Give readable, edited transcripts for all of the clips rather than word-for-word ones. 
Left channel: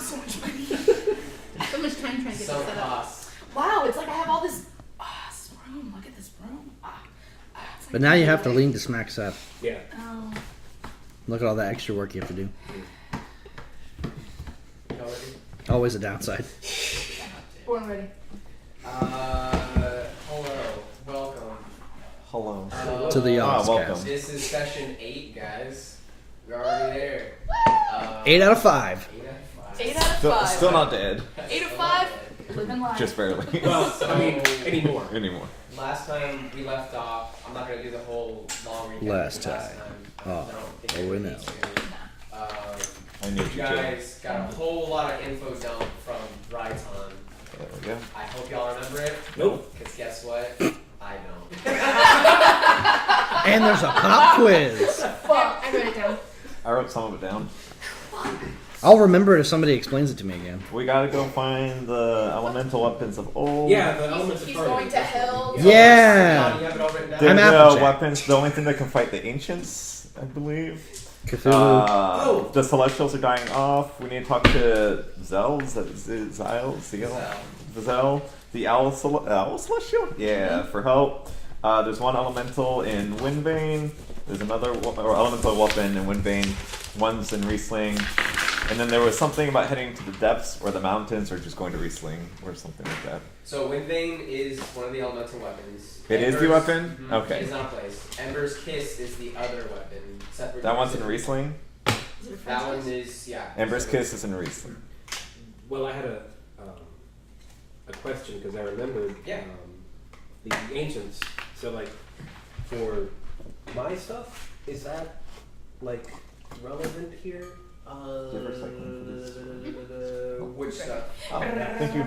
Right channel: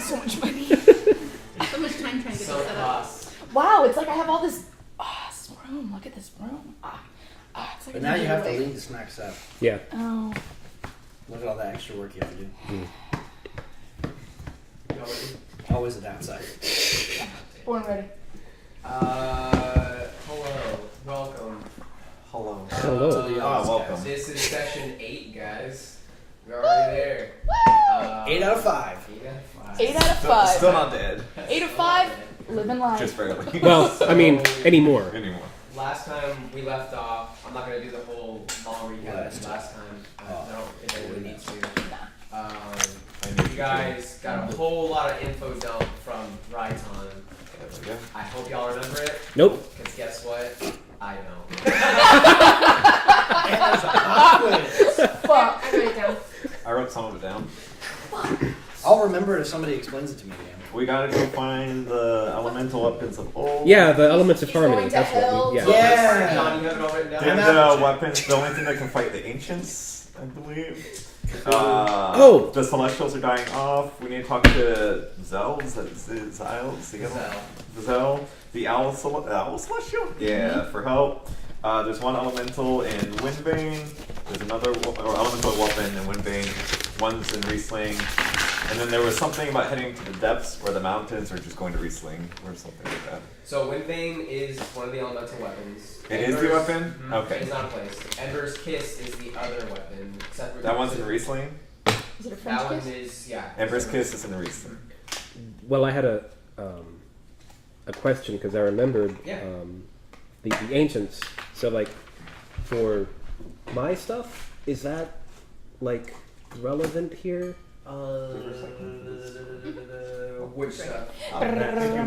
So much money. So much time trying to get this set up. Wow, it's like I have all this room. Look at this room. It's like But now you have to lean to smack set. Yeah. Oh. Look at all that extra work you have to do. Always a downside. Born ready. Hello. Welcome. Hello. To the welcome. This is session 8, guys. We're already there. 8 out of 5. 8 out of 5. Still not dead. 8 of 5. Living life. Just barely. Well, I mean, anymore. Last time we left off, I'm not going to do the whole long recap. Last time. we're now. I need you guys got a whole lot of info dumped from Raiton. Yeah. I hope y'all remember it. Nope. Because guess what? I don't. And there's a pop quiz. Fuck. I wrote it down. I wrote some of it down. I'll remember it if somebody explains it to me again. We gotta go find the elemental weapons of old. Yeah, the elements of He's harmony. going to hell. Yeah. They're I'm the Applejack. weapons, the only thing that can fight the ancients, I believe. Cthulhu. The Celestials are dying off. We need to talk to Zell, the Owl Celestial? Yeah, for help. There's one elemental in Windbane. There's another elemental weapon in Windbane. One's in Riesling. And then there was something about heading to the depths or the mountains or just going to Riesling or something like that. So Windbane is one of the elemental weapons. It is the weapon? Okay. It's not a place. Ember's Kiss is the other weapon. That one's in Riesling? Is it a French That one kiss? is, yeah. Ember's Kiss is in Riesling. Well, I had a question because I remembered the ancients. So, like, for my stuff, is that like relevant here? Which stuff? Thank you.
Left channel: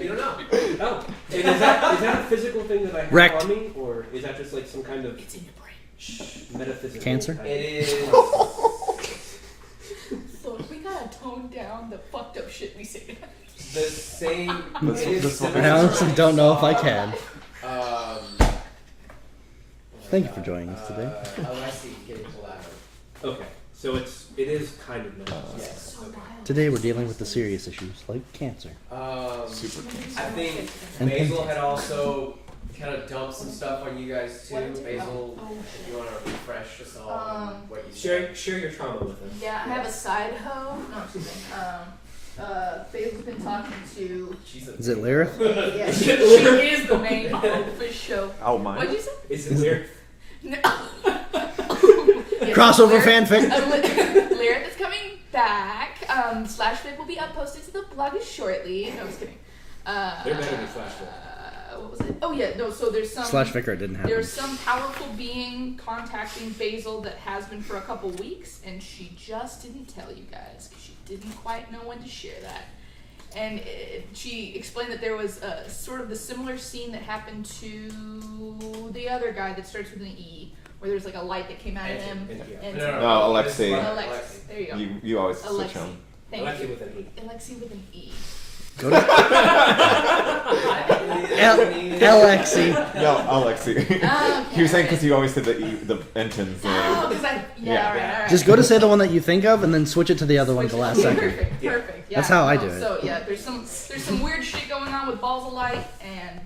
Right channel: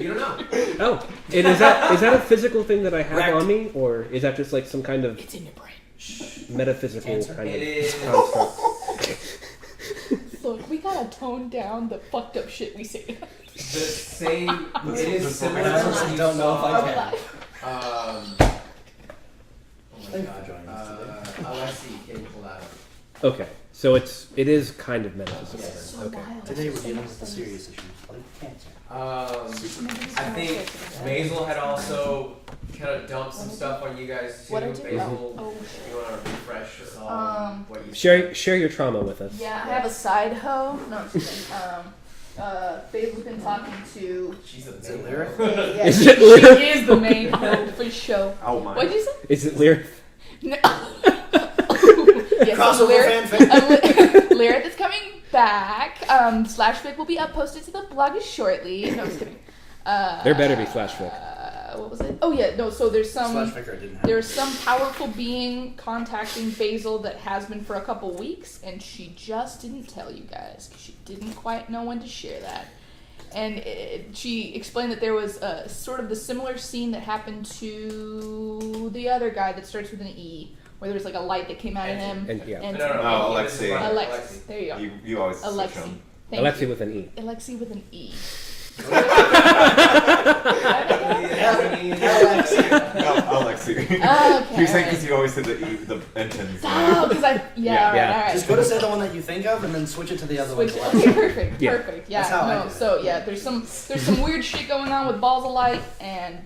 You don't know. Oh, and is that a physical thing that I have Wrecked. on me, or is that just like some kind of It's in your brain. metaphysical Cancer? kind It is. Look, we gotta tone down the fucked up shit we say. The same. I honestly don't know if I can. Thank you for joining us today. Alexi, getting pulled out. Okay, so it is kind of metaphysical. Yes. Okay. Today we're dealing with the serious issues like cancer. I think Basil had also kind of dumped some stuff on you guys too. What did you- Basil, oh, you want to refresh us all what you Share your trauma with us. Yeah, I have a side hoe. No, I'm just kidding. Basil's been talking to. Is it Lyra? Yeah, she is the main hoe for show. Oh my. What'd you say? Is it Lear? No. Yes, Crossover Lyra- fanfic. Lyra that's coming back. Slashfic will be posted to the blog shortly. No, I'm just kidding. There better be Slashfic. What was it? Oh yeah, no. So there's some. Slash Vicar didn't happen. There's some powerful being contacting Basil that has been for a couple weeks, and she just didn't tell you guys because she didn't quite know when to share that. And she explained that there was a sort of the similar scene that happened to the other guy that starts with an E, where there was like a light that came out of him. No, Alexei. Alexi. There you go. You always switch Alexi. him. Thank Alexi you. with an E. Alexi with an E. Alexi. No, Alexei. Okay, You're saying because you always say the Entons. Oh, because I. Yeah. All right. Just go to say the one that you think of and then switch it to the other one the last second. Perfect. Yeah. Perfect. Yeah. That's how I no, do it. So yeah, there's some weird shit going on with balls of light and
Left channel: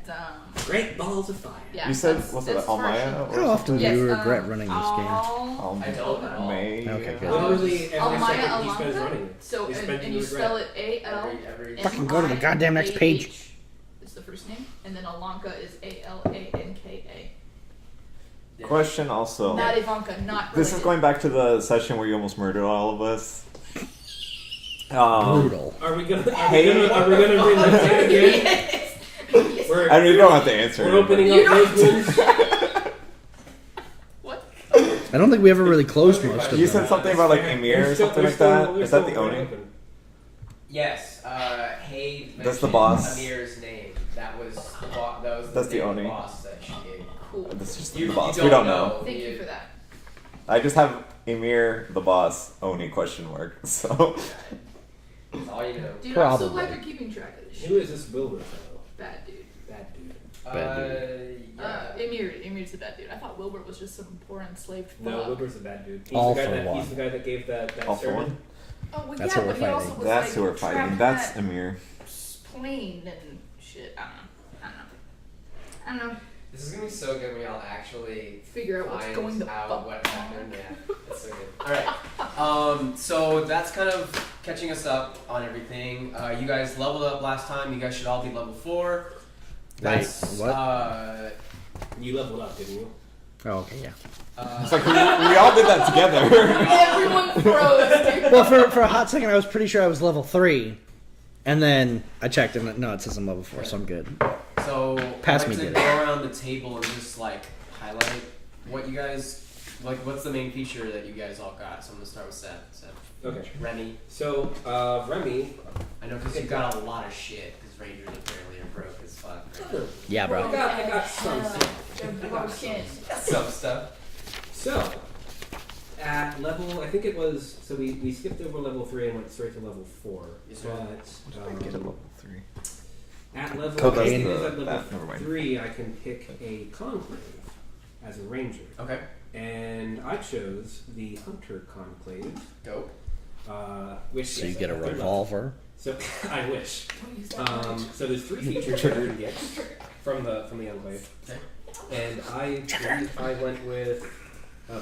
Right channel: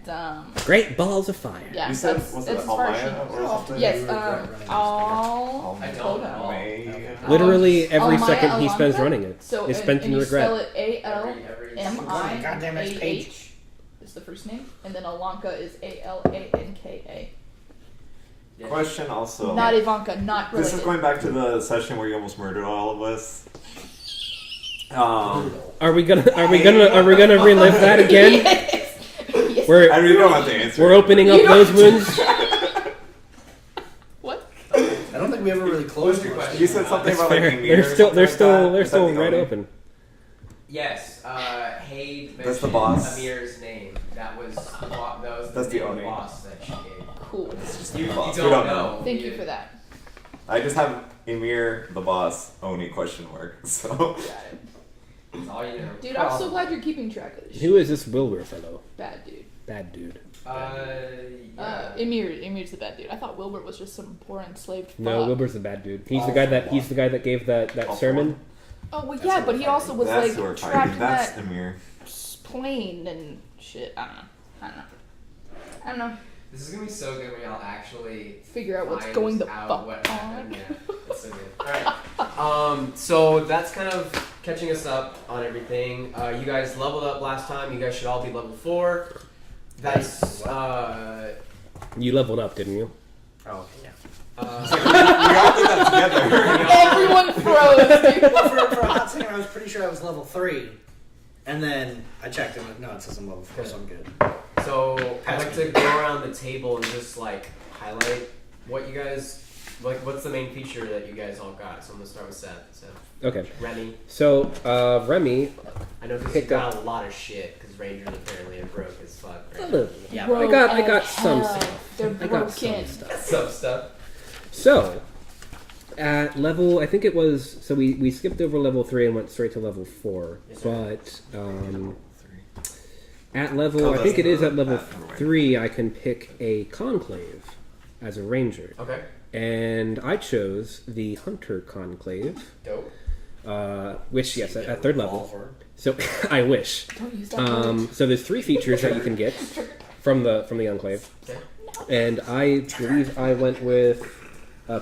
Great balls of fire. yeah. You said, that's- was it that's as far as Almaya? she- or How often something? do Yes. you regret running this game? All. I don't know. May. Okay. Literally every Almaya second he spends Alanka? running it So is and, spent and in you spell regret. it Fucking go to the goddamn next page. ALMAH. That's the first name, and then Alanka is ALANKA. Question also. Not Ivanka. Not related. This is going back to the session where you almost murdered all of us. Brutal. Are we gonna relive that again? Yes. We're And we don't have to answer. we're it, opening You up don't- those wounds. What? I don't think we ever really closed most of You them. said something about like Emir or something like that. Is that the wide Oni? open. Yes, Haid That's the mentioned boss. Amir's name. That was That's the name of Oni. boss that she gave. Cool. This is just You- the boss. you We don't know. Thank you for that. I just have Emir the boss, Oni question mark. So That's all you know. Dude, I'm so Probably. glad you're keeping track of this shit. Who is this Wilbur fellow? Bad dude. Bad dude. Yeah. Emir's the bad dude. I thought Wilbur was just some poor enslaved fuck. No, Wilbur's the bad dude. He's All the guy for that one. he's the guy that gave that All for sermon. one. Oh well, That's yeah, who but we're he also was That's like who we're trapped fighting. in That's that Emir. plane and shit. I don't know. This is gonna be so good when y'all actually Figure out what's find going the out fuck what on. happened. Yeah, it's so good. Alright. So that's kind of catching us up on everything. You guys leveled up last time. You guys should all be level 4. That's What? You leveled up, didn't you? Oh, okay, yeah. It's like we all did that together. Everyone froze, dude. Well, for a hot second, I was pretty sure I was level 3. And then I checked and no, it says I'm level 4, so I'm good. So Pass I'd like me to good. go around the table and just like highlight what you guys like. What's the main feature that you guys all got? So I'm gonna start with Seth. Okay. Remy. So Remy. I know because you got a lot of shit because Rangers apparently are broke as fuck. Right now. Yeah, Bro, bro. I got some hell, stuff. They're I got broken. Some stuff. So, at level, I think it was, so we skipped over level 3 and went straight to level 4. Yes, sir. But Get a level 3. at level, Oh, I that's think it is the at level path, never mind. 3, I can pick a conclave as a ranger. Okay. And I chose the Hunter Conclave, Dope. which, So yes, you at get a third level. revolver. So, I wish. Don't use that word. So there's 3 features that you can get from the Enclave. Okay. And I believe I went with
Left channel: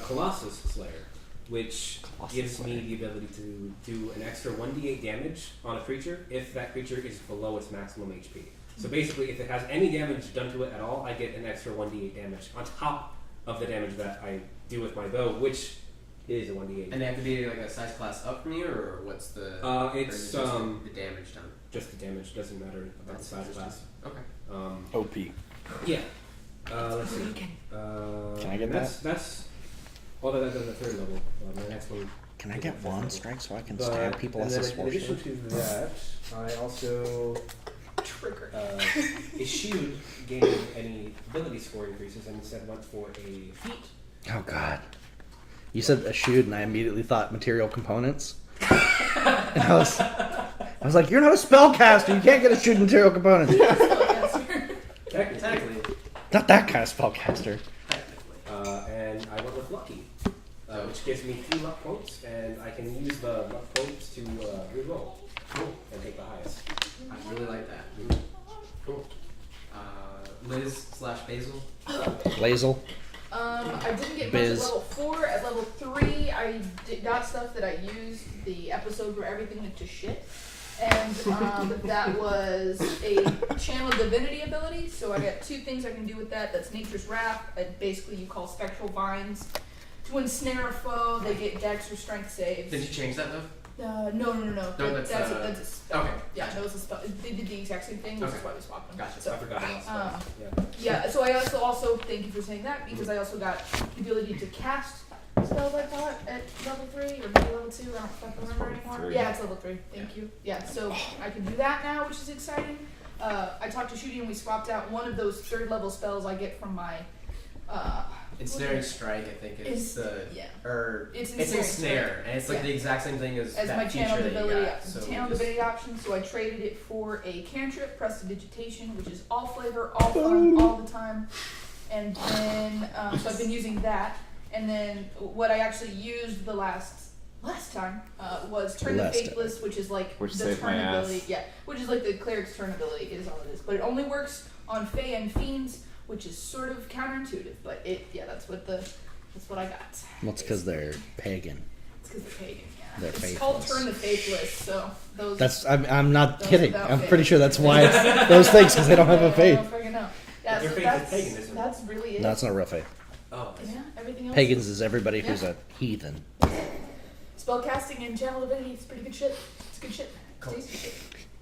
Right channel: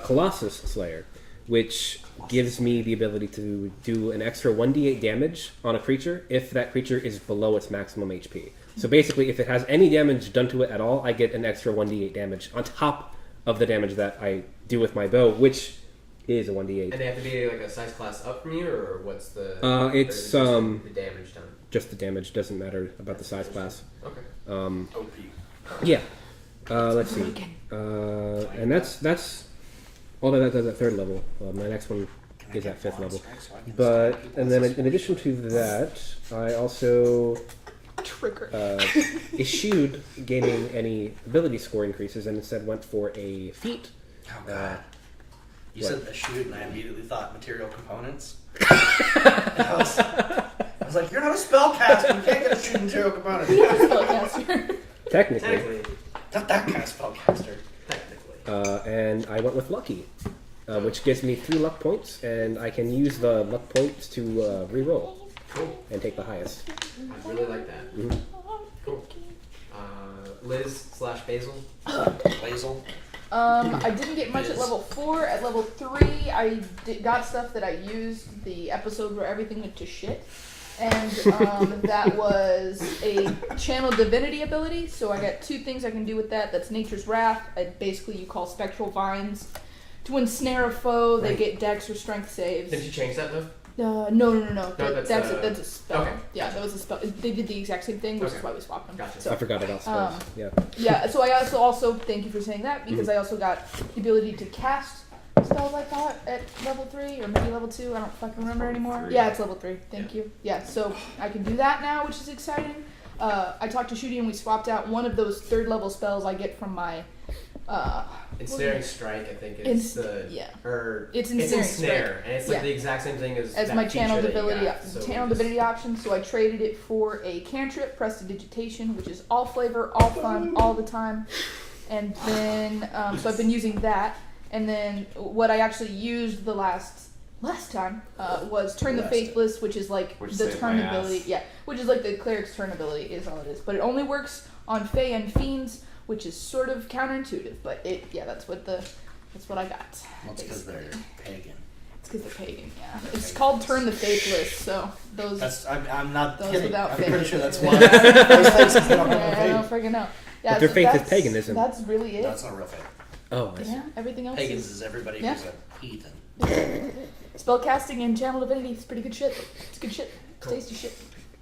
Colossus Slayer, which gives me the ability to do an extra 1d8 damage on a creature if that creature is below its maximum HP. So basically, if it has any damage done to it at all, I get an extra 1d8 damage on top of the damage that I do with my bow, which is a 1d8. And they have to be like a size class up from you, or what's the? It's, or is it just the damage done. Just the damage, doesn't matter about the size class. Okay. OP. Yeah. Let's see. Broken. I And get that's well, that's the third level. My next one. Can I is get at fifth one level. strike so I can But stab people and as then a in addition sportsman? to that, I also Trigger. eschewed gaining any ability score increases and instead went for a feat. Oh god. You Yeah. said a shoot, and I immediately thought material components. And I was like, you're not a spellcaster. You can't get a shoot material components. Technically. Not that kind of spellcaster. Technically. And I went with lucky, which gives me 3 luck points, and I can use the luck points to re-roll Cool. and take the highest. I really like that. Mhm. Cool. Liz/Basil. Lazel. I didn't get much at Biz. level 4. At level 3, I got stuff that I used the episode where everything went to shit. And that was a channel divinity ability. So I got 2 things I can do with that. That's Nature's Wrath. Basically, you call spectral vines to ensnare a foe. They get dex or strength saves. Did you change that though? No. No, That's a spell. okay. Yeah, that was a spell. They did the exact same thing, which is Okay. why we swapped them. Gotcha. So, I forgot about spells. Yeah. yeah, so I also thank you for saying that because I also got the ability to cast spells like that at level 3 or maybe level 2. I don't fucking remember level anymore. 3. Yeah, it's level 3. Thank you. Yeah, so I can do that now, which is exciting. I talked to Shooty and we swapped out one of those 3rd level spells I get from my. Ensnaring Strike, I think It's- is the yeah. or It's Ensnare, Ensnaring and it's like Yeah. the exact same thing as As that my feature channel that you divinity, got, so channel we just- divinity option, so I traded it for a cantrip, prestidigitation, which is all flavor, all fun, all the time. And then, so I've been using that. And then what I actually used the last time was Turn the Last Faithless, which is like Which the saved turn my ass. ability. Yeah, which is like the cleric's turn ability is all it is. But it only works on Fae and Fiends, which is sort of counterintuitive. But that's what I got. That's because they're pagan. It's because they're pagan, yeah. They're It's called faithless. Turn the Faithless, so those. That's I'm not Those kidding. without I'm faith. pretty sure that's why it's those things because they don't have a I don't faith. freaking know. Yeah, But their so faith is that's- paganism. That's really it. No, it's not real faith. Oh, I see. Yeah, everything else. Pagans is everybody Yeah. who's a heathen. Spellcasting and channel divinity is pretty good shit. It's good shit. It's tasty shit.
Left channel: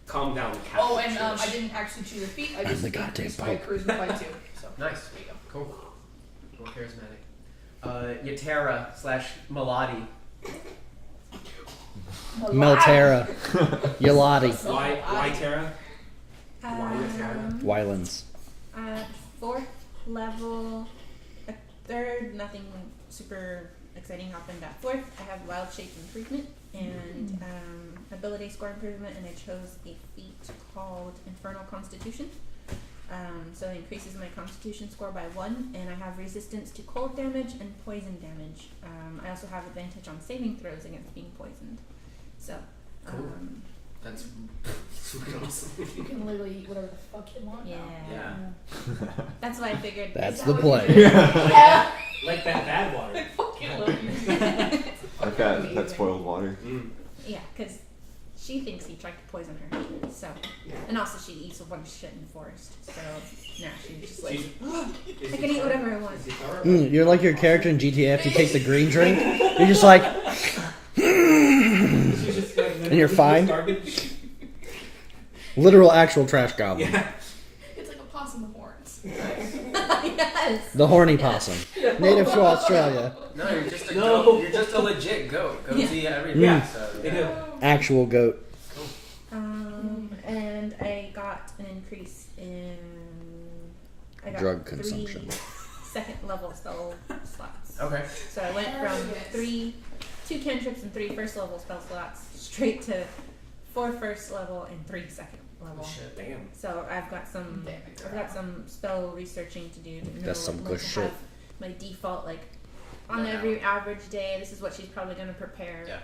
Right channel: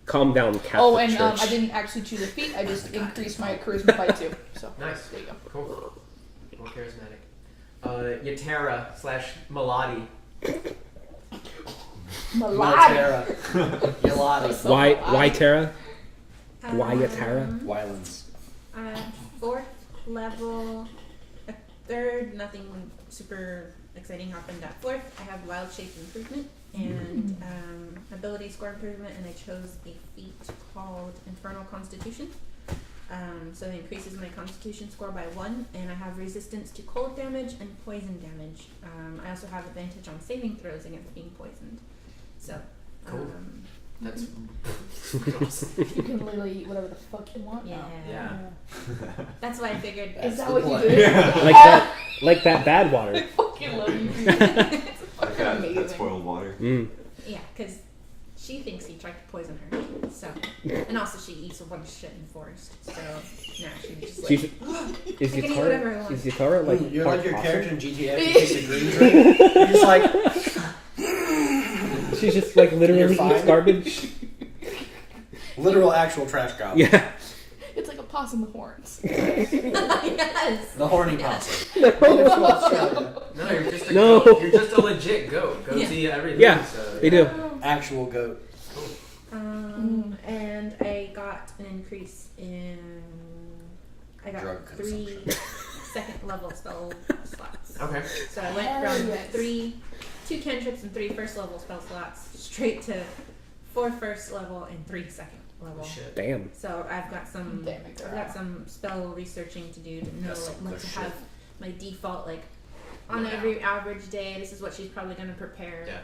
Calm down, Catholic Oh, and Church. I didn't actually choose a feat. I just the goddamn increased my Pope. charisma by 2. So Nice. there you go. Cool. More charismatic. Yatera/Maladi. Miltera. Yalati. Why Tara? Why Tara? Wylands. 4th level, a 3rd, nothing super exciting happened at 4th. I have Wild Shape Improvement and Ability Score Improvement, and I chose a feat called Infernal Constitution. So it increases my Constitution score by 1, and I have resistance to cold damage and poison damage. I also have advantage on saving throws against being poisoned. So, Cool. That's awesome. You can literally eat whatever the fuck you want. yeah. Now. Yeah. That's why I figured. That's Is that the what play. you did? Like that bad water. I fucking love you. Like that Amazing. spoiled water. Yeah, because she thinks he tried to poison her. So, and also she eats a bunch of shit in the forest. So now she's just like, Is I can eat whatever I want. Is Yukara, You're like your character in GTA after you take the green drink. You're just like, She's just like literally you're fine? eats garbage. literal actual trash goblin. Yeah. It's like a possum with horns. Yes. The horny possum. Native to Australia. No, you're just a No. goat. You're just a legit goat. Goats eat everything. Yeah, So, they do. Actual goat. And I got an increase in. I got Drug 3 consumption. second level spell slots. Okay. So I went Hell from yes. 2 cantrips and 3 first level spell slots straight to 4 first level and 3 second level. Shit. Damn. So I've got some Damn it, I've girl. got some spell researching to do to know That's some like, good to shit. have my default like on Yeah. every average day. This is what she's probably going to prepare. Yeah.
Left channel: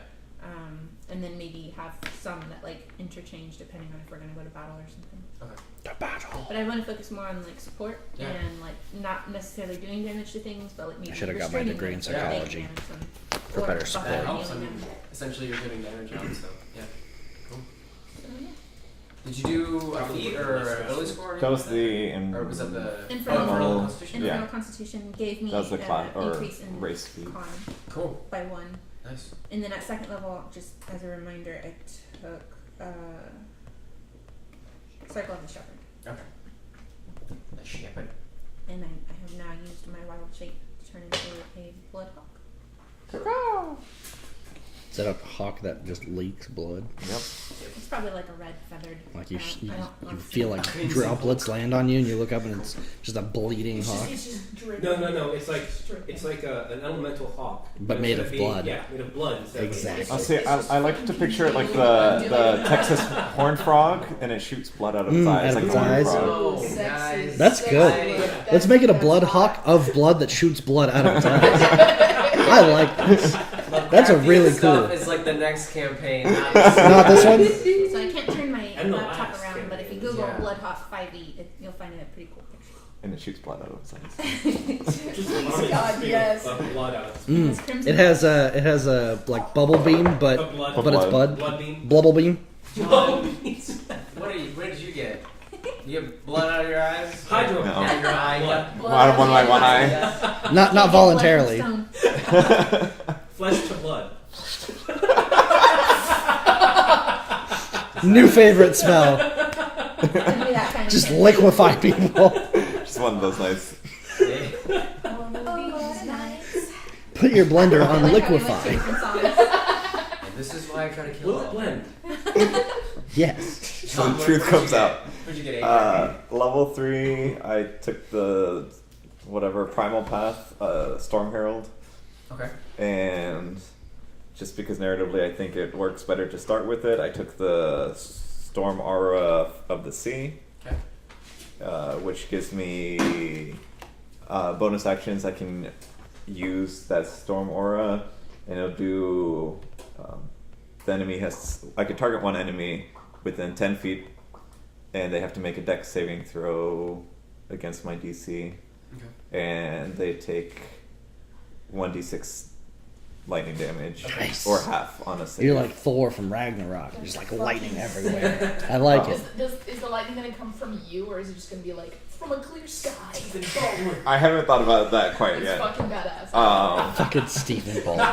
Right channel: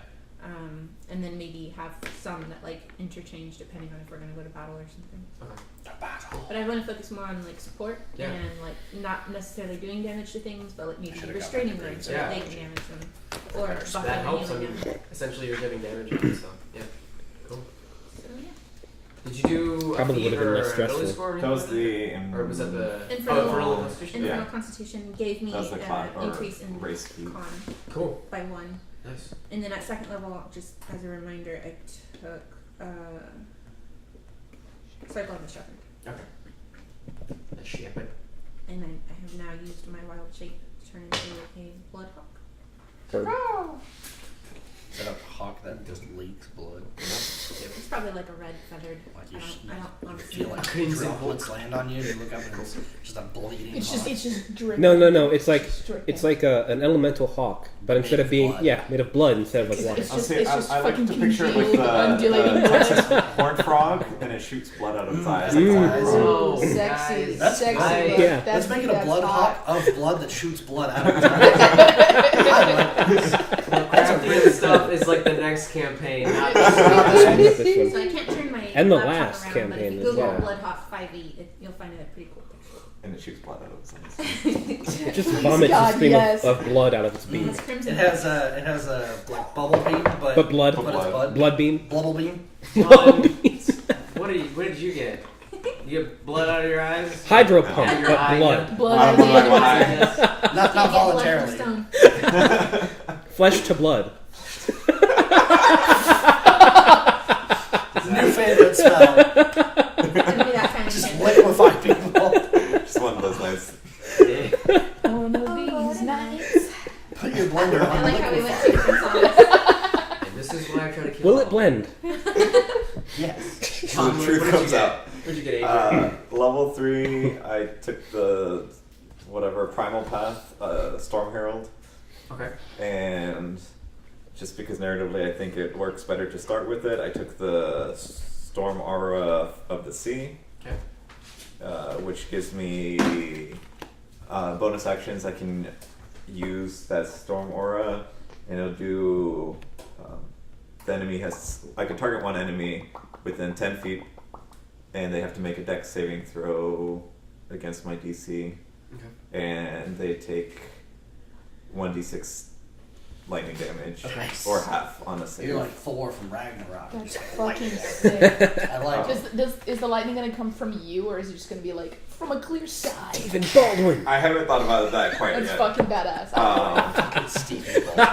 And then maybe have some that like interchange depending on if we're going to go to battle or something. The battle. But I want to focus more on like support Yeah. and like not necessarily doing damage to things, but like maybe should've got my restraining degree them in so that they can psychology. damage them For or better buffing support. That and helps. I healing mean, them. essentially, you're giving damage on. So yeah. Cool. So yeah. Did you do a Probably feat would've been or less a stressful. ability score? or That was anything the. Or was it the Infernal- Infernal Constitution? Yeah. Infernal Constitution gave me That was the class or increase in race speed. con Cool. by 1. Nice. And then at second level, just as a reminder, I took Cycle of the Shepherd. Okay. A shepherd. And I have now used my wild shape to turn into a bloodhawk. Is that a hawk that just leaks blood? Yep. It's probably like a red feathered. Like you, I don't you honestly feel know. like droplets land on you, and you look up, and it's just a bleeding It's hawk. just dripping. No. It's like dripping. an elemental hawk, But but made instead of of being blood. made of blood instead of Exactly. It's I'll just- say, it's just I like to fucking picture it like congealed, the undulating Texas horned frog, and it shoots blood out of its eyes. out of Like its a horned eyes. frog. Oh, Sexy. guys. That's Sexy. good. Yeah. Let's make it a That's blood hot. hawk of blood that shoots blood out of its eyes. I like this. That's a Crafting really stuff cool. is like the next campaign. Not this one. So I can't turn my And the laptop last around, but if you campaign, Google yeah. Bloodhawk 5e, you'll find a pretty cool picture. And it shoots blood out of its eyes. It just vomits God, a stream yes. of blood out of its beam. It's crimson. It has a like bubble beam, but But blood. but it's blood. Blood beam. Blubble beam. John, what did you get? You get blood out of your eyes? Hydro No. pump. Out of your eye? Blood. Blood Out of one of my on one the eye. inside. Not Can't get blood from voluntarily. stone. Flesh to blood. New favorite smell. It's gonna be that kind of Just thing. liquefy people. Just one of those nights. Yeah. One of these nights. Put your blender I on like how we went to liquefy. different songs. And this is why I try to kill Will all it blend? Yes. So John, the truth what'd comes you get? out. What'd you get, Adrian? Level 3, I took the whatever primal path, Storm Herald, Okay. and just because narratively I think it works better to start with it, I took the Storm Aura of the Sea, Okay. which gives me bonus actions I can use that Storm Aura, and it'll do. The enemy has. I can target one enemy within 10 feet, and they have to make a dex saving throw against my DC, Okay. and they take 1d6 lightning damage, Nice. or half, honestly. You're like Thor from Ragnarok. You're That's just like lightning fucking everywhere. sick. I like Oh. it. Is the lightning gonna come from you, or is it just gonna be like from a clear sky? I haven't thought about that quite That's yet. fucking badass. Fucking Stephen Baldwin.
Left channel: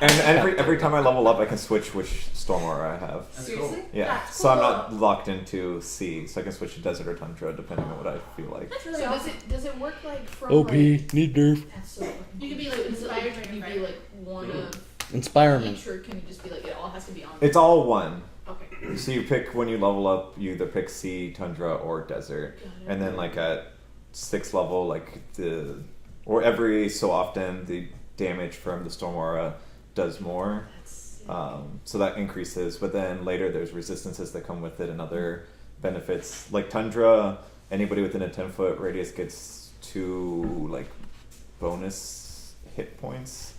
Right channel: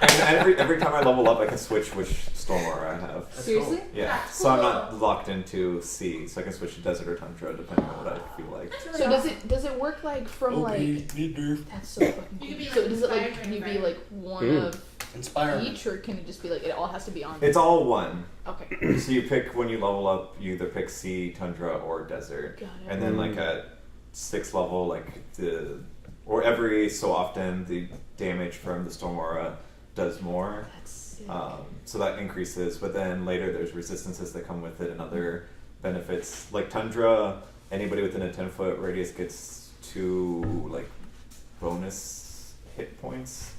And every time I level up, I can switch which Storm Aura I have. That's Seriously? cool. Yeah, That's so I'm cool. not locked into sea, so I can switch to desert or tundra depending on what I feel like. That's really So awesome. does it work like from OP, like? need nerf. That's so fucking. You could be, cool. like, So does it like inspired can you by be like one Ooh. of Inspirement. each, or can it just be like it all has to be on? It's all one. Okay. So you pick when you level up, you either pick sea, tundra, or desert. Got it. And then like at 6th level, like or every so often, the damage from the Storm Aura does more. That's sick. So that increases, but then later there's resistances that come with it and other benefits. Like Tundra, anybody within a 10-foot radius gets 2 like bonus hit points,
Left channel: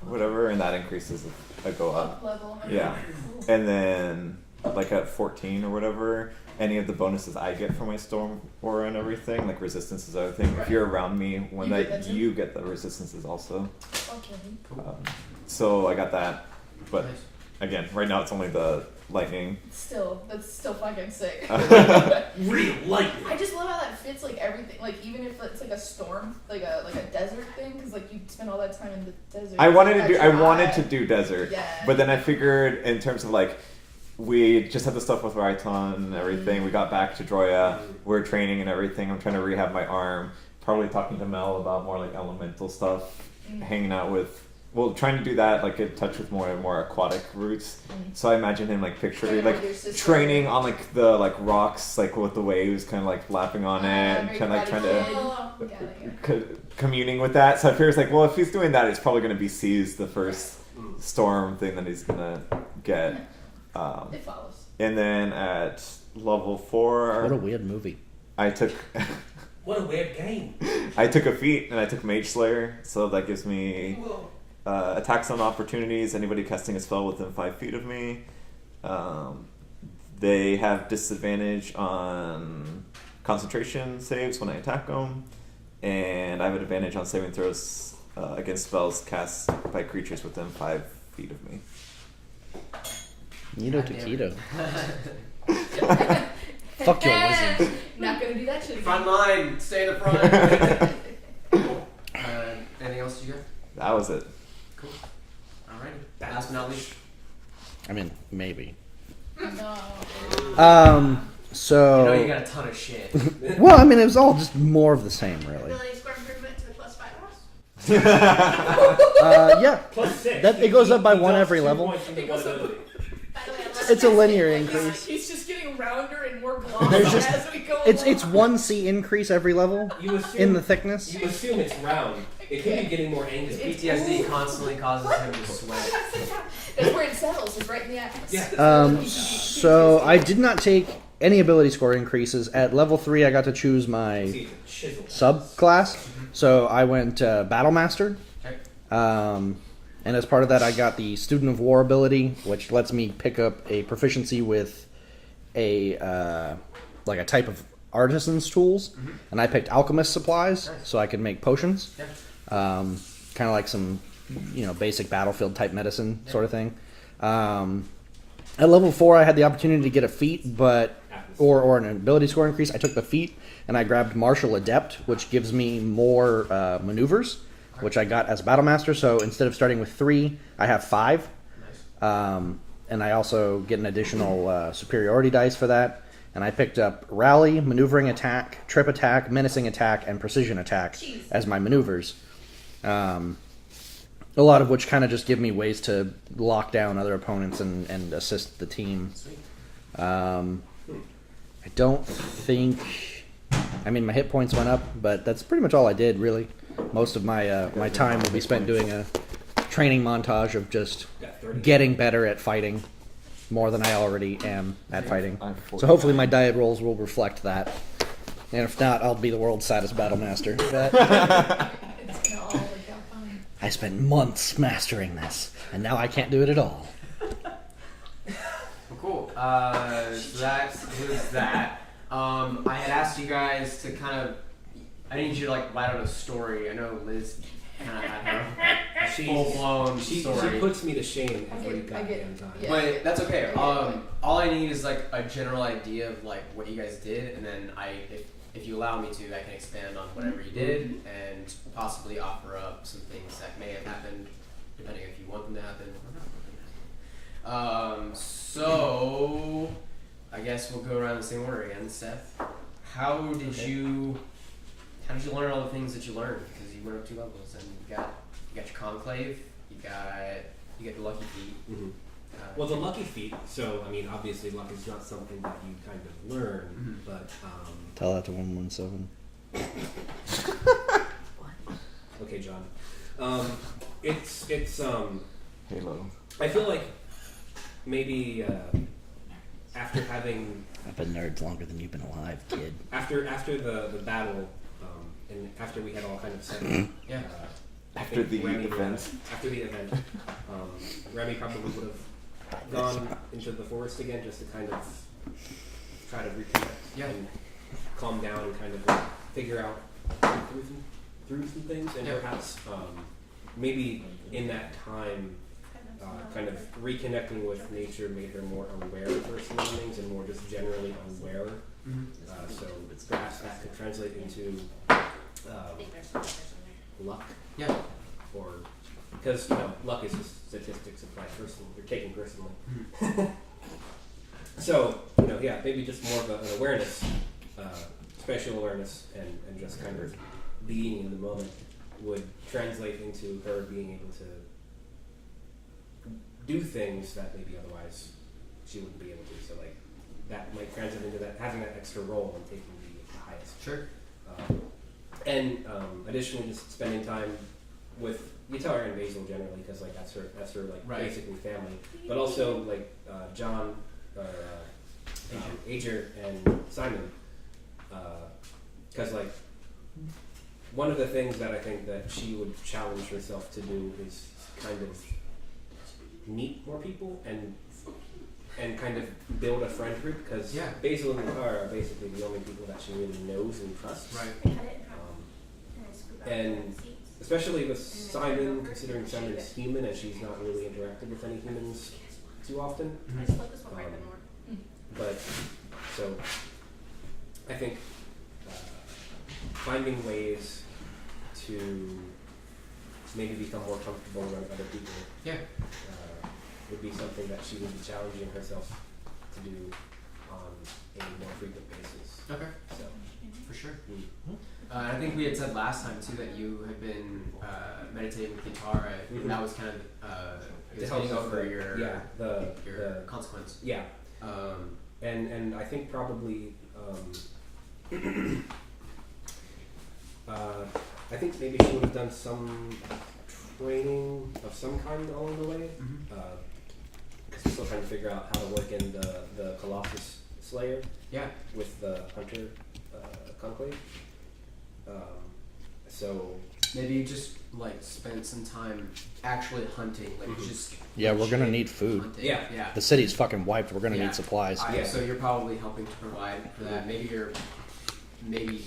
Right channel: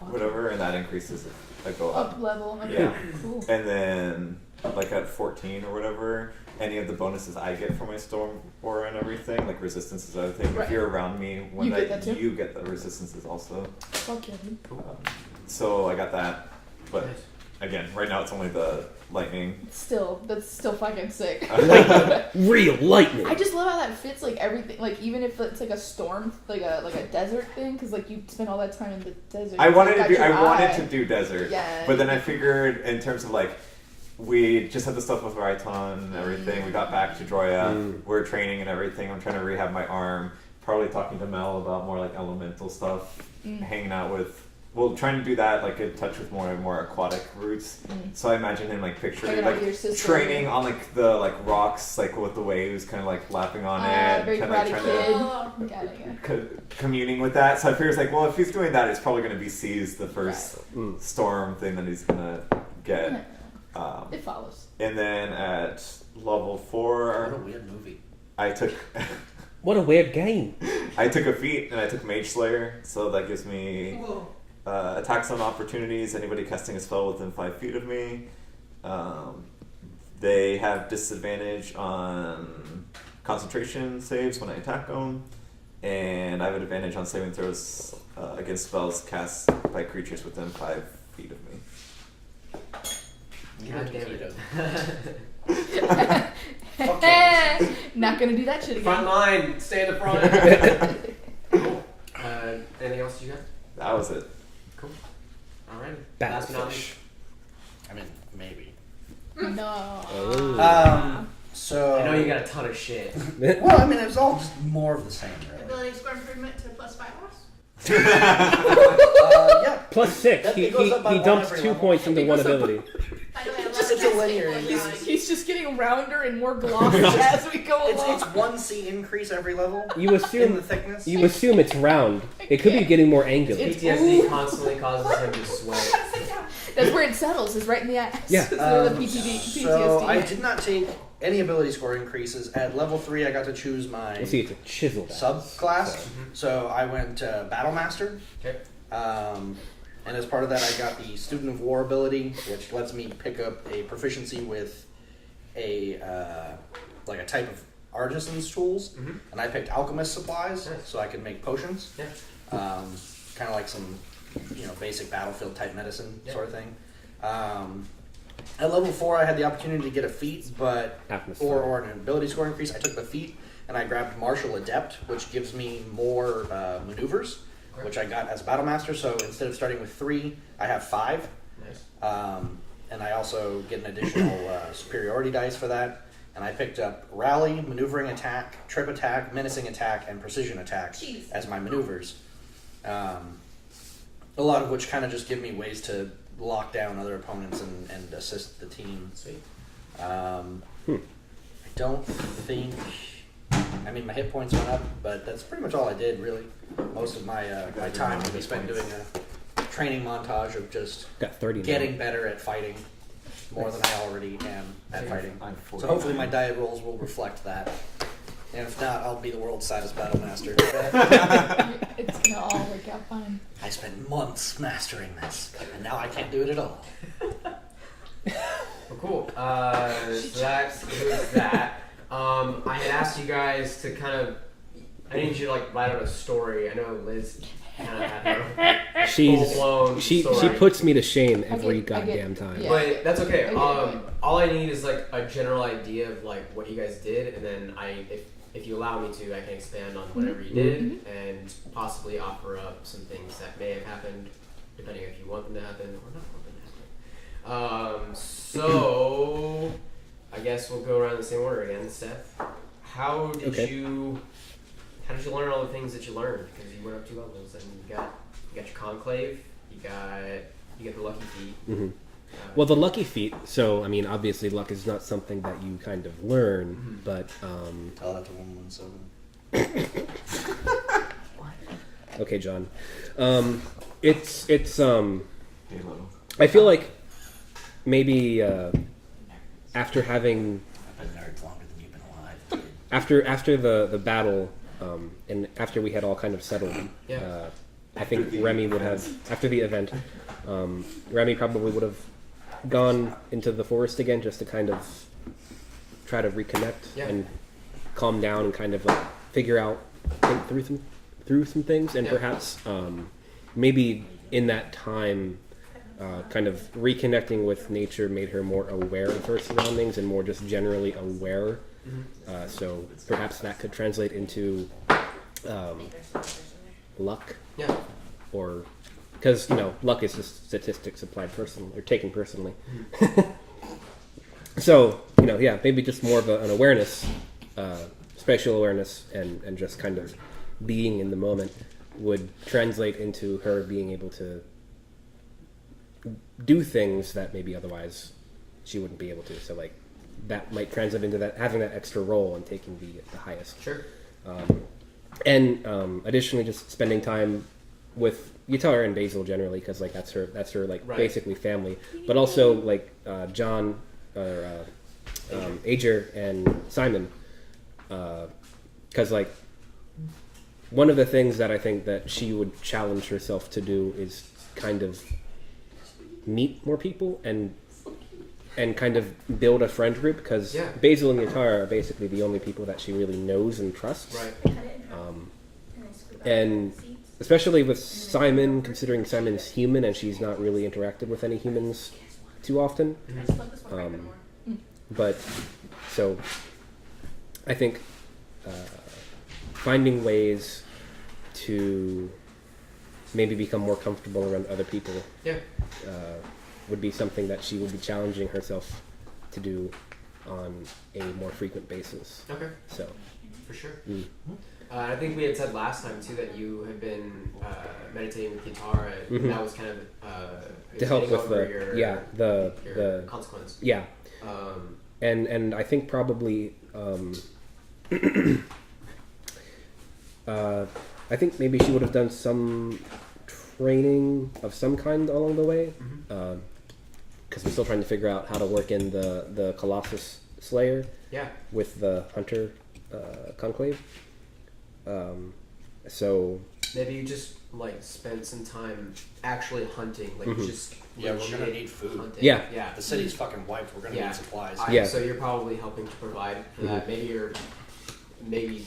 whatever, and that increases if I go up. Up level. Okay. Yeah. Cool. And then like at 14 or whatever, any of the bonuses I get from my storm aura and everything, like resistances, other thing. Right. If you're around me when You get that too? you get the resistances also. Fuck yeah, dude. So I got that, but Nice. again, right now it's only the lightning. Still, that's still fucking sick. Real lightning. I just love how that fits like everything. Like even if it's like a storm, like a desert thing, because like you spend all that time in the desert. I wanted to Got do. your I wanted eye. to do desert, Yeah. but then I figured in terms of like, we just had the stuff with Raiton and everything. We got back to Droya. We're training and everything. I'm trying to rehab my arm. Probably talking to Mel about more like elemental stuff. Hanging out with. Well, trying to do that, like get in touch with more and more aquatic routes. So I imagine him like picturing Hanging out like with your sister. training on like the like rocks, like with the waves, kind of like lapping on it, very kind of like trying to. Karate Kid. Got it, yeah. Communing with that, so I figure it's like, well, if he's doing that, it's probably going to be C's the first storm thing that he's gonna get. It follows. And then at level What a 4, weird movie. I took What a weird game. I took a feat and I took Mage Slayer, so that gives me attacks on opportunities. Anybody casting a spell within 5 feet of me, they have disadvantage on concentration saves when I attack them, and I have an advantage on saving throws against spells cast by creatures within 5 feet of me. Nito God damn it. Taquito. Fuck your wizards. Not gonna do that shit again. Front line, stay in the front. Cool. Anything else you got? That was it. Cool. Alright. Last but not least. I mean, maybe. No. So. I know you got a ton of shit. Well, I mean, it was all just more of the same, really. Ability score improvement to +5 loss. Yeah. +6. That- it goes up by he one dumps every 2 level. points into It one goes up- ability. By the way, I love It's a testing linear points. increase. He's just getting rounder and more glossy as we go along. It's 1C increase every level You assume in the thickness. you assume it's round. It could be getting more angular. PTSD constantly causes him to sweat. That's where it settles. Is right in the ass. Yeah. That's where the So PTSD I did not take any ability score increases. At level 3, I got to choose my See, it's a chisel. subclass. So I went Battle Master. Okay. And as part of that, I got the Student of War ability, which lets me pick up a proficiency with a like a type of artisan's tools. And I picked alchemist supplies, Nice. so I could make potions. Yeah. Kind of like some, basic battlefield type medicine sort of thing. At level 4, I had the opportunity to get a feat, but or an ability score increase. I took the feat and I grabbed Martial Adept, which gives me more maneuvers, which I got as Battle Master. So instead of starting with 3, I have 5. Nice. And I also get an additional superiority dice for that. And I picked up Rally, Maneuvering Attack, Trip Attack, Menacing Attack, and Precision Attack as my maneuvers. A lot of which kind of just give me ways to lock down other opponents and assist the team. Sweet. I don't think... I mean, my hit points went up, but that's pretty much all I did, really. Most of my my time will be spent doing a training montage of just Got 30. getting better at fighting more than I already am at fighting. I'm So hopefully my diet rolls will reflect that. And if not, I'll be the world's saddest battle master. It's gonna all work out fine. I spent months mastering this, and now I can't do it at all. Well, cool. So that concludes that. I had asked you guys to kind of. I need you to like write out a story. I know Liz kind of had her full blown She story. puts me to shame I every get- goddamn time. yeah. But that's okay. I get it. All I need is like a general idea of like what you guys did, and then if you allow me to, I can expand on whatever you did, and possibly offer up some things that may have happened, depending if you want them to happen or not want them to happen. So I guess we'll go around the same order again. Seth, how did you learn all the things that you learned? Because you went up 2 levels, and you got your conclave, you get the lucky feat. Well, the lucky feat. So, I mean, obviously, luck is not something that you kind of learn, but Tell that to 117. okay, John. It's Halo. I feel like maybe after having I've been nerds longer than you've been alive, kid. After the battle, and after we had all kind of settled, Yeah. I think Remy would have, after the event, Remy probably would have gone into the forest again just to kind of try to reconnect and calm down and kind of like figure out, think through some things, and perhaps maybe in that time, kind of reconnecting with nature made her more aware of her surroundings and more just generally aware. So perhaps that could translate into luck. Yeah. Or because luck is just statistics applied personally or taken personally. So maybe just more of an awareness, spatial awareness, and just kind of being in the moment would translate into her being able to do things that maybe otherwise she wouldn't be able to. So like that might translate into that having that extra role and taking the highest. Sure. And additionally, just spending time with Yutara and Basil generally, because like that's her like basically family. But also like John or Ager and Simon, because like one of the things that I think that she would challenge herself to do is kind of meet more people and kind of build a friend group, because Basil and Yutara are basically the only people that she really knows and trusts. Right. And especially with Simon, considering Simon's human and she's not really interacted with any humans too often. But so I think finding ways to maybe become more comfortable around other people would be something that she would be challenging herself to do on a more frequent basis. Okay. So for sure. I think we had said last time too that you had been meditating with guitar, and that was kind of to help with over the consequence. Yeah. And I think probably I think maybe she would have done some training of some kind along the way, because we're still trying to figure out how to work in the Colossus Slayer with the Hunter Conclave. So maybe you just like spend some time actually hunting, like just we're gonna need food. Hunting. Yeah, the city's fucking wiped. We're gonna need supplies. So you're probably helping to provide for that. Maybe you're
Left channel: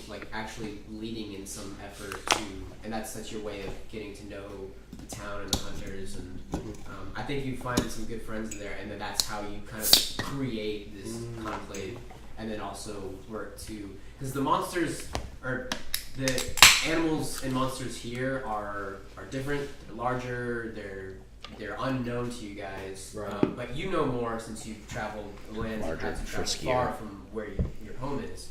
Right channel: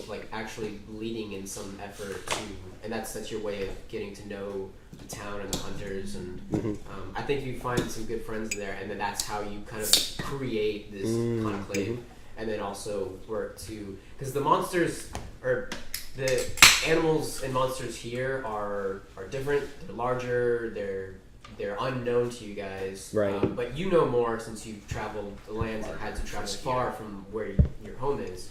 like actually leading in some effort to, and that's your way of getting to know the town and the hunters, and I think you find some good friends there, and then that's how you kind of create this conclave, and then also work to, because the monsters or the animals and monsters here are different. They're larger. They're unknown to you guys, right? But you know more since you've traveled the lands and had to travel far from where your home is.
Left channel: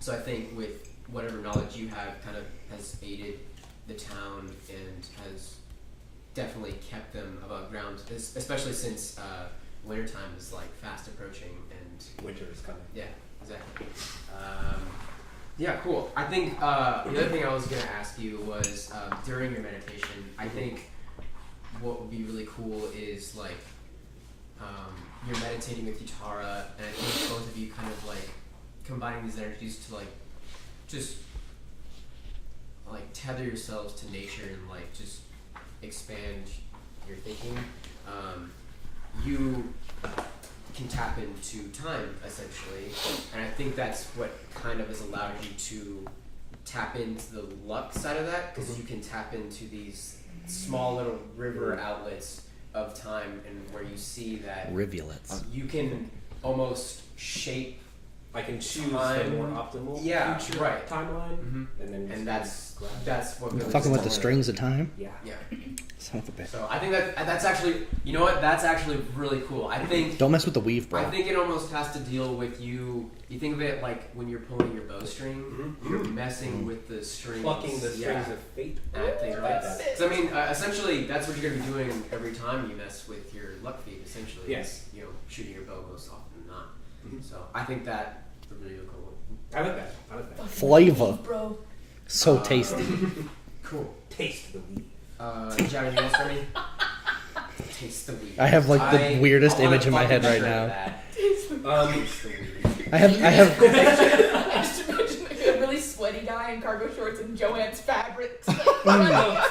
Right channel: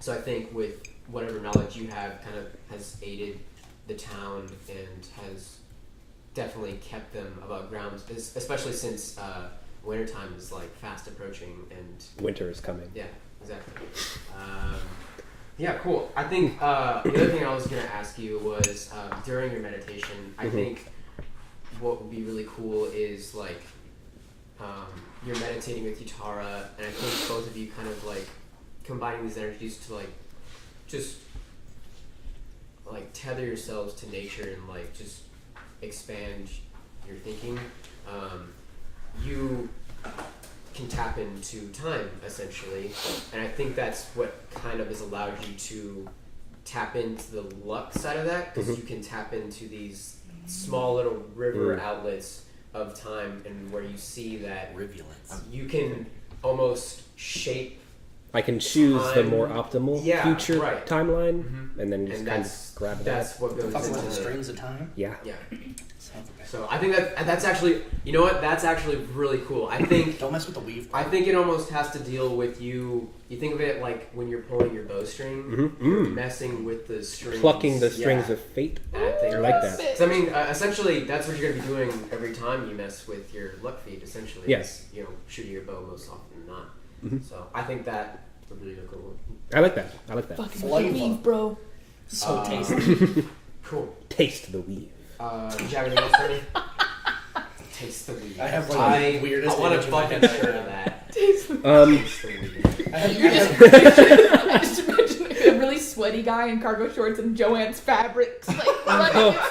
So I think with whatever knowledge you have, kind of has aided the town and has definitely kept them above ground, especially since wintertime is like fast approaching and winter is coming. Yeah, exactly. Yeah, cool. I think the other thing I was going to ask you was during your meditation, I think what would be really cool is like you're meditating with Yutara, and I think both of you kind of like combining these energies to like just like tether yourselves to nature and like just expand your thinking. You can tap into time essentially, and I think that's what kind of has allowed you to tap into the luck side of that, because you can tap into these small little river outlets of time, and where you see that rivulets, you can almost shape. I can choose the more optimal future timeline, and then just that's what goes fucking with the strings of time. Yeah. Son of a bitch. So I think that's actually, you know what? That's actually really cool. I think don't mess with the weave, bro. I think it almost has to deal with you. You think of it like when you're pulling your bowstring, you're messing with the strings, plucking the strings of fate. I think like that. So I mean, essentially, that's what you're gonna be doing every time you mess with your luck feed. Essentially, yes, you know, shooting your bow most often than not. So I think that would be really cool. I like that. Fucking flavor, weave, bro. So tasty. Cool. Taste the weave. Do you have anything else for me? Taste the weed. I have like the weirdest I wanna image in my head fucking right hear now. that. Taste the Taste the weed. I have I just imagine a really sweaty guy in cargo shorts and Joanne's fabrics. Like,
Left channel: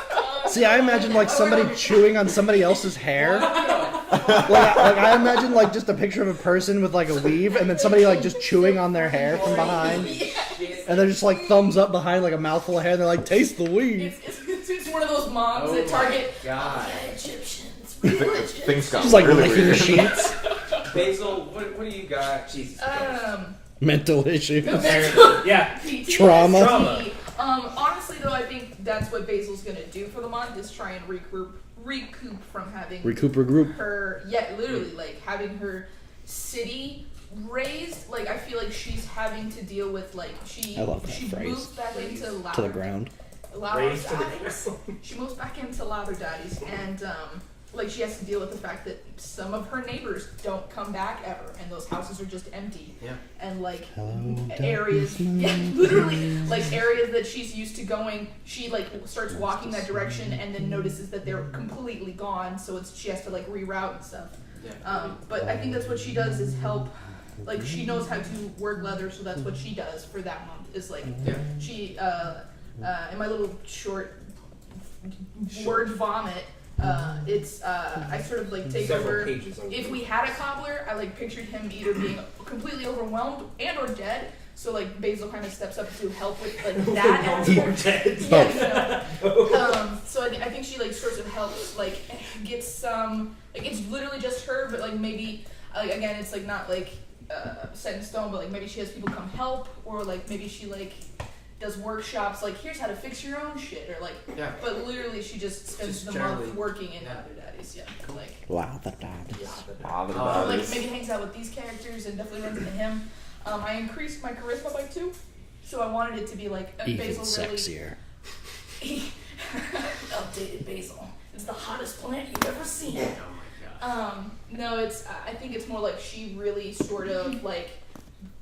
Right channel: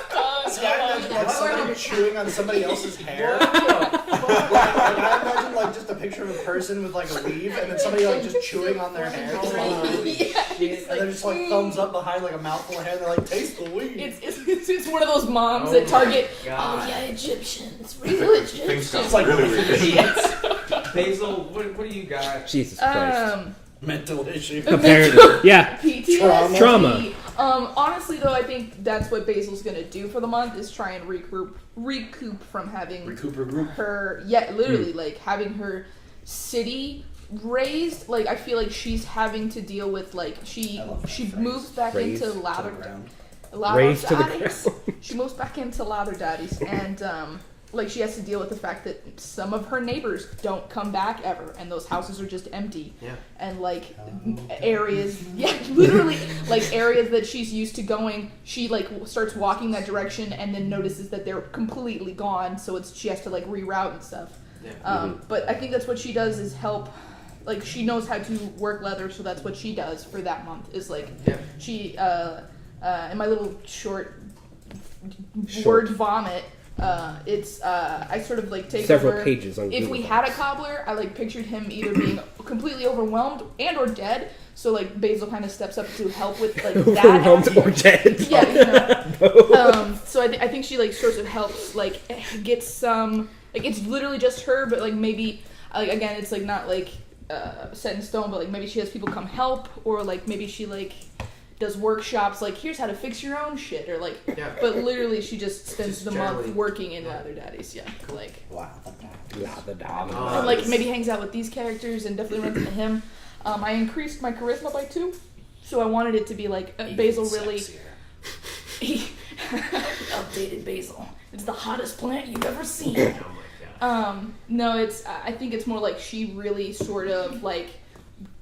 See, I imagine like somebody chewing on somebody else's hair. I imagine like just a picture of a person with like a weave, and then somebody like just chewing on their hair from behind, and they're just like thumbs up behind like a mouthful of hair. And they're like, "Taste the weed." It's one of those moms at Target. Oh God. Yeah, Egyptian. It's real Egyptian. Things got She's like really licking weird. sheets. Basil, what do you got? Jesus Christ. Mental issue. Apparently. Yeah. PTSD. Trauma. Honestly, though, I think that's what Basil's gonna do for the month is try and recoup from having Group. her. Yeah, literally, like having her city raised. Like I feel like she's having to deal with like she I love that phrase. moves back Raised into To the lather ground. Raised to the daddies. She moves back into lather daddies, and like she has to deal with the fact that some of her neighbors don't come back ever, and those houses are just empty. Yeah. And like Hello, areas, yeah, literally like areas that she's used to going, she like starts walking that direction and then notices that they're completely gone, so she has to like reroute and stuff. Yeah. But I think that's what she does is help. Like she knows how to work leather, so that's what she does for that month. Is like Yeah. she in my little short word vomit. It's I sort of like take Several over. pages on If Google. we had a cobbler, I like pictured him either being completely overwhelmed and or dead. So like Basil kind of steps up to help with like that. Overwhelmed or aspect. dead. Yeah. So I think she like sort of helps like get some like it's literally just her, but like maybe like again it's like not like set in stone, but like maybe she has people come help, or like maybe she like does workshops like here's how to fix your own shit, or like Yeah. but literally she just spends Just the generally- month working in Leather Daddies. Yeah, like Wow, the daddies. and like maybe hangs out with these characters and definitely runs into him. I increased my charisma by 2, so I wanted it to be like Basil really sexier. updated Basil. It's the hottest plant you've ever seen. Oh my god. No, it's. I think it's more like she really sort of like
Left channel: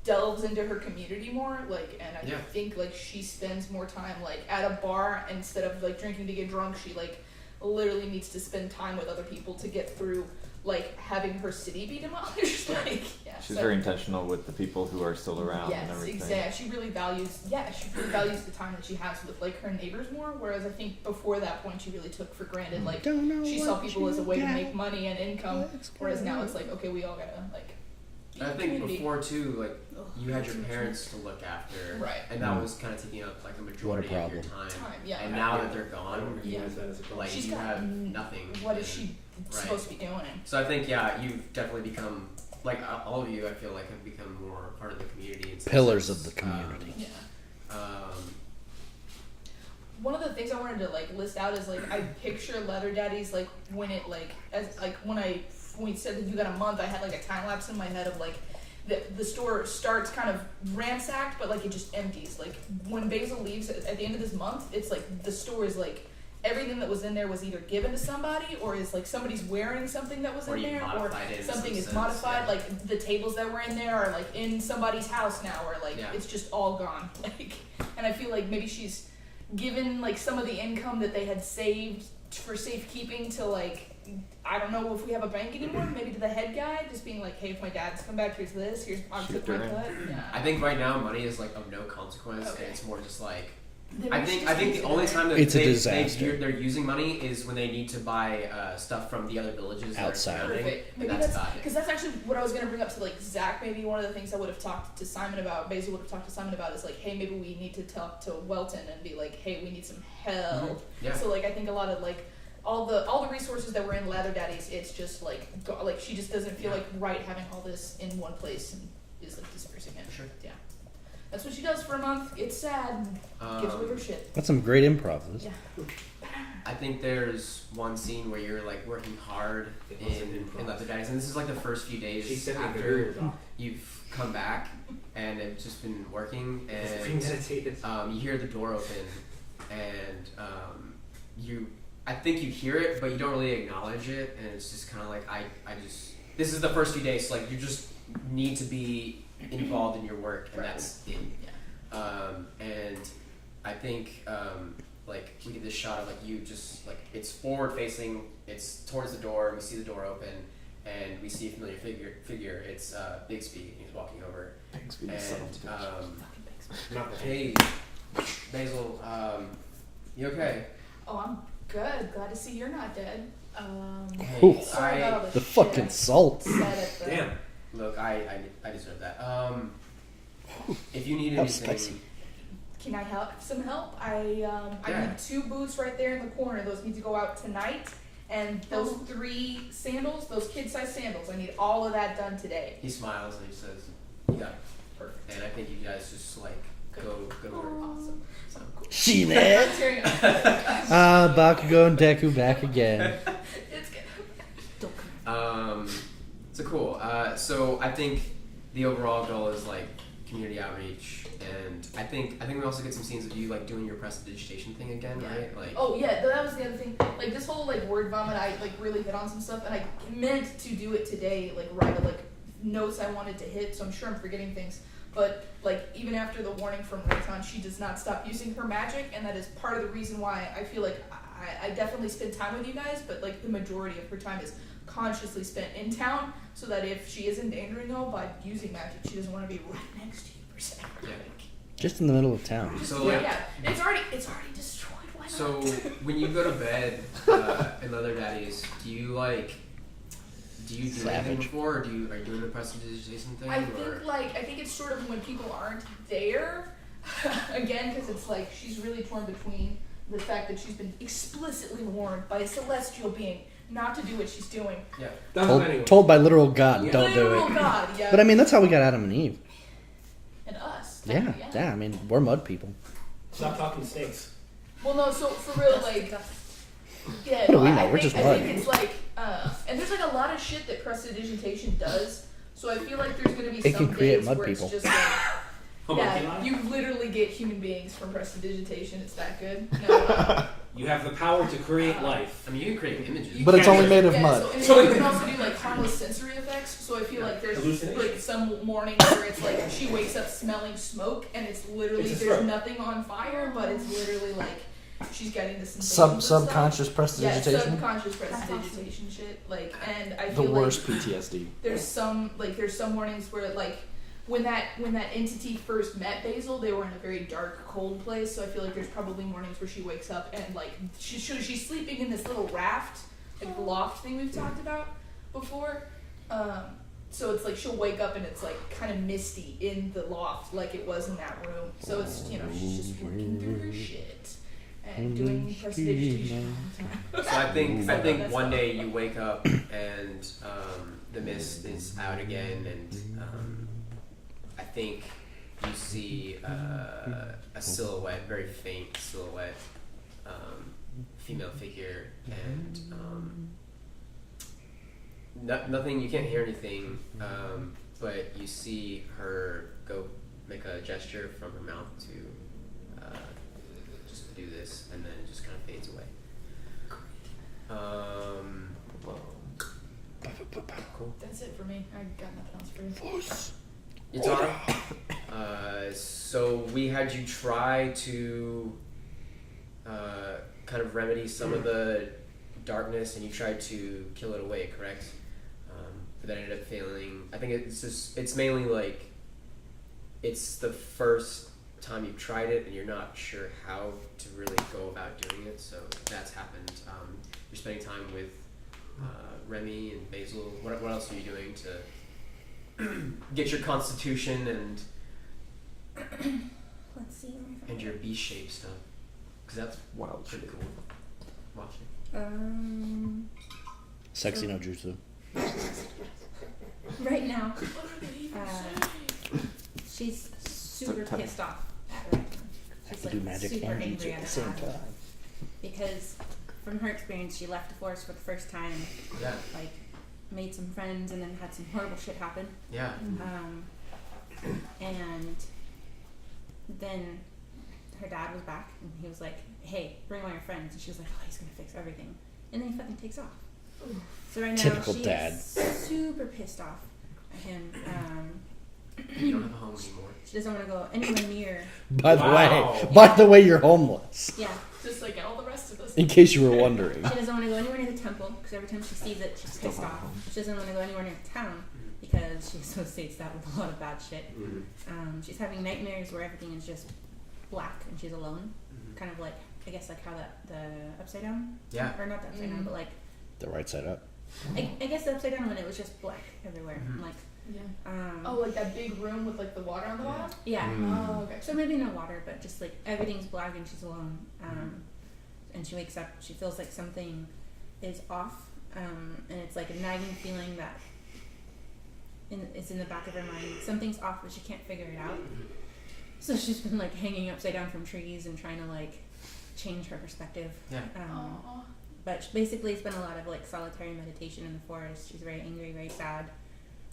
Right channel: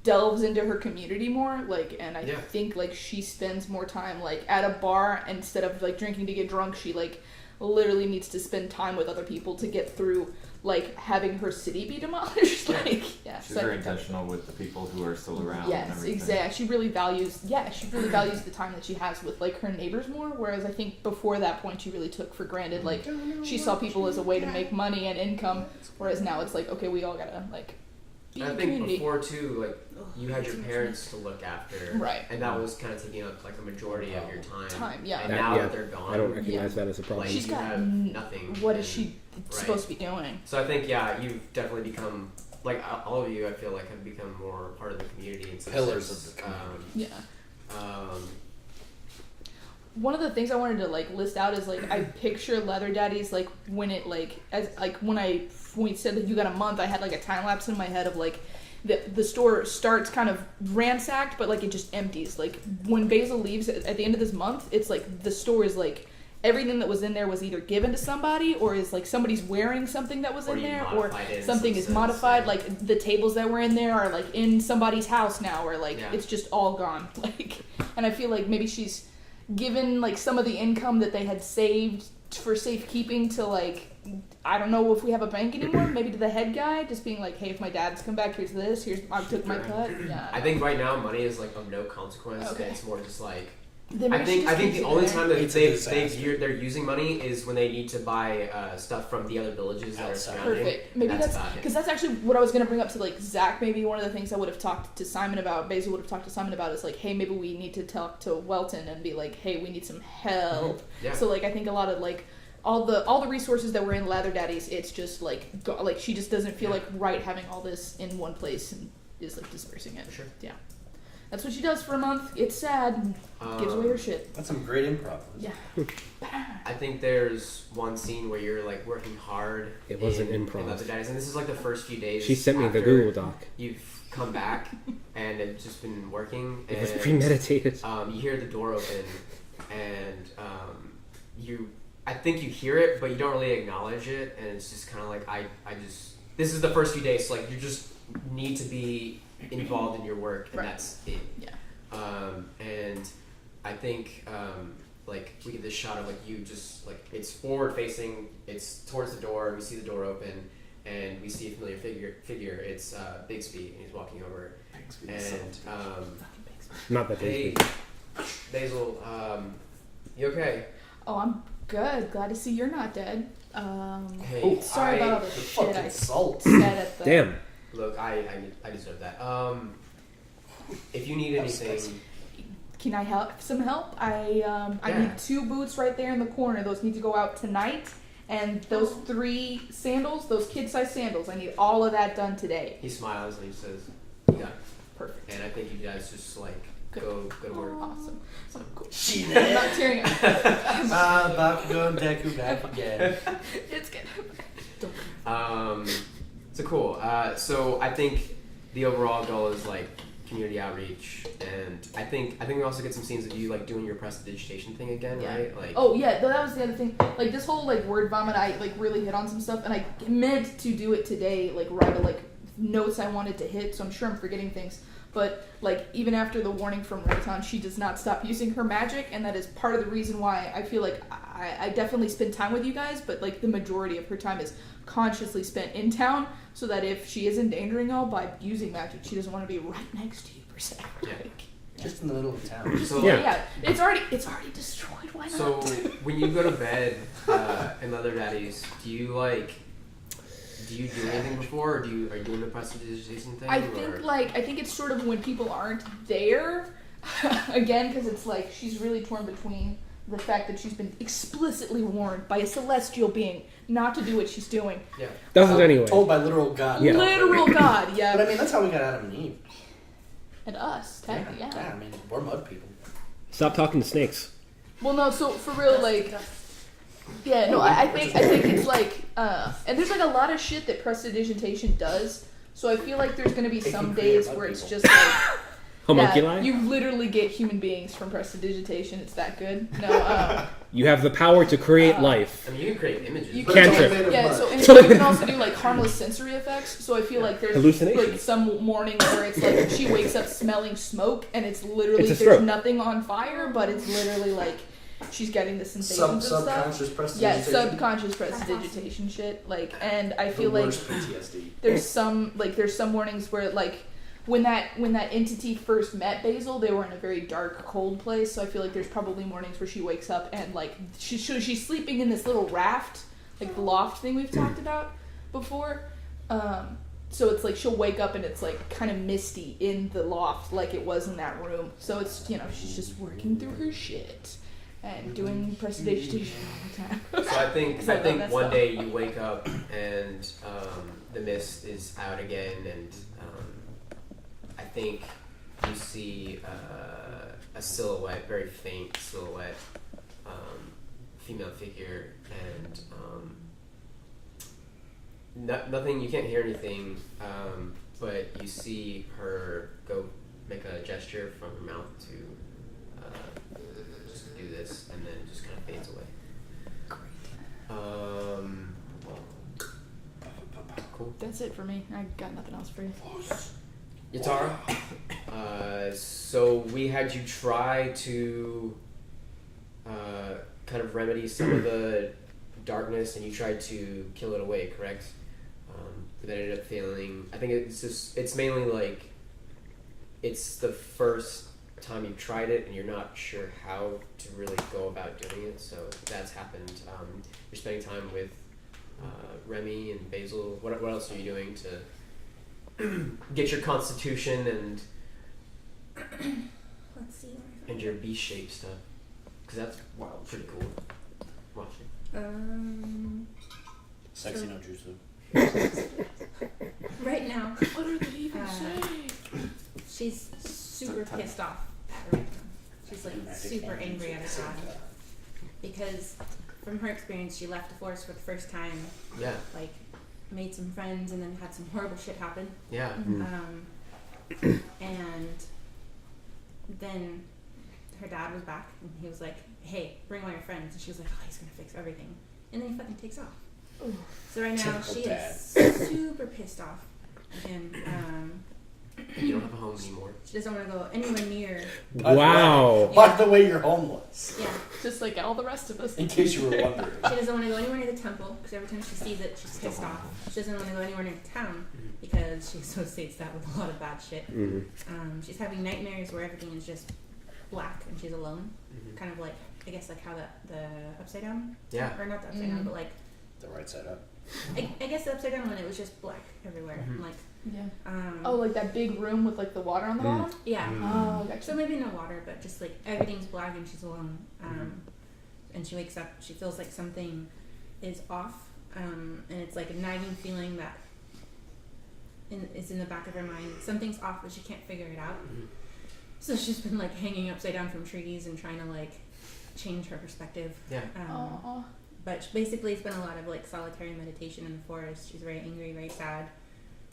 delves into her community more, like, and I Yeah. think like she spends more time like at a bar instead of like drinking to get drunk. She like literally needs to spend time with other people to get through like having her city be demolished. Like, yeah. She's so- very intentional with the people who are still around and Yes, everything. exactly. She really values. Yeah, she really values the time that she has with like her neighbors more. Whereas I think before that point, she really took for granted like she saw people as a way to make money and income. Whereas now it's like, okay, we all gotta like be I a think community. before too, like Ugh, you had it's your much parents to look after, Right. And that was kind of taking up like a majority of your time. Time, yeah. And now Yeah. that they're I don't gone, recognize that as a problem. like She's you got have nothing. What is and- she supposed to be doing? So I think you've definitely become like all of you. I feel like have become more part of the community. In some Pillars sense. of the community. Yeah. Um, One of the things I wanted to like list out is like I picture Leather Daddies like when it like as like when we said that you got a month, I had like a time lapse in my head of like the store starts kind of ransacked, but like it just empties. Like when Basil leaves at the end of this month, it's like the store is like everything that was in there was either given to somebody, or is like somebody's wearing something that was Or in you there, or modified it in something some is sense, modified. yeah. Like the tables that were in there are like in somebody's house now, or like Yeah. it's just all gone. Like, and I feel like maybe she's given like some of the income that they had saved for safekeeping to like I don't know if we have a bank anymore. Maybe to the head guy, just being like, "Hey, if my dad's come back, here's this. Here's I took my cut." Yeah. I think right now money is like of no consequence. Okay. And it's more just like Then I maybe think she just the keeps it only there. time that It's a disaster. they're using money is when they need to buy stuff from the other villages that Outside. are surrounding. Perfect. Maybe That's that's about it. because that's actually what I was gonna bring up to like Zach. Maybe one of the things I would have talked to Simon about, Basil would have talked to Simon about, is like, hey, maybe we need to talk to Welton and be like, hey, we need some help. Yeah. So like I think a lot of like all the resources that were in Lather Daddies, it's just like like she just doesn't feel Yeah. like right having all this in one place and is like dispersing it. Sure. Yeah. That's what she does for a month. It's sad. Gives away her shit. That's some great improv. Yeah. I think there's one scene where you're like working hard. It was an in improv. Leather Daddies, and this is like the first few days. She sent me the after Google Doc. You've come back, and it's just been working. It was And premeditated. you hear the door open, and I think you hear it, but you don't really acknowledge it, and it's just kind of like this is the first few days, so like you just need to be involved in your work, and Right. that's it. Yeah. And I think like we get this shot of like you just like it's forward facing, it's towards the door. We see the door open, and we see a familiar figure. It's Bixby, and he's walking over. And Not that hey, Basil, you okay? Oh, I'm good. Glad to see you're not dead. Hey, Sorry about all The shit fucking I salt. said at the Damn. Look, I deserve that. If you need That was anything, spicy. Can I help? Some help? I Yeah. need 2 boots right there in the corner. Those need to go out tonight. And those 3 sandals, those kid-sized sandals, I need all of that done today. he smiles and he says, "You got it." Perfect. And I think you guys just like Good. go to work. Awesome. So cool. She I'm there. not tearing up. Bakugo and Deku back again. It's good. So cool. So I think the overall goal is like community outreach, and I think we also get some scenes of you like doing your prestidigitation thing again, Yeah. right? Like, Oh yeah, that was the other thing. Like this whole like word vomit, I like really hit on some stuff, and I meant to do it today. Like write like notes I wanted to hit. So I'm sure I'm forgetting things. But like even after the warning from Rayton, she does not stop using her magic, and that is part of the reason why I feel like I definitely spend time with you guys. But like the majority of her time is consciously spent in town, so that if she is endangering y'all by using magic, she doesn't want to be right next to you per se. Yeah. Just in the middle of town. so Yeah, it's already destroyed. Why not? So when you go to bed in Leather Daddies, do you do anything before, or are you doing the prestidigitation thing? I think it's sort of when people aren't there, again, because it's like she's really torn between the fact that she's been explicitly warned by a celestial being not to do what she's doing. Yeah. Doesn't anyway. Told by literal God. Yeah. Don't do Literal it. God, yeah. But I mean, that's how we got Adam and Eve. And us, Yeah, technically, yeah. I mean, we're mud people. Stop talking to snakes. Well, no, so for real, Dust to like, dust. yeah, no, Oh, we know, I we're think just it's like, and there's like a lot of shit that prestidigitation does. So I feel like there's gonna be It some can create days mud where it's people. just like. Homunculi? Yeah, you literally get human beings from prestidigitation. It's that good. No, You have the power to create life. I mean, you can create images. You But it's Can't only do made of yeah, mud. so and you can also do like harmless sensory effects. So I feel like there's Hallucination. like some mornings where it's like she wakes up smelling smoke and it's literally It's a there's stroke. nothing on fire, but it's literally like she's getting the sensations and Subconscious stuff. Yeah, prestidigitation. subconscious That's prestidigitation shit. Like, and I The feel like worst PTSD. there's some mornings where like when that entity first met Basil, they were in a very dark, cold place. So I feel like there's probably mornings where she wakes up and like she's sleeping in this little raft, like the loft thing we've talked about before. So it's like she'll wake up and it's like kind of misty in the loft, like it was in that room. So it's she's just working through her shit and doing prestidigitation all the time. So I think So that's one all. day you wake up and the mist is out again, and I think you see a silhouette, very faint silhouette, female figure, and nothing. You can't hear anything, but you see her go make a gesture from her mouth to just do this, and then it just kind of fades away. Cool. That's it for me. I got nothing else for you. Yatara, so we had you try to kind of remedy some of the darkness, and you tried to kill it away, correct? But that ended up failing. I think it's mainly like it's the first time you've tried it, and you're not sure how to really go about doing it. So that's happened. You're spending time with Remy and Basil. What else are you doing to get your constitution and Let's see. where I and found your it. beast shape stuff? Because that's Wild pretty shit. cool. Wild shape. Sexy So- no jutsu. Right now, What are they even saying? she's super pissed off at Rayton. She's I can do like magic super and angry jutsu at the her same dad time. because, from her experience, she left the forest for the first time, Yeah, like made some friends, and then had some horrible shit happen. yeah. And then her dad was back, and he was like, "Hey, bring all your friends." And she was like, "Oh, he's gonna fix everything." And then he fucking takes off. So right now Typical she dad. is super pissed off at him. You don't have a home anymore. She doesn't want to go anywhere near. By the way, you're homeless. Yeah. Just like all the rest of us. In case you were wondering. She doesn't want to go anywhere near the temple because every time she sees it, she's pissed off. She doesn't want to go anywhere near town because she associates that with a lot of bad shit. She's having nightmares where everything is just black and she's alone. Kind of like, I guess, like how the upside down. Yeah. Or not the upside down, but like. The right side up. I guess the upside down when it was just black everywhere. Like. Yeah. Oh, like that big room with like the water on the bottom? Yeah. Oh, gotcha. So maybe no water, but just like everything's black and she's alone. And she wakes up, she feels like something is off. And it's like a nagging feeling that is in the back of her mind. Something's off, but she can't figure it out. So she's been like hanging upside down from trees and trying to like change her perspective. Yeah. But basically it's been a lot of like solitary meditation in the forest. She's very angry, very sad.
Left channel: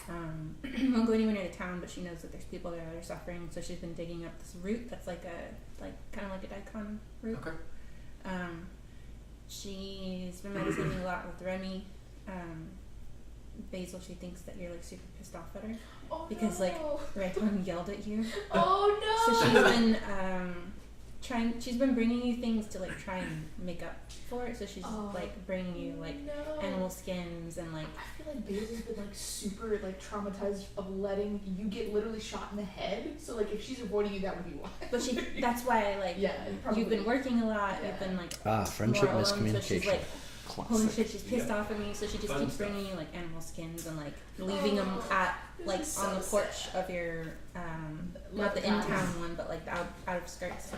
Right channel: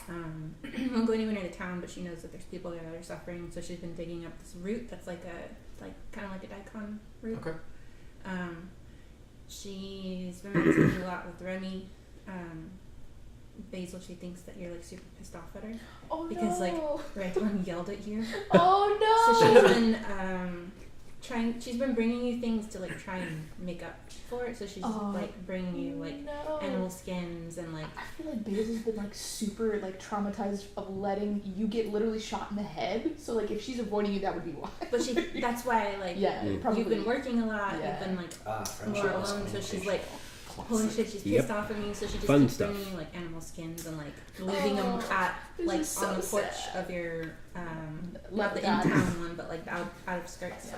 Won't go anywhere near the town, but she knows that there's people there that are suffering, so she's been digging up this root that's like kind of like a daikon root. Okay. She's been meditating a lot with Remy. Basil, she thinks that you're like super pissed off at her because like Rayton yelled at you. Oh no! So she's been she's been bringing you things to like try and make up for it. So she's like bringing you like animal skins and like. I feel like Basil's been like super like traumatized of letting you get literally shot in the head. So like if she's avoiding you, that would be why. But that's why like probably. You've been working a lot. You've been like friendship more alone. miscommunication. So she's like. Holy shit, she's pissed off at me, so she just keeps bringing you like animal skins and like leaving them at like on the porch of your not the in-town one, but like the out of skirts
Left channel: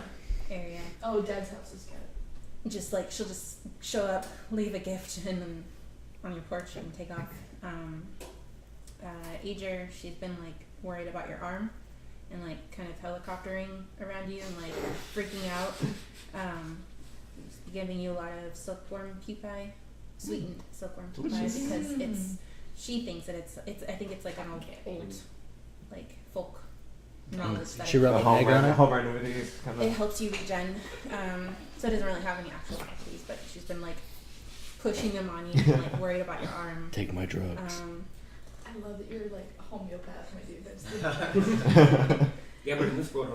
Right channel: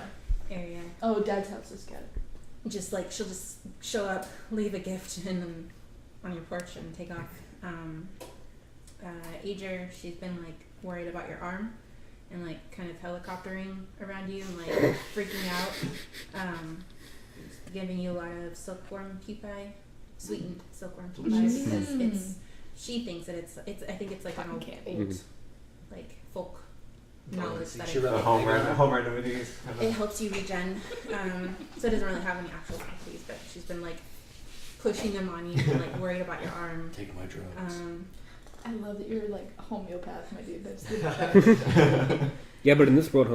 area. Oh, Dad's house is good. Just like she'll just show up, leave a gift, and then on your porch and take off. Ager, she's been like worried about your arm and like kind of helicoptering around you and like freaking out. Giving you a lot of silkworm pupae, sweetened silkworm pupae, because she thinks that it's I think it's like an old like folk knowledge that she wrote home remedies. It helps you regen, so it doesn't really have any actual properties, but she's been like pushing them on you and like worried about your arm. Take my drugs. I love that you're like a homeopath, my dude. That's Yeah, but in this world,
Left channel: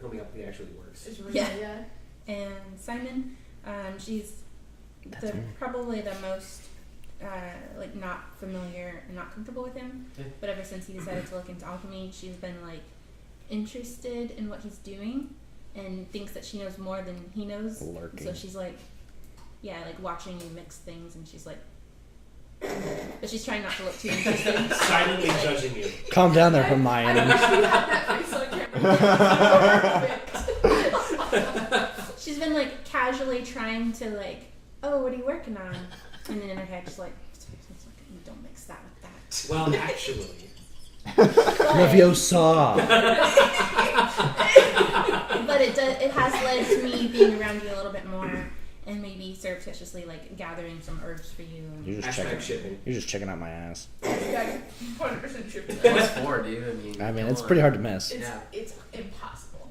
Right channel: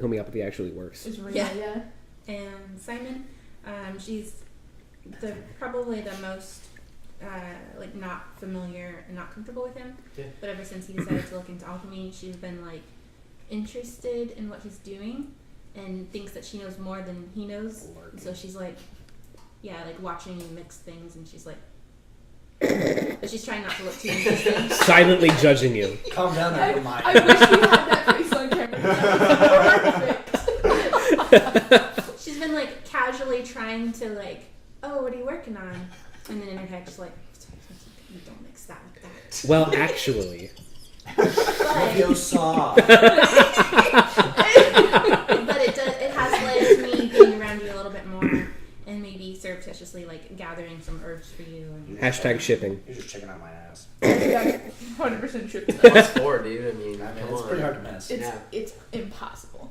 homeopathy actually works. It's real, yeah. And Simon, she's probably the most like not familiar and not comfortable with him. Yeah. But ever since he decided to look into alchemy, she's been like interested in what he's doing and thinks that she knows more than he knows. So she's like, like watching you mix things, and she's like, but she's trying not to look too interesting. Silently judging you. Calm down there, Hermione. I wish we had that face on camera. She's been like casually trying to like, oh, what are you working on? And then in her head, she's like, you don't mix that with that. Well, actually. Leviosa. But it has led to me being around you a little bit more, and maybe surreptitiously like gathering some herbs for you. And Hashtag shipping. You're just checking out my ass. 100% true. That's four, dude. I mean, it's pretty hard to miss. It's impossible.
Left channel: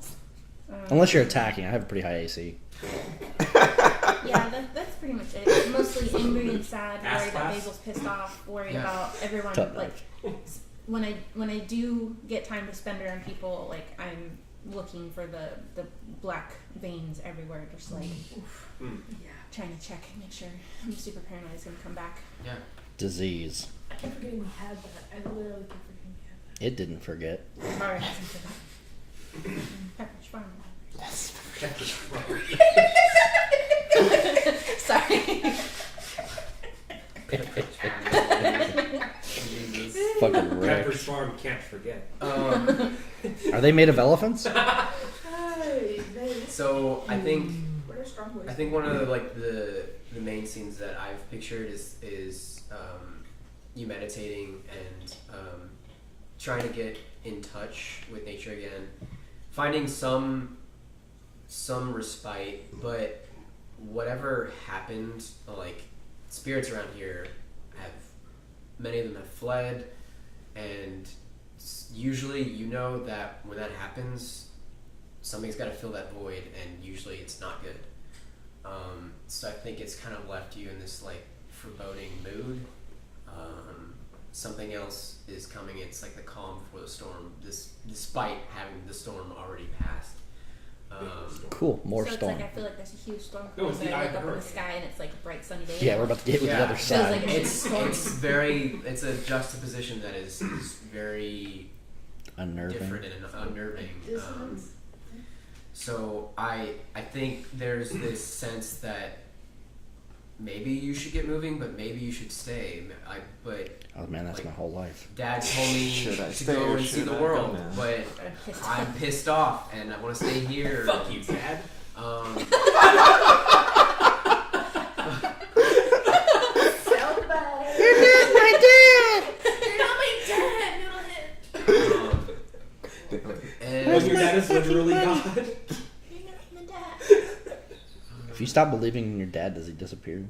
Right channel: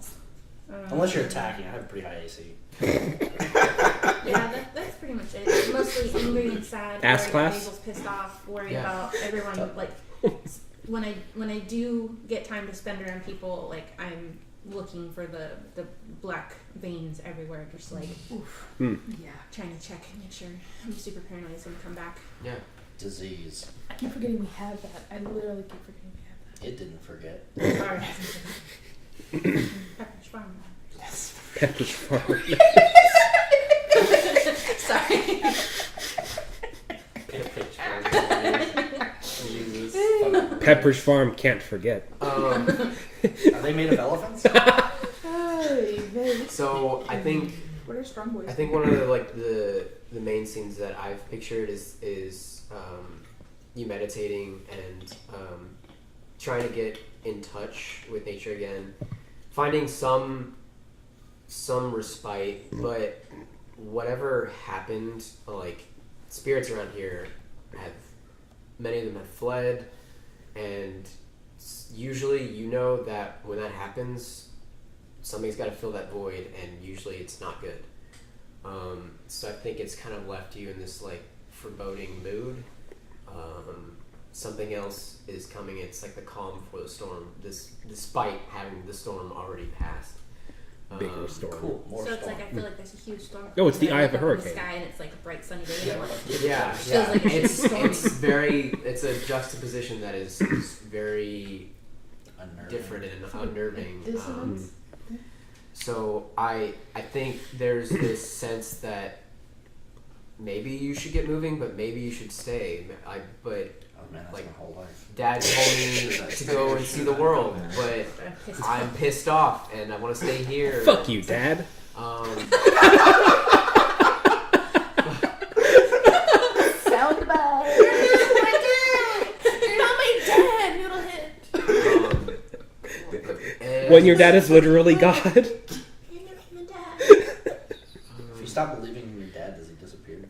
Unless you're attacking. I have a pretty high AC. Yeah, that's pretty much it. Mostly angry and sad, Ass worried class? that Basil's pissed off, worried about everyone. Like when I do get time to spend around people, like I'm looking for the black veins everywhere, just like trying to check and make sure. I'm super paranoid it's gonna come back. Yeah. Disease. I keep forgetting we have that. I literally keep forgetting we have that. It didn't forget. Sorry, it hasn't forgotten. Pepperidge Farm. Yes. Pepperidge Farm. Sorry. Pepperidge Farm can't forget. Are they made of elephants? So I think What are strong boys? I think one of the main scenes that I've pictured is you meditating and trying to get in touch with nature again, finding some respite, but whatever happened, like spirits around here many of them have fled, and usually you know that when that happens, something's got to fill that void, and usually it's not good. So I think it's kind of left you in this like foreboding mood, something else is coming. It's like the calm before the storm. Despite having the storm already passed. Bigger storm. Cool, more so storm. it's like I feel like there's a huge storm. No, it's the but I eye of look the up in the hurricane. sky and it's like a bright sunny day. Yeah, we're about to get Yeah, Feels like it's it's stormy. it's a juxtaposition that is very unnerving. different and unnerving. Dissonance. So I think there's this sense that maybe you should get moving, but maybe you should stay. But Oh man, that's like, my whole life. Dad told me Should I to stay go or and see should the I go world, now? but I'm pissed I'm off. pissed off and I want to stay here. Fuck you, Dad. Soundbite. You're not my dad, little head. And When your dad is literally God. You're not my dad. If you stop believing in your dad, does he disappear?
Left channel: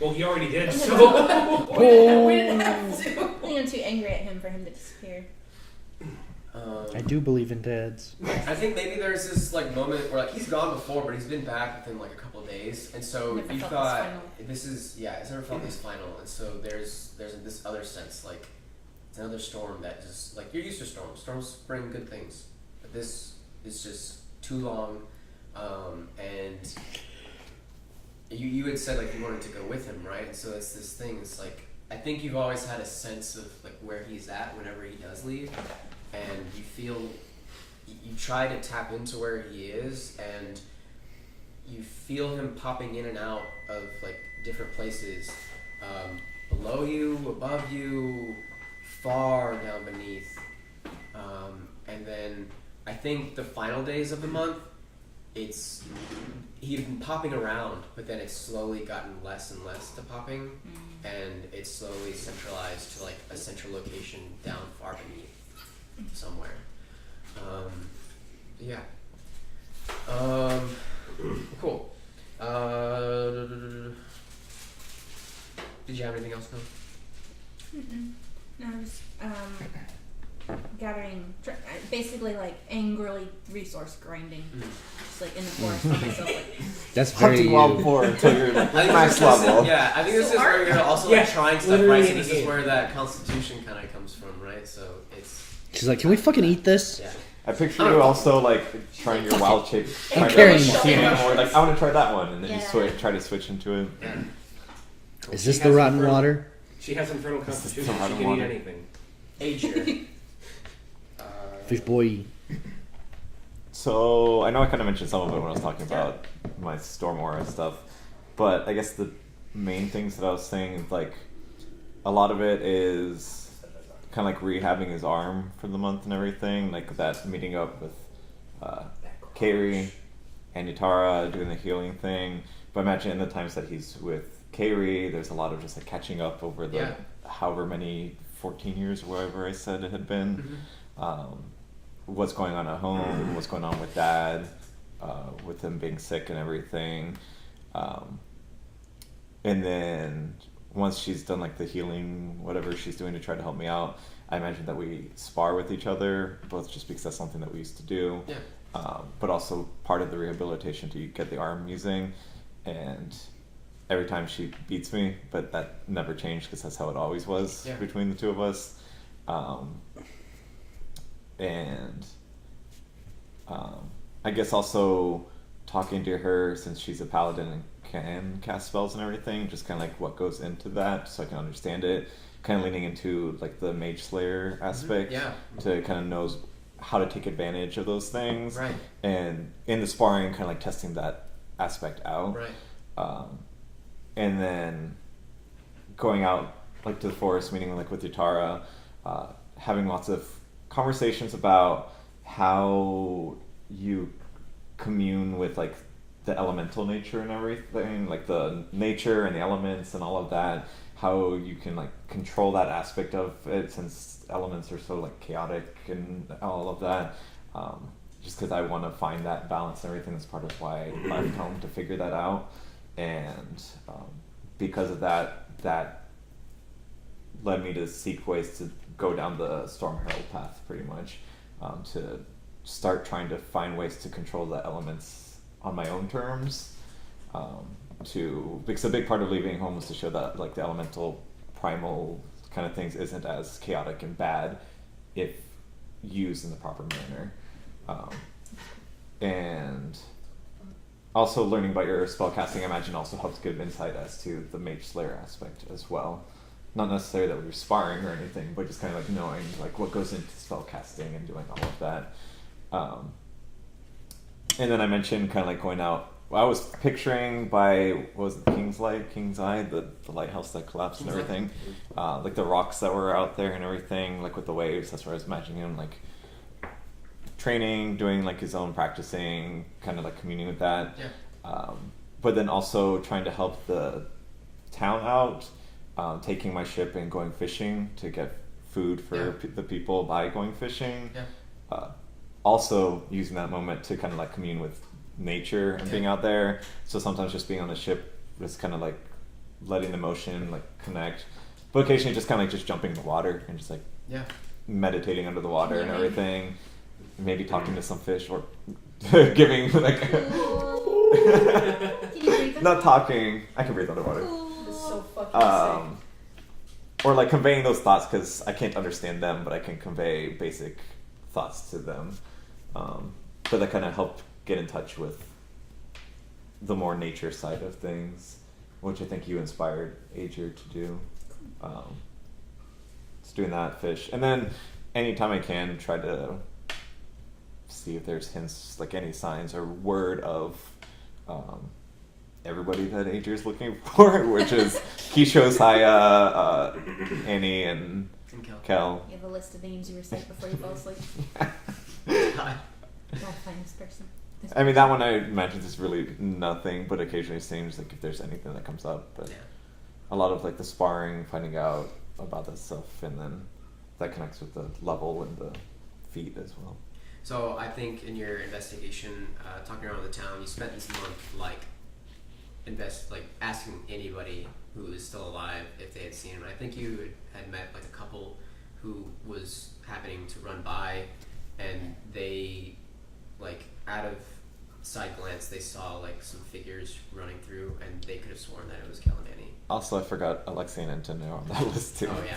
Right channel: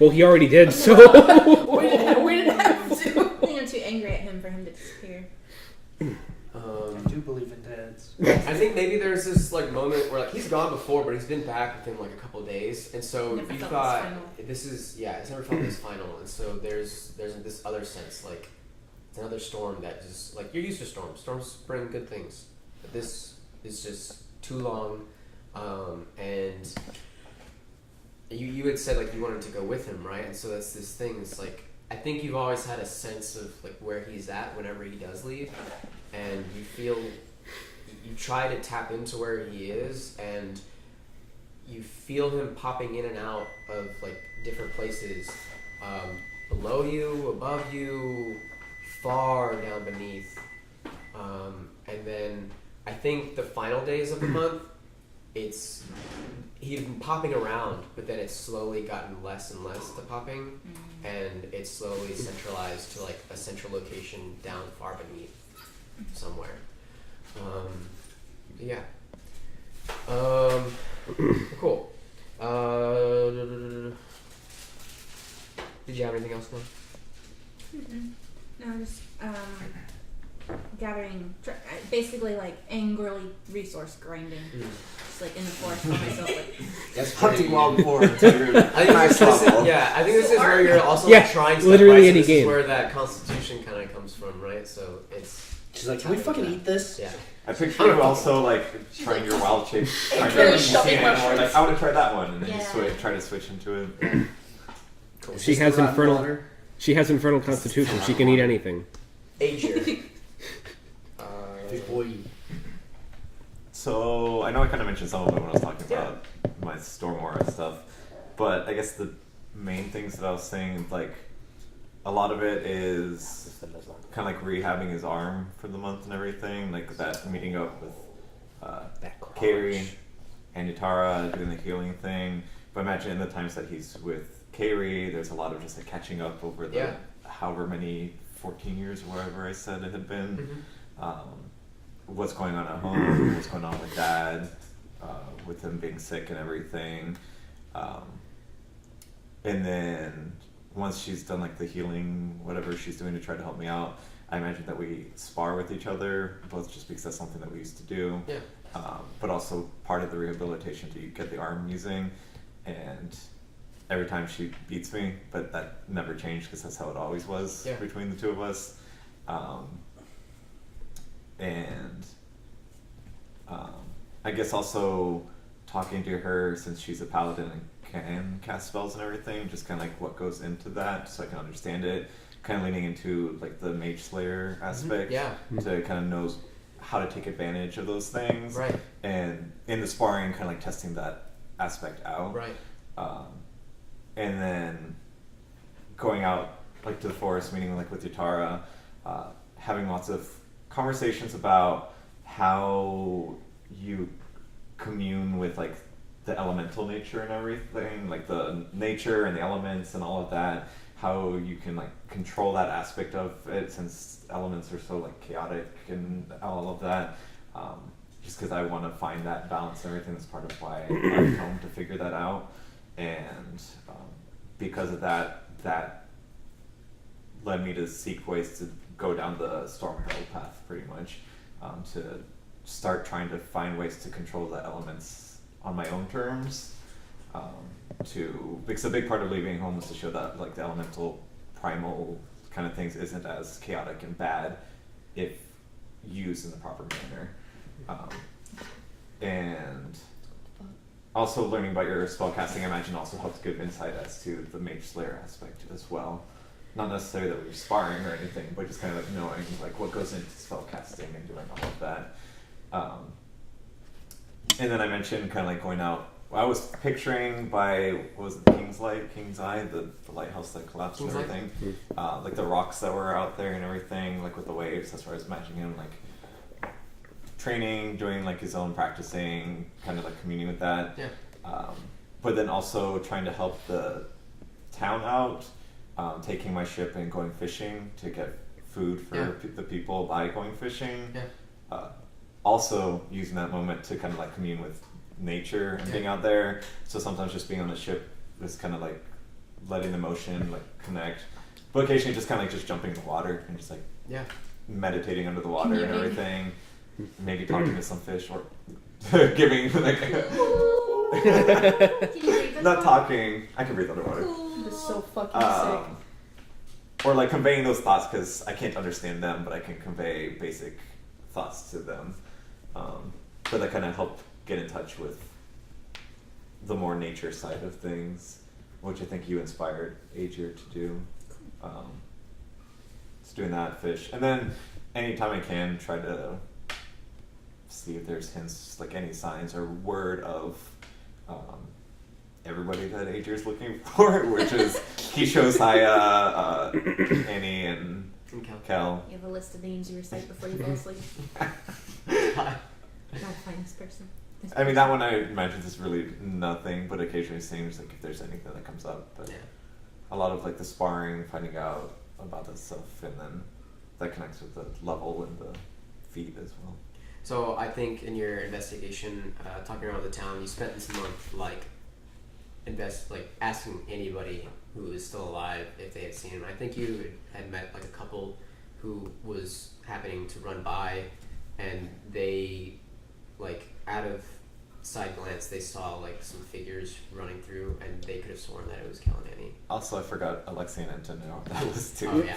Well, he already did, so. We didn't have to. I think I'm too angry at him for him to disappear. I do believe in dads. I think maybe there's this like moment where like he's gone before, but he's been back within like a couple of days, and so Never you felt thought this final. this is it's never felt this final, and so there's this other sense like it's another storm that just like you're used to storms. Storms bring good things, but this is just too long, and you had said like you wanted to go with him, right? And so that's this thing. It's like I think you've always had a sense of like where he's at whenever he does leave, and you try to tap into where he is, and you feel him popping in and out of like different places, below you, above you, far down beneath, and then I think the final days of the month, he'd been popping around, but then it's slowly gotten less and less to popping, and it's slowly centralized to like a central location down far beneath somewhere. Yeah. Cool. Did you have anything else, though? No, just gathering, basically like angrily resource grinding, just like in the forest by myself, like That's very Hunting wild boar until you're I think max this is- level. Yeah, I think this So is where you're also Yeah, like trying stuff, literally right? So any this game. is where that constitution kind of comes from, right? So it's She's like, can we fucking eat this? yeah. I picture you also like trying your wild shape, trying carrying to see shoving it more. mushrooms. Like I want to try that one, and then Yeah. you try to switch into it. Is She this the has rotten infernal- water? She has infernal constitution. still She hot can eat water. anything. Asia. Fish boy. So I know I kind of mentioned some of it when I was talking about my Storm Aura stuff, but I guess the main things that I was saying is like a lot of it is kind of like rehabbing his arm for the month and everything, like that meeting up with Kairi and Yutara doing the healing thing. But imagine in the times that he's with Kairi, there's a lot of just like catching up over the Yeah. however many 14 years or whatever I said it had been. What's going on at home, what's going on with Dad, with him being sick and everything. And then once she's done like the healing, whatever she's doing to try to help me out, I imagine that we spar with each other, both just because that's something that we used to do, but also part of the rehabilitation to get the arm using. And every time she beats me, but that never changed because that's how it always was between the two of us. I guess also talking to her, since she's a paladin and can cast spells and everything, just kind of like what goes into that, so I can understand it. Kind of leaning into like the Mage Slayer aspect, to kind of knows how to take advantage of those things, Right. and in the sparring, kind of like testing that aspect out, Right. and then going out like to the forest, meeting like with Yutara, having lots of conversations about how you commune with like the elemental nature and everything, like the nature and the elements and all of that, how you can like control that aspect of it, since elements are so like chaotic and all of that. Just because I want to find that balance and everything, that's part of why I left home, to figure that out. And because of that led me to seek ways to go down the Storm Herald path, pretty much, to start trying to find ways to control the elements on my own terms, because a big part of leaving home was to show that like the elemental primal kind of things isn't as chaotic and bad if used in the proper manner. And also learning about your spellcasting, I imagine, also helps give insight as to the Mage Slayer aspect as well. Not necessarily that we were sparring or anything, but just kind of like knowing like what goes into spellcasting and doing all of that. And then I mentioned kind of like going out. I was picturing by, what was it, King's Eye, the lighthouse that collapsed and everything. Like the rocks that were out there and everything, like with the waves. That's where I was imagining him like training, doing like his own practicing, kind of like communing with that. Yeah. But then also trying to help the town out, taking my ship and going fishing to get food for the people by going fishing. Yeah. Also using that moment to kind of like commune with nature and being out there. So sometimes just being on the ship was kind of like letting the motion like connect, but occasionally just kind of like just jumping in the water and just like meditating under the water and everything. Maybe talking to some fish or giving like Can you breathe not talking. I can breathe underwater. This is so fucking sick. Or like conveying those thoughts because I can't understand them, but I can convey basic thoughts to them. But that kind of helped get in touch with the more nature side of things, which I think you inspired Ager to do. Just doing that, fish, and then anytime I can, try to see if there's hints, like any signs or word of everybody that Ager's looking for, which is Keisho's Haya, Annie, and Kel. You have a list of names you recite before you fall asleep. Gotta find this person. I mean, that one I imagine is really nothing, but occasionally seems like if there's anything that comes up. But a lot of like the sparring, finding out about that stuff, and then that connects with the level and the feat as well. So I think in your investigation, talking around the town, you spent this month like asking anybody who is still alive if they had seen him. I think you had met like a couple who was happening to run by, and they like out of side glance they saw like some figures running through, and they could have sworn that it was Kel and Annie. Also, I forgot Alexei and Antonio on that list too. Oh yeah.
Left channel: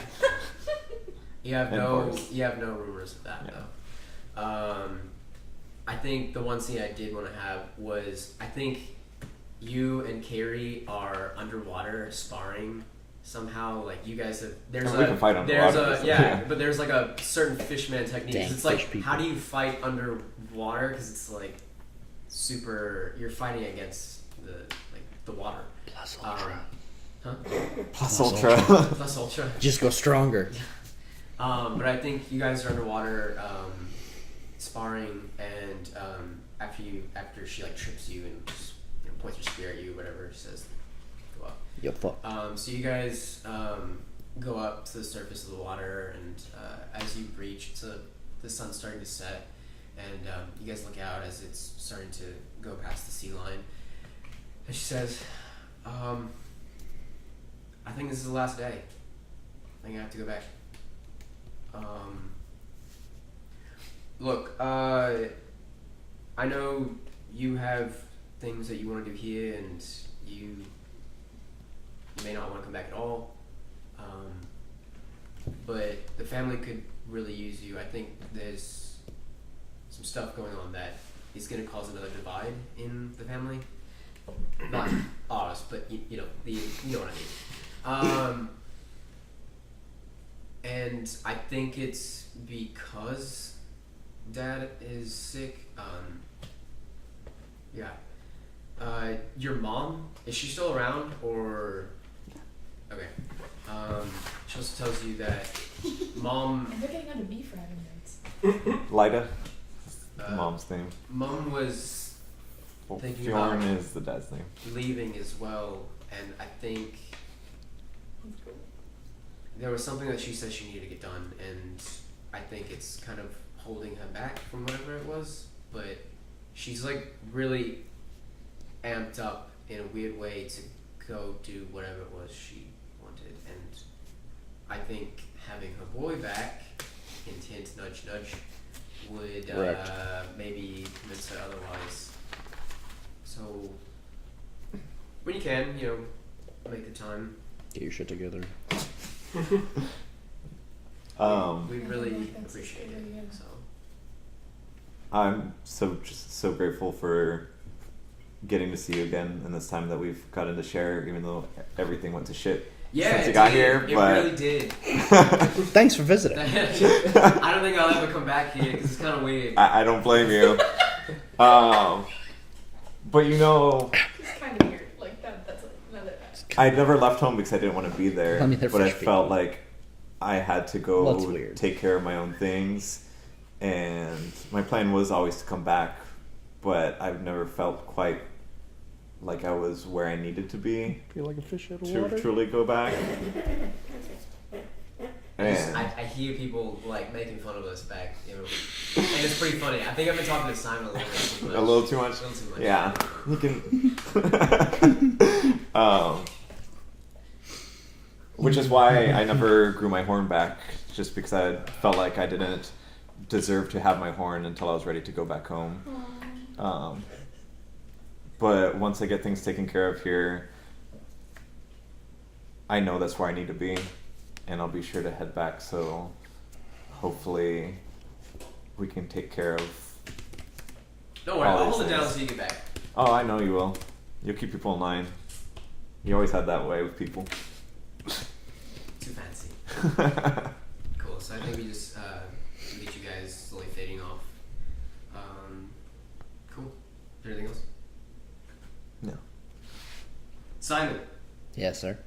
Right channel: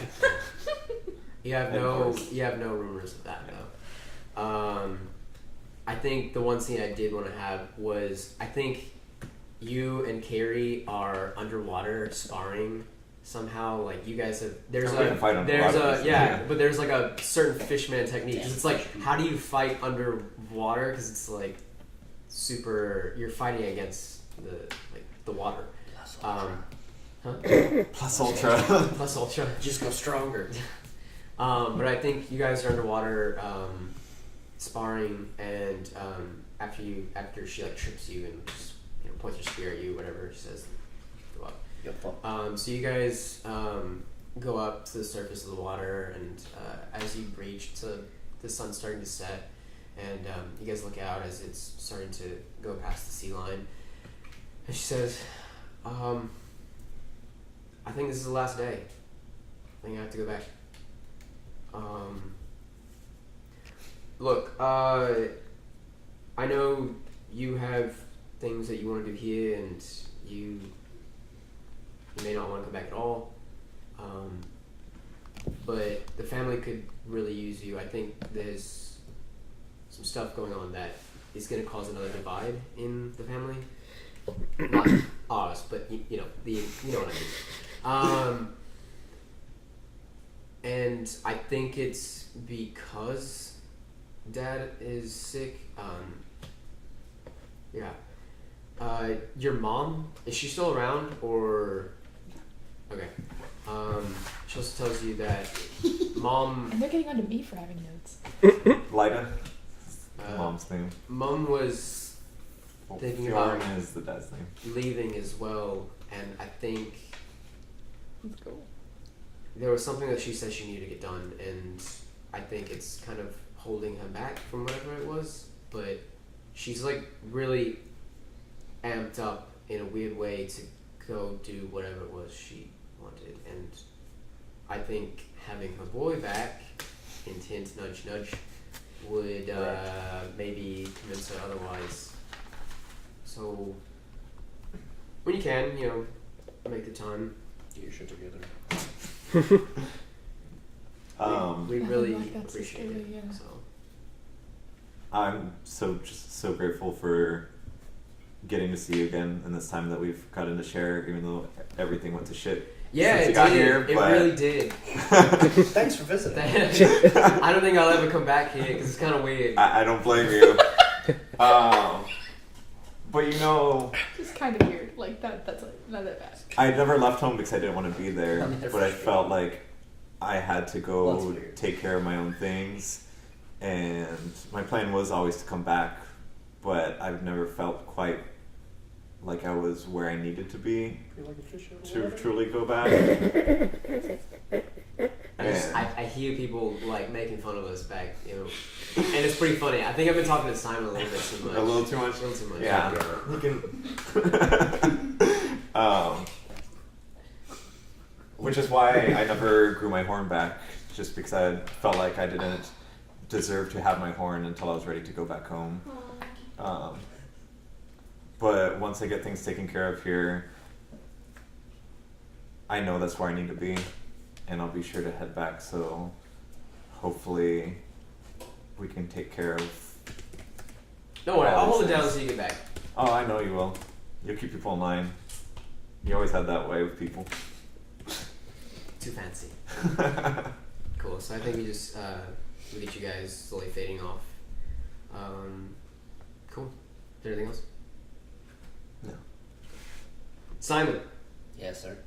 You have no rumors of that though. I think the one scene I did want to have was, I think you and Carrie are underwater sparring somehow. Like you guys have we can fight underwater. but there's like a certain fishman technique. It's like, how do you fight underwater? Because it's like super. You're fighting against the water. Plus ultra. Plus ultra. Plus ultra. Just go stronger. But I think you guys are underwater sparring, and after she like trips you and just, points her spear at you, whatever, she says, go up. Yep. So you guys go up to the surface of the water, and as you breach, the sun's starting to set, and you guys look out as it's starting to go past the sea line, and she says, I think this is the last day. I think I have to go back. Look, I know you have things that you want to do here, and you may not want to come back at all. But the family could really use you. I think there's some stuff going on that is going to cause another divide in the family. Not ours, but you know what I mean. And I think it's because Dad is sick. Your mom, is she still around, or? Okay. She also tells you that Mom. And they're getting onto me for having notes. Lida, the mom's name. Mom was thinking Fjorn about is the dad's name. leaving as well, and I think That's cool. there was something that she said she needed to get done, and I think it's kind of holding her back from whatever it was, but she's like really amped up in a weird way to go do whatever it was she wanted, and I think having her boy back, hint hint, nudge nudge, would maybe convince her otherwise. So when you can, make the time. Get your shit together. We really like that's appreciate just it. really, So. I'm just so grateful for getting to see you again in this time that we've gotten to share, even though everything went to shit Yeah, since it you got did. here. It But really did. Thanks for visiting. I don't think I'll ever come back here because it's kind of weird. I don't blame you. But It's kind of weird. Like that's like not that bad. I never left home because I didn't want to be there. I mean, they're but I French felt people. like I had to go Well, it's weird. take care of my own things. And my plan was always to come back, but I've never felt quite like I was where I needed to be Feel like a fish out of to water. truly go back. And I hear people like making fun of us back, and it's pretty funny. I think I've been talking to Simon a little bit too much. a little too much. A little too much. Yeah, you can. Which is why I never grew my horn back, just because I felt like I didn't deserve to have my horn until I was ready to go back home. But once I get things taken care of here, I know that's where I need to be, and I'll be sure to head back. So hopefully we can take care of. Don't worry, all I'll these hold it down things. until you get back. Oh, I know you will. You'll keep people in line. You always had that way with people. Too fancy. Cool. So I think we just we get you guys slowly fading off. Cool. Is there anything else? No. Simon, Yes, sir.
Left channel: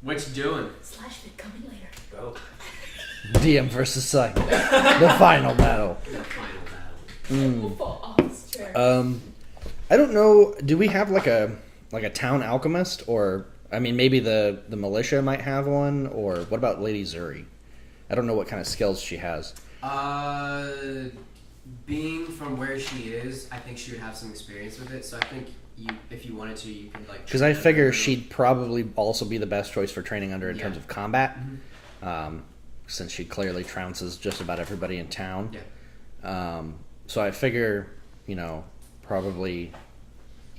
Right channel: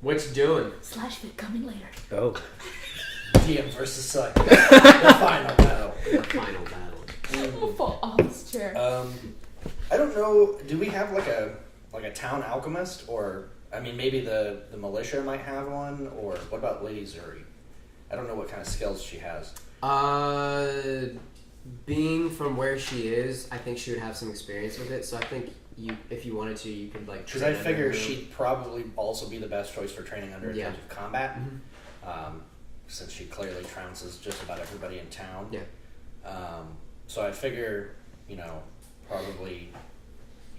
what you doing? Slash fit coming later. Oh. DM versus Simon. The final battle. The final battle. We'll fall off this chair. I don't know. Do we have like a town alchemist, or I mean, maybe the militia might have one, or what about Lady Zuri? I don't know what kind of skills she has. Being from where she is, I think she would have some experience with it. So I think if you wanted to, you could like. Because I train figure under her. she'd probably also be the best choice for training under in Yeah. terms of combat, Mhm. since she clearly trounces just about everybody in town. Yeah. So I figure, probably,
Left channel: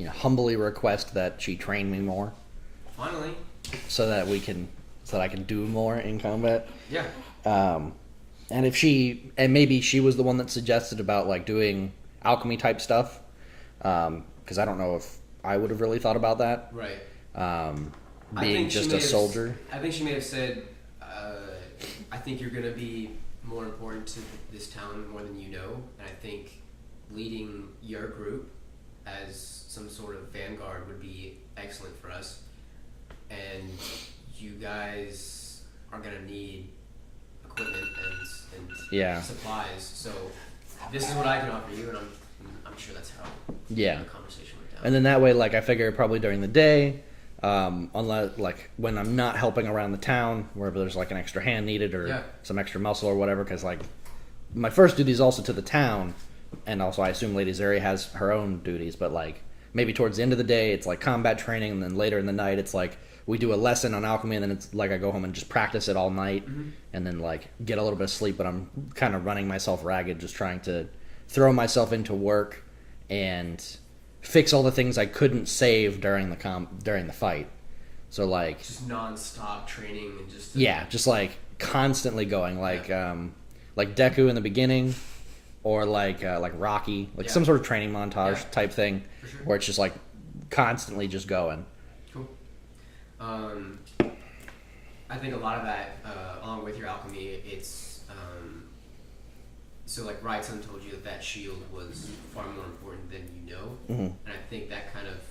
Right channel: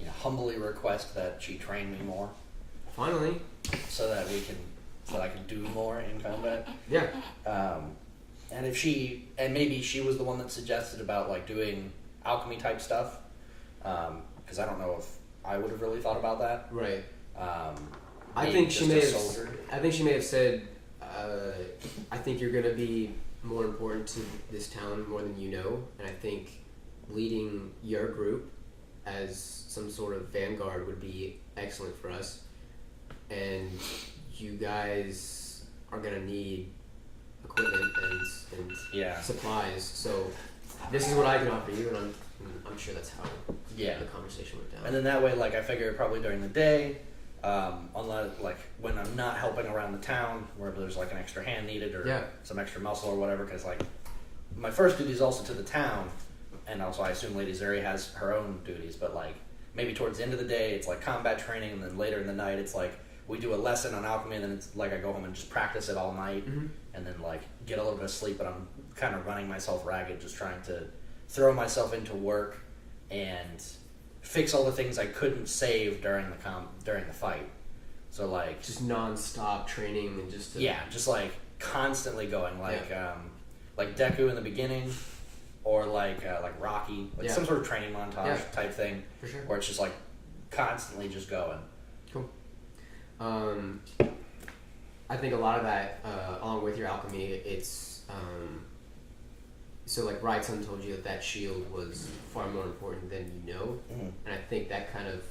humbly request that she train me more, Finally. so that I can do more in combat. Yeah. And maybe she was the one that suggested about like doing alchemy type stuff, because I don't know if I would have really thought about that. Right. I I being think just she may a have, soldier. I think she may have said, I think you're going to be more important to this town more than you know, and I think leading your group as some sort of vanguard would be excellent for us. And you guys are going to need equipment and Yeah. supplies. So this is what I can offer you, and I'm sure that's how Yeah. the conversation went down. And then that way, like, I figure probably during the day, unless, like, when I'm not helping around the town, where there's, like, an extra hand needed or Yeah. some extra muscle or whatever, because, like, my first duty is also to the town, and also I assume Lady Zuri has her own duties, but, like, maybe towards the end of the day, it's, like, combat training, and then later in the night, it's, like, we do a lesson on alchemy, and then it's, like, I go home and just practice it all night, and then, like, get a little bit of sleep, but I'm kind of running myself ragged, just trying to throw myself into work and fix all the things I couldn't save during the fight. So like just non-stop training and just just like constantly going like Deku in the beginning, or like Rocky, like some sort of training montage type thing, for sure. where it's just like constantly just going. Cool. I think a lot of that, along with your alchemy, it's so like Wrightson told you that shield was far more important than you know, and I think that kind of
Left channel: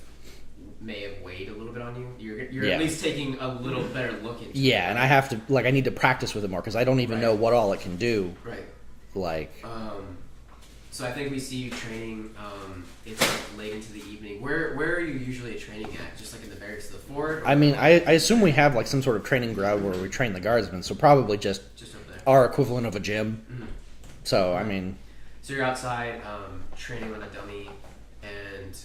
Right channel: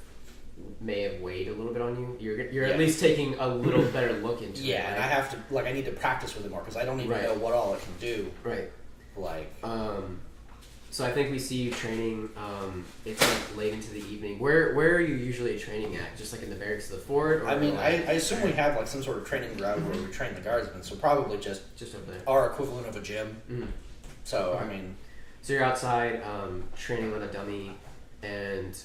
may have weighed a little bit on you. You're at least taking a little better look into it. Yeah, and I have to I need to practice with it more because I don't even know what all it can do. Right. Like. So I think we see you training. It's like late into the evening. Where are you usually training at? Just like in the barracks of the fort? Or I mean, I assume we have like some sort of training ground where we train the guardsmen, so probably just over there. our equivalent of a gym. Mhm. So I mean, so you're outside training on a dummy, and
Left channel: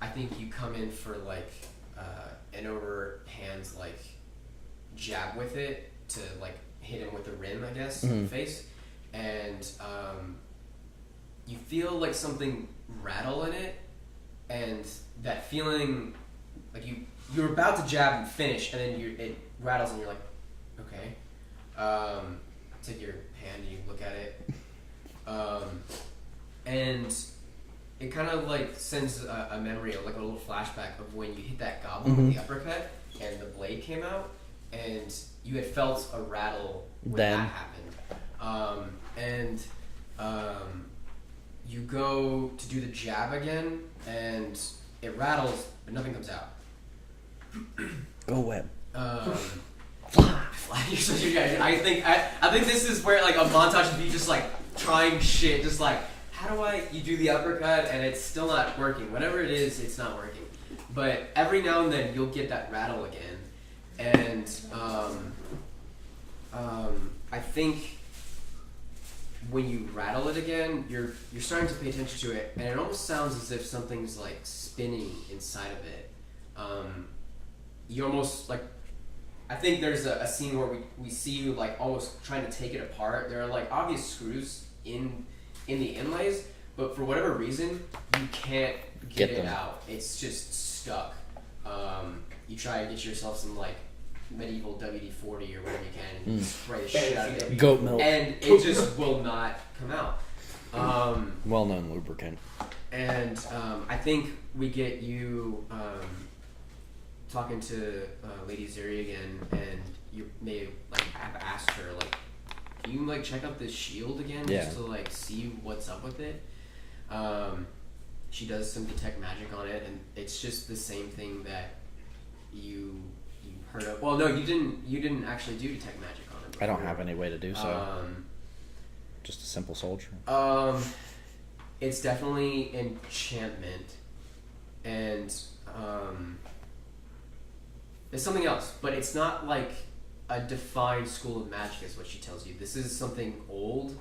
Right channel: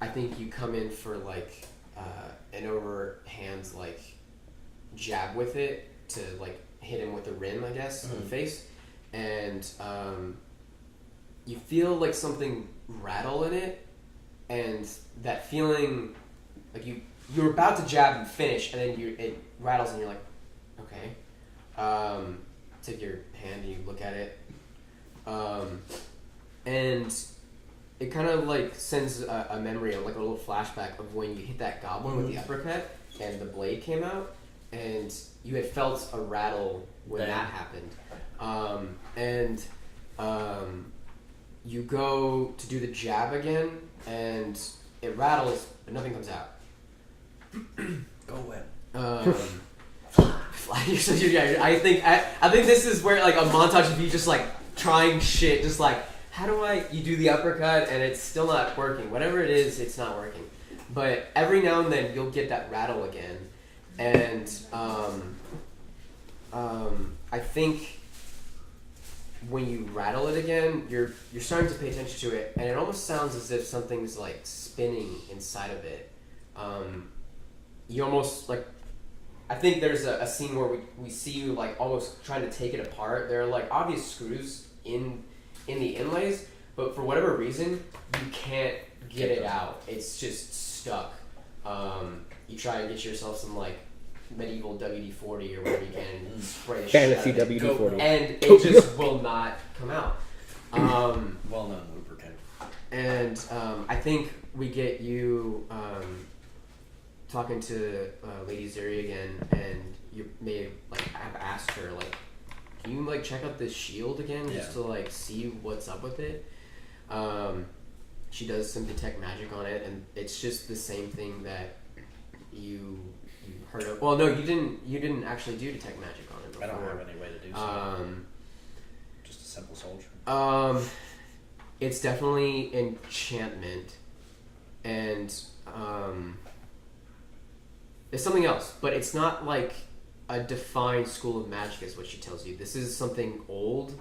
I think you come in for like an overhand like jab with it to like hit him with the rim, I guess, in the face, and you feel like something rattle in it, and that feeling, like you're about to jab and finish, and then it rattles, and you're like, okay. Take your hand and you look at it, and it kind of like sends a memory, like a little flashback of when you hit that goblin with the uppercut, and the blade came out, and you had felt a rattle when that happened, and you go to do the jab again, and it rattles, but nothing comes out. Go web. I think this is where like a montage of you just like trying shit, just like how do you do the uppercut and it's still not working. Whatever it is, it's not working. But every now and then you'll get that rattle again, and I think when you rattle it again, you're starting to pay attention to it, and it almost sounds as if something's like spinning inside of it. You almost like. I think there's a scene where we see you like almost trying to take it apart. There are like obvious screws in the inlays, but for whatever reason you can't get it out. It's just stuck. You try to get yourself some like medieval WD-40 or whatever you can and spray the shit out of it, and it just will not come out. Well-known lubricant. And I think we get you. Talking to Lady Zeri again, and you may like have asked her like, can you like check out this shield again just to like see what's up with it? She does some detect magic on it, and it's just the same thing that you heard of. Well, no, you didn't actually do detect magic on it before. I don't have any way to do so. Just a simple soldier. It's definitely enchantment, and it's something else, but it's not like a defined school of magic is what she tells you. This is something old.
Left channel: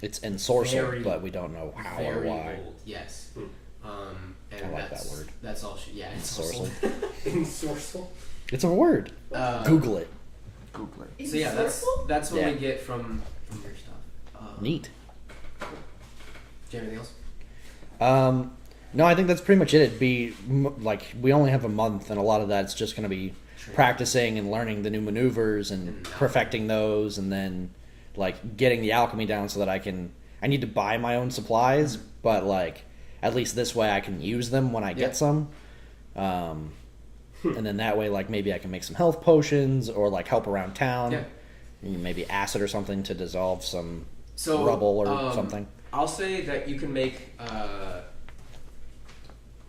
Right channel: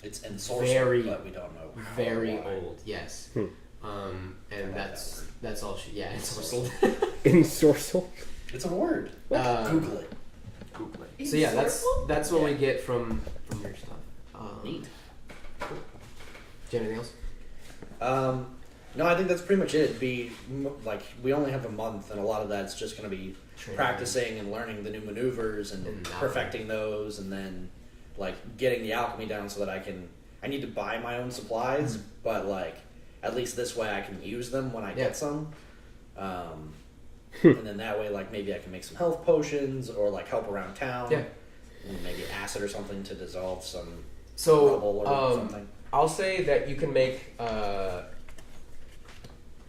It's ensorcel, but we don't know how or why. Very old, yes. And I like that word. That's all she, yeah, ensorcel. Ensorcel? It's a word. Google it. Google it. So yeah, that's what we get from your stuff. Neat. Do you have anything else? No, I think that's pretty much it. It'd be like we only have a month, and a lot of that's just going to be practicing and learning the new maneuvers and perfecting those, and then like getting the alchemy down so that I need to buy my own supplies, but like at least this way I can use them when I get some. And then that way, like maybe I can make some health potions or like help around town. Yeah. Maybe acid or something to dissolve some So, rubble or something. I'll say that you can make.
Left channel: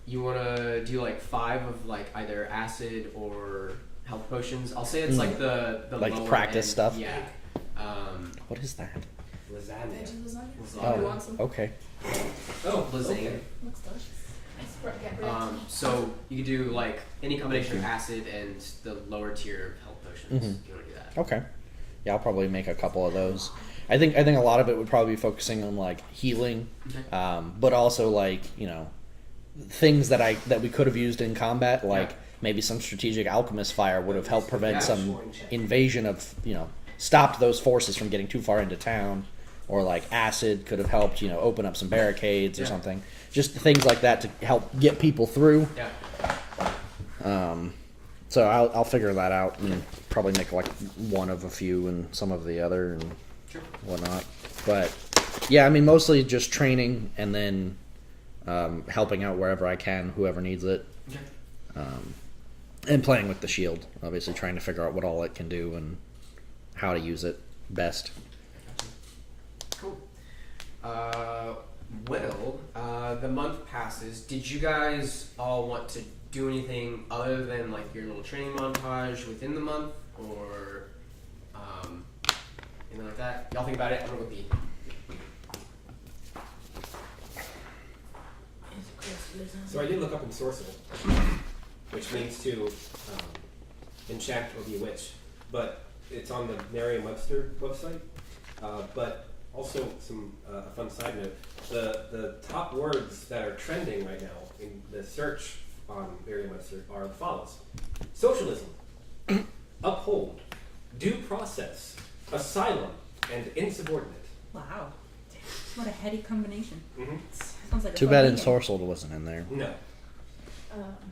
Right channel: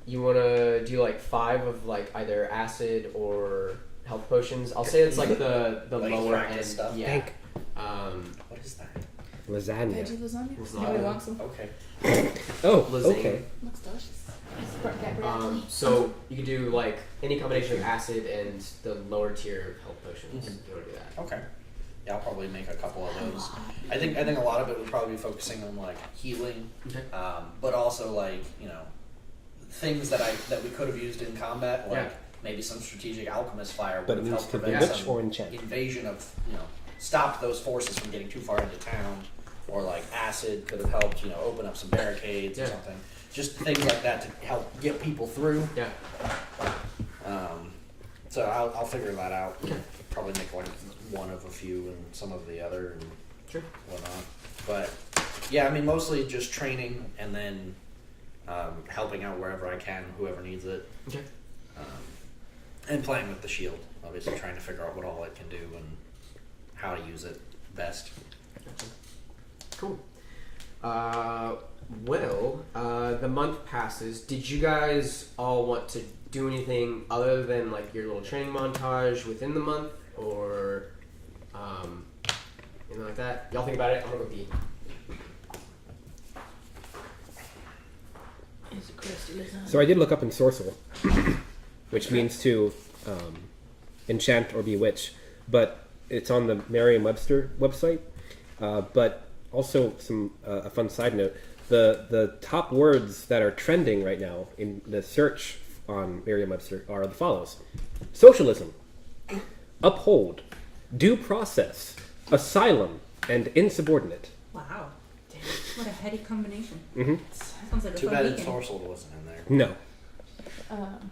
You want to do like 5 of like either acid or health potions. I'll say it's like the like lower practice end. stuff. Yeah. What is that? Lasagna. Veggie lasagna? Lasagna. Anybody want some? Okay. Oh, Lasagna. okay. Looks delicious. So you can do like any combination of acid and the lower tier health potions. Mhm. If you want to do that. Okay. Yeah, I'll probably make a couple of those. I think a lot of it would probably be focusing on like healing, Okay. but also like things that we could have used in combat, like maybe some strategic alchemist fire would have helped prevent some invasion of stopped those forces from getting too far into town, or like acid could have helped open up some barricades or something. Just things like that to help get people through. Yeah. So I'll figure that out and probably make like one of a few and some of the other and whatnot. But yeah, I mean mostly just training and then helping out wherever I can, whoever needs it. Okay. And playing with the shield, obviously trying to figure out what all it can do and how to use it best. Cool. The month passes. Did you guys all want to do anything other than like your little training montage within the month, or anything like that? Y'all think about it. I'm gonna go pee. So I did look up ensorcel, which means to enchant or bewitch, but it's on the Merriam-Webster website. But also a fun side note, the top words that are trending right now in the search on Merriam-Webster are the follows: socialism, uphold, due process, asylum, and insubordinate. Wow. What a heady combination. Mm-hmm. Sounds like a Too fun bad weekend. ensorcelled wasn't in there. No.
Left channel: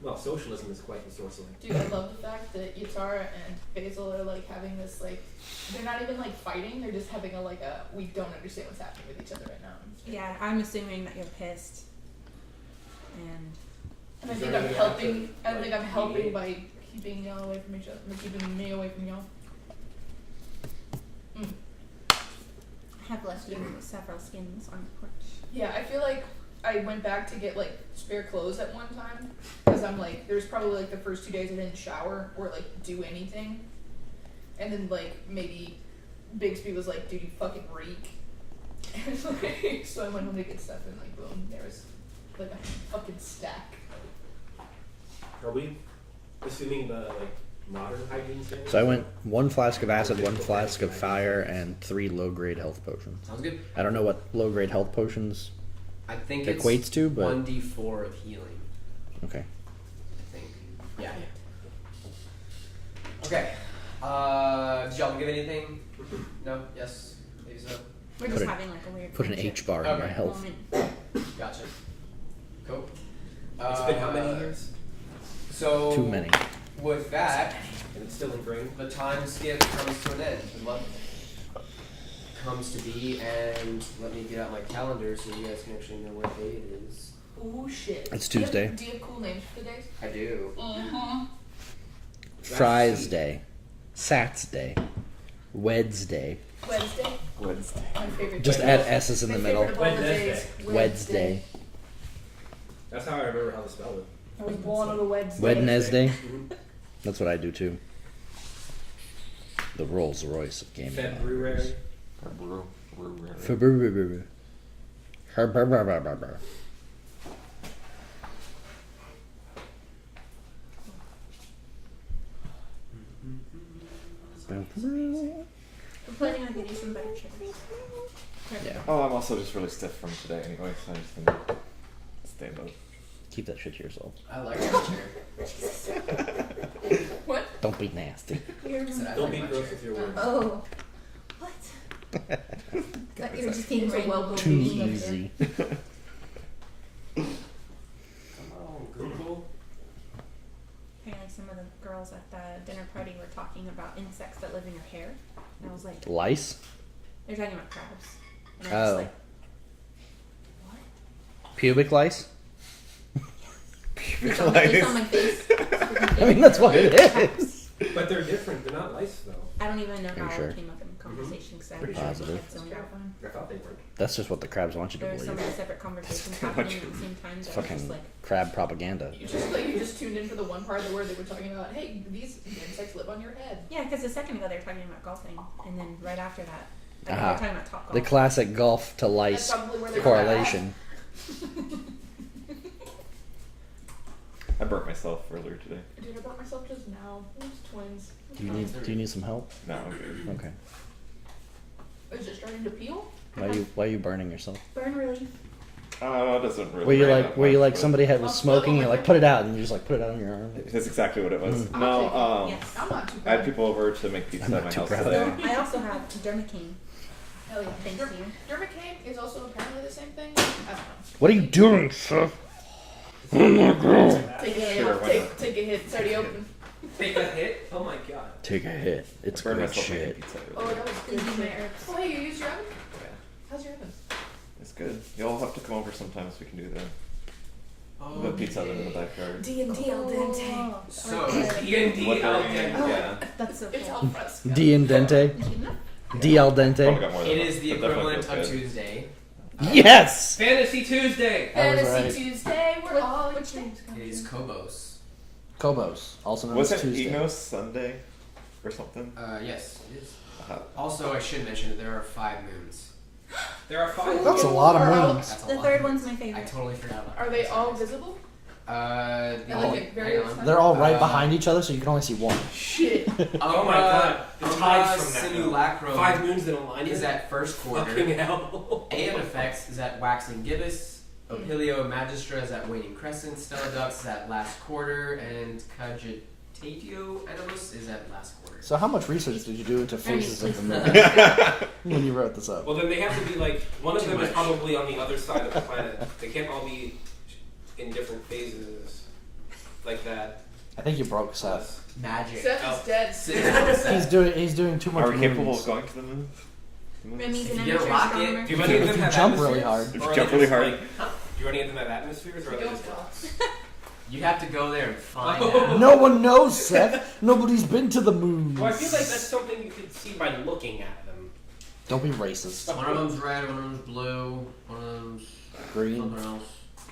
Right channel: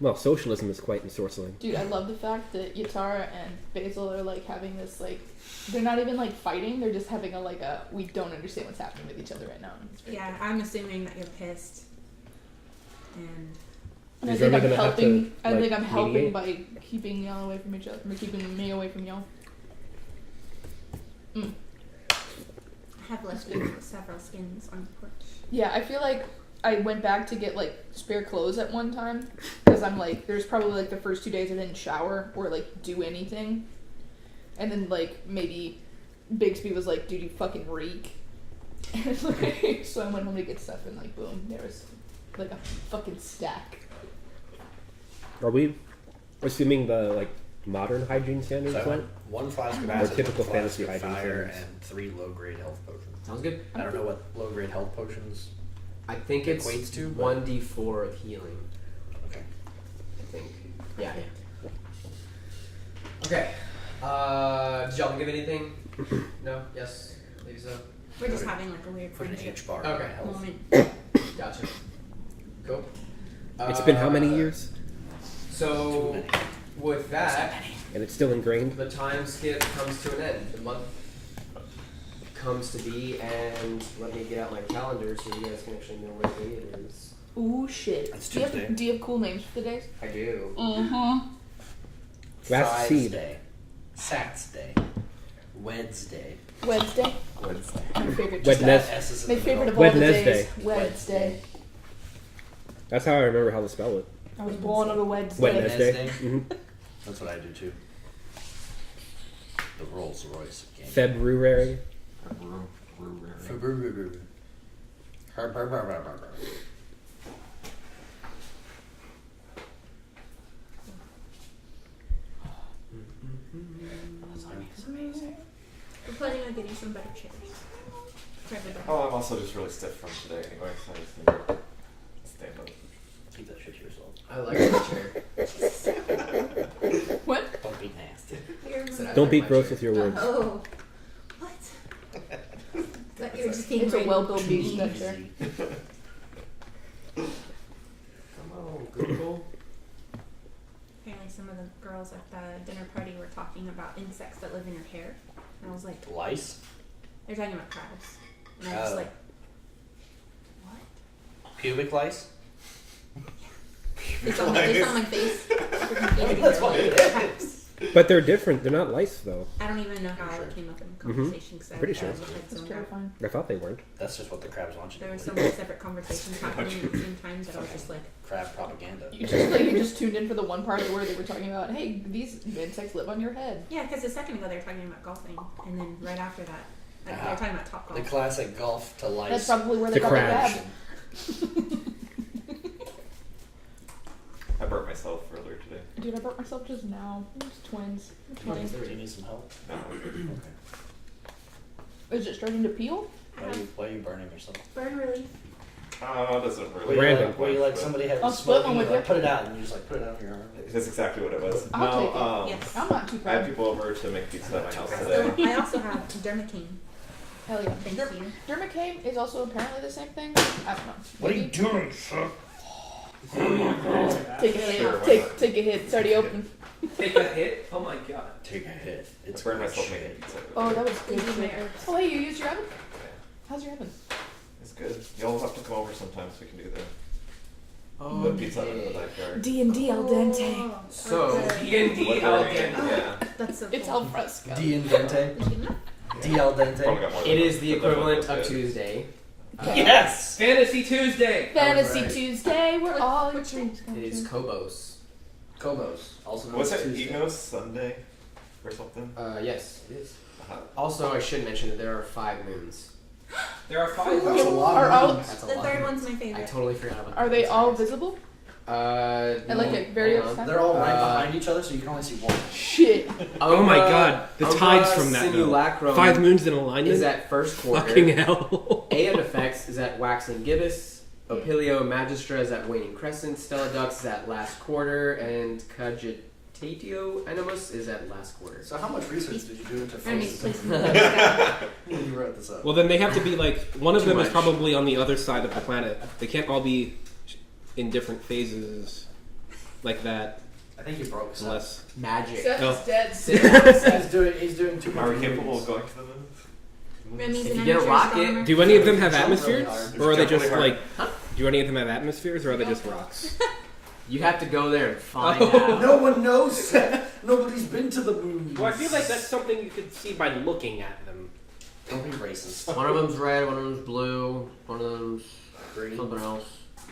Well, socialism is quite ensorceling. Dude, I love the fact that Yatara and Basil are like having this like, they're not even like fighting. They're just having a we don't understand what's happening with each other right now. It's very Yeah, I'm assuming that you're pissed. And And I Is think I'm everyone gonna have helping. to, I think like, I'm helping mediate? by keeping y'all away from each other, by keeping me away from y'all. I have left several skins on the porch. Yeah, I feel like I went back to get like spare clothes at one time because I'm like, there's probably like the first 2 days I didn't shower or like do anything, and then like maybe Bigsby was like, "Dude, you fucking reek." And like, so I went home to get stuff and like, boom, there was like a fucking stack. Are we assuming the like modern hygiene standards? So I went 1 flask of acid, 1 Typical flask of fantasy fire, hygiene and 3 low-grade health potions. Sounds good. I don't know what low-grade health potions I think it's equates to, but 1d4 of healing. okay. I think. Yeah. Okay. Did y'all give anything? No. Yes. I believe so. We're just Put it- having like a weird Put an friendship H bar in my Okay. health. moment. Gotcha. Cool. It's been how many years? So Too many. with that, And it's still ingrained. the time skip comes to an end. The month comes to be, and let me get out my calendar so you guys can actually know what day it is. Ooh shit. It's Do you have- Tuesday. Do you have cool names for the days? I do. Fries seed. Day. Sats Day. Wednesday. Wednesday. Wednesday. My favorite. Just day. add S's in My the favorite middle. of all the Wednesday. days. Wednesday. That's how I remember how to spell it. I was born on a Wednesday. Wednesday. Mhm. That's what I do too. The Rolls Royce of gaming. February. February. We're planning on getting some better chairs. For everybody. Oh, I'm also just really stiff from today anyway, so I just need to stand up. Keep that shit to yourself. I like that chair. What? Don't be nasty. You're- Said I Don't like be my gross chair. with your words. Oh. What? That you're just being It's a random well-built to beach me. center. Easy. Come on, Google. Apparently some of the girls at the dinner party were talking about insects that live in your hair. And I was like, Lice? they're talking about crabs. And I was Oh. like, what? Pubic lice? It's on my face. I mean, that's what it is. But they're different. They're not lice though. I don't even know how sure. it came up in conversation because I Pretty was sure my it's head That's zoned out. terrifying. I thought they weren't. That's just what the crabs want you to There were believe. so many separate conversations happening at the same time that I was just Fucking like, crab propaganda. You just tuned in for the one part where they were talking about, hey, these insects live on your head. yeah, because a second ago they were talking about golfing, and then right after that, they Uh-huh. were talking about top The golf. classic golf to That's lice probably where they The got that. correlation. I burnt myself earlier today. Dude, I burnt myself just now. It was twins. Do you need some help? No. Okay. Is it starting to peel? Why are you burning yourself? Burn relief. It doesn't really. Were you hurt like, that were you much, like but somebody had I'll was split smoking? one You're with like, put it out, and you just like put it on your arm. That's exactly what it was. I'll take it. Yes. I'm not too I had proud. people over to make pizza I'm at not my too house proud. today. I also have dermacane. Hell yeah. Thank you. Dermacane is also apparently the same thing. I don't know. What are you doing, sir? Take a hit. Sure, why not? Take a hit. It's already open. Take a hit. Oh my god. Take a hit. It's I burned great myself making shit. pizza. Oh, that was Please good. use my shit. herbs. Oh, hey, you used your oven? Yeah. How's your oven? It's good. Y'all have to come over sometimes. We can do that. Oh, The pizza oven in the backyard. D&D al dente. Oh, So, okay. D&D What al the- dente. Yeah. That's so It's cool. al fresco. D and dente. Did you get enough? D al Probably dente. got more than it that, is the but definitely equivalent feels of good. Tuesday. Yes. Fantasy Tuesday. Fantasy right. Tuesday, we're all which thing? It is Kobos. Kobos, also known Was as it Tuesday. Enos Sunday or something? Yes, it is. Uh-huh. Also, I should mention that there are 5 moons. There are 5. That's a lot Are all- of moons. That's a The lot. third one's my I favorite. totally forgot about Are that. they I'm all sorry. visible? No, At like a very hang on. extent? They're all right Uh, behind each other, so you can only see one. Shit. Oh my god. The tides from that. though. Simulacrum 5 moons in a line is at first quarter. fucking hell. Aeon Effects is at waxing gibbous. Opilio Magistra is at waning crescent. Stella Dux is at last quarter. And Cagitatio Animus is at last quarter. So how much research did you do into Randy, faces please and- move. when you wrote this up? Well, then they have to be like one of Too them is much. probably on the other side of the planet. They can't all be in different phases. like that. I think you broke Seth. Plus, Magic. Seth No. is dead. Sit down. He's doing too much. Are we capable moves. of going to the moon? Remy's If an you get a amateur rocket, astronomer. do any of them have Jump really atmospheres, hard. or are they Jump just really hard. like? Do any of them have atmospheres, or are they Don't just know. rocks? You have to go there and find Oh. out. No one knows, Seth. Nobody's been to the moon. Well, I feel like that's something you can see by looking at them. Don't be racist. One of them's red, one of them's blue, one of them's Green, something else.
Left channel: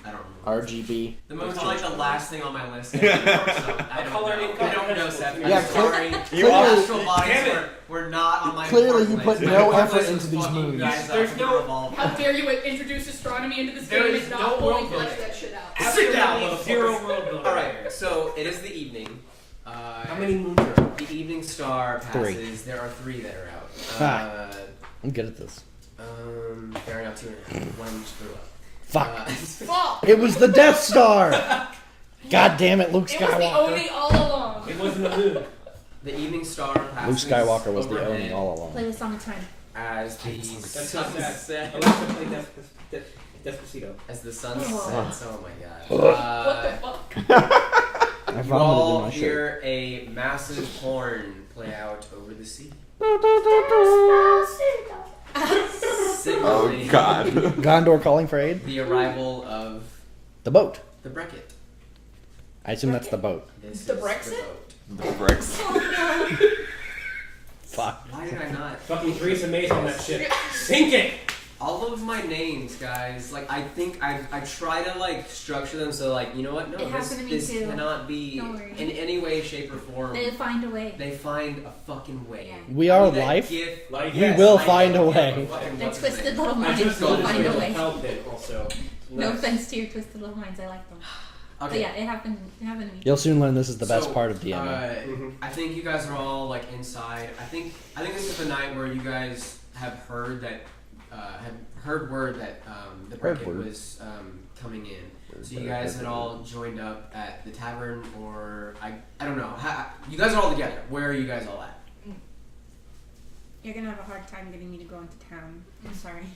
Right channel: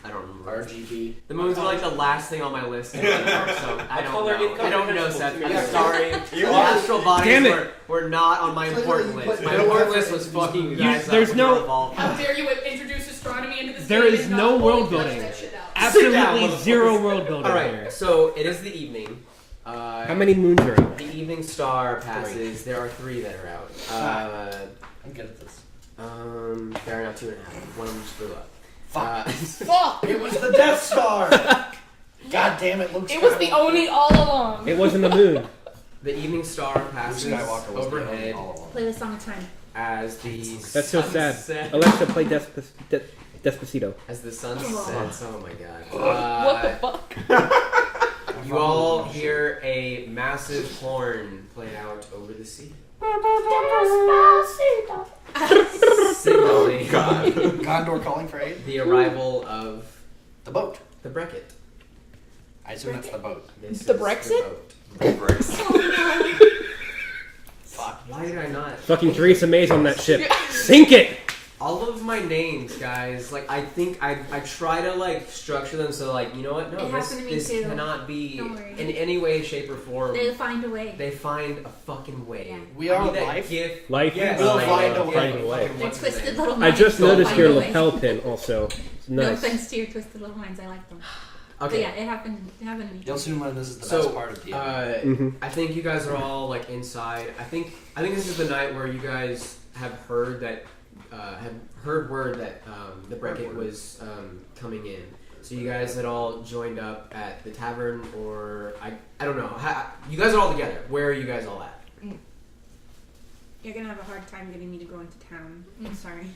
I don't remember. RGB. The moon's like the last thing on my list. So I don't color know. I don't know, incomprehensible Seth. to me. I'm Yeah, sorry. You The are- astral bodies Damn it. were not on my Clearly important you list. put My no important effort list was into these fucking you movies. guys There's up. no- You're evolved. How dare you introduce astronomy into this There game is and no not world fully flesh building. that shit out? Absolutely zero world building. All right, so it is the evening. How many moons are out? The evening star passes. There are 3 that are out. I'm good at this. Fair enough. 2.5. One just blew up. Fuck. Fuck! It was the Death Star. God damn it, Luke It Skywalker. was the Oni all along. It wasn't the moon. The evening star Luke passes Skywalker was the overhead only all along. Play with Song of Time. as the That's so sun sad. sets. Alexa, play Despacito. As the sun Oh. sets. Oh my god. What the fuck? You all hear a massive horn play out over the sea. Signaling Oh God. Gondor calling for aid. the arrival of The boat. the Beckett. I assume that's the boat. This The is Brexit? boat. The bricks. Fuck. Why did I not? Fucking Theresa May's on that ship. Sink it! All of my names, guys, like I think I try to like structure them so like, you know what? No, It this, happened to me this too. cannot be Don't worry. in any way, shape, or form. They find a way. They find a fucking way. Yeah. We I are mean, that life. gift- Like, We will I find know, a way. yeah, fucking They're what's his twisted name? little I minds. just They'll noticed find your a way. lapel pin also. No Nice. offense to your twisted little minds. I like them. But Okay. yeah, it happened. It happened to me. You'll soon learn this is the best So, part of DMing. Mhm. I think you guys are all like inside. I think this is the night where you guys have heard that have heard word that the Beckett word. was coming in. So you guys had all joined up at the tavern, or I don't know. You guys are all together. Where are you guys all at? You're gonna have a hard time getting me to go into town. I'm sorry.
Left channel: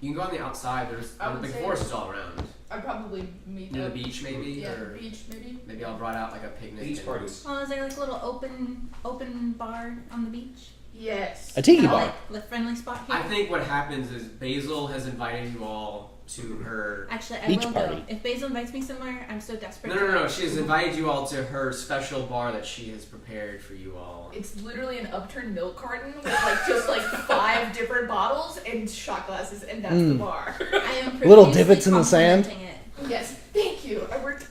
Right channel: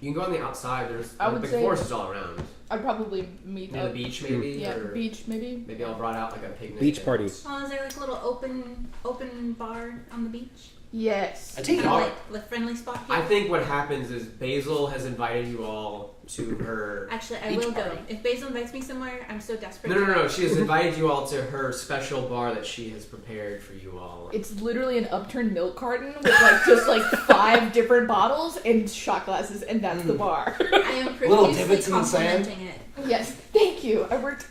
You can go on the outside. There's I would the say- forest is all around. I'd probably meet Near the up. beach, maybe. Yeah, or beach maybe. Maybe I'll brought out like a picnic. Beach and- parties. Oh, is there like a little open bar on the beach? Yes. A tiki Kind of bar. like the friendly spot here. I think what happens is Basil has invited you all to her. Actually, I Beach will party. go. If Basil invites me somewhere, I'm so desperate. No, to no, no. go. She has invited you all to her special bar that she has prepared for you all. It's literally an upturned milk carton with like just like 5 different bottles and shot glasses, and that's the bar. I am Little profusely divots in the sand. complimenting it. Yes, thank you. I worked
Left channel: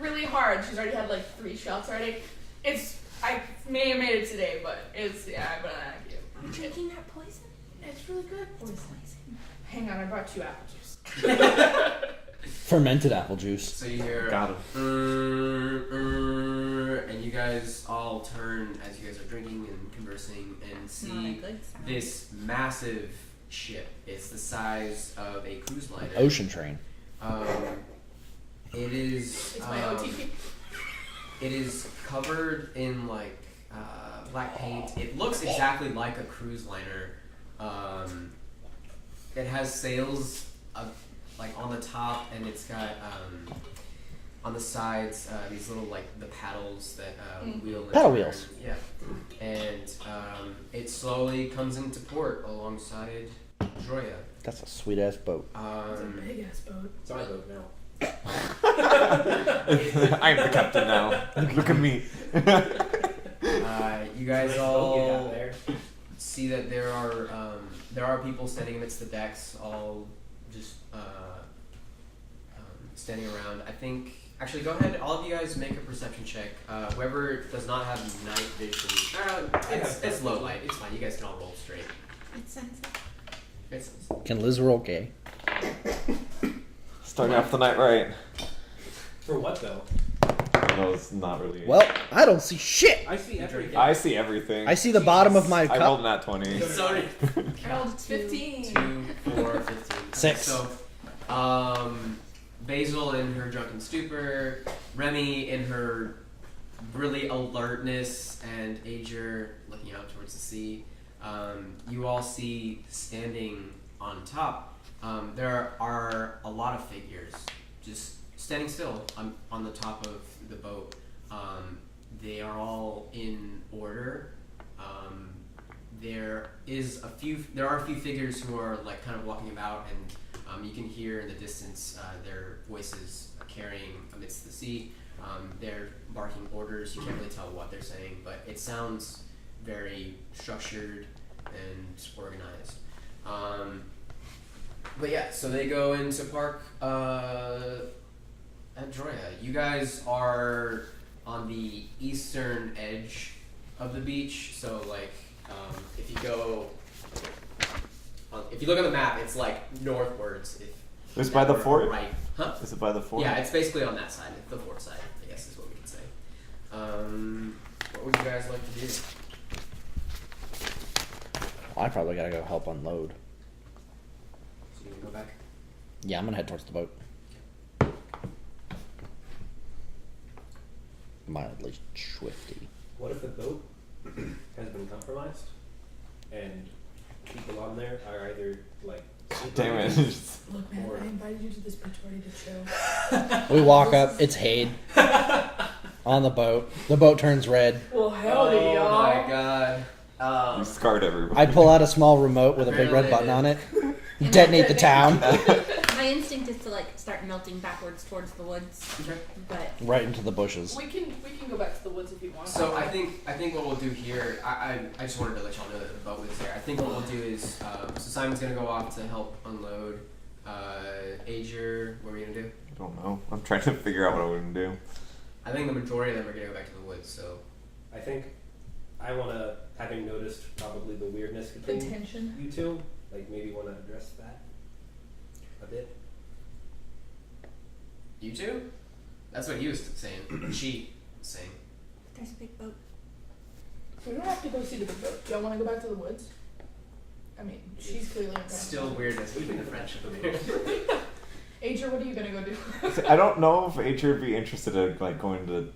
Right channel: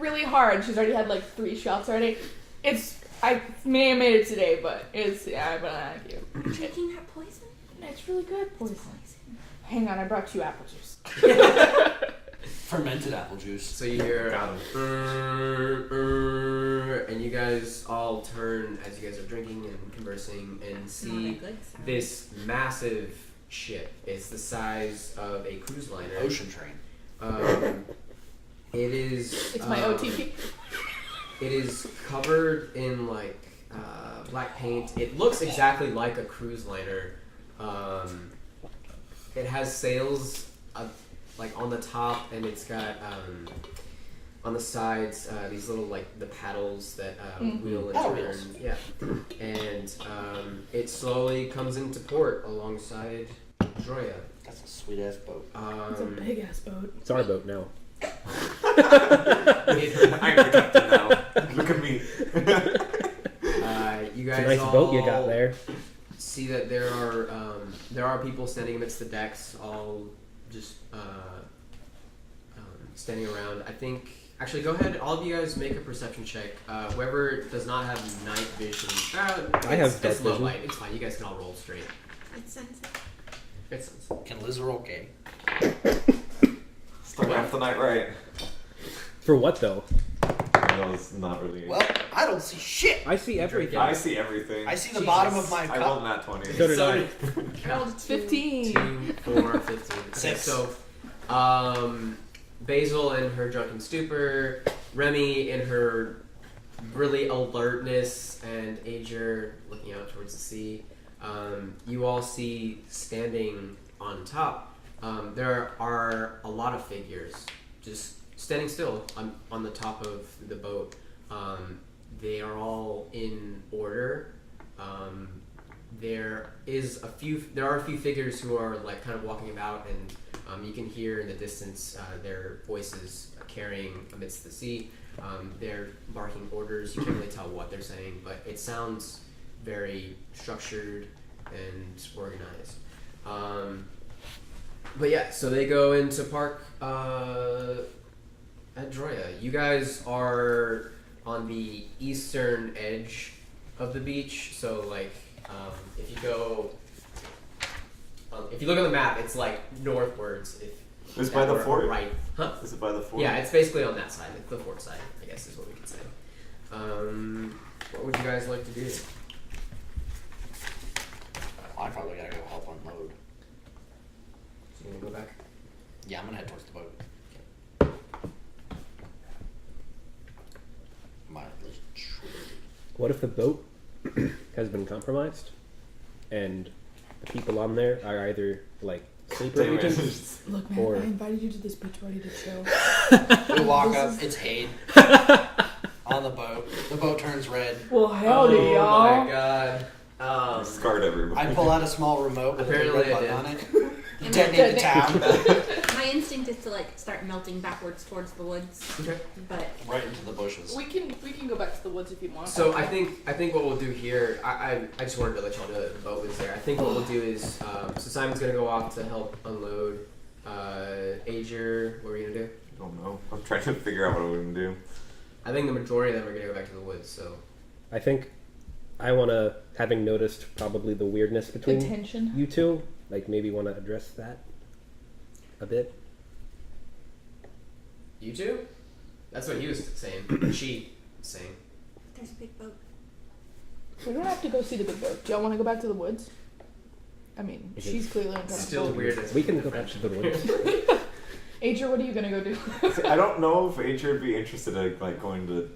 really hard. She's already had like 3 shots already. I may have made it today, but but thank you. Are you drinking that poison? It's really good. It's Poison. poison. Hang on, I brought you apple juice. Fermented apple juice. So you hear, Got him. and you guys all turn as you guys are drinking and conversing and Not a see good sound. this massive ship. It's the size of a cruise liner. Ocean train. It is. It's my OTP. It is covered in like black paint. It looks exactly like a cruise liner. It has sails like on the top, and it's got on the sides these little like the paddles that wheel and Paddle turn. wheels. Yeah, and it slowly comes into port alongside Droya. That's a sweet ass boat. It's a big ass boat. It's our boat now. I'm the captain now. Look at me. You guys Nice all boat you got there. see that there are people standing amidst the decks, all just standing around. I think actually, go ahead, all of you guys make a perception check. Whoever does not have night vision, I have it's low vision. light. It's fine. You guys can all roll straight. It's sensitive. It's Can Liz roll gay? Starting off the night right. For what though? No, it's not really. Well, I don't see shit. I see everything. I see everything. I see the bottom of my I cup. rolled nat 20. So did so I. I rolled 15. 2, 4, 15. Six. So, Basil in her drunken stupor, Remy in her really alertness, and Ager looking out towards the sea. You all see standing on top. There are a lot of figures just standing still on the top of the boat. They are all in order. There are a few figures who are like kind of walking about, and you can hear in the distance their voices carrying amidst the sea. They're barking orders. You can't really tell what they're saying, but it sounds very structured and organized. But yeah, so they go into park at Droya. You guys are on the eastern edge of the beach, so like if you look at the map, it's like northwards. It's by the fort? Right. Huh? Is it by the fort? Yeah, it's basically on that side. It's the fort side, I guess is what we could say. What would you guys like to do? Well, I probably gotta go help unload. So you want to go back? Yeah, I'm gonna head towards the boat. Mildly swifty. What if the boat has been compromised and the people on there are either like Damn it. Look, man, Or- I invited you to this beach party to chill. We walk up. It's Hade on the boat. The boat turns red. Well, howdy, oh y'all. my god. You scarred everybody. I pull out a small remote with a big red button on it. Detonate the town. My instinct is to like start melting backwards towards the woods, Okay. but Right into the bushes. We can go back to the woods if you want. So I think what we'll do here, I just wanted to let y'all know that the boat was there. I think what we'll do is, so Simon's gonna go off to help unload. Ager, what are you gonna do? I don't know. I'm trying to figure out what I'm gonna do. I think the majority of them are gonna go back to the woods. So I think I want to, having noticed probably the weirdness the between tension. you two, like maybe want to address that a bit. you two? That's what he was saying. She was saying. there's a big boat. We don't have to go see the big boat. Do y'all want to go back to the woods? I mean, she's clearly uncomfortable. Still weird as We can the go back friendship. to the woods. Ager, what are you gonna go do? I don't know if H would be interested in like going to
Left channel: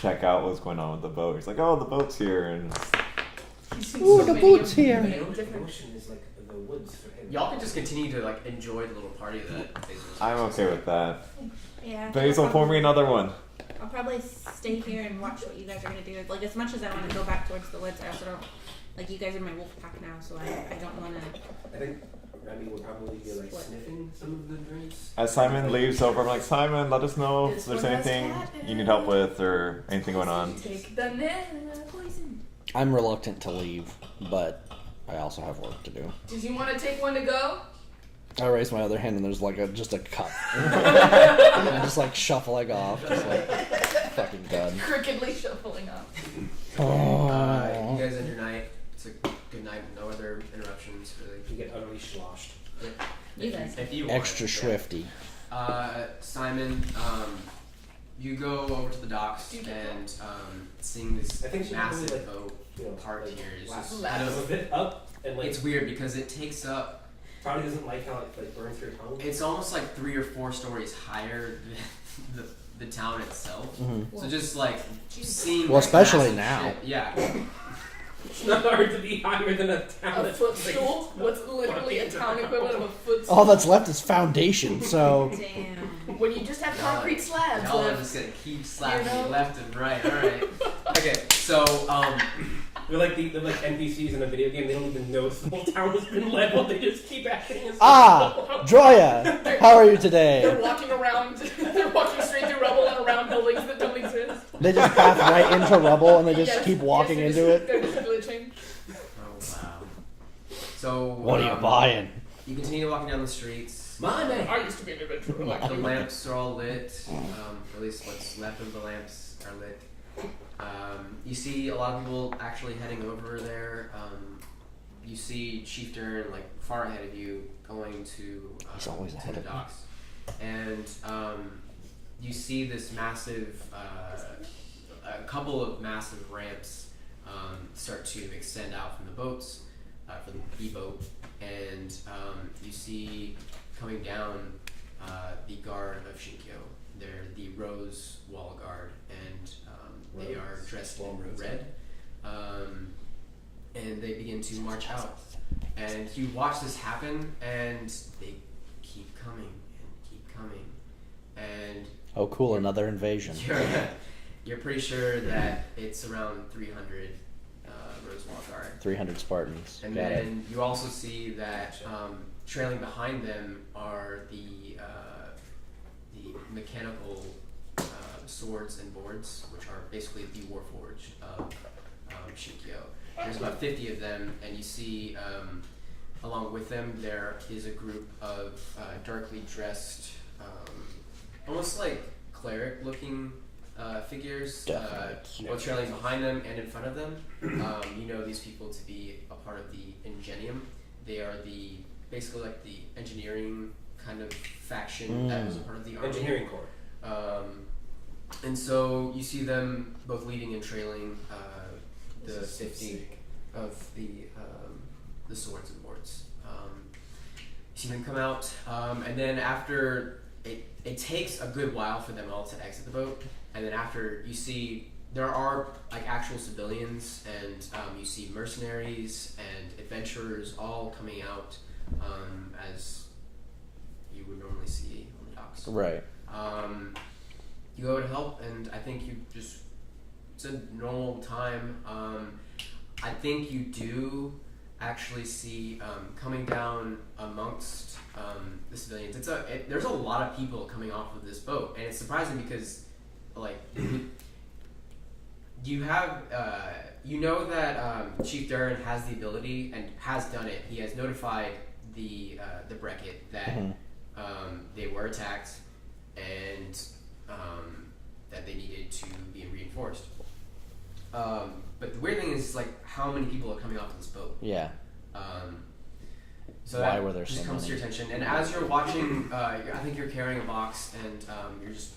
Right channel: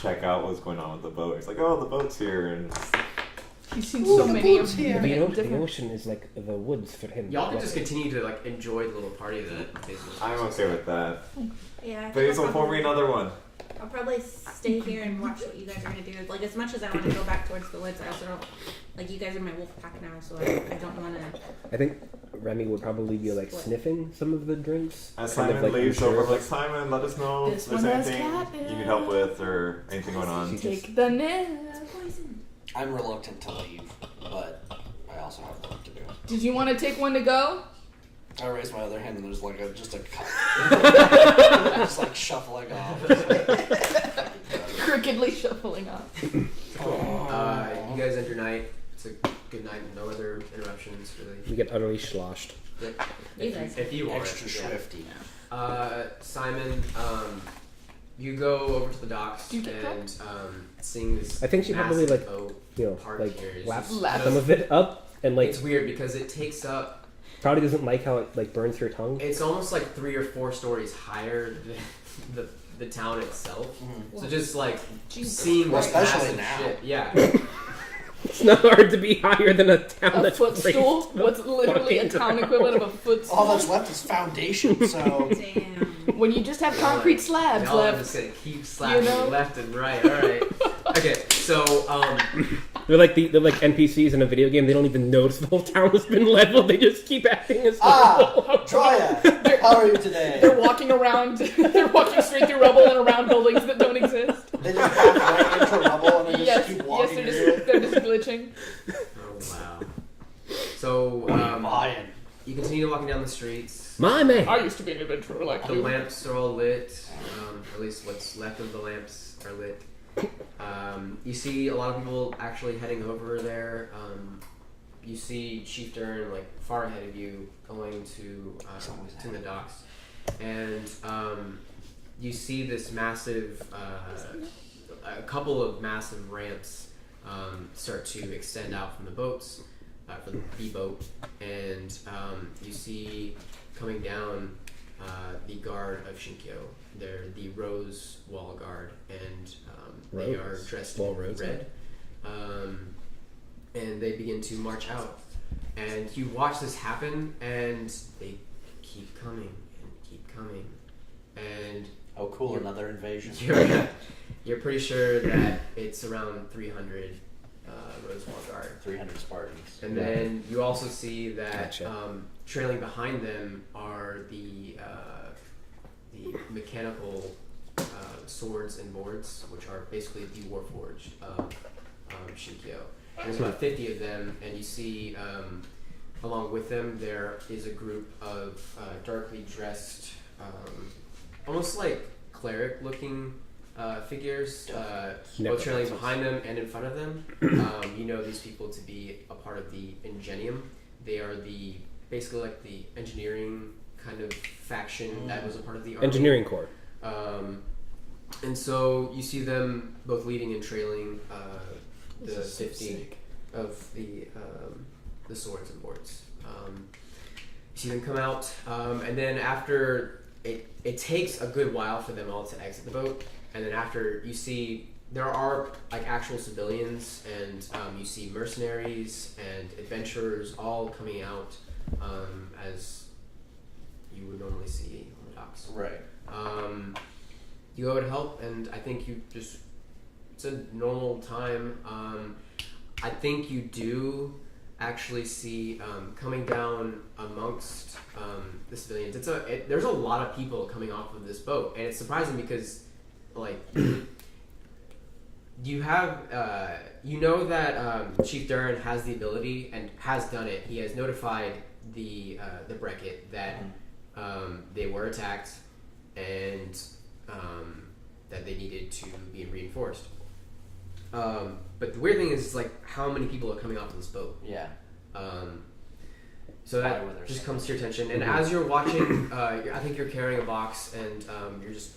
check out what's going on with the boat. He's like, oh, the boat's here, and He's seen so many of The them. the ocean is like the woods for him. Y'all can just continue to like enjoy the little party that Basil. I'm okay with that. Yeah. I think Basil, I'll pour me probably- another one. I'll probably stay here and watch what you guys are gonna do. Like as much as I want to go back towards the woods, I also don't like you guys are my wolf pack now, so I don't want to. I think Remy would probably be like What? sniffing some of the drinks. As Kind of Simon like leaves sure. over, I'm like, Simon, let us know if This there's one has anything cat you need help with or anything going on. Take the net. Poison. I'm reluctant to leave, but I also have work to do. Did you want to take one to go? I raise my other hand and there's like just a cup. I'm just like shuffling off. Just like, fucking done. Crookedly shuffling up. You guys end your night. It's a good night. No other interruptions really. We get utterly sloshed. You guys. If you want. Extra Yeah. swifty. Simon, you go over to the docks Do you get and seeing this I think she probably, massive like, boat You know, park like here is lap just Lap. some of it up and like it's weird because it takes up. probably doesn't like how it like burns your tongue. It's almost like 3 or 4 stories higher than the town itself. Mm-hmm. So just like seeing Well, like, especially massive now. shit. Yeah. It's not hard to be higher than a town A that's footstool? raised What's literally a town equivalent of a footstool? All that's left is foundation, so Damn. When you just have concrete slabs Y'all are left. just gonna keep slapping You know? me left and right. All right. Okay. So They're like NPCs in a video game. They don't even notice the whole town has been leveled. They just keep acting as Droya, how are you today? They're walking around. They're walking straight through rubble and around buildings that don't exist. They just pass right into rubble and they just Yes, keep walking yes, into it. they're just glitching. oh wow. So What are you buying? you continue walking down the streets. My man. I used to be an adventurer like The you. lamps are all lit. At least what's left of the lamps are lit. You see a lot of people actually heading over there. You see Chief Dern like far ahead of you going to always ahead the of me. docks, and you see this massive, a couple of massive ramps start to extend out from the boats, from the boat, and you see coming down the guard of Shinkyo. They're the Rose Wall Guard, and they are Rose? dressed Wall in Rose. red. And they begin to march out. And you watch this happen, and they keep coming and keep coming. and Oh, cool! Another invasion. you're pretty sure that it's around 300 Rosewall Guard. 300 Spartans. And then you also see that Gotcha. trailing behind them are the mechanical swords and boards, which are basically the Warforged of Shinkyo. There's about 50 of them, and you see along with them there is a group of darkly dressed, almost like cleric-looking figures, both trailing behind them and in front of them. You know these people to be a part of the Ingenium. They are basically like the engineering kind of faction that was a part of the army. Engineering Corps. And so you see them both leading and trailing the 50 of the swords and boards. You see them come out, and then after it takes a good while for them all to exit the boat. And then after you see there are like actual civilians, and you see mercenaries and adventurers all coming out as you would normally see on the docks. Right. You go to help, and I think it's a normal time. I think you do actually see coming down amongst the civilians. There's a lot of people coming off of this boat, and it's surprising because like you have you know that Chief Durin has the ability and has done it. He has notified the Beckett that they were attacked and that they needed to be reinforced. But the weird thing is like how many people are coming off of this boat. Yeah. So Why that were there just so comes to many? your attention, and as you're watching, I think you're carrying a box, and you're just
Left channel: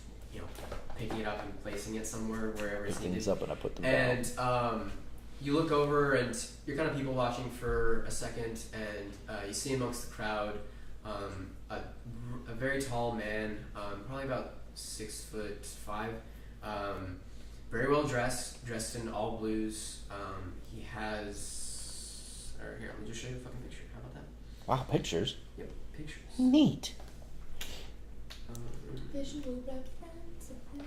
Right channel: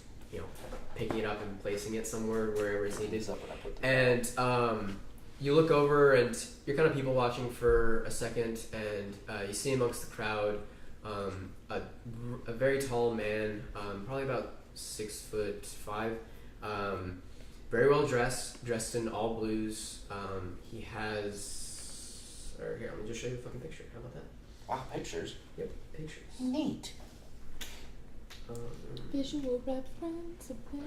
picking it up and placing it somewhere wherever it's needed. These up and I put them And you look over, and you're kind of people watching for a second, and you see amongst the crowd a very tall man, probably about 6'5", very well dressed in all blues. He has, or here, let me just show you a fucking picture. How about that? Wow, pictures. Yep, pictures. Neat. Visual reference of Where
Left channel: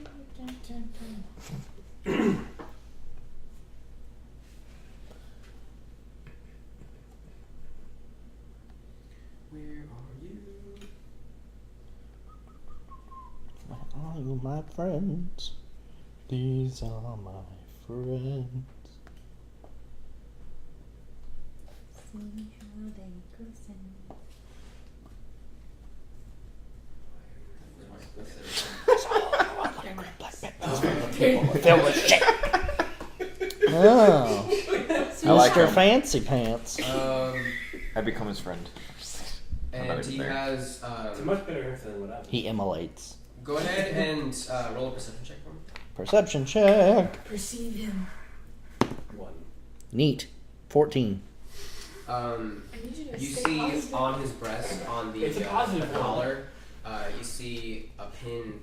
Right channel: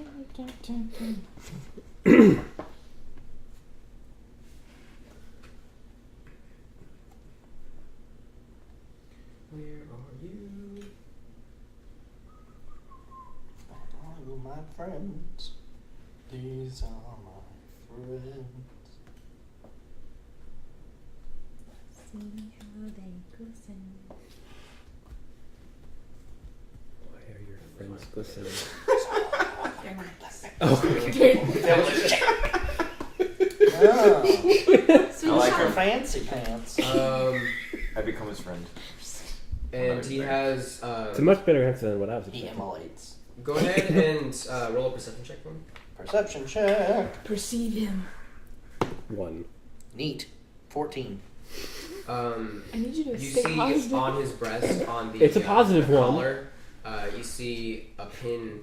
are you? All you my friends. These are my friends. See how they glisten. They're nice. Oh. I like Mr. him. Fancy Pants. I become his friend. And he has. It's a much better answer than what I was. He immolates. Go ahead and roll a perception check for me. Perception check. Perceive him. 1. Neat. 14. I need you to You stay see positive. on his breast, on the It's a positive the one. collar, you see a pin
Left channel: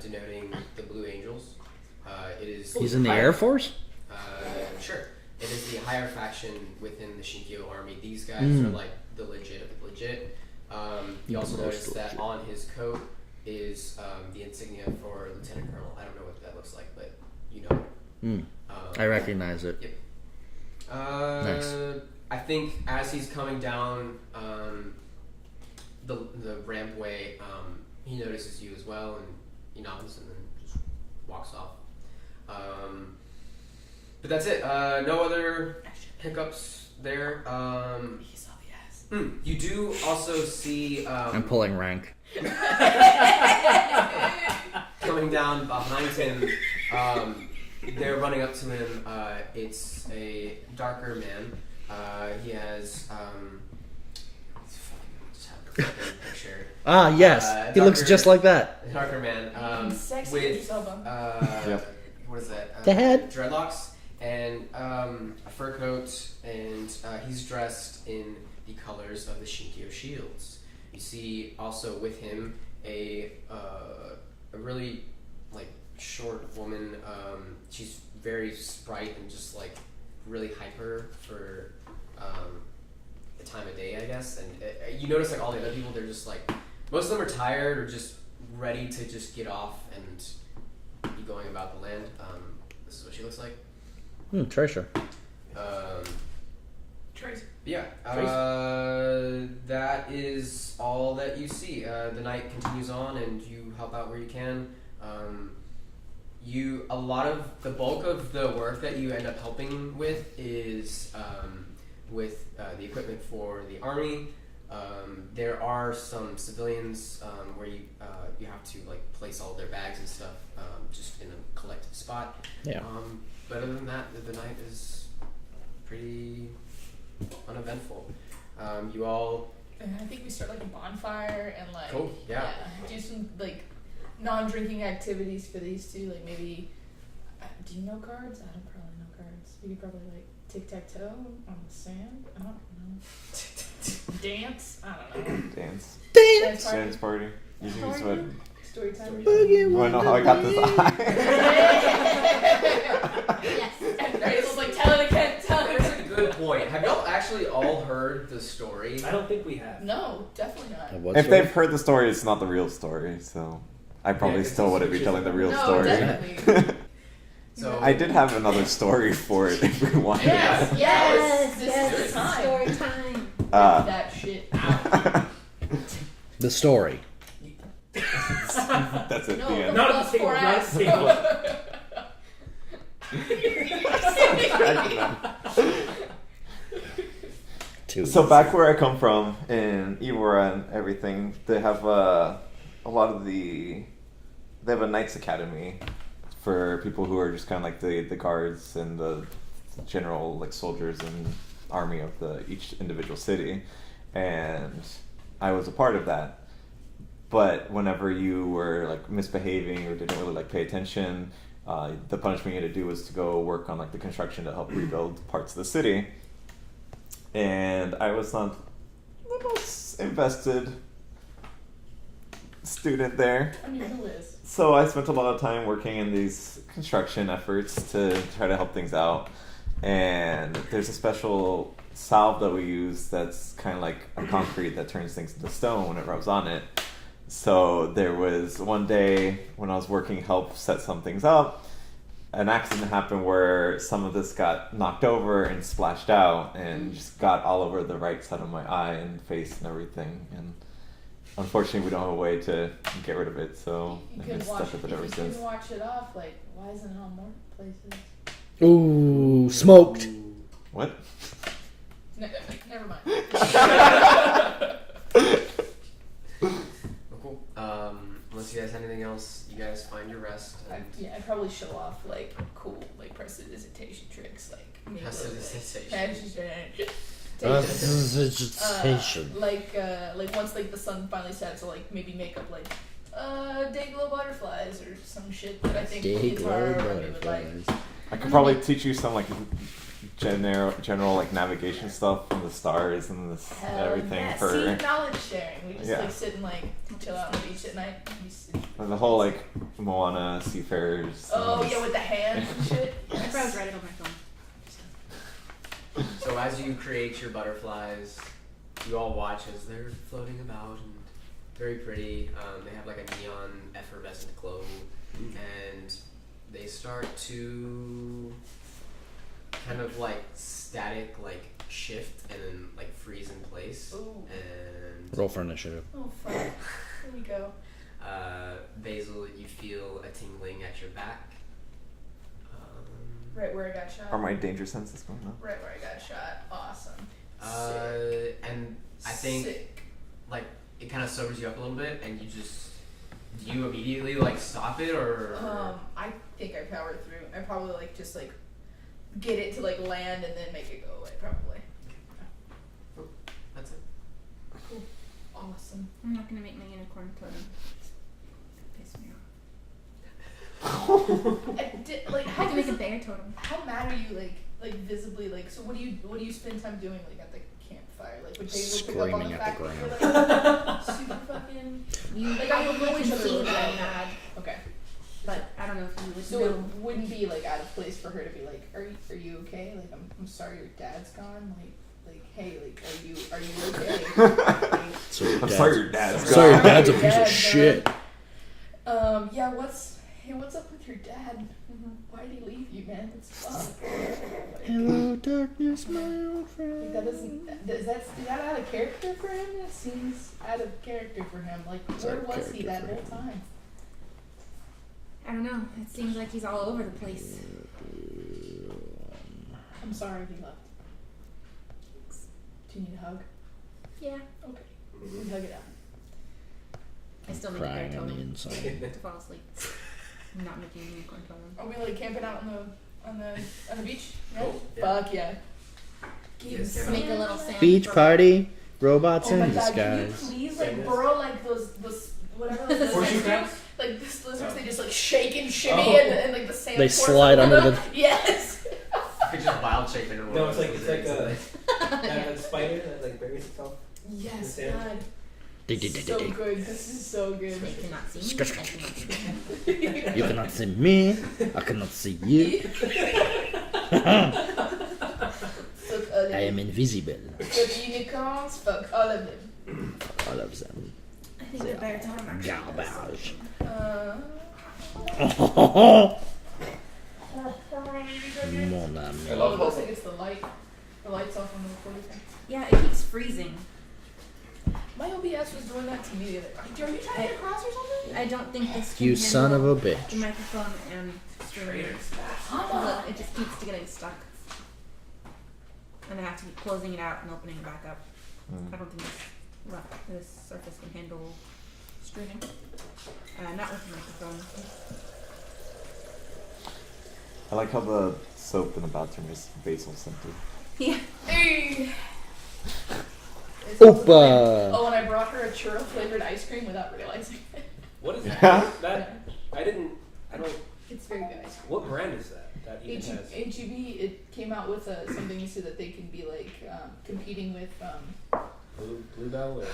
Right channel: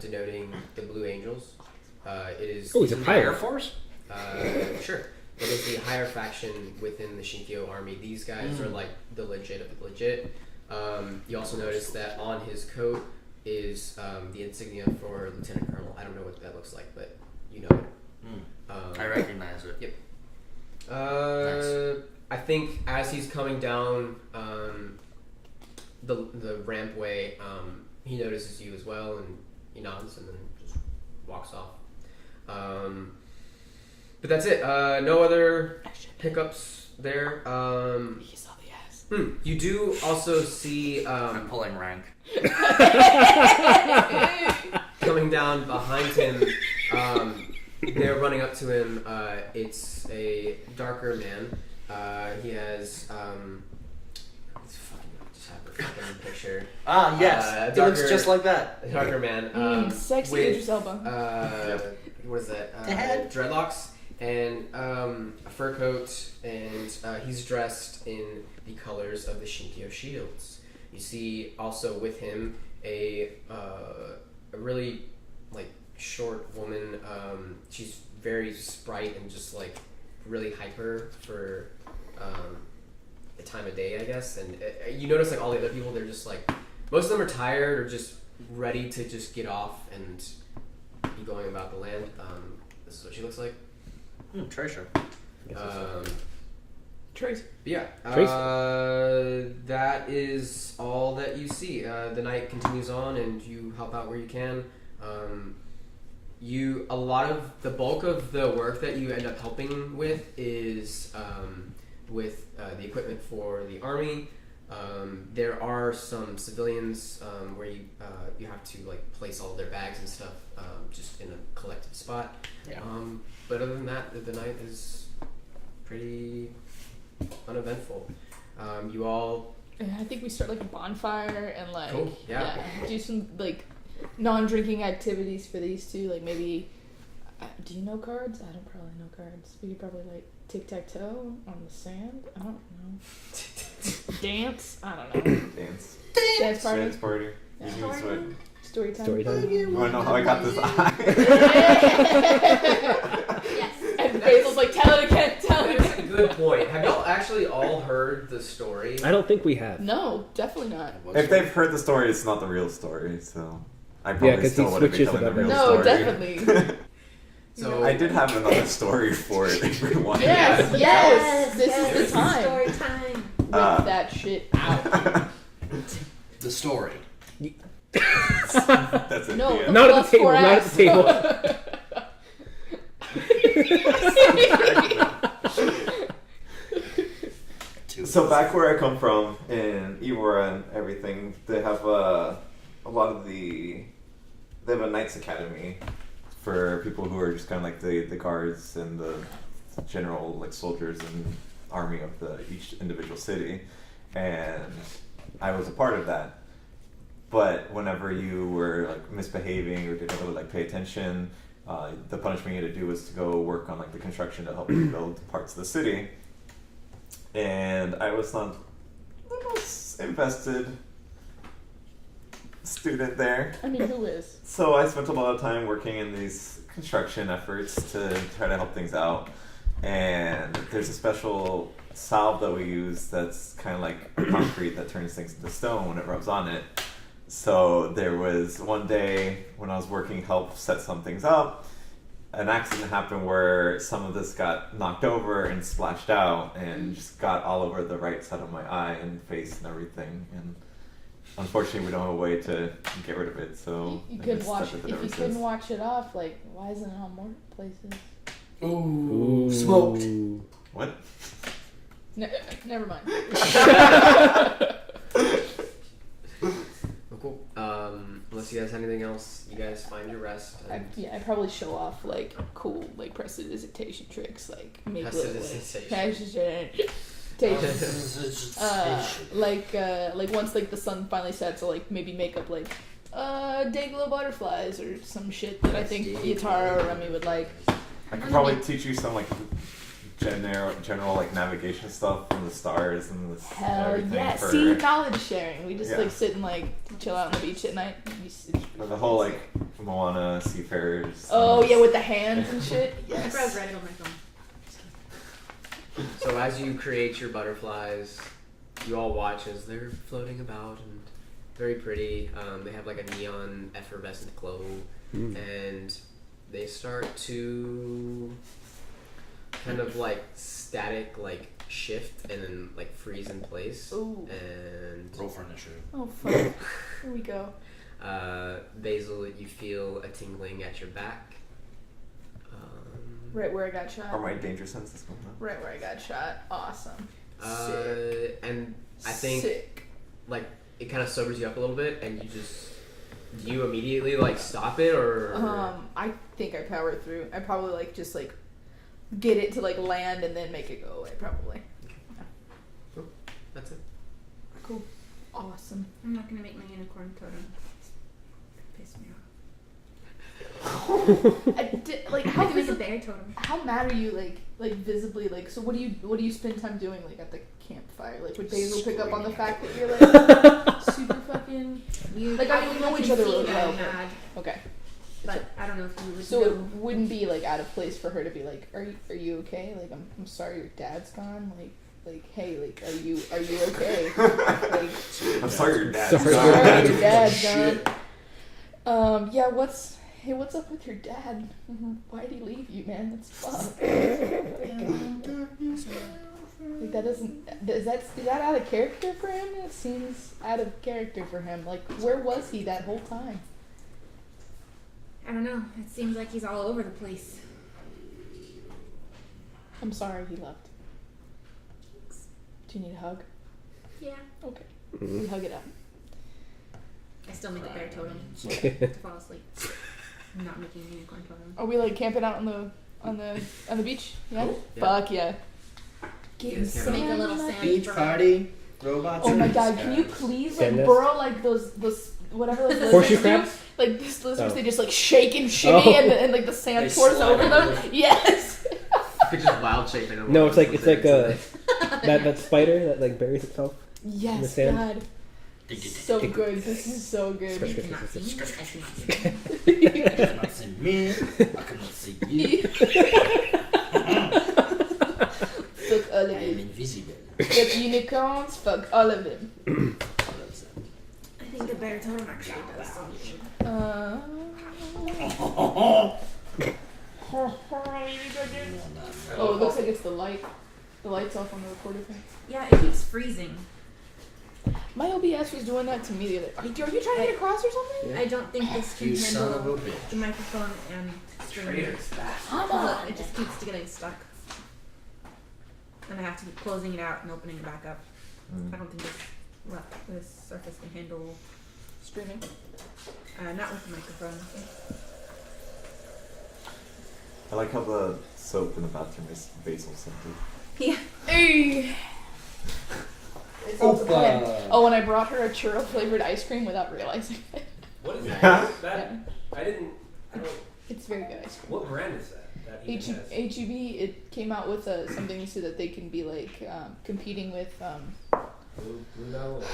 denoting the Blue Angels. It is He's in the Air Force? sure. It is the higher faction within the Shinkyo army. These guys are like the legit of the legit. You also notice that on his coat is the insignia for Lieutenant Colonel. I don't know what that looks like, but you know. I recognize it. Yep. Nice. I think as he's coming down the rampway, he notices you as well, and he nods and then just walks off. But that's it. No other hiccups there. He saw the ass. You do also see I'm pulling rank. coming down behind him. They're running up to him. It's a darker man. He has. Let's fucking just have a fucking picture. Ah, yes. He looks darker- just like that. A darker man. Sexy with, Idris Elba. Yep. What is that? Dad. Dreadlocks and a fur coat, and he's dressed in the colors of the Shinkyo shields. You see also with him a really like short woman. She's very sprite and just like really hyper for the time of day, I guess. And you notice like all the other people, they're just like most of them are tired or just ready to just get off and be going about the land. This is what she looks like. Treasure. Trace. But yeah, that is all that you see. The night continues on, and you help out where you can. The bulk of the work that you end up helping with is with the equipment for the army. There are some civilians where you have to like place all their bags and stuff just in a collective spot. Yeah. But other than that, the night is pretty uneventful. You all. I think we start like a bonfire and like Cool, yeah. do some like non-drinking activities for these two. Like maybe, do you know cards? I don't probably know cards. We could probably like tic-tac-toe on the sand. I don't know. Dance. I don't know. Dance. Dance party. Dance party. Yeah. You use what? Story time. You wanna know how I got this eye? Yes. And Basil's like, tell it again. Tell it That's a again. good point. Have y'all actually all heard the story? I don't think we have. No, definitely not. If they've heard the story, it's not the real story, so I probably 'cause still he wouldn't be switches telling the it real up. No, story. definitely. So I did have another story for it if you want. Yes, yes. This yes, is the time. Story time. Whip that shit out. The story. That's it. No, the end. Not at plus the table, not at 4X. Two. So back where I come from in Ivora and everything, they have a lot of they have a Knights Academy for people who are just kind of like the guards and the general like soldiers and army of each individual city, and I was a part of that. But whenever you were like misbehaving or didn't really like pay attention, the punishment you had to do was to go work on like the construction to help rebuild parts of the city. And I was not the most invested student there. I mean, who is? So I spent a lot of time working in these construction efforts to try to help things out. And there's a special salve that we use that's kind of like a concrete that turns things into stone when it rubs on it. So there was one day when I was working help set some things up, an accident happened where some of this got knocked over and splashed out and just got all over the right side of my eye and face and everything. And unfortunately, we don't have a way to get rid of it, so You I've couldn't been wash stuck it. with it If ever you since. couldn't wash it off, like, why isn't it on more places? Ooh, smoked. What? Never mind. Well, cool. Unless you guys have anything else, you guys find your rest. And I'd probably show off like cool like prestidigitation tricks, like make Prestidigitation. like once like the sun finally sets, so like maybe make up like Dayglow butterflies or some shit that I think Pietaro or Remy would like. I could probably teach you some like general like navigation stuff from the stars and this Hell everything yeah! for See, knowledge sharing. We just Yeah. like sit and like chill out on the beach at night. for the whole like Moana seafarers. Oh and- yeah, with the hands and shit. I probably write it on my phone. So as you create your butterflies, you all watch as they're floating about and very pretty. They have like a neon effervescent glow, and they start to kind of like static like shift and then like freeze in place. Ooh. Roll And for initiative. Oh fuck. Here we go. Basil, you feel a tingling at your back. Right where I got shot. Are my danger senses going on? Right where I got shot. Awesome. And I think Sick. like it kind of sobers you up a little bit, and do you immediately like stop it or? I think I powered through. I probably like just like get it to like land and then make it go away. Probably. That's it. Cool. Awesome. I'm not gonna make my unicorn totem. Piss me off. Like I how can make a visi- bear totem. how mad are you like visibly like? So what do you spend time doing like at the campfire? Like would Basil pick up on the Screaming fact at that the you're like super fucking You Like, I don't know probably each can other see really that well, I'm mad, okay? but I don't know if you would So know. it wouldn't be like out of place for her to be like, are you okay? Like I'm sorry your dad's gone. Like hey, like are you okay? Like I'm sorry your dad's Sorry, gone. dad's a your piece of dad's shit. gone. Yeah, what's up with your dad? Why'd he leave you, man? That's fucked. Hello, darkness, my old Like, that isn't. Is that out of character for him? It seems out of character for him. Like, where was he that whole time? I don't know. It seems like he's all over the place. I'm sorry he left. Do you need a hug? Yeah. Okay. We hug it up. I still make a bear Crying on the totem inside. to fall asleep. I'm not making a unicorn totem. Are we like camping out on the beach? Yeah. Cool. Yeah. Fuck yeah. Yes, Make a little sand Beach for- party, robots Oh in my the god, sky. can you please like Sandals? burrow like those whatever those Horseshoe lizards do? crabs? Like these lizards, Oh. they just like shake and shimmy Oh. and like the sand They pours slide over under them. Yes. It's just wild shaping. No, it's like that spider that like buries itself. Yes, sand. God. So good. This is so good. You cannot see me. I cannot see me. You cannot see me. I cannot see you. Fuck all of I am them. invisible. Fuck unicorns. Fuck all of them. All of them. I think the bear totem actually does something. Mon ami. Oh, it looks like it's the light. The light's off on the recorder thing. Yeah, it keeps freezing. My OBS was doing that to me the other. Are you trying to get across or something? I don't think this can You handle son of a the bitch. microphone and streaming. Come Look, on. it just keeps getting stuck. And I have to keep closing it out and opening it back up. I don't think this surface can handle Streaming. not with the microphone. I like how the soap in the bathroom is basil scented. Yeah. Hey. It's also Opa. mine. Oh, and I brought her a churro flavored ice cream without realizing it. What is Yeah. that? I don't. It's very good ice cream. What brand is that? That even has. HEB, it came out with something so that they can be like competing with. Blue Bell or Blue?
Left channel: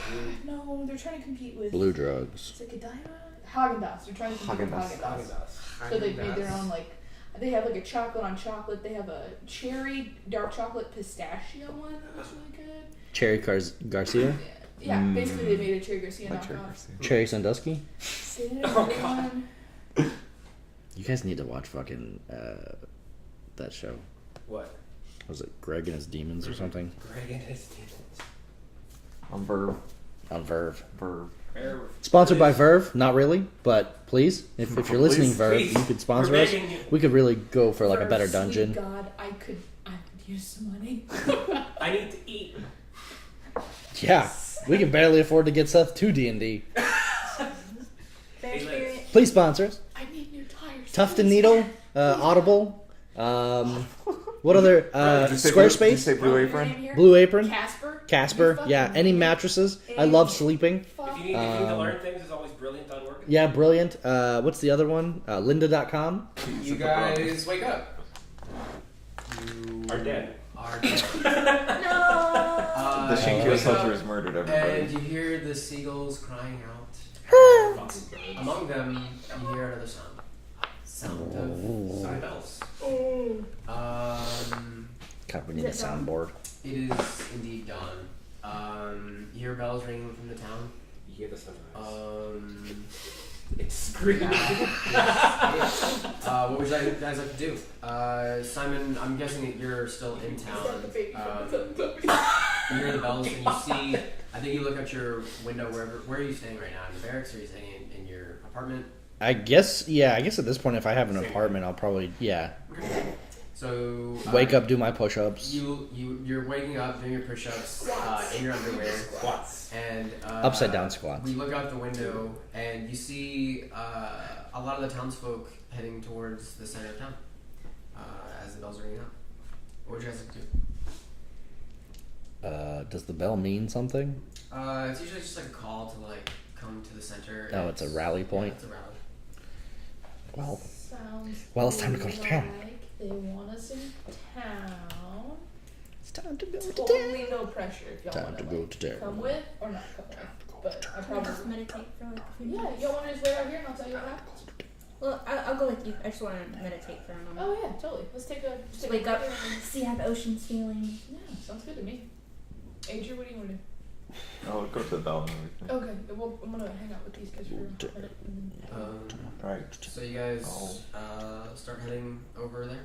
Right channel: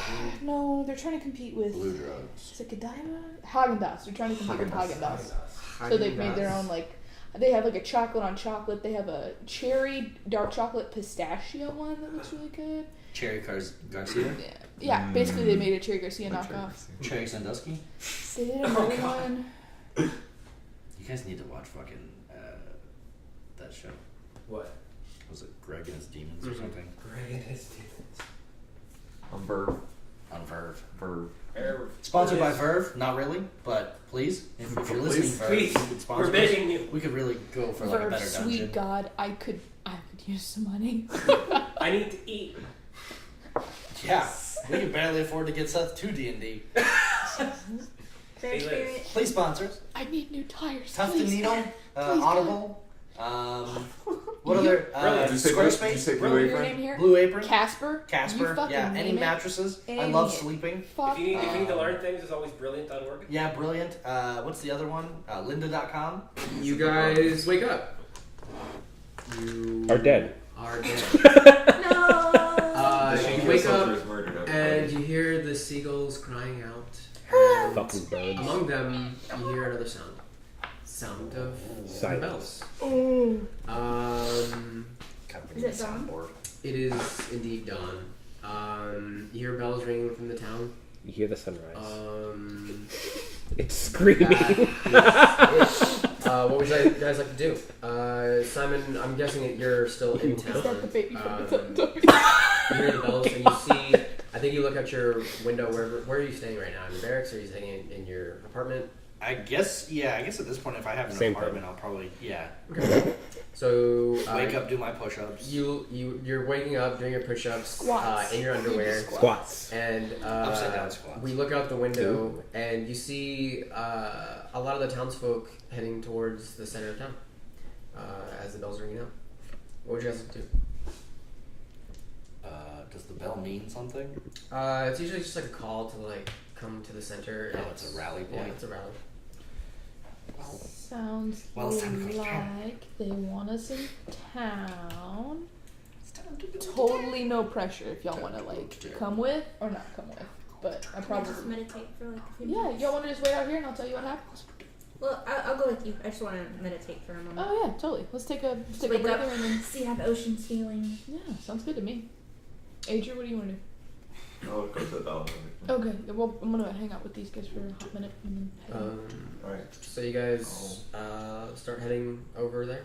No, they're trying to compete with. Blue drugs. Is it Godiva? Haagen-Dazs. They're trying to compete with Haagen-Dazs. Haagen-Dazs. So they've made their own like. They have like a chocolate on chocolate. They have a cherry dark chocolate pistachio one that looks really good. Cherry Garcia. Yeah, basically they made a Cherry Garcia Like Cherry knockoff. Garcia. Cherry Sandusky. They did another one. You guys need to watch fucking that show. What? Was it Greg and his Demons or something? Greg and his demons. On Verve. On Verve. Verve. Sponsored by Verve? Not really, but please, if you're listening, Please. Verve, Please. you could sponsor We're us. begging you. We could really go for like a better Sweet dungeon. God, I could use some money. I need to eat. Yeah, we can barely afford to get Seth to D&D. Bear Hey, Liz. spirit. Please sponsor us. I need new tires. Tuft and please. Needle, Please, Audible. What other? Did you say Blue, did you Squarespace, say Blue Your Apron? name here? Blue Apron, Casper. Casper. You fucking Yeah, any name it. mattresses. I Any- love sleeping. Fuck. If you need to learn things, it's always brilliant.org. Yeah, brilliant. What's the other one? Lynda.com. You guys wake up. You Are dead. Are dead. No. The You Shinkido wake soldier up has murdered and everybody. you hear the seagulls crying out. And Fucking birds. among them, you hear another sound. Sound of Silence. bells. God, we Is need a it dawn? soundboard. It is indeed dawn. You hear bells ringing from the town. You hear the sunrise. It's That screaming. is it. What would you guys like to do? Simon, I'm guessing that you're still in Is that the town. baby from the You hear the bells and you see. I think you look out your window. Where are you staying right now? In your barracks? Or are you staying in your apartment? I guess, yeah. I guess at this point, if I have an Same apartment, I'll probably, yeah, So wake up, do my push-ups. You're waking up, doing your push-ups Squats. in your underwear, Squats. and Upside down squats. We look out the window and you see a lot of the townsfolk heading towards the center of town as the bells are ringing out. What would you guys like to do? Does the bell mean something? It's usually just like a call to like come to the center. Oh, it's a rally Yeah, point? it's a rally. Well, Sounds Well, it's time to go to town. like they want us in town. it's time to go Totally no pressure if y'all Time want to to go like to town. come with or not come with. But I Can I just probably meditate for like a few yeah. minutes? Y'all want to just wait out here and I'll tell you what happens. Well, I'll go with you. I just want to meditate for a moment. Oh yeah, totally. Let's take a Just take a wake up, breather and then see how the ocean's feeling. yeah, sounds good to me. Adrian, what do you want to do? I'll go to the bell and everything. Okay, well, I'm gonna hang out with these guys for a minute and then head out. Alright. So you guys start heading over there.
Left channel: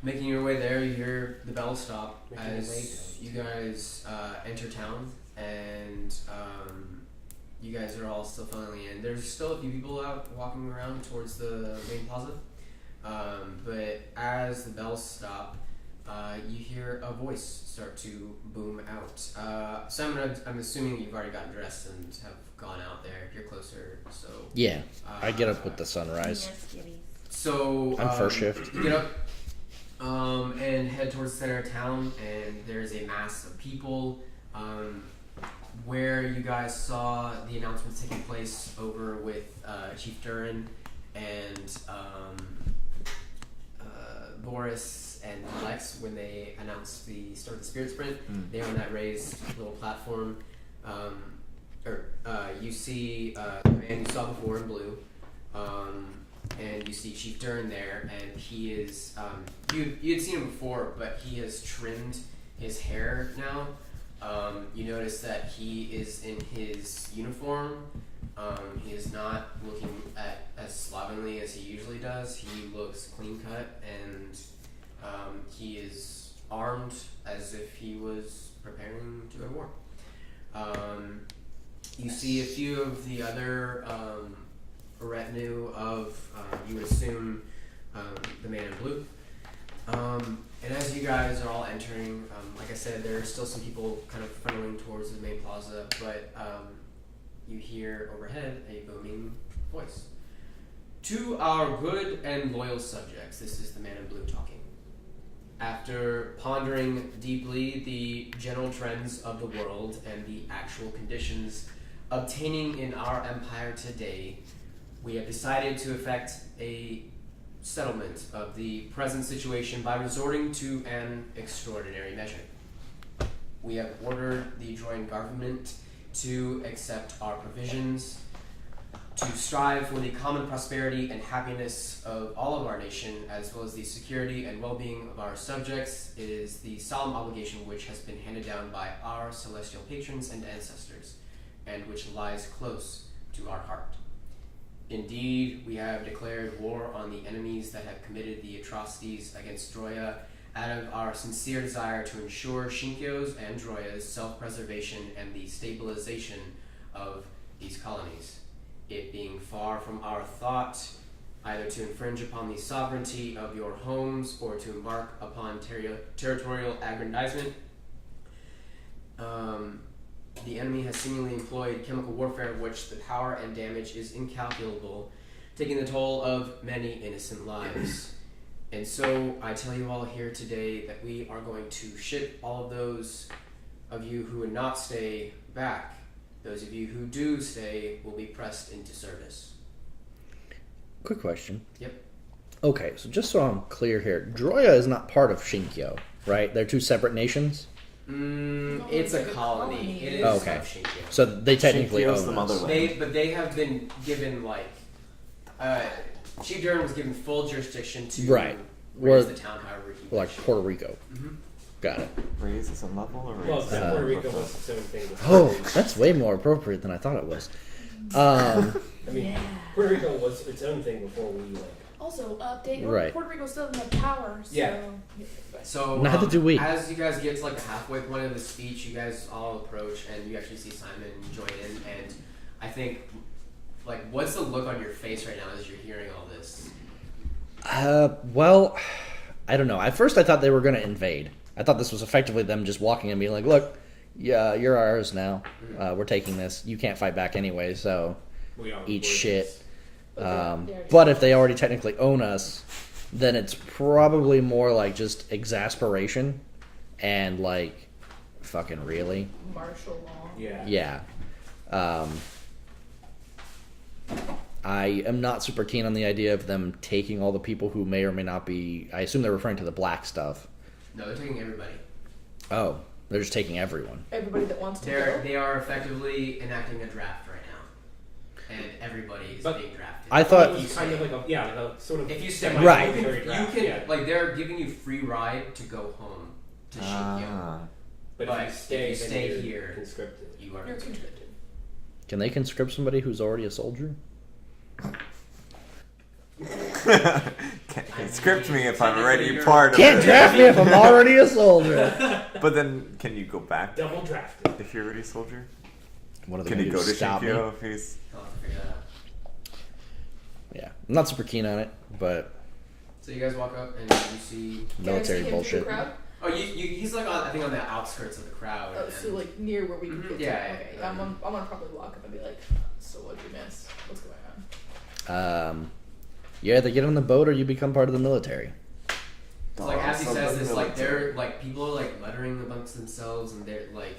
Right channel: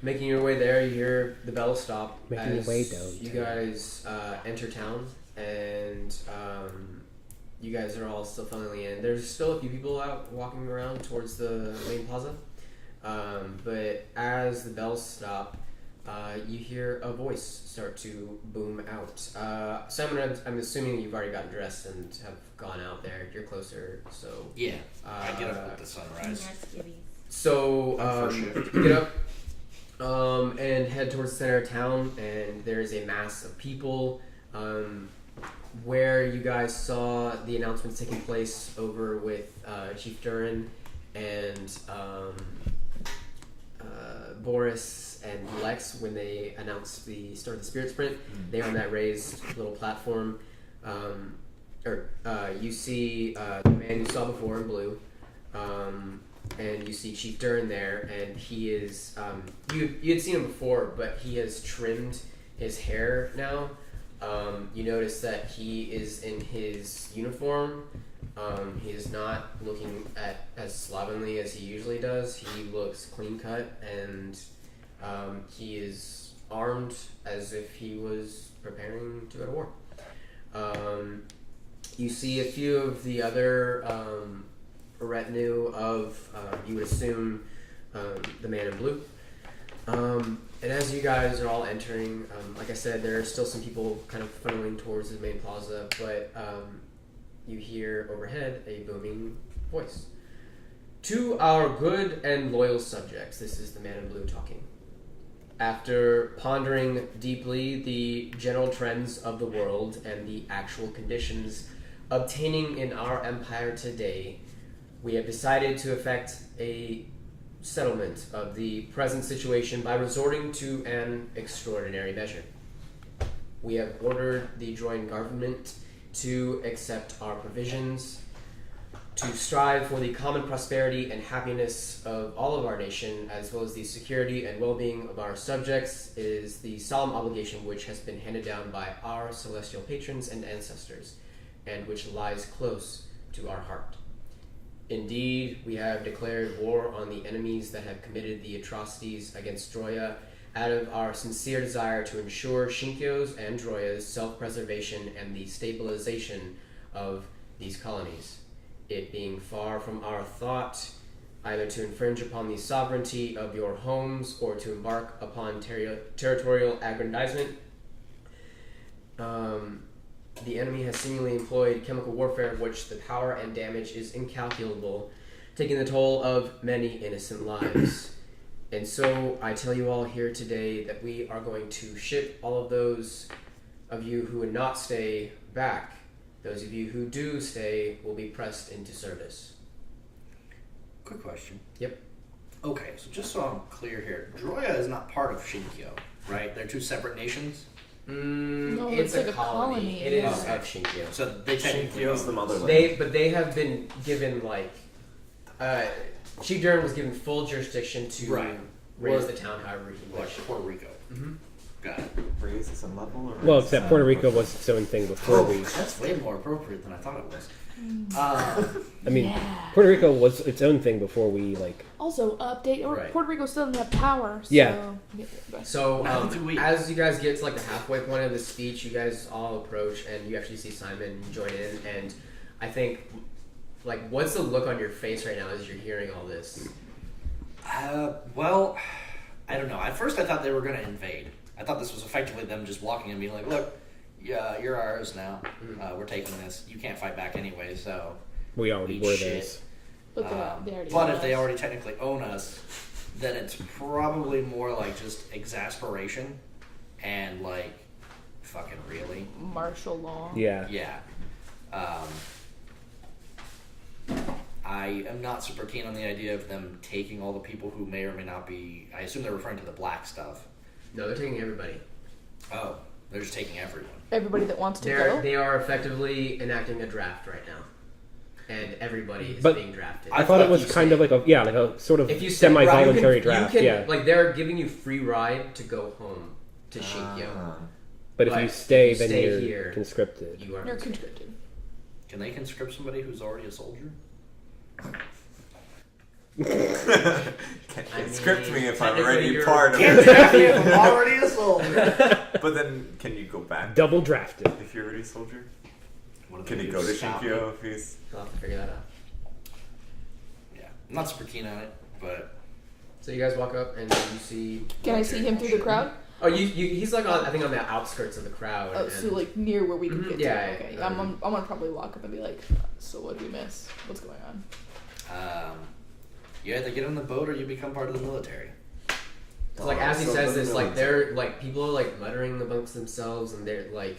Making your way there, you hear the bell stop Making your as way down you to- guys enter town, and you guys are all still filing in. There's still a few people out walking around towards the main plaza, but as the bells stop, you hear a voice start to boom out. Simon, I'm assuming you've already gotten dressed and have gone out there. You're closer, so Yeah, I get up with the sunrise. Yes, skivvies. So I'm first shift. you get up and head towards the center of town, and there's a mass of people. Where you guys saw the announcements taking place over with Chief Durin and Boris and Lex when they announced the start of the Spirit Sprint. They were on that raised little platform. You see the man you saw before in blue. And you see Chief Durin there, and he is you had seen him before, but he has trimmed his hair now. You notice that he is in his uniform. He is not looking as slovenly as he usually does. He looks clean cut, and he is armed as if he was preparing to go to war. You see a few of the other retinue of, you would assume, the man in blue. And as you guys are all entering, like I said, there are still some people kind of funneling towards the main plaza, but you hear overhead a booming voice. To our good and loyal subjects, this is the man in blue talking. After pondering deeply the general trends of the world and the actual conditions obtaining in our empire today, we have decided to effect a settlement of the present situation by resorting to an extraordinary measure. We have ordered the Droid government to accept our provisions, to strive for the common prosperity and happiness of all of our nation, as well as the security and well-being of our subjects, is the solemn obligation which has been handed down by our celestial patrons and ancestors, and which lies close to our heart. Indeed, we have declared war on the enemies that have committed the atrocities against Droya out of our sincere desire to ensure Shinkyo's and Droya's self-preservation and the stabilization of these colonies. It being far from our thought either to infringe upon the sovereignty of your homes or to embark upon territorial aggrandizement, the enemy has seemingly employed chemical warfare of which the power and damage is incalculable, taking the toll of many innocent lives. And so I tell you all here today that we are going to ship all of those of you who would not stay back. Those of you who do stay will be pressed into service. Quick question. Yep. Okay, so just so I'm clear here, Droya is not part of Shinkyo, right? They're two separate nations? No, It's it's a like a colony. colony. It is Okay. of Shinkyo. So they technically Shinkyo's own the us. motherland. But they have been given Chief Durin was given full jurisdiction to Right. raise Well, the town however he Like wished. Puerto Rico. Mhm. Got it. Raise is a level or Well, raise except is Puerto a Rico level? was its own thing with Oh, Puerto Rico. that's way more appropriate than I thought it was. I mean, Yeah. Puerto Rico was its own thing before we Also, update. Right. Puerto Rico still doesn't have power. So, Yeah. So Neither do we. As you guys get to the halfway point of the speech, you guys all approach and you actually see Simon join in. And I think, what's the look on your face right now as you're hearing all this? Well, I don't know. At first I thought they were going to invade. I thought this was effectively them just walking and being like, look, yeah, you're ours now. We're taking this. You can't fight back anyway, so we already eat were shit. theirs. But, they already But have if they us. already technically own us, then it's probably more like just exasperation and fucking really. Martial law. Yeah. Yeah. I am not super keen on the idea of them taking all the people who may or may not be. I assume they're referring to the black stuff. No, they're taking everybody. Oh, they're just taking everyone. Everybody that wants to They are effectively enacting a draft right now, and everybody is But being drafted. I I thought it thought was kind of like a sort of if you say semi-voluntary you draft. can Yeah. they're giving you free ride to go home to Shinkyo. Ah. But if But you stay, if you then stay you're here, conscripted. You are You're conscripted. Can they conscript somebody who's already a soldier? Can't script me if I'm technically already you're- part of Can't it. draft me if I'm already a soldier. But then, can you go back Double drafted. if you're already a soldier? What are they Can he gonna go do, to stop me? Shinkyo if he's? I'll have to figure that out. Yeah, I'm not super keen on it, but So you guys walk up and you see. Can I see military him through the bullshit. crowd? Oh, he's like on, I think on the outskirts of the crowd. Oh, and, so like near where we can Mhm, get yeah, to. yeah, Okay, yeah. I'm gonna probably walk up and be like, so what do you miss? What's going on? You either get on the boat or you become part of the military. So, like as he says this, like military. they're like people are like muttering amongst themselves, and they're like,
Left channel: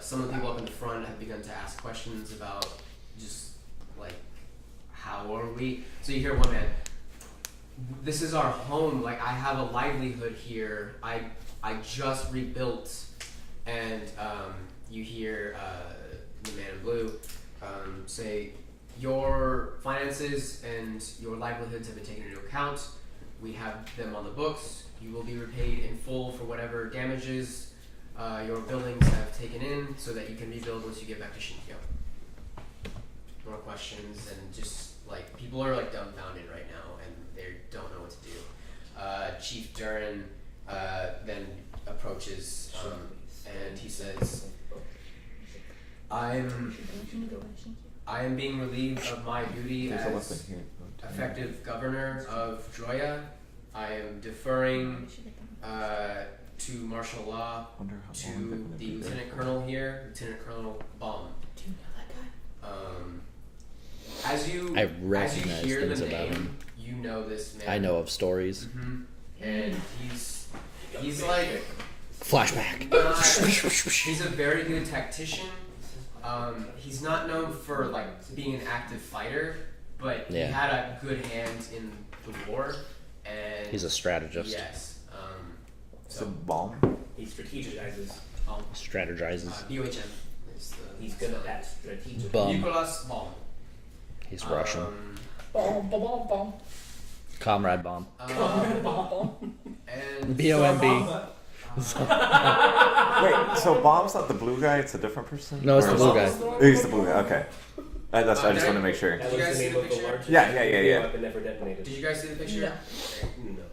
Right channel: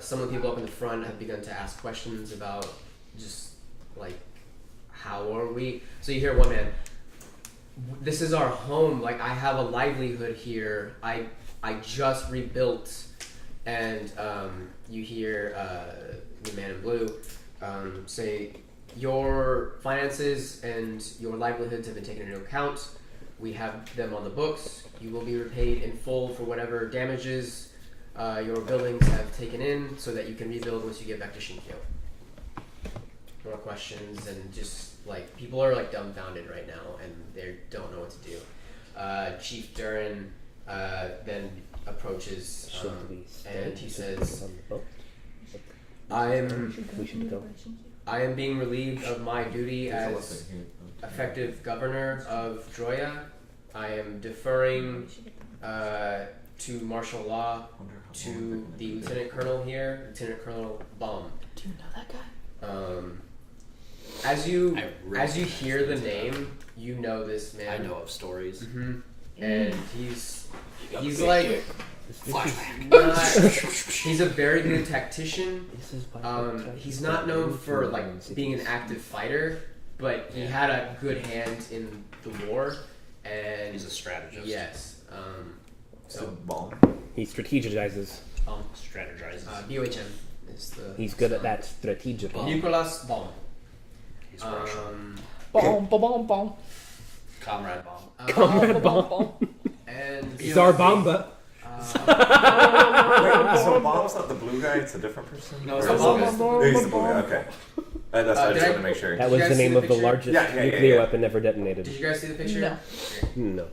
some of the people up in the front have begun to ask questions about just like how are we? So you hear one man, this is our home. Like I have a livelihood here. I just rebuilt, and you hear the man in blue say, your finances and your livelihoods have been taken into account. We have them on the books. You will be repaid in full for whatever damages your buildings have taken in, so that you can rebuild once you get back to Shinkyo. More questions, and just like people are like dumbfounded right now, and they don't know what to do. Chief Durin then approaches, and he says, I am being relieved of my duty There's a as lesson here. effective governor of Droya. I am deferring to martial law Wonder how long to they're gonna the be there. lieutenant colonel here, Lieutenant Colonel Baum. Do you know that guy? As you I recognize hear the things about name, him. you know this man. I know of stories. hmm And he's like Flashback. he's a very good tactician. He's not known for like being an active fighter, but he Yeah. had a good hand in the war. And He's a strategist. yes. So bomb. He strategizes. Strategizes. BOHM is the. He's good at that strategic. Bomb. Nicolas Baum. He's Russian. Bomb, bomb, bomb, bomb. Comrade bomb. Comrade Bomb. And Zarbamba. Wait, so bomb's not the blue guy? It's a different person. No, it's Or the is blue it- guy. He's the blue guy. Okay. That's. I just want to make sure. That Did was you the guys see name the of the picture? largest Yeah, yeah, nuclear yeah. weapon ever detonated. did you guys see the picture? No. No.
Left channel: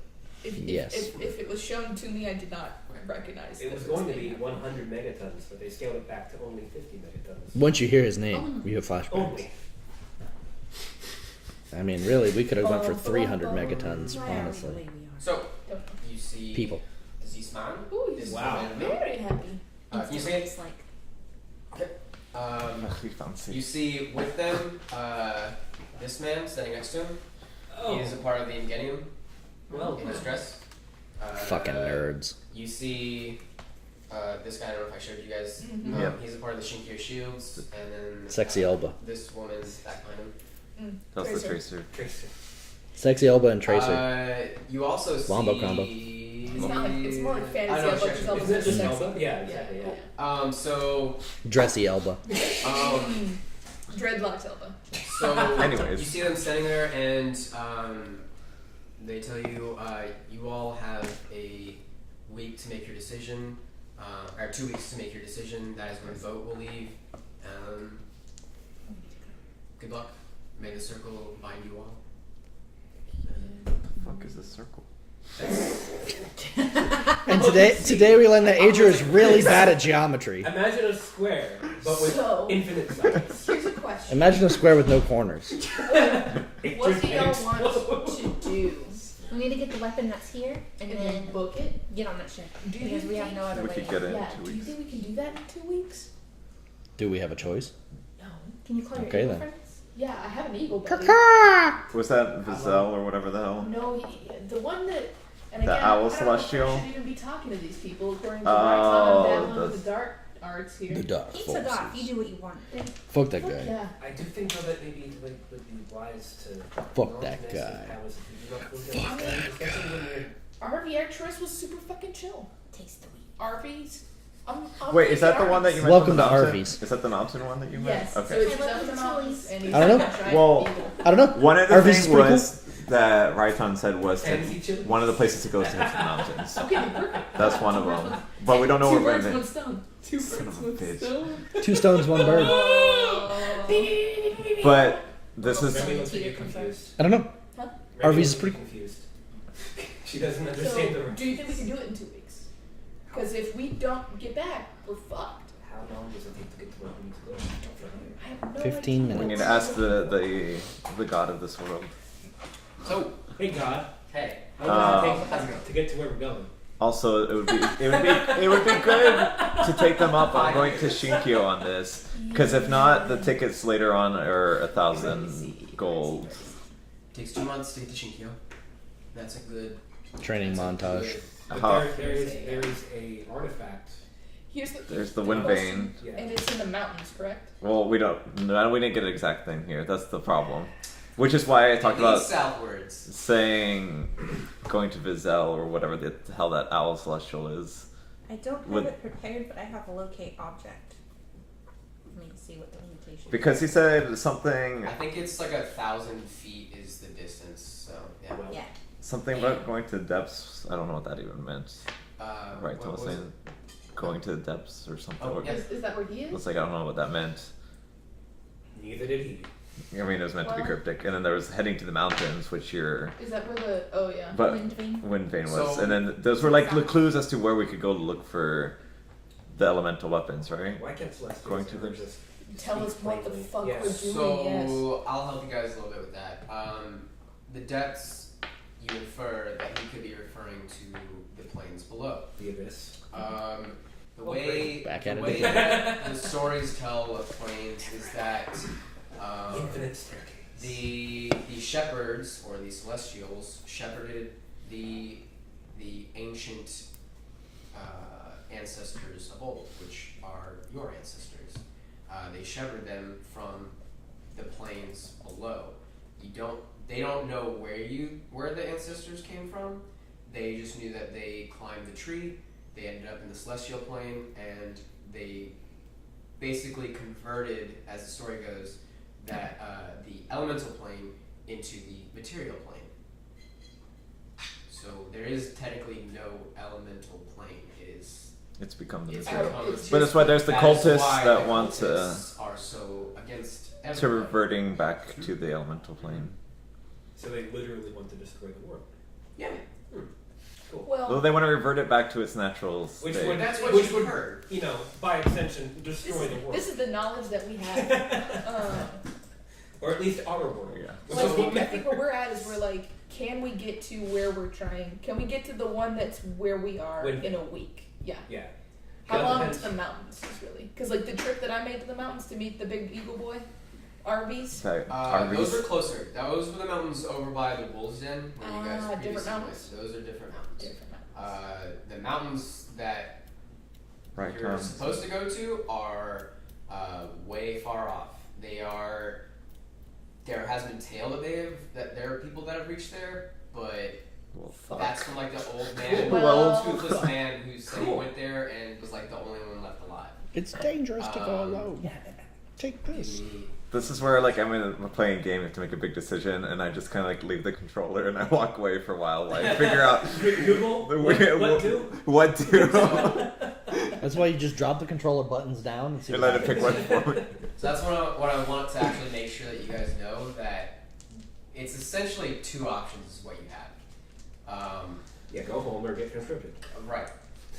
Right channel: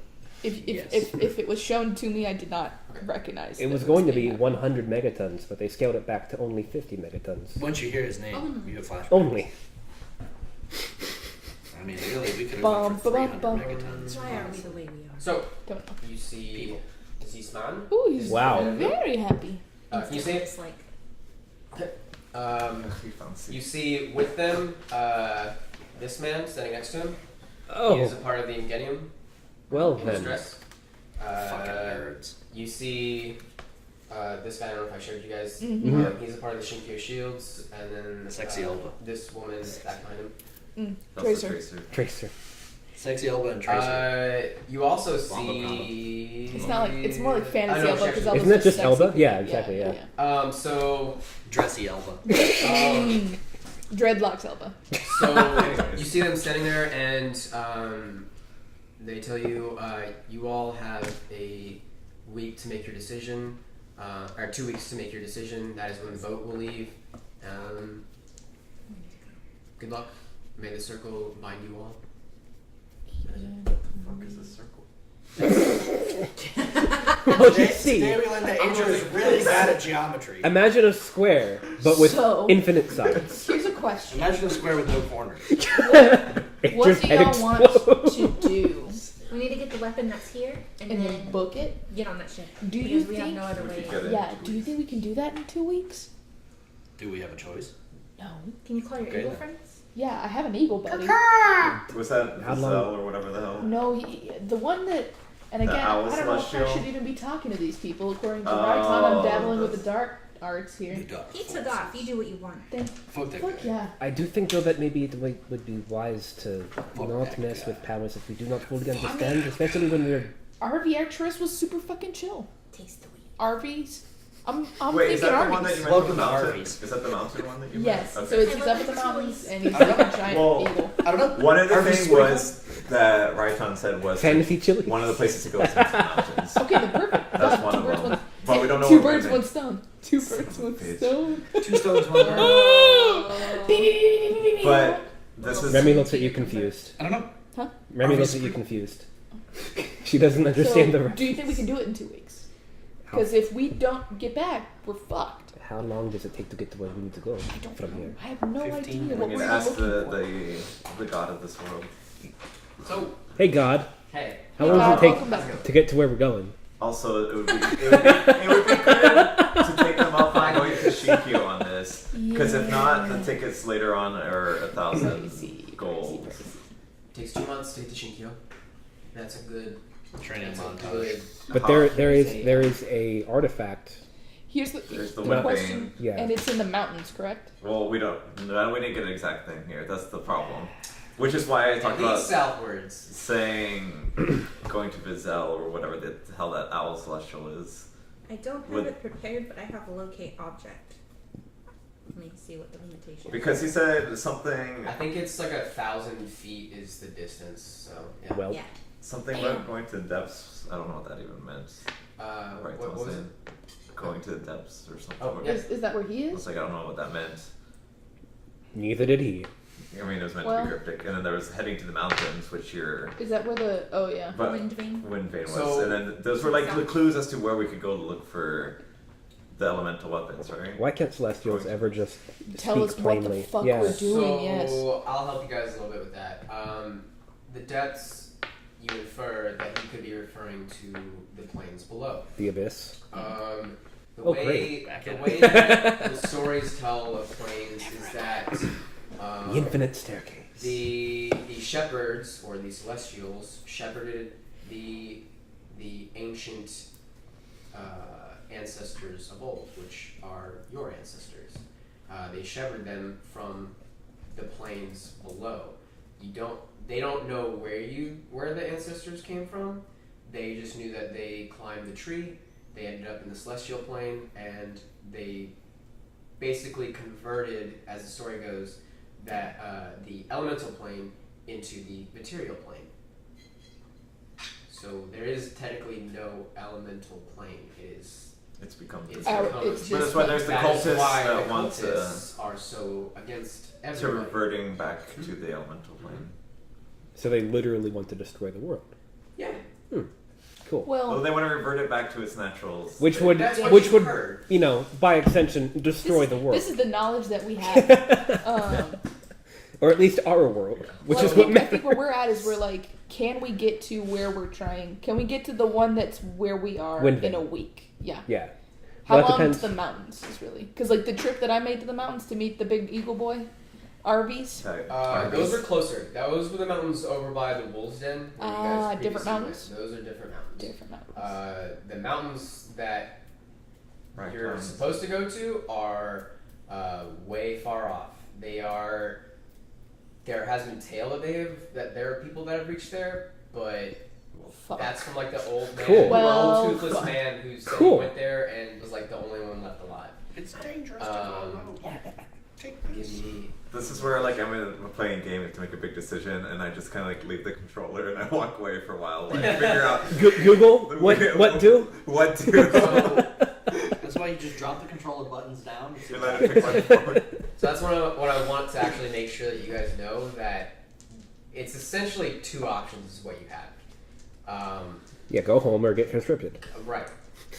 If Yes. if it was shown to me, I did not recognize. It that was going to be him. 100 megatons, but they scaled it back to only 50 megatons. Once you hear his name, Oh. you have flashbacks. Only. I mean, really, we could have gone for Bum, bum, 300 bum. megatons. Why are we the Honestly. way we are? So Don't know. you see People. this man. Ooh, he's Wow. very happy. You see It's like Must be fancy. you see with them this man standing next to him. He Oh. is a part of the Ingenium. Well His then. dress. Fucking nerds. You see this guy. I don't know if I showed you guys. Mhm. Yep. He's a part of the Shinkyo Shields, and then Sexy Elba. This woman is that kind of. That's the Tracer. tracer. Tracer. Sexy Elba and Tracer. You also see. Combo, combo. It's not like it's more like I fantasy know, Elba she because actually- Elba's Isn't it such just a Elba? sexy- Yeah, exactly, yeah. So Dressy Elba. Dreadlocks Elba. So Anyways. you see them standing there, and they tell you you all have a week to make your decision, or 2 weeks to make your decision. That is when the vote will leave. Good luck. May the circle bind you all. What the fuck is this circle? And today we learned that Adria is really bad at geometry. Imagine a square, but with So- infinite sides. Here's a question. Imagine a square with no corners. What do y'all want to do? we need to get the weapon that's here and, And then then book it? get on that ship. Do you Because we have think? no other We way. could get it. Yeah. in 2 Do you weeks. think we can do that in 2 weeks? Do we have a choice? No. Can you call your Okay, eagle then. friends? Yeah, I have an eagle buddy. Was that How Vazel or whatever the hell? No, the one that. And The again, owl I don't know if I celestial? should even be talking to these people. According to Roxanne, I'm dabbling with that's- the dark arts here. dark He took off. You do what you want. Fuck that Fuck guy. yeah. I do think though that maybe it would be wise to Fuck not that mess guy. with powers if we do not fully understand, especially when we're RV Actress was super fucking chill. Taste the weed. RVs. I'm Wait, is that the thinking one that RVs. you mentioned? Welcome the to mountain? Arby's. Is that the mountain one that you Yes. meant? So Okay. he's up in the mountains and he's I don't like know. a giant Well, eagle. I don't know. One of the Arby's is things pretty was that Raiton said was Fantasy chili. one of the places to go is into the mountains. Okay, then perfect. That's one of birds, them. one- But we don't know Two what birds, Wind one Vane. stone. Two Son birds, of a one bitch. stone. 2 stones, 1 bird. But this is Remy looks at you confused. I don't know. Remy RV's looks at you pretty- confused. She doesn't understand So, the. do you think we can do it in 2 weeks? Because if we don't get back, we're fucked. How long does it take to get to where we need to go from here? I have no 15 idea. we what need we're to ask looking the god of this world. So, Hey God, hey. how long does it welcome take back. to get to where we're going? Also, it would be good to take them up on going to Shinkyo on this, because if not, the tickets later on are 1,000 gold. Takes 2 months to get to Shinkyo. That's a good Training that's a montage. good- But How- there is a artifact. Here's the There's the the wind question, vane. Yeah. and it's in the mountains, correct? Well, we didn't get an exact thing here. That's the problem. Which is why I talked At about least southwards. saying going to Vizel or whatever the hell that owl celestial is. I don't have Would- it prepared, but I have a locate object. Let me see what the limitation is. Because he said something I think it's like 1,000 feet is the distance. So yeah. Well, Yeah. something about going to the depths. I don't know what that even meant. Right, what I was was saying going to the depths or something. Oh, yeah. Is that where he I is? was like, I don't know what that meant. neither did he. I mean, it was meant to Well- be cryptic, and then there was heading to the mountains, which you're. Is that where the? Oh yeah. But Wind vane. Wind Vane was, So- and then those were like the clues as to where we could go to look for the elemental weapons, right? Why can't Celestials Going to ever the- just Tell speak us what the plainly? fuck Yeah. we're doing. So Yes. I'll help you guys a little bit with that. The depths, you infer that he could be referring to the plains below. The abyss? The Oh, way great. Back the at it. way that the stories tell of plains is that The infinite staircase. the shepherds or the celestials shepherded the ancient ancestors of old, which are your ancestors. They shepherded them from the plains below. They don't know where the ancestors came from. They just knew that they climbed the tree. They ended up in the celestial plane, and they basically converted, as the story goes, that the elemental plane into the material plane. So there is technically no elemental plane. It's become the It's material. Out- it's But that's why there's the that is cultists why that the want to cultists are so against to everybody. reverting back to the elemental plane. So they literally want to destroy the world. Yeah, Cool. Well, Well, they want to revert it back to its natural state. Which would, that's what which you would, heard. you know, by extension, destroy the world, this is the knowledge that we have. or at least our world, Yeah. which Well, is I what think matters. where we're at is we're like, can we get to where we're trying? Can we get to the one that's where we are Wind in vane. a week? Yeah. Yeah. How That long depends. to the mountains is really? Because like the trip that I made to the mountains to meet the big eagle boy, RVs. Okay, Those RVs. are closer. Those were the mountains over by the Wolves Den. where you guys Different previously mountains? went. Those are different mountains. Different mountains. The mountains that Right. you're supposed to go to are way far off. There has been tale that there are people that have reached there, but Fuck. that's from like the old man, Cool. the Well- old toothless man who said Cool. he went there and was like the only one left alive. It's dangerous to go Um, alone. Take Give this. me This is where like I'm in a playing game, you have to make a big decision, and I just kind of like leave the controller and I walk away for a while, like figure out Google what do? what do, That's why you just drop the controller buttons down and see and what let it happens. pick one forward. So that's what I want to actually make sure that you guys know, that it's essentially 2 options is what you have. Yeah, go home or get conscripted. Right.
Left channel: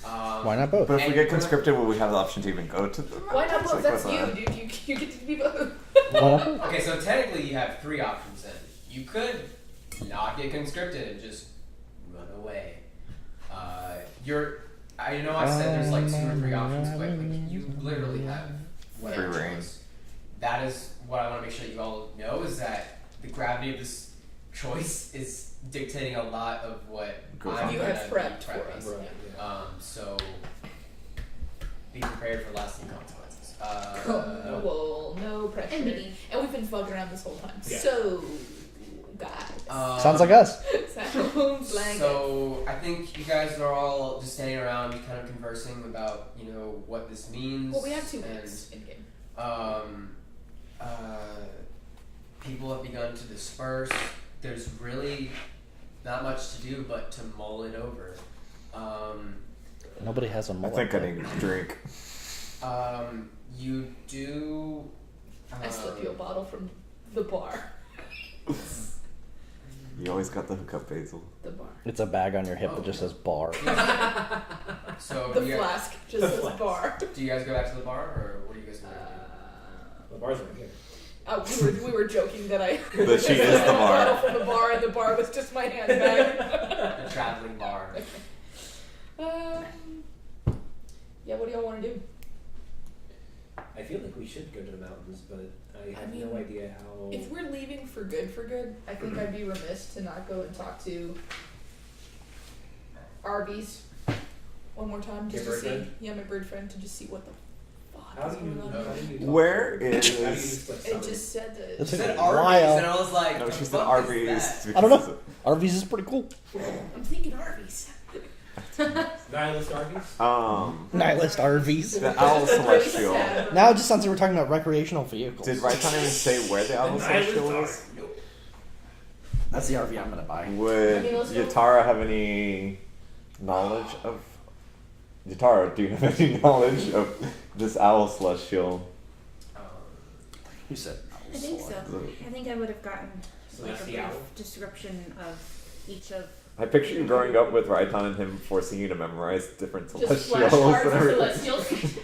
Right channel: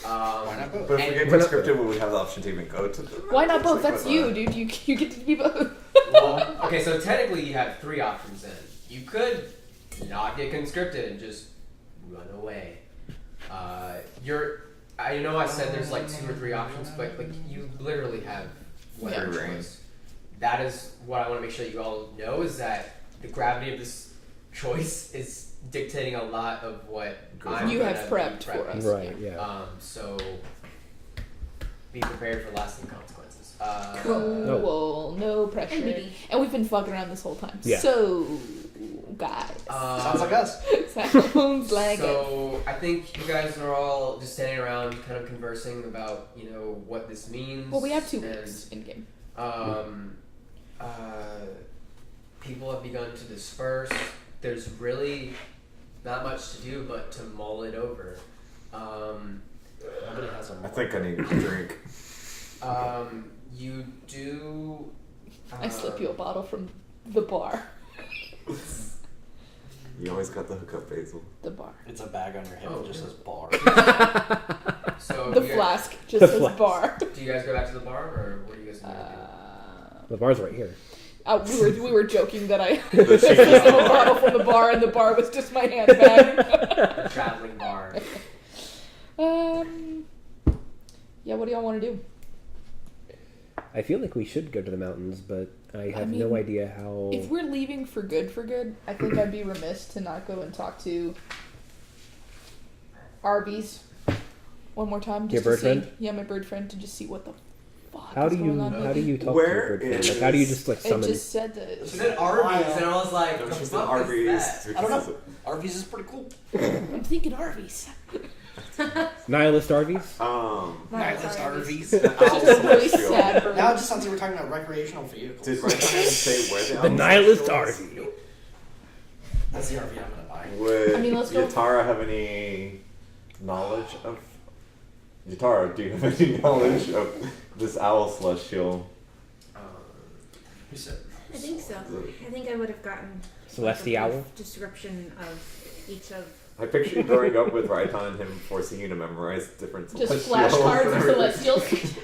Why not both? But if we And get we're not- conscripted, will we have the option to even go to the? Why not It's both? like, That's what you, the- dude. You get to be both. Okay, so technically you have 3 options then. You could not get conscripted and just run away. I know I said there's like 2 or 3 options, but like you literally have whatever Free reign. choice. That is what I want to make sure you all know, is that the gravity of this choice is dictating a lot of what Goes I'm on. You gonna have be prepped for prepping. us. Right, yeah. So be prepared for lasting consequences. Cool. No pressure. NBD. And we've been fucking around this whole time. Yeah. So, guys. Sounds like us. Sounds like it. So I think you guys are all just standing around, kind of conversing about, what this means. Well, we have 2 and, weeks in game. People have begun to disperse. there's really not much to do but to mull it over. Nobody has a. I think I need a drink. You do. I slip you a bottle from the bar. You always got the hookup, Basil. The bar. It's a bag on your hip that just says bar. So The do you flask just The says flask. bar. do you guys go back to the bar, or what are you guys going to do? The bar's right here. We were joking that I That she slipped is him the a bar. bottle from the bar, and the bar was just my handbag. A traveling bar. Yeah. What do y'all want to do? I feel like we should go to the mountains, but I have mean, no idea how. If we're leaving for good, I think I'd be remiss to not go and talk to Arby's one more time. Just Your to bird friend? see, yeah, my bird friend, to just see what the fuck How is do you going on. how do you talk Where to it? is- How do you just like It summon? just said that. She said Arby's, and I was like, No, the she said fuck Arby's. is that? I don't know. Arby's is pretty cool. I'm thinking Arby's. Nihilist Arby's? Nihilist Arby's. The Owl Just a really Celestial. sad bird. Now it just sounds like we're talking about recreational vehicles. Did Raitan even say where the The Owl Nihilist Celestial is? Arby. That's the RV I'm gonna buy. Would I mean, let's go- Yatara have any knowledge of... Yatara, do you have any knowledge of this Owl Celestial? You said. I think so. I think I would have gotten Celestial? a brief description of each of. I picture you growing up with Raitan and him forcing you to memorize different Just Celestials. flashcards and of everything. celestials.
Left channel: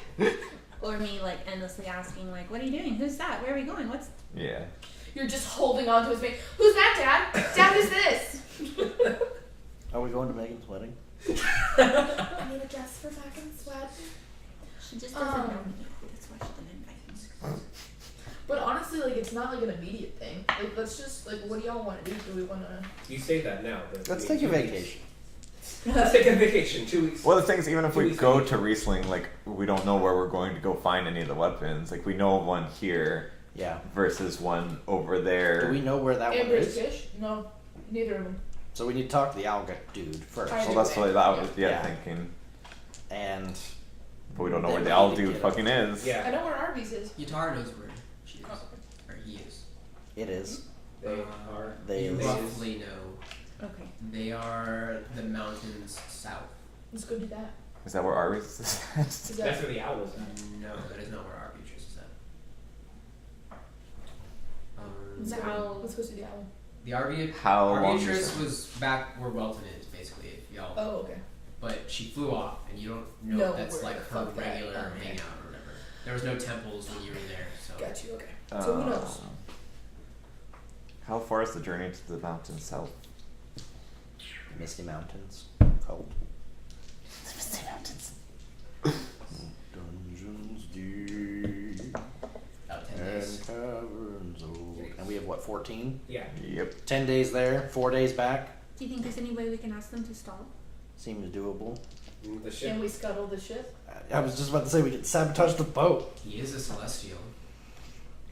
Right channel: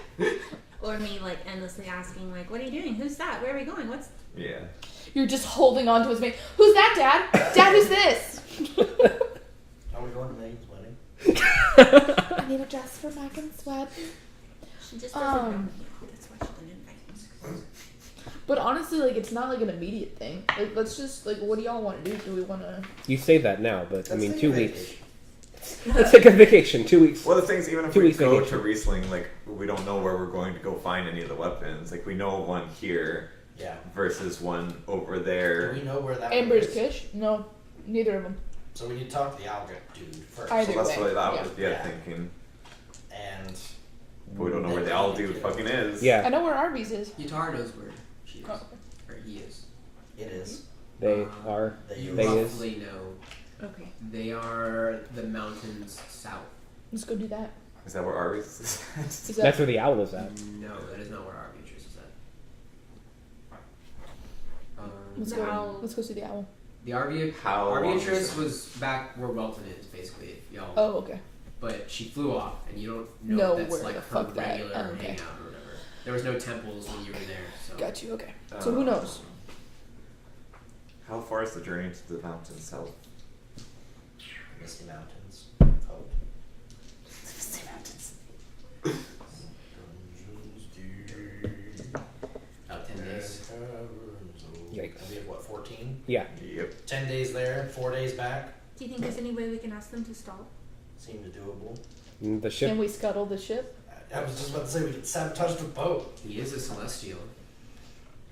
Or me like endlessly asking like, what are you doing? Who's that? Where are we going? What's Yeah. You're just holding on to his mane. Who's that, Dad? Dad, who's this? Are we going to Megan's wedding? I need a dress for Megan's wedding. she just doesn't know me. That's why she didn't invite me. But honestly, like, it's not like an immediate thing. Like, let's just, like, what do y'all want to do? Do we want to... You say that now, but I Let's mean, take 2 a weeks. vacation. Let's take a vacation. 2 weeks. Well, the thing is, even if 2 we weeks go vacation. to Riesling, like, we don't know where we're going to go find any of the weapons. Like, we know of one here Yeah. versus one over Do there. we know where that one Amber's is? Fish? No, neither of them. So we need to talk to the owl dude first. Either So that's way, what I was yeah. thinking. And But we don't know where the Then owl we need dude to- fucking is. I Yeah, know where Arby's is. Yatara knows where she is. Oh. Or he is. it is. they are. They You They is. roughly know. Okay. They are the mountains south. Let's go do that. Is that where Arby's is? Is That's that... where the owl is at. No, that is not where our futures is at. Let's The go. owl. Let's go see the owl. The RV How long is Arbitress it? was back where Welton is, basically, if y'all. Oh, okay. But she flew off, and you don't know No, if that's where like the her fuck that- regular oh, okay. hangout or whatever. There was no temples when you were there, so. Got you, okay. So who knows? How far is the journey to the mountains south? Misty Mountains. Cold. Misty Mountains. Dungeons deep About 10 days. caverns old. Yikes. And we have what, 14? Yeah. Yep. 10 days there, 4 days back. Do you think there's any way we can ask them to stall? Seems doable. The ship. Can we scuttle the ship? I was just about to say we could sabotage the boat. He is a celestial.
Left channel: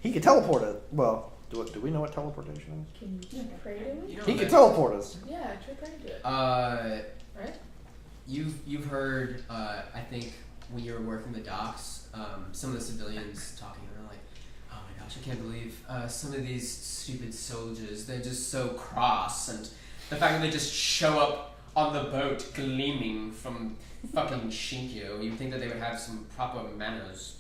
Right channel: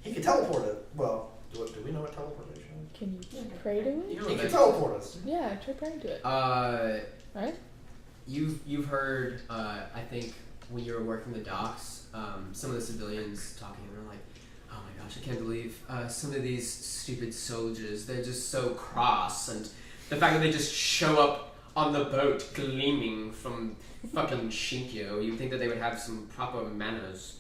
He could teleport it. Well, do we know what teleportation Can you pray to it? You is? know He could that- teleport us. Yeah, try praying to it. Right? You've heard, I think, when you were working the docks, some of the civilians talking, and they're like, oh my gosh, I can't believe some of these stupid soldiers, they're just so cross, and the fact that they just show up on the boat gleaming from fucking Shinkyo, you'd think that they would have some proper manners.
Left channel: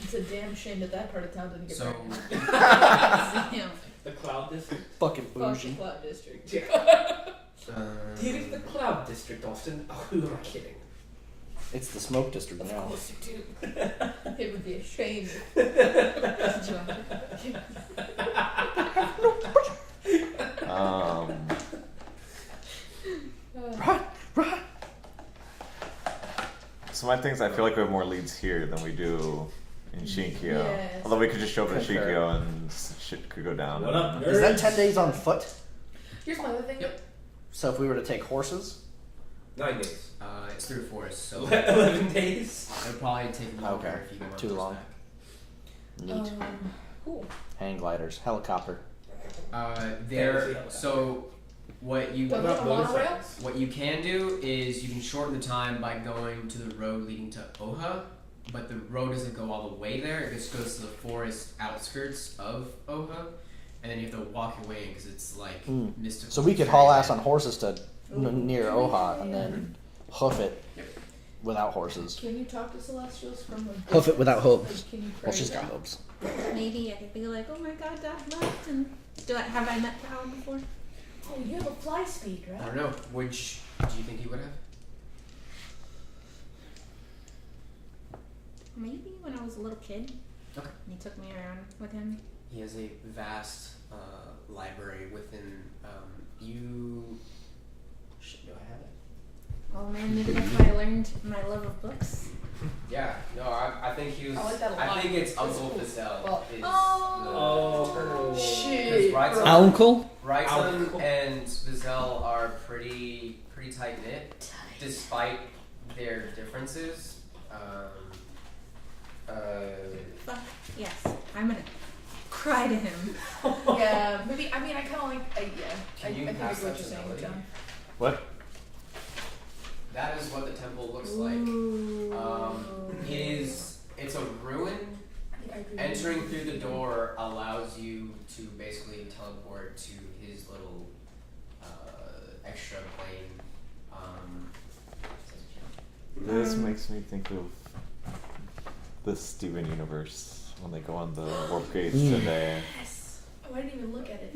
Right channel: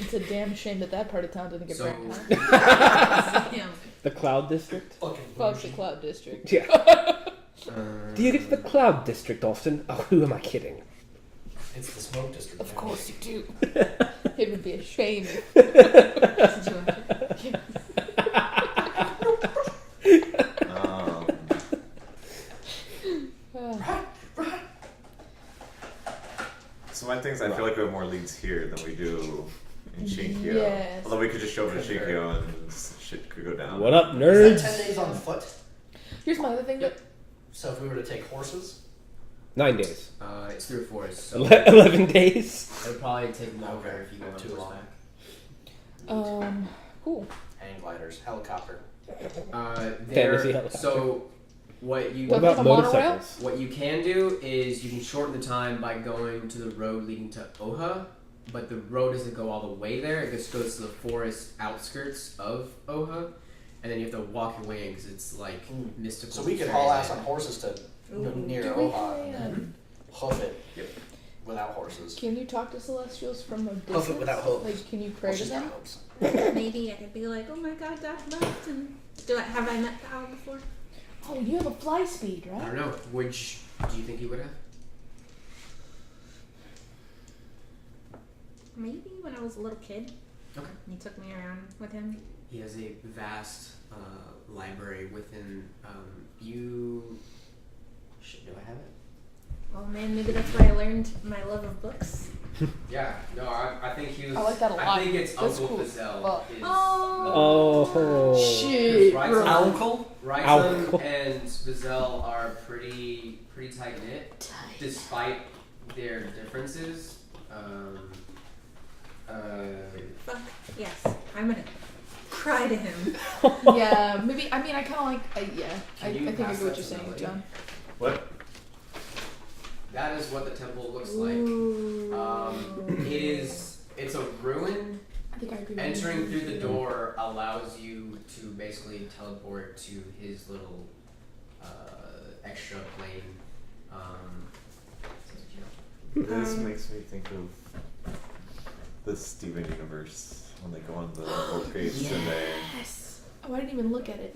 It's a damn shame that part of town didn't get So, burned down. Damn. The Cloud District. Fucking Fuck the bougie. Cloud District. Yeah. Do you get to the Cloud District, Austin? Oh, who am I kidding? It's the smoke district. Of now. course you do. It would be a shame. So my thing is, I feel like we have more leads here than we do in Shinkyo. Yes. Although we could just show up in Shinkyo and shit could go down. What up, Is that nerds? 10 days on foot? Here's my other thing. So if we were to take horses? 9 days. it's through forest, so 11 days. it'll probably take longer Okay. if you go on Too long. horseback. Cool. Hang gliders, helicopter. Fantasy There. helicopter. So, what you Don't What they about have a monorail? motorcycles? what you can do is you can shorten the time by going to the road leading to Oha, but the road doesn't go all the way there. It just goes to the forest outskirts of Oha, and then you have to walk your way in because it's like mystical. So we could haul ass on horses to near Oha and then hoof it without horses. Can you talk to celestials from a distance? Hoof it without hooves. Like, can you pray Well, to she's got them? hooves. Maybe I could be like, oh my god, Dad left, and have I met the owl before? Oh, you have a fly speed, I right? don't know. Which do you think you would have? Maybe when I was a little kid. Okay. And he took me around with him. He has a vast library within you. Shit, do I have it? Oh man, maybe that's why I learned my love of books. Yeah, no, I think he was. I like that a lot. I think it's That's Uncle cool. Fazell. Well- Is Oh. Shit, Right, bro. Uncle? Wrightson Uncle. and Fazell are pretty tight knit, despite their differences. Fuck yes, I'm gonna cry to him. Yeah, maybe. I mean, I kind of like. Yeah, I Can you think I pass get what that you're to saying, Melody? John. What? That is what the temple looks Ooh. like. It's a ruin. I think I agree. Entering through the door allows you to basically teleport to his little extra plane. This makes me think of the Steven universe when they go on the warp gates and they. Yes. Oh, I didn't even look at it.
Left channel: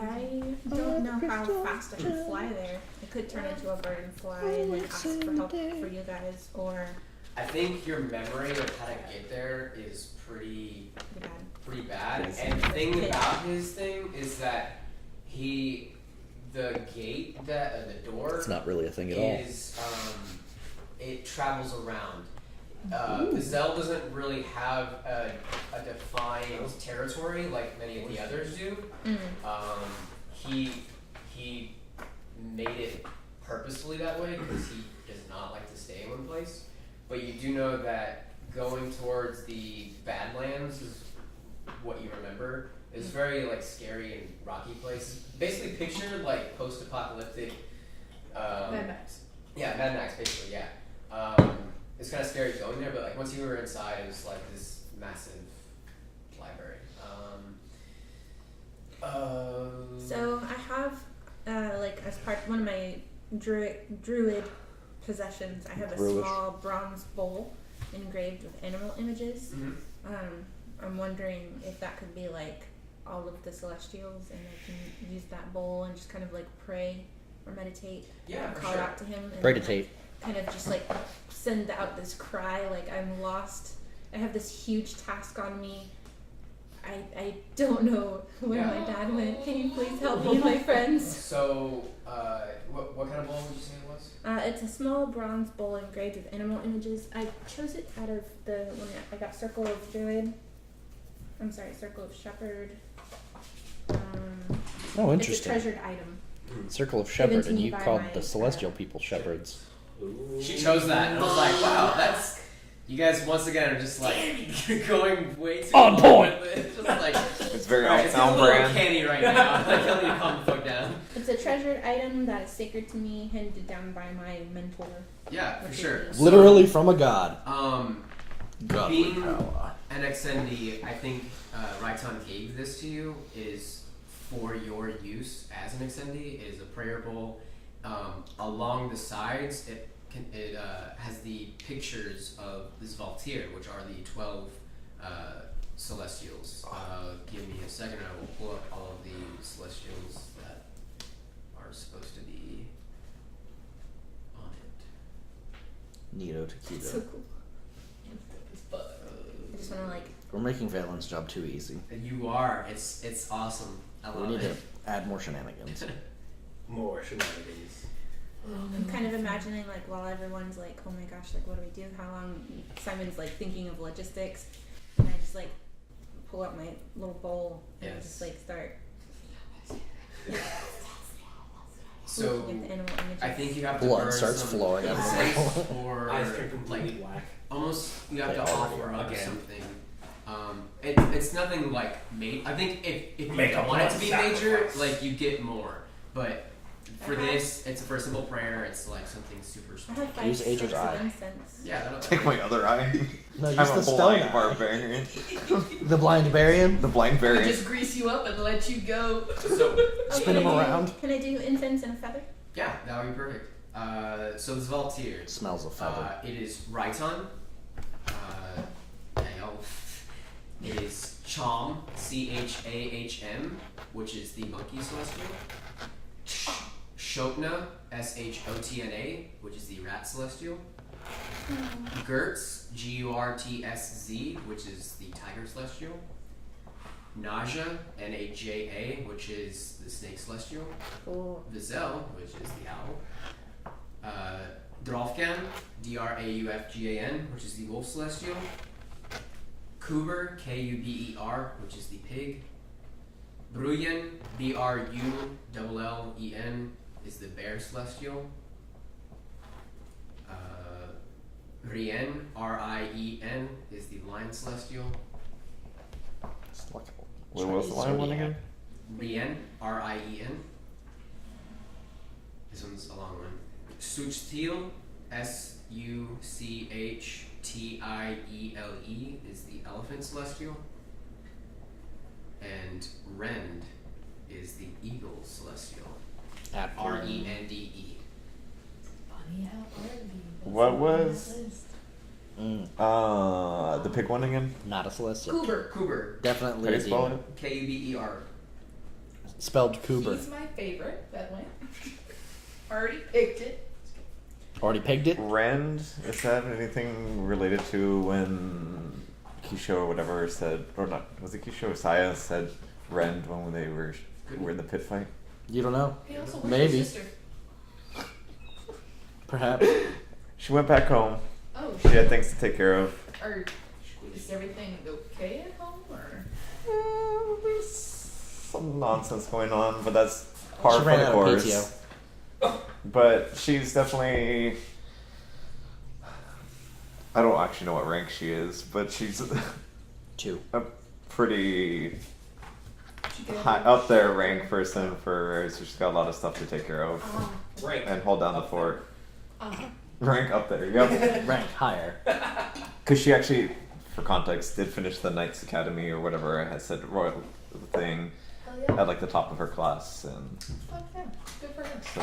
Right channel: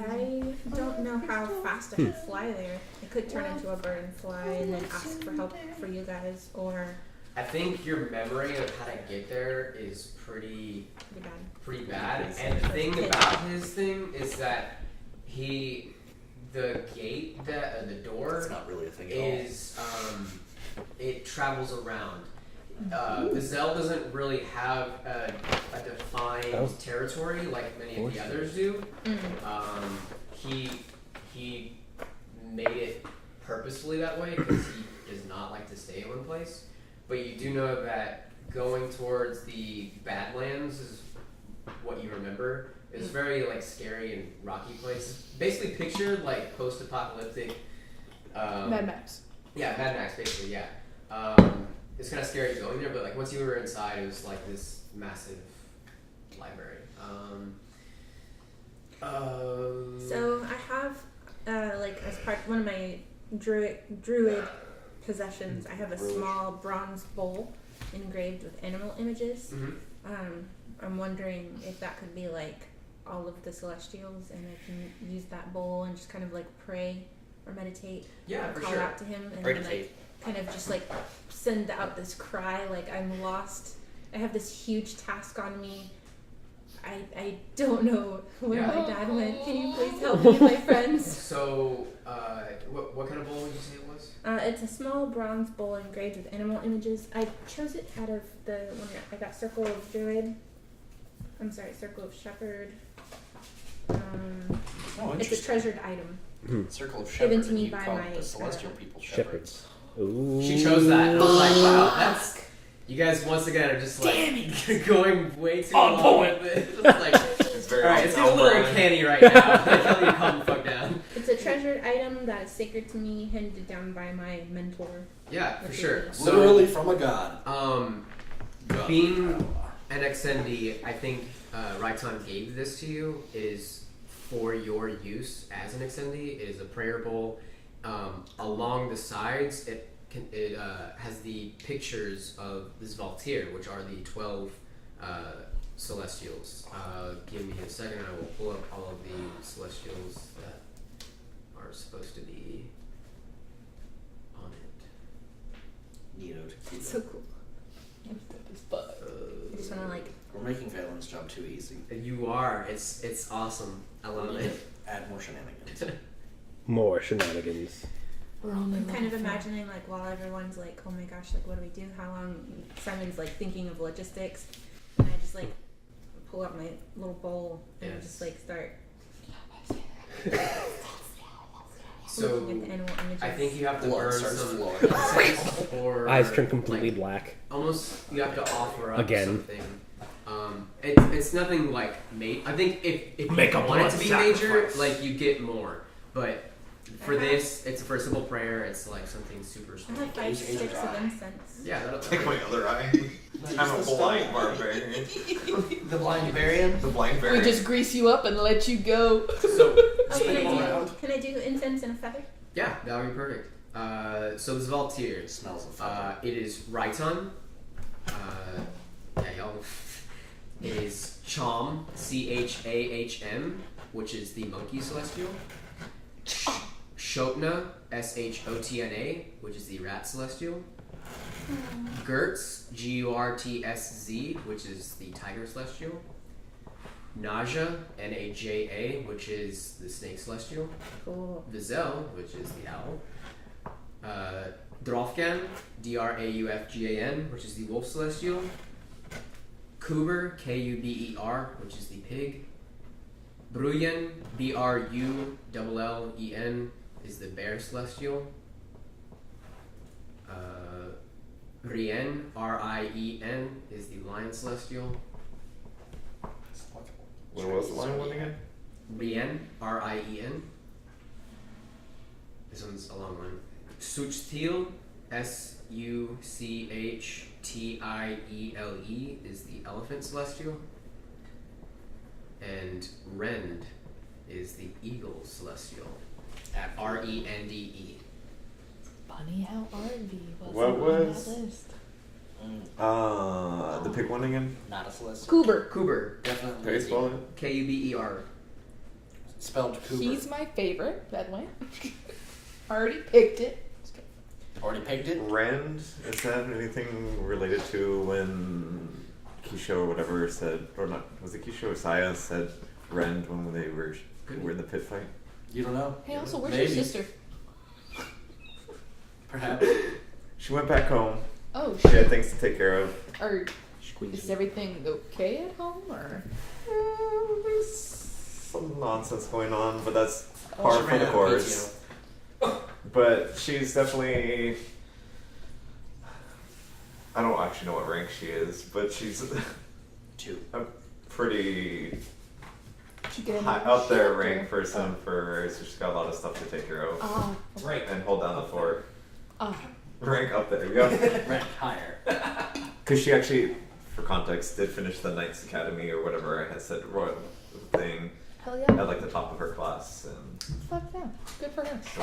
I don't know how fast I could fly there. I could turn into a bird and fly and then ask for help for you guys, or I think your memory of how to get there is pretty bad. And the thing about his thing is that the gate, the door, It's not really a thing at all. is it travels around. Fazell doesn't really have a defined territory like many of the others do. He made it purposefully that way because he does not like to stay in one place. But you do know that going towards the Badlands is what you remember. It's very like scary and rocky place. Basically, picture like post-apocalyptic. Mad Max. Yeah, Mad Max, basically. Yeah. It's kind of scary going there, but like once you were inside, it was like this massive library. So I have, like as part one of my druid possessions, I have a Druish. small bronze bowl engraved with animal images. I'm wondering if that could be like all of the celestials, and I can use that bowl and just kind of like pray or meditate, Yeah, or for call sure. out to him, and Meditate. like kind of just like send out this cry like I'm lost. I have this huge task on me. I don't know where my dad went. Can you please help me and my friends? So, what kind of bowl would you say it was? It's a small bronze bowl engraved with animal images. I chose it out of the one I got Circle of Druid. I'm sorry, Circle of Shepherd. Oh, It's a interesting. treasured item. Circle of Given Shepherd, to and me you by called my, the celestial people shepherds. Ooh. She chose that. I was like, wow, that's. You guys once again are just like going way too On long point. with it. It's like, It's very alright, on it's getting a sound little brand. canny right now. I tell you to calm the fuck down. It's a treasured item that is sacred to me, handed down by my mentor. Yeah, for Which sure. is- So, Literally from a god. God. being an XND, I think Raiton gave this to you is for your use as an XND. It is a prayer bowl. Along the sides, it has the pictures of this Valtir, which are the 12 celestials. Give me a second, I will pull up all of the celestials that are supposed to be on it. Nito It's Taquito. so cool. But I just want to like. We're making Valen's job too easy. You are. It's awesome. I We love need to it. add more shenanigans. More shenanigans. I'm kind of imagining like while everyone's like, oh my gosh, like what do we do? How long? Simon's like thinking of logistics, and I just like pull out my little bowl and Yes. just like start So looking at the animal images. I think you have to Blood burn starts some flowing. incense or Eyes turn completely like, black. almost you have to offer up Again. something. It's nothing like I think if Make you a want it to blood be major, sacrifice. like you get more. But for Uh-huh. this, it's for a simple prayer. It's like something super I small. have 5 Use Age of sticks of Eye. incense. Yeah, that'll Take my other eye. No, I'm just a the blind stone. barbarian. The blind variant. The blind We variant. just grease you up and let you go. So Oh, Spin can them I around. do? Can I do incense and a feather? yeah, that would be perfect. So the Zvaltir. It smells of feather. It is Raiton. Yeah, y'all. It is Chom, Chahm, which is the monkey celestial. Shotna, Shotna, which is the rat celestial. Gertz, Gurtsz, which is the tiger celestial. Naja, Naja, which is the snake celestial. Cool. Vizel, which is the owl. Drofgan, Draufgan, which is the wolf celestial. Kuber, Kuber, which is the pig. Bruyen, Brullen, is the bear celestial. Rien, Rien, is the lion celestial. When was the line one again? Rien, Rien. This one's a long one. Suchtil, Suchtiele, is the elephant celestial. And Rend is the eagle celestial. Rende. Funny how RV was What on was- that list. The pig one again? Not a celestial. Kuber. Kuber, How Definitely. do you spell it? Kuber. Spelled Cooper. He's my favorite, by the way. Already picked it. Already pegged it. Rend, is that anything related to when Kisho or whatever said, or not, was it Kisho or Saya said Rend when they were in the pit fight? You don't know. Hey, also, where's Maybe. your sister? Perhaps. She went back home. Oh, She shit. had things to take care of. Or is everything okay at home? Or There's some nonsense going on, but that's par She for ran the out of course. But she's definitely. I don't actually know what rank she is, but she's 2. a pretty did you get high, any up there shelter? rank person for her, so she's got a lot of stuff to take care of Oh, Right. and hold down the fort. uh-huh. Rank up there, yep. Rank higher. Because she actually, for context, did finish the Knights Academy or whatever I had said royal thing Hell yeah. at like the top of her class, and Fuck yeah. Good for her. so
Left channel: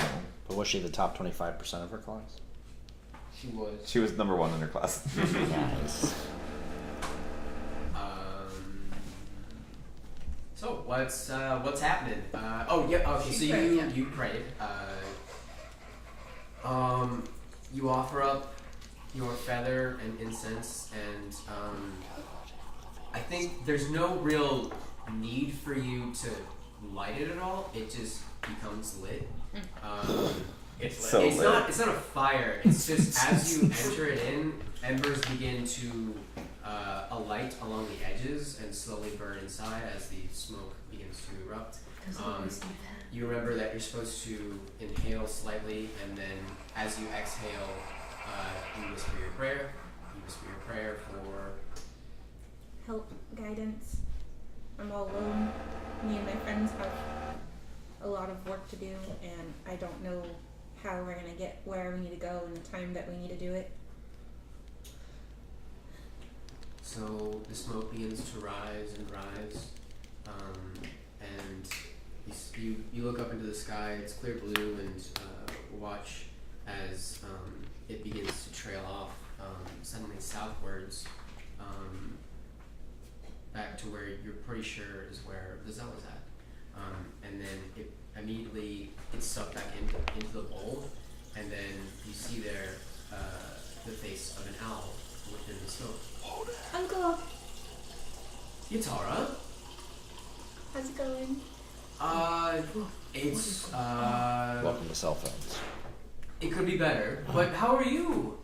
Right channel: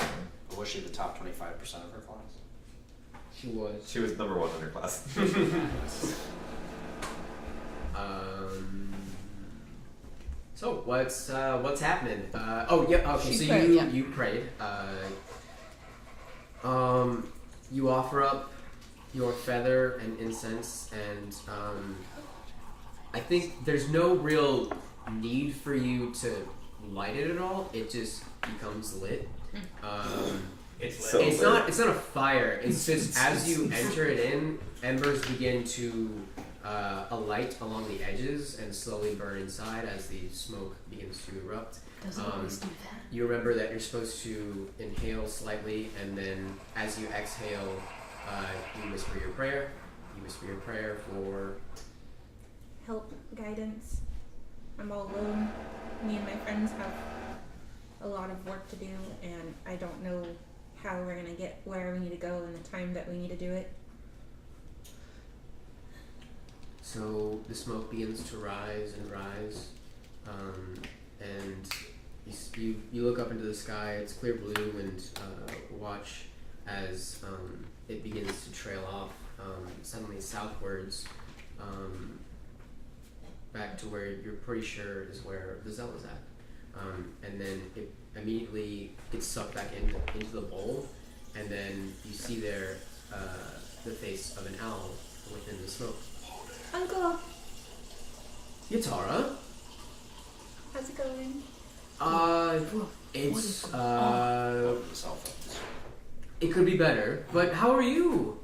But was she the top 25% of her class? She was. she was number 1 in her class. So what's happening? Oh yeah. Okay. She So prayed, you yeah. you prayed. You offer up your feather and incense, and I think there's no real need for you to light it at all. It just becomes lit. It's So it's lit. not a fire. It's just as you enter it in, embers begin to alight along the edges and slowly burn inside as the smoke begins to erupt. Doesn't Um, always do that. You remember that you're supposed to inhale slightly, and then as you exhale, you whisper your prayer. You whisper your prayer for. Help, guidance. I'm all alone. Me and my friends have a lot of work to do, and I don't know how we're gonna get where we need to go in the time that we need to do it. So the smoke begins to rise and rise, and you look up into the sky. It's clear blue, and watch as it begins to trail off suddenly southwards, back to where you're pretty sure is where the Zell is at, and then it immediately gets sucked back into the bowl, and then you see there the face of an owl within the smoke. Uncle, Yatara? how's it going? It's Welcome to cell phones. it could be better, but how are you?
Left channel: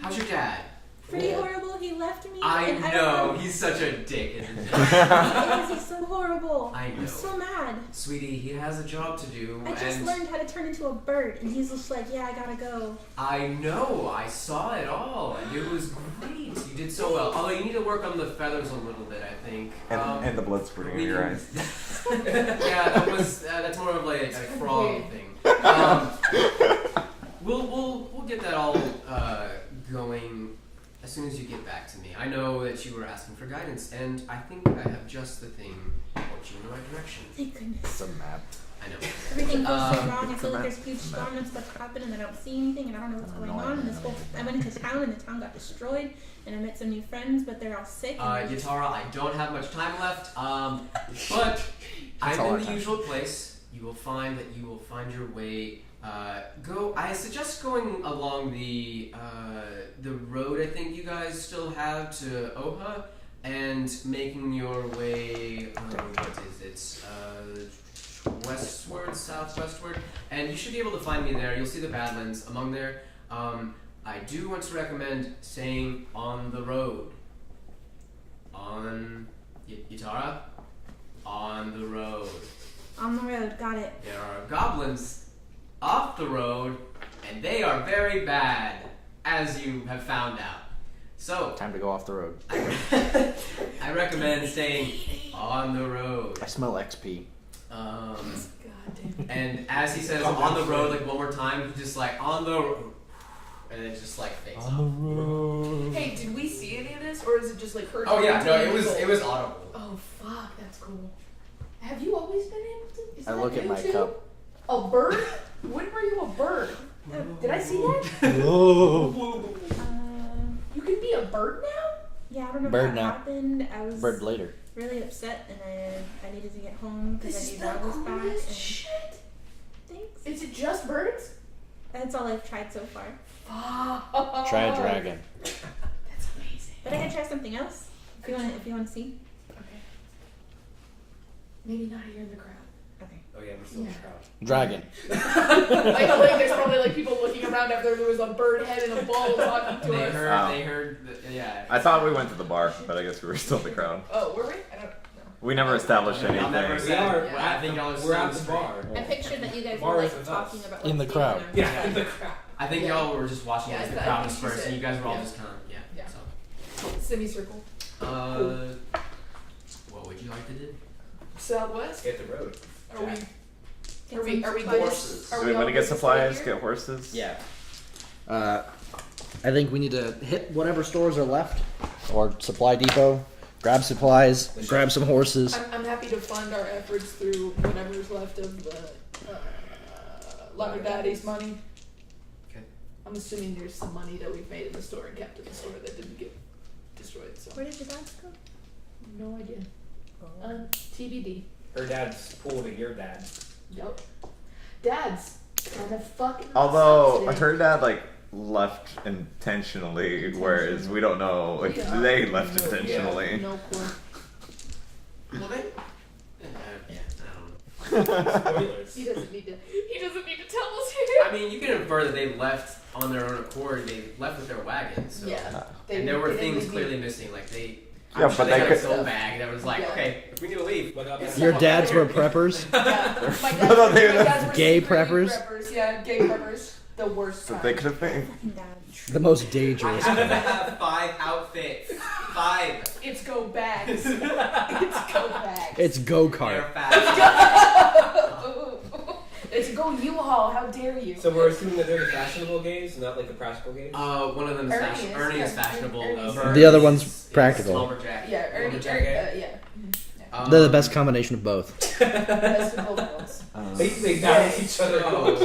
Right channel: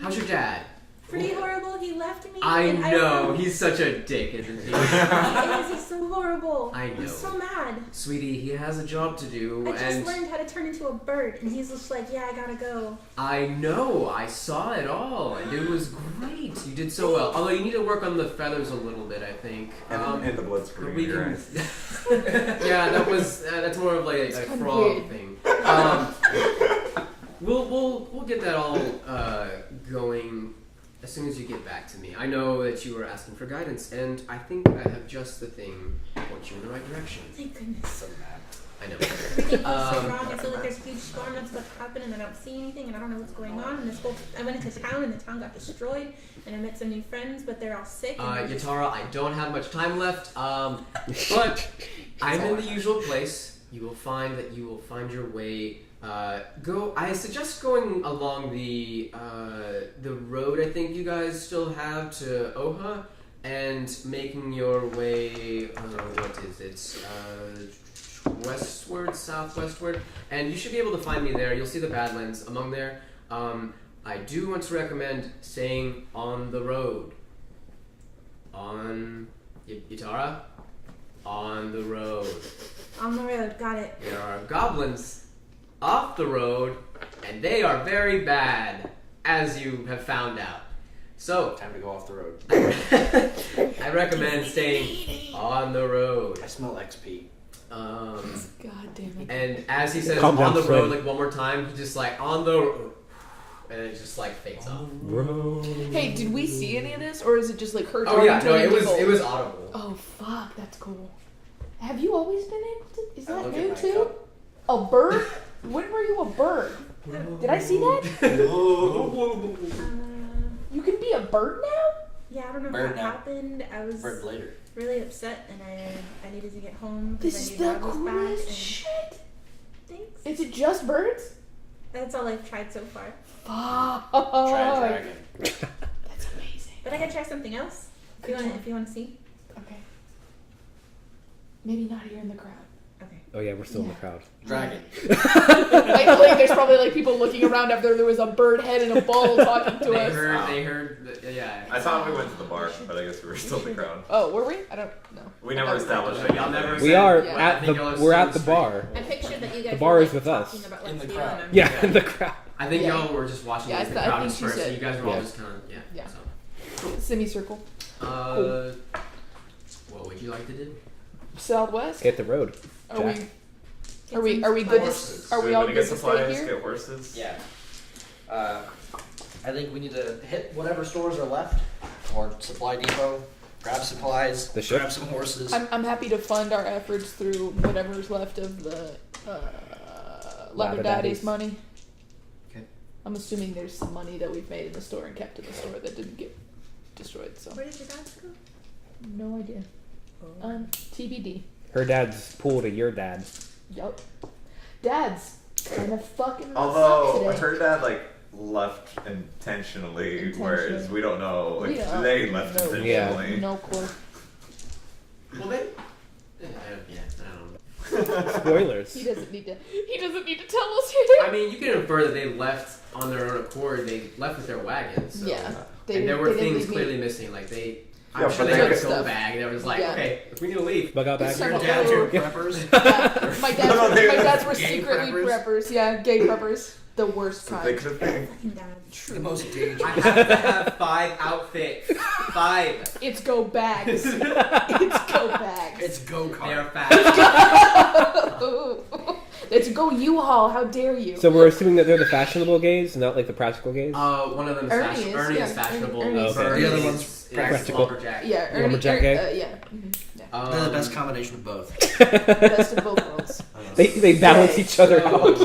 How's your dad? Pretty horrible. He left me. I and I know, don't know. he's such a dick, isn't he? He is. He's so horrible. I I'm know. so mad. Sweetie, he has a job to do, I just and learned how to turn into a bird, and he's just like, yeah, I gotta go. I know, I saw it all, and it was great. You did so well. Although you need to work on the feathers a little bit, I think. and the blood spurting in your eyes. Yeah, that's more of like a kinda frog weird. thing. We'll get that all going as as soon as you get back to me. I know that you were asking for guidance, and I think I have just the thing to point you in the right direction. Thank goodness. So mad. I know. Everything feels so wrong. I feel like there's a huge storm and stuff happening, and I don't see anything, and I don't know what's going on. And I went into town, and the town got destroyed, and I met some new friends, but they're all sick. And they're Yatara, I don't have much time left, but I'm in the usual place. You will find your way. I suggest going along the road I think you guys still have to Oha, and making your way. What is it? Westward, southwestward, and you should be able to find me there. You'll see the Badlands among there. I do want to recommend staying on the road. On Yatara, on the road. on the road. Got it. There are goblins off the road, and they are very bad, as you have found out. So, Time to go off the road. I recommend staying on the road. I smell XP. God damn it. And as he says Calm on down, the road Fred. like one more time, he just like on the road, and it just like fades up. Hey, did we see any of this, or is it just like her? Oh yeah, talking no, to it was people? audible. Oh fuck, that's cool. Have you always been able to? Is I that look at new my too? cup. A bird? When were you a bird? Did I see that? You can be a bird now? Yeah, I don't know Bird how it now. happened. I was Bird later. really upset, and I needed to get home This because I is knew the Dad was back. coolest And shit. thanks. Is it just birds? That's all I've tried so far. Fuck. Try a dragon. That's amazing. But I can try something else if you want to see. Okay. Maybe not here in the crowd. Okay. Oh yeah, we're still in the crowd. Dragon. like there's probably like people looking around after there was a bird head in a bowl talking to us. They heard, yeah. I thought we went to the bar, but I guess we were still in the crowd. Oh, were we? I don't know. We never established Y'all anything. never We said- are Yeah. I at think the y'all are we're at still the bar. I pictured that you guys The bar were is like, with us. talking about In what's the going crowd. on. Yeah, in the crowd. I think Yeah. y'all were just watching Yeah, as the I crowd think was she first, so said- you guys were all yeah. just kind of, Yeah. So. Semicircle. What would you like to do? Southwest. Hit the road. Are we? Jack. Are we? Get Are we some good? horses. To, are Do we we all want to good get to stay supplies, here? get horses? Yeah. I think we need to hit whatever stores are left, or Supply Depot, grab supplies, grab some horses. I'm happy to fund our efforts through whatever's left of the Leather Daddy's money. Okay. I'm assuming there's some money that we've made in the store and kept in the store that didn't get destroyed. So Where did your dad go? no idea. TBD. Her dad's pool to your dad. Yup. Dad's kind of fucking. Although sucks her dad left intentionally, whereas we don't know Yeah. they left No, intentionally. No clue. Well, they. Yeah, I don't know. Spoilers. He doesn't need to. He doesn't need to tell us. I mean, you can infer that they left on their own accord. They left with their wagon. So. Yeah. And there were they didn't things leave me- clearly missing. Like they. Yeah, I'm sure but they they had a could- soul bag that was like, Yeah. okay, if we need to leave. Bug out back. Your dads were preppers. Yeah. My dads, No, they my were dads were gay secretly preppers? Yeah, gay preppers. The worst So kind. they could have been. Fucking dad. The most I dangerous. have to have 5 outfits. 5. It's go bags. It's go bags. It's go They're kart. fast. It's go U-Haul. How dare you? So we're assuming that they're the fashionable gays, not like the practical gays. One of them is Ernie fashion. is, Ernie yeah. is fashionable. Ernie's- Vern The other one's is practical. lumberjack. yeah, Ernie. Lumberjack gay? Yeah. Mhm. Yeah. They're the best combination of both. Best of both worlds. They balance each other out.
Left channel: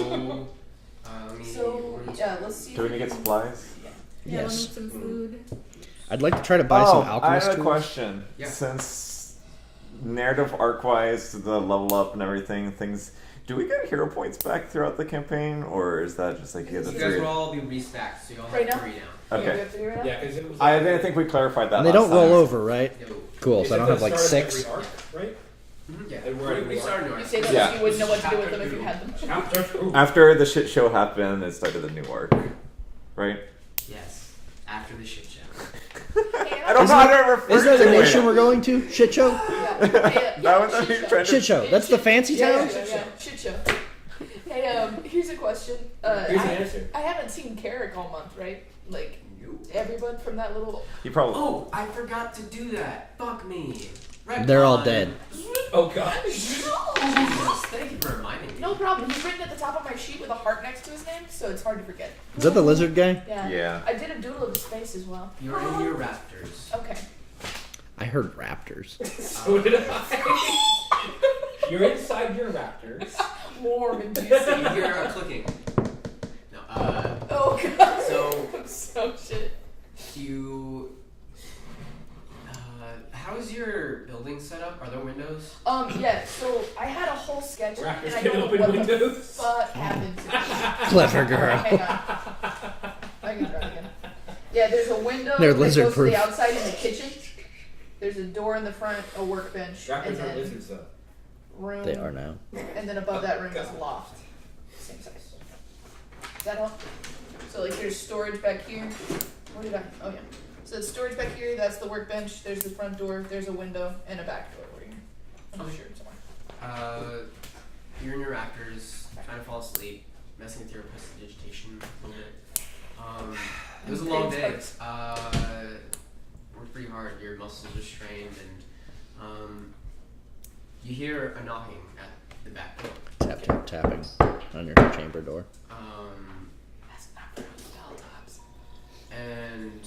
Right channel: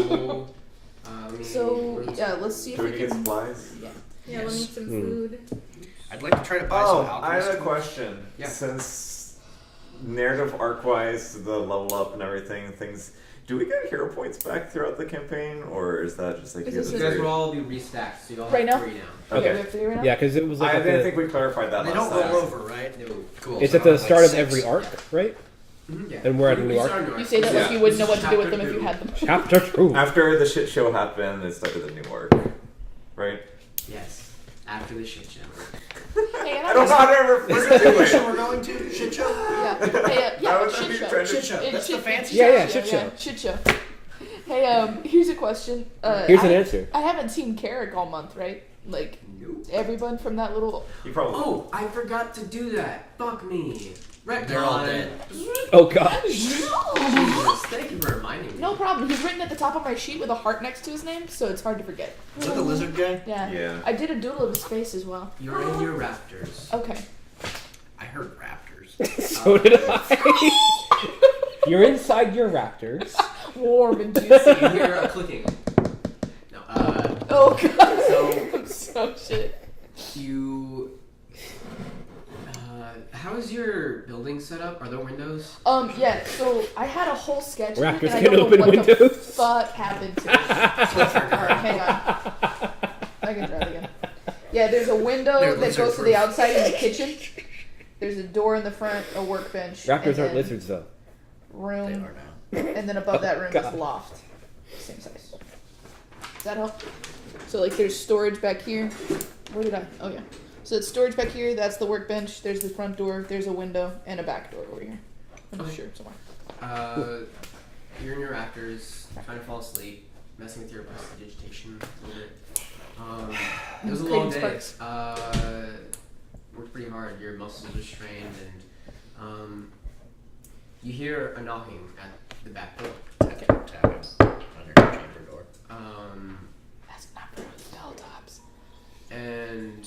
So yeah, let's see. Do we need to get supplies? Yeah. Yeah, we'll Yes. need some food. I'd like to try to buy Oh, some I alchemist have a tools. question. Yeah. Since narrative arc-wise, the level up and everything, things. Do we get hero points back throughout the campaign, or is that just like Is you this have You the guys three? will all be restacked, so you'll have Right now? 3 now. Yeah, we Okay. have to figure it out. Yeah, because it was. I Like didn't think we clarified that And they last don't roll time. over, right? No. Cool. It's so I at don't the have, start like, of 6. every arc, right? Yeah. And we're at a We new arc. started new You arc. say that Yeah. like you wouldn't know what to do with them Chapter if you two. had them. Chapter 2. After the shit show happened, it started the new arc, right? Yes. After the shit show. Hey, and I don't know how to refer Is that the to mission it. we're going to? Shit show? Yeah. Hey, That yeah, was what shit you're show. trying to. Shit show. It- That's the shit- fancy Yeah, title? yeah, Shit yeah, show. shit show. Hey, here's a question. Here's I, an answer. I haven't seen Carrick all month, right? Like Nope. everyone from that little. You probably. Oh, I forgot to do that. Fuck me. Retcon. They're all dead. Oh gosh. Jesus, thank you for reminding me. No problem. He's written at the top of my sheet with a heart next to his name, so it's hard to forget. Is that the lizard guy? Yeah. Yeah. I did a doodle of his face as well. You're in your raptors. Okay. I heard raptors. So did I. You're inside your raptors. Warm and juicy. You hear a clicking. No. Oh god. So I'm so shit. you. How is your building set up? Are there windows? Yeah, so I had a whole sketch of it, Raptors and I can don't know open what the windows. fuck happened to it. Clever girl. Alright, hang on. I can try it again. Yeah, there's a window They're that goes to lizard-proof. the outside in the kitchen. There's a door in the front, a workbench, Raptors and aren't then lizards though. room, They are now. and then above that room is God. loft. Same size. Does that help? So like there's storage back here. Where did I? Oh yeah. So it's storage back here, that's the workbench, there's the front door, there's a window, and a back door over here. I'm Okay. sure somewhere. You're in your raptors, trying to fall asleep, messing with your prestidigitation a little bit. It was a long day. Creating sparks. Worked pretty hard. Your muscles are strained, and you hear a knocking at the back door. Tapping on your chamber door. That's not for bell tops. And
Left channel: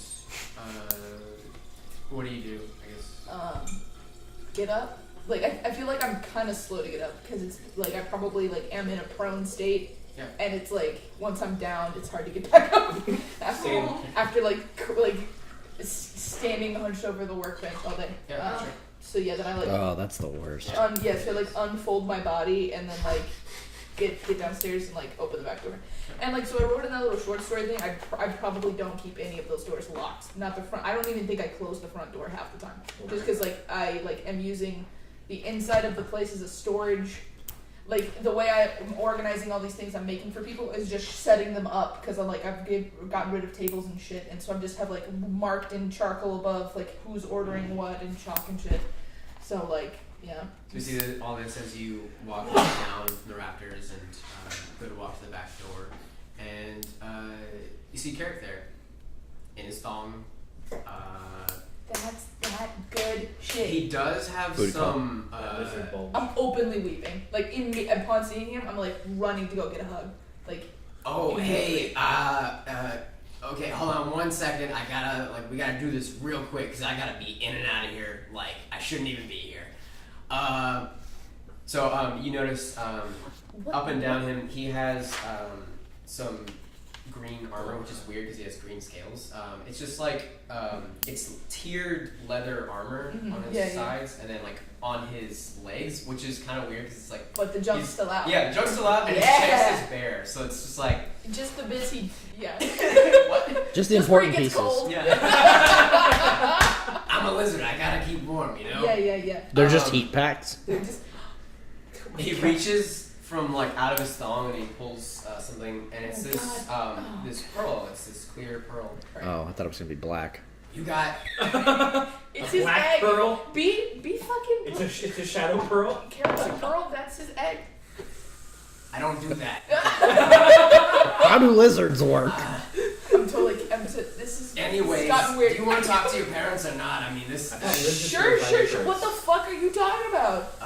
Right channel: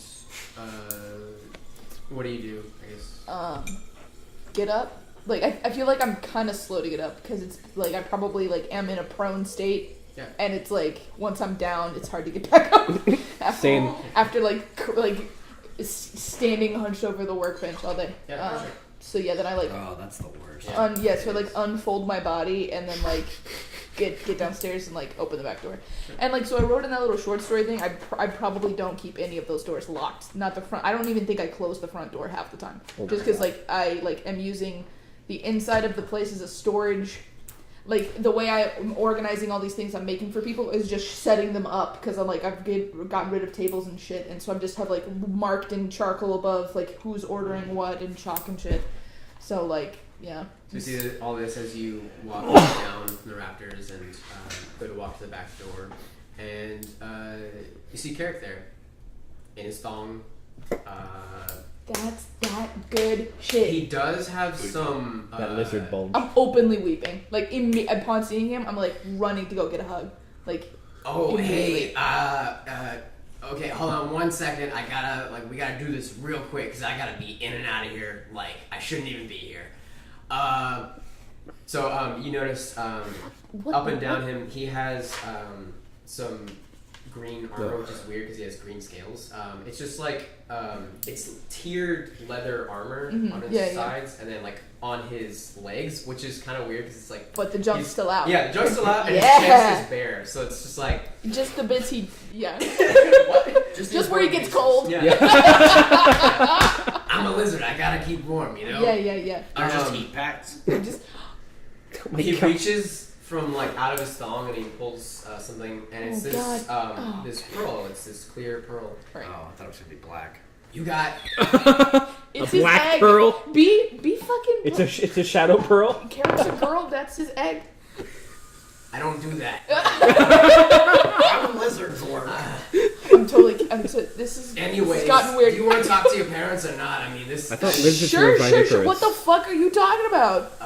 what do you do? I guess. Get up. Like I feel like I'm kind of slow to get up because it's like I probably like am in a prone state. Yeah. And it's like once I'm down, it's hard to get back up. after, Same. After standing hunched over the workbench all day. Yeah. Sure. So yeah, then I like Oh, that's the worst. so I like unfold my body and then like get downstairs and like open the back door. And like so I wrote in that little short story thing. I probably don't keep any of those doors locked. Not the front. I don't even think I close the front door half the time. Just because like I like am using the inside of the place as a storage. Like the way I'm organizing all these things I'm making for people is just setting them up because I'm like I've gotten rid of tables and shit, and so I just have like marked in charcoal above like who's ordering what and chalk and shit. So like yeah. So you see all this as you walk down from the raptors and go to walk to the back door, and you see Carrick there in his thong. That's that good shit. He does have Booty some. That lizard bulge. I'm openly weeping. Like upon seeing him, I'm like running to go get a hug. Like Oh, immediately. hey, okay, hold on 1 second. We gotta do this real quick because I gotta be in and out of here. Like, I shouldn't even be here. So you notice, What up the- and down him, he has, some green armor, which is weird because he has green scales. It's just like, it's tiered leather armor Mhm, on his yeah, yeah. sides, and then like on his legs, which is kind of weird because it's like, But the jump's he's- still out. yeah, the jump's still out, and his Yeah. chest is bare, so it's just like, Just the bits he yeah. Just the Just where he important gets pieces. cold. yeah. I'm a lizard. I gotta keep warm, you know. Yeah. They're just Um, heat packs. They're just He reaches from like out of his thong and he pulls something, and it's Oh, this God. Oh. this pearl. It's this clear pearl. right. Oh, I thought it was gonna be black. You got It's A his black egg. pearl? Be fucking It's a shadow pearl. Carrot's a pearl, that's his egg. I don't do that. How do lizards work? This is Anyways, it's gotten weird. do you want to talk to your parents or not? I mean, this. I thought lizards Sure. were viviparous. What the fuck are you talking about?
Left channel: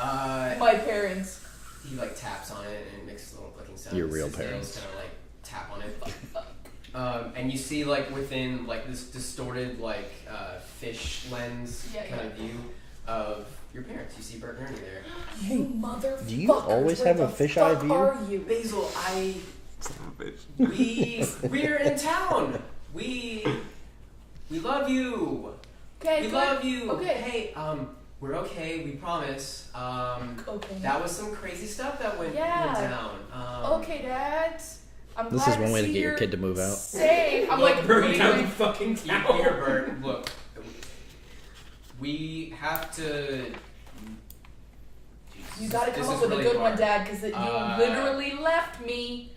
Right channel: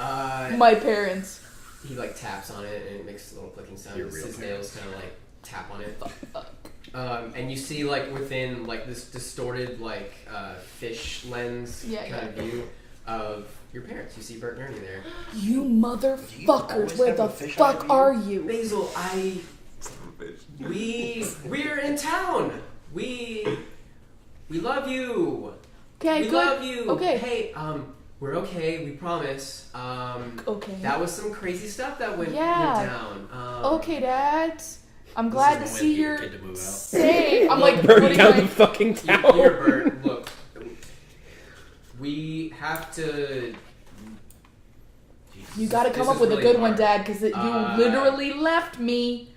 My parents. He like taps on it and it makes a little clicking sound. Your real His parents. nails kind of like tap on it. And you see like within like this distorted like fish lens Yeah, kind of view of your parents. You see Bert and Ernie there. You Do you motherfuckers, always where have the a fisheye fuck view? are you? Basil, we're in town. We love you. Okay, We good. love you. Okay. Hey, we're okay. We promise. Okay. That was some crazy stuff that went Yeah. down. Okay, Dad. I'm This glad is to one way to see get your you're kid to move out. safe. I'm like Burning putting down my the fucking You town. hear Bert, look, we have to. Jesus, You gotta this come up is with a really good one, hard. Dad, because you literally left me,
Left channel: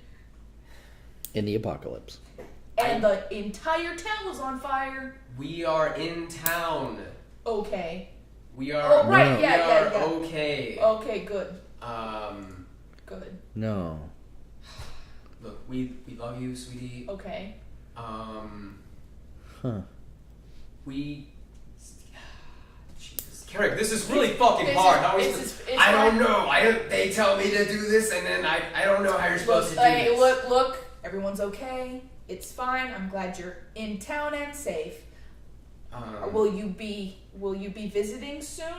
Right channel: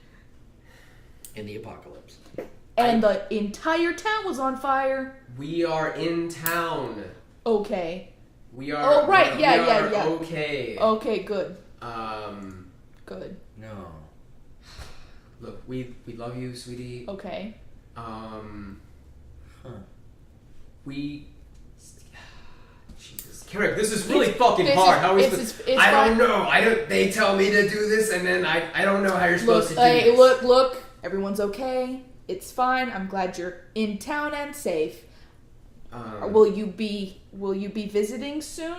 In the apocalypse. and the entire town was on fire. We are in town. Okay. We are. Oh, right, we yeah, are yeah, yeah. Okay. Okay, good. Good. No. Look, we love you, sweetie. Okay. We. Jesus, Carrick, this is really fucking hard. How are we supposed? It's I fine. don't know. I don't. They tell me to do this, and then I don't know how you're supposed to do Hey, this. look. Everyone's okay. It's fine. I'm glad you're in town and safe. Will you be visiting soon,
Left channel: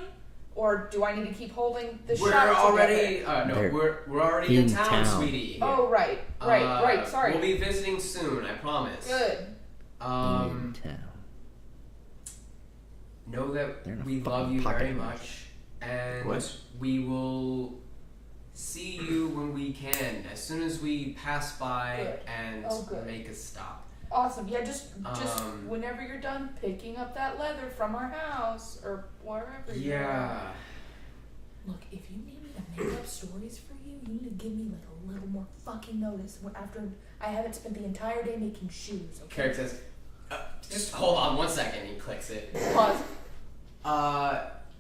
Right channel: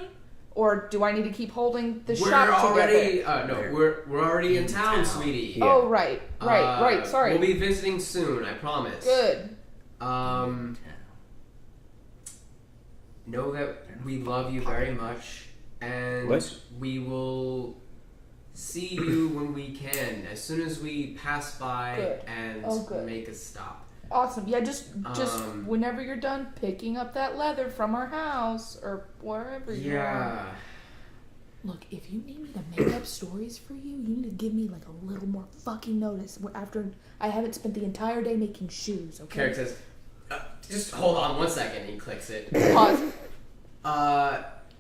or do I need to keep holding the We're shot already. together? We're already in In town, town. sweetie. Oh, right. Sorry. We'll be visiting soon. I promise. Good. Know that They're in a we fucking love you pocket very knife. much, and What? we will see you when we can, as soon as we pass by Good. and Good. make a stop. Awesome. Yeah, just Um, whenever you're done picking up that leather from our house or wherever you are. Yeah. Look, if you need me to make up stories for you, you need to give me like a little more fucking notice. After I haven't spent the entire day making shoes. Okay. Carrick says, just hold on 1 second. He clicks it. Pause.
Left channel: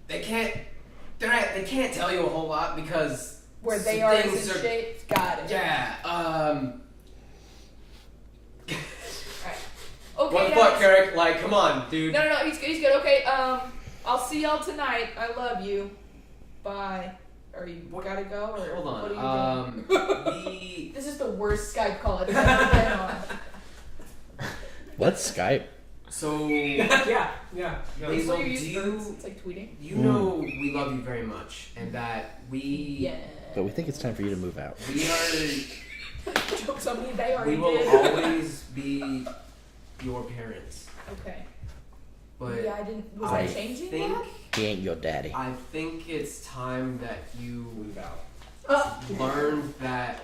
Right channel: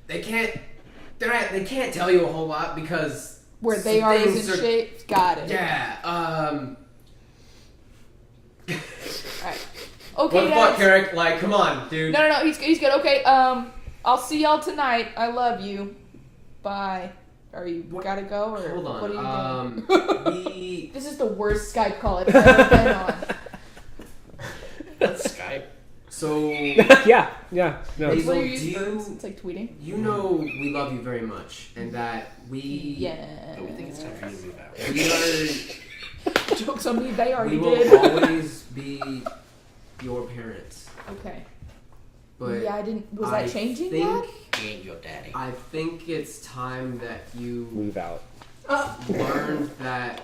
They can't tell you a whole lot because Where they some are is things in shape. Got it. Yeah. Alright. Okay, What the guys. fuck, Carrick? Like, come on, dude. No, he's good. Okay, I'll see y'all tonight. I love you. Bye. Are you gotta go or Hold on. what are you doing? We. This is the worst Skype call I've ever been on. What's Skype? So. yeah. No. Basil, What are do you you, It's like tweeting. you know we love you very much, and that we. Yeah. But we think it's time for you to move out. We are. Jokes on me. They already We will did. always be your parents. Okay. But yeah, I didn't. Was I that changing think, that? He ain't your daddy. I think it's time that you Move out. learned that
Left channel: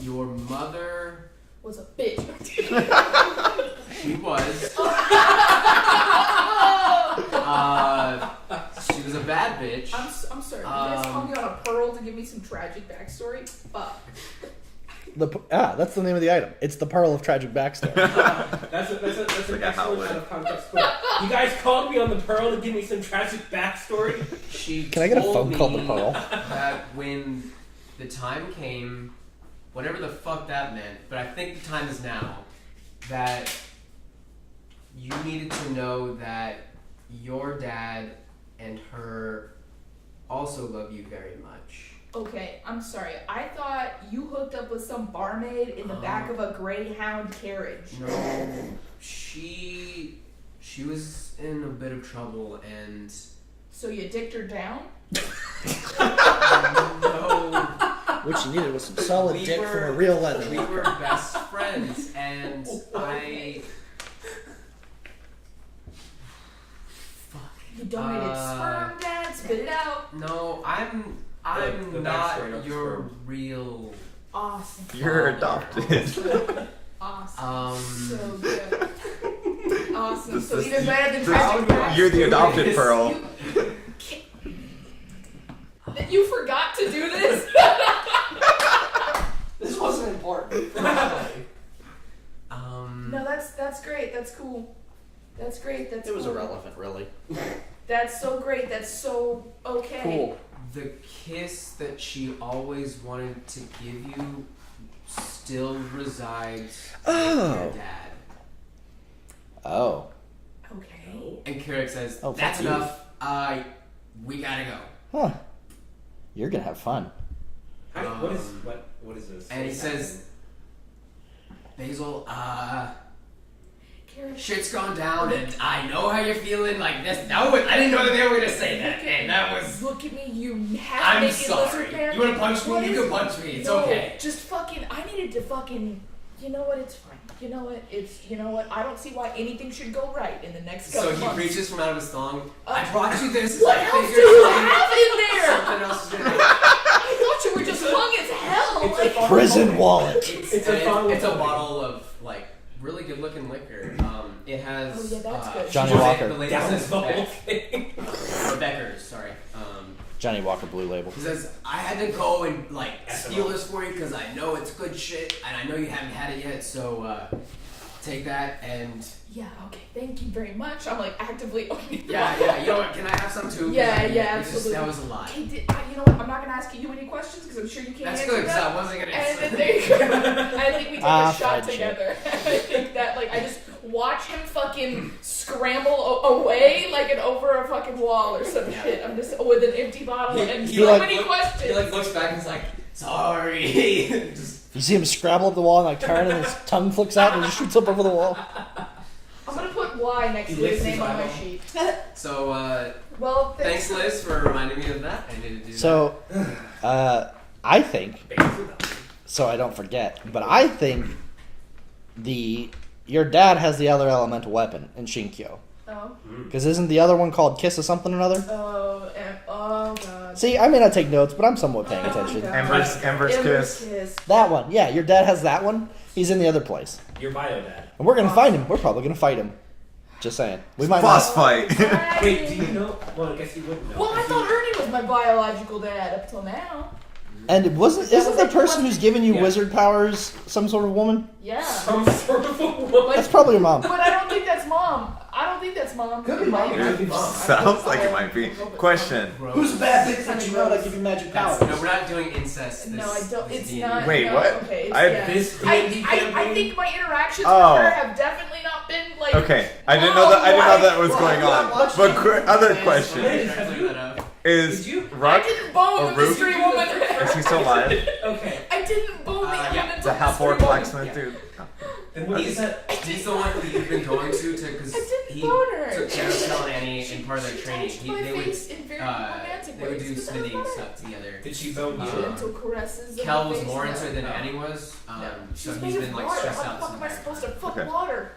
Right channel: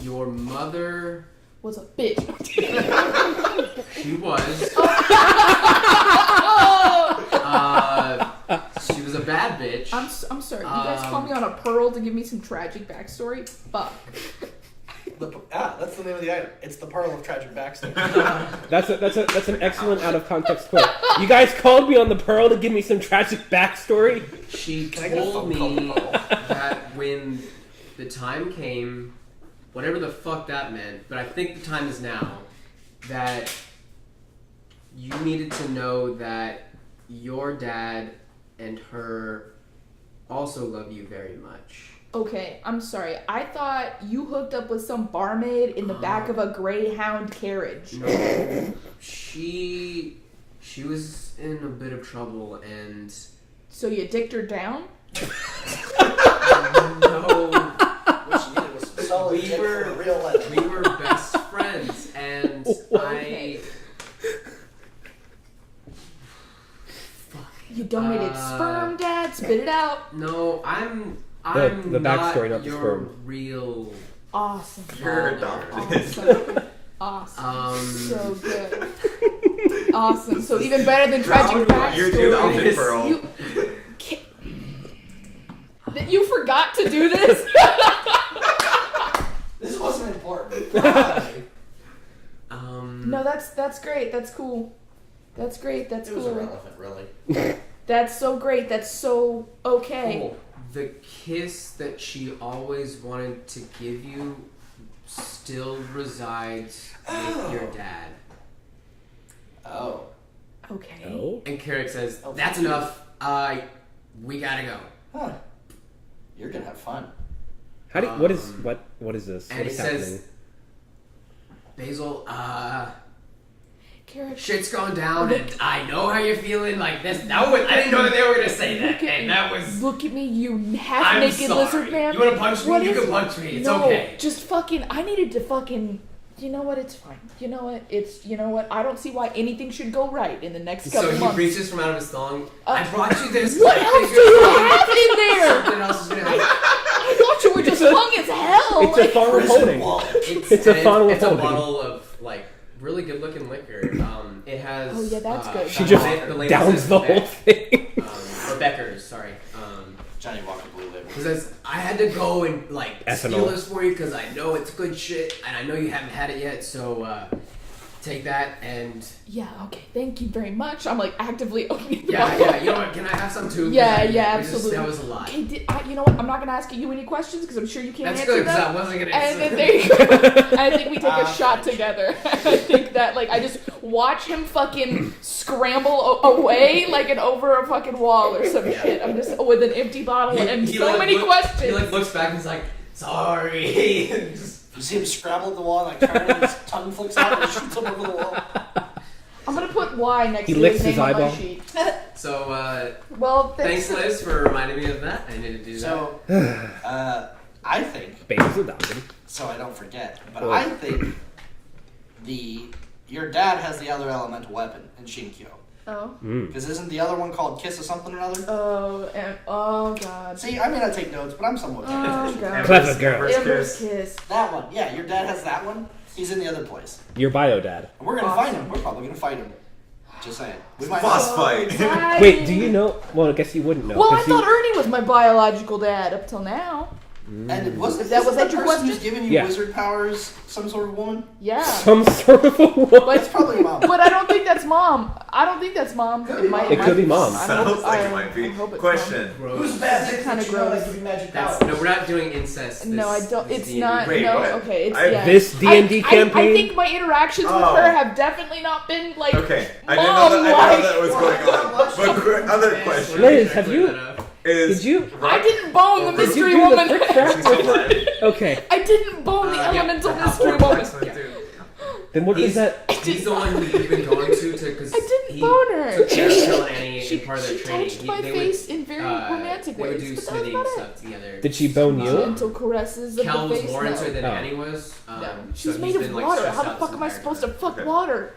your mother. Was a bitch. She was. She was a bad bitch. I'm sorry. You guys call me on a pearl to give me some tragic backstory? Fuck. That's the name of the item. It's the Pearl of Tragic Backstory. That's an excellent out of context quote. You guys called me on the Pearl to give me some tragic backstory. She Can I get a told phone me call to Pearl? that when the time came, whatever the fuck that meant, but I think the time is now, that you needed to know that your dad and her also love you very much. Okay, I'm sorry. I thought you hooked up with some barmaid in the back of a Greyhound carriage. No, she was in a bit of trouble, and So you dicked her down? no, What you needed was some solid We dick were- from a real leather. we were best friends, and Okay. You donated sperm, Dad? Spit it out. No, I'm the not backstory, not the your sperm. real. Awesome. You're adopted. Awesome. So good. Awesome. So even better than tragic backstory. You're the adopted Yes. Pearl. That you forgot to do this? This wasn't important. No, that's great. That's cool. That's great. That's It was cool. irrelevant, really. That's so great. That's so okay. Cool. The kiss that she always wanted to give you still resides with your dad. Oh. Okay. And Carrick says, Oh, "That's fuck you. enough. We gotta go." Huh. You're gonna have fun. How do what is this? And What he is says, happening? "Basil, Carrick. shit's gone down, and I know how you're feeling. Like this. I didn't know that they were gonna say that, and that was. Look at me, you I'm half-naked sorry. lizard man. You wanna punch me? What You is- can punch me. It's no, okay." just fucking. I needed to fucking. You know what? It's fine. You know what? You know what? I don't see why anything should go right in the next So couple he months. reaches from out of his thong. I brought you this. What I else do figured you have in there? Something else is gonna. I thought you were just hung as hell. It's a Like, fun Prison holding. wallet. It's a fun It's a holding. bottle of like really good looking liquor. It has. Oh, yeah, that's good. She Johnny just Walker. the lady downs says the whole Beck, thing. or Becker's, sorry. Johnny Walker Blue Label. He says, I had to go and like Ethanol. steal this for you because I know it's good shit and I know you haven't had it yet, so take that and Yeah, okay, thank you very much. I'm like actively opening the yeah, bottle. yeah. You know what? Can I have some too? Yeah, Because yeah, it just- absolutely. That was a lot. Okay, you know what? I'm not gonna ask you any questions because I'm sure you can't That's answer good because them. I wasn't gonna And answer. then there you go. I think we take a shot friendship. together. I think that like I just watch him fucking scramble away like an over a fucking wall or some shit. I'm just with an empty bottle and so many questions. He like looks back and is like, sorry. Just- You see him scrabble at the wall and like turn, and his tongue flicks out and just shoots up over the wall. I'm gonna put Y next He to licks his name his on my eyeball. sheet. so Well, thanks Liz for reminding me of that. I needed to do that. So, I think, Baby's adopted. so I don't forget, but I think your dad has the other elemental weapon in Shinkyo. Oh. Because isn't the other one called Kiss of something or another? Oh, and, oh god. See, I may not take notes, but I'm somewhat paying Oh, attention. God. Ember's Ember's Kiss. Kiss. That one, yeah, your dad has that one. He's in the other place. Your bio dad. And we're gonna Awesome. find him. We're probably gonna fight him. Just saying. We might Boss not. fight. Dang. Wait, do you know? Well, I guess you wouldn't know. Well, I 'cause you- thought Ernie was my biological dad up till now. And wasn't That that was the that your person who's question? giving you Yeah. wizard powers some sort of woman? Yeah. some sort of a woman. It's probably your mom. But I don't think that's mom. I don't think that's mom. It might, It could be mom. I hope- Sounds like it I might be. hope it's Question. Gross. bad? Kind of gross. That's, no, we're not doing incest. No, I this- don't. this It's D&D. not. Wait, no, what? Okay, it's I- yeah. This D&D I campaign. think my interactions Oh. with her have definitely not been like. Okay, I didn't know that. I didn't know Mom-like. that was going on. But other question Liz, have Clear you? that up. is Did you? I Rock? didn't bone Or the Root? mystery Did you do the woman. frick Is he still alive? Okay, I didn't bone the Yeah, elemental The mystery half-orc woman. blacksmith dude. then what is that? He's the one who you've been going to because I didn't he bone her. took care of Phil and Annie She, in part of their she training. touched my they face in very would, romantic they would ways, do but that was smithing about it. stuff together. Did she bone you? Gentle caresses of Kel the was face. more no. into it than Oh. Annie was. No. So She's he's made been of like water. stressed How the out fuck this am I entire supposed to time. fuck Okay. water?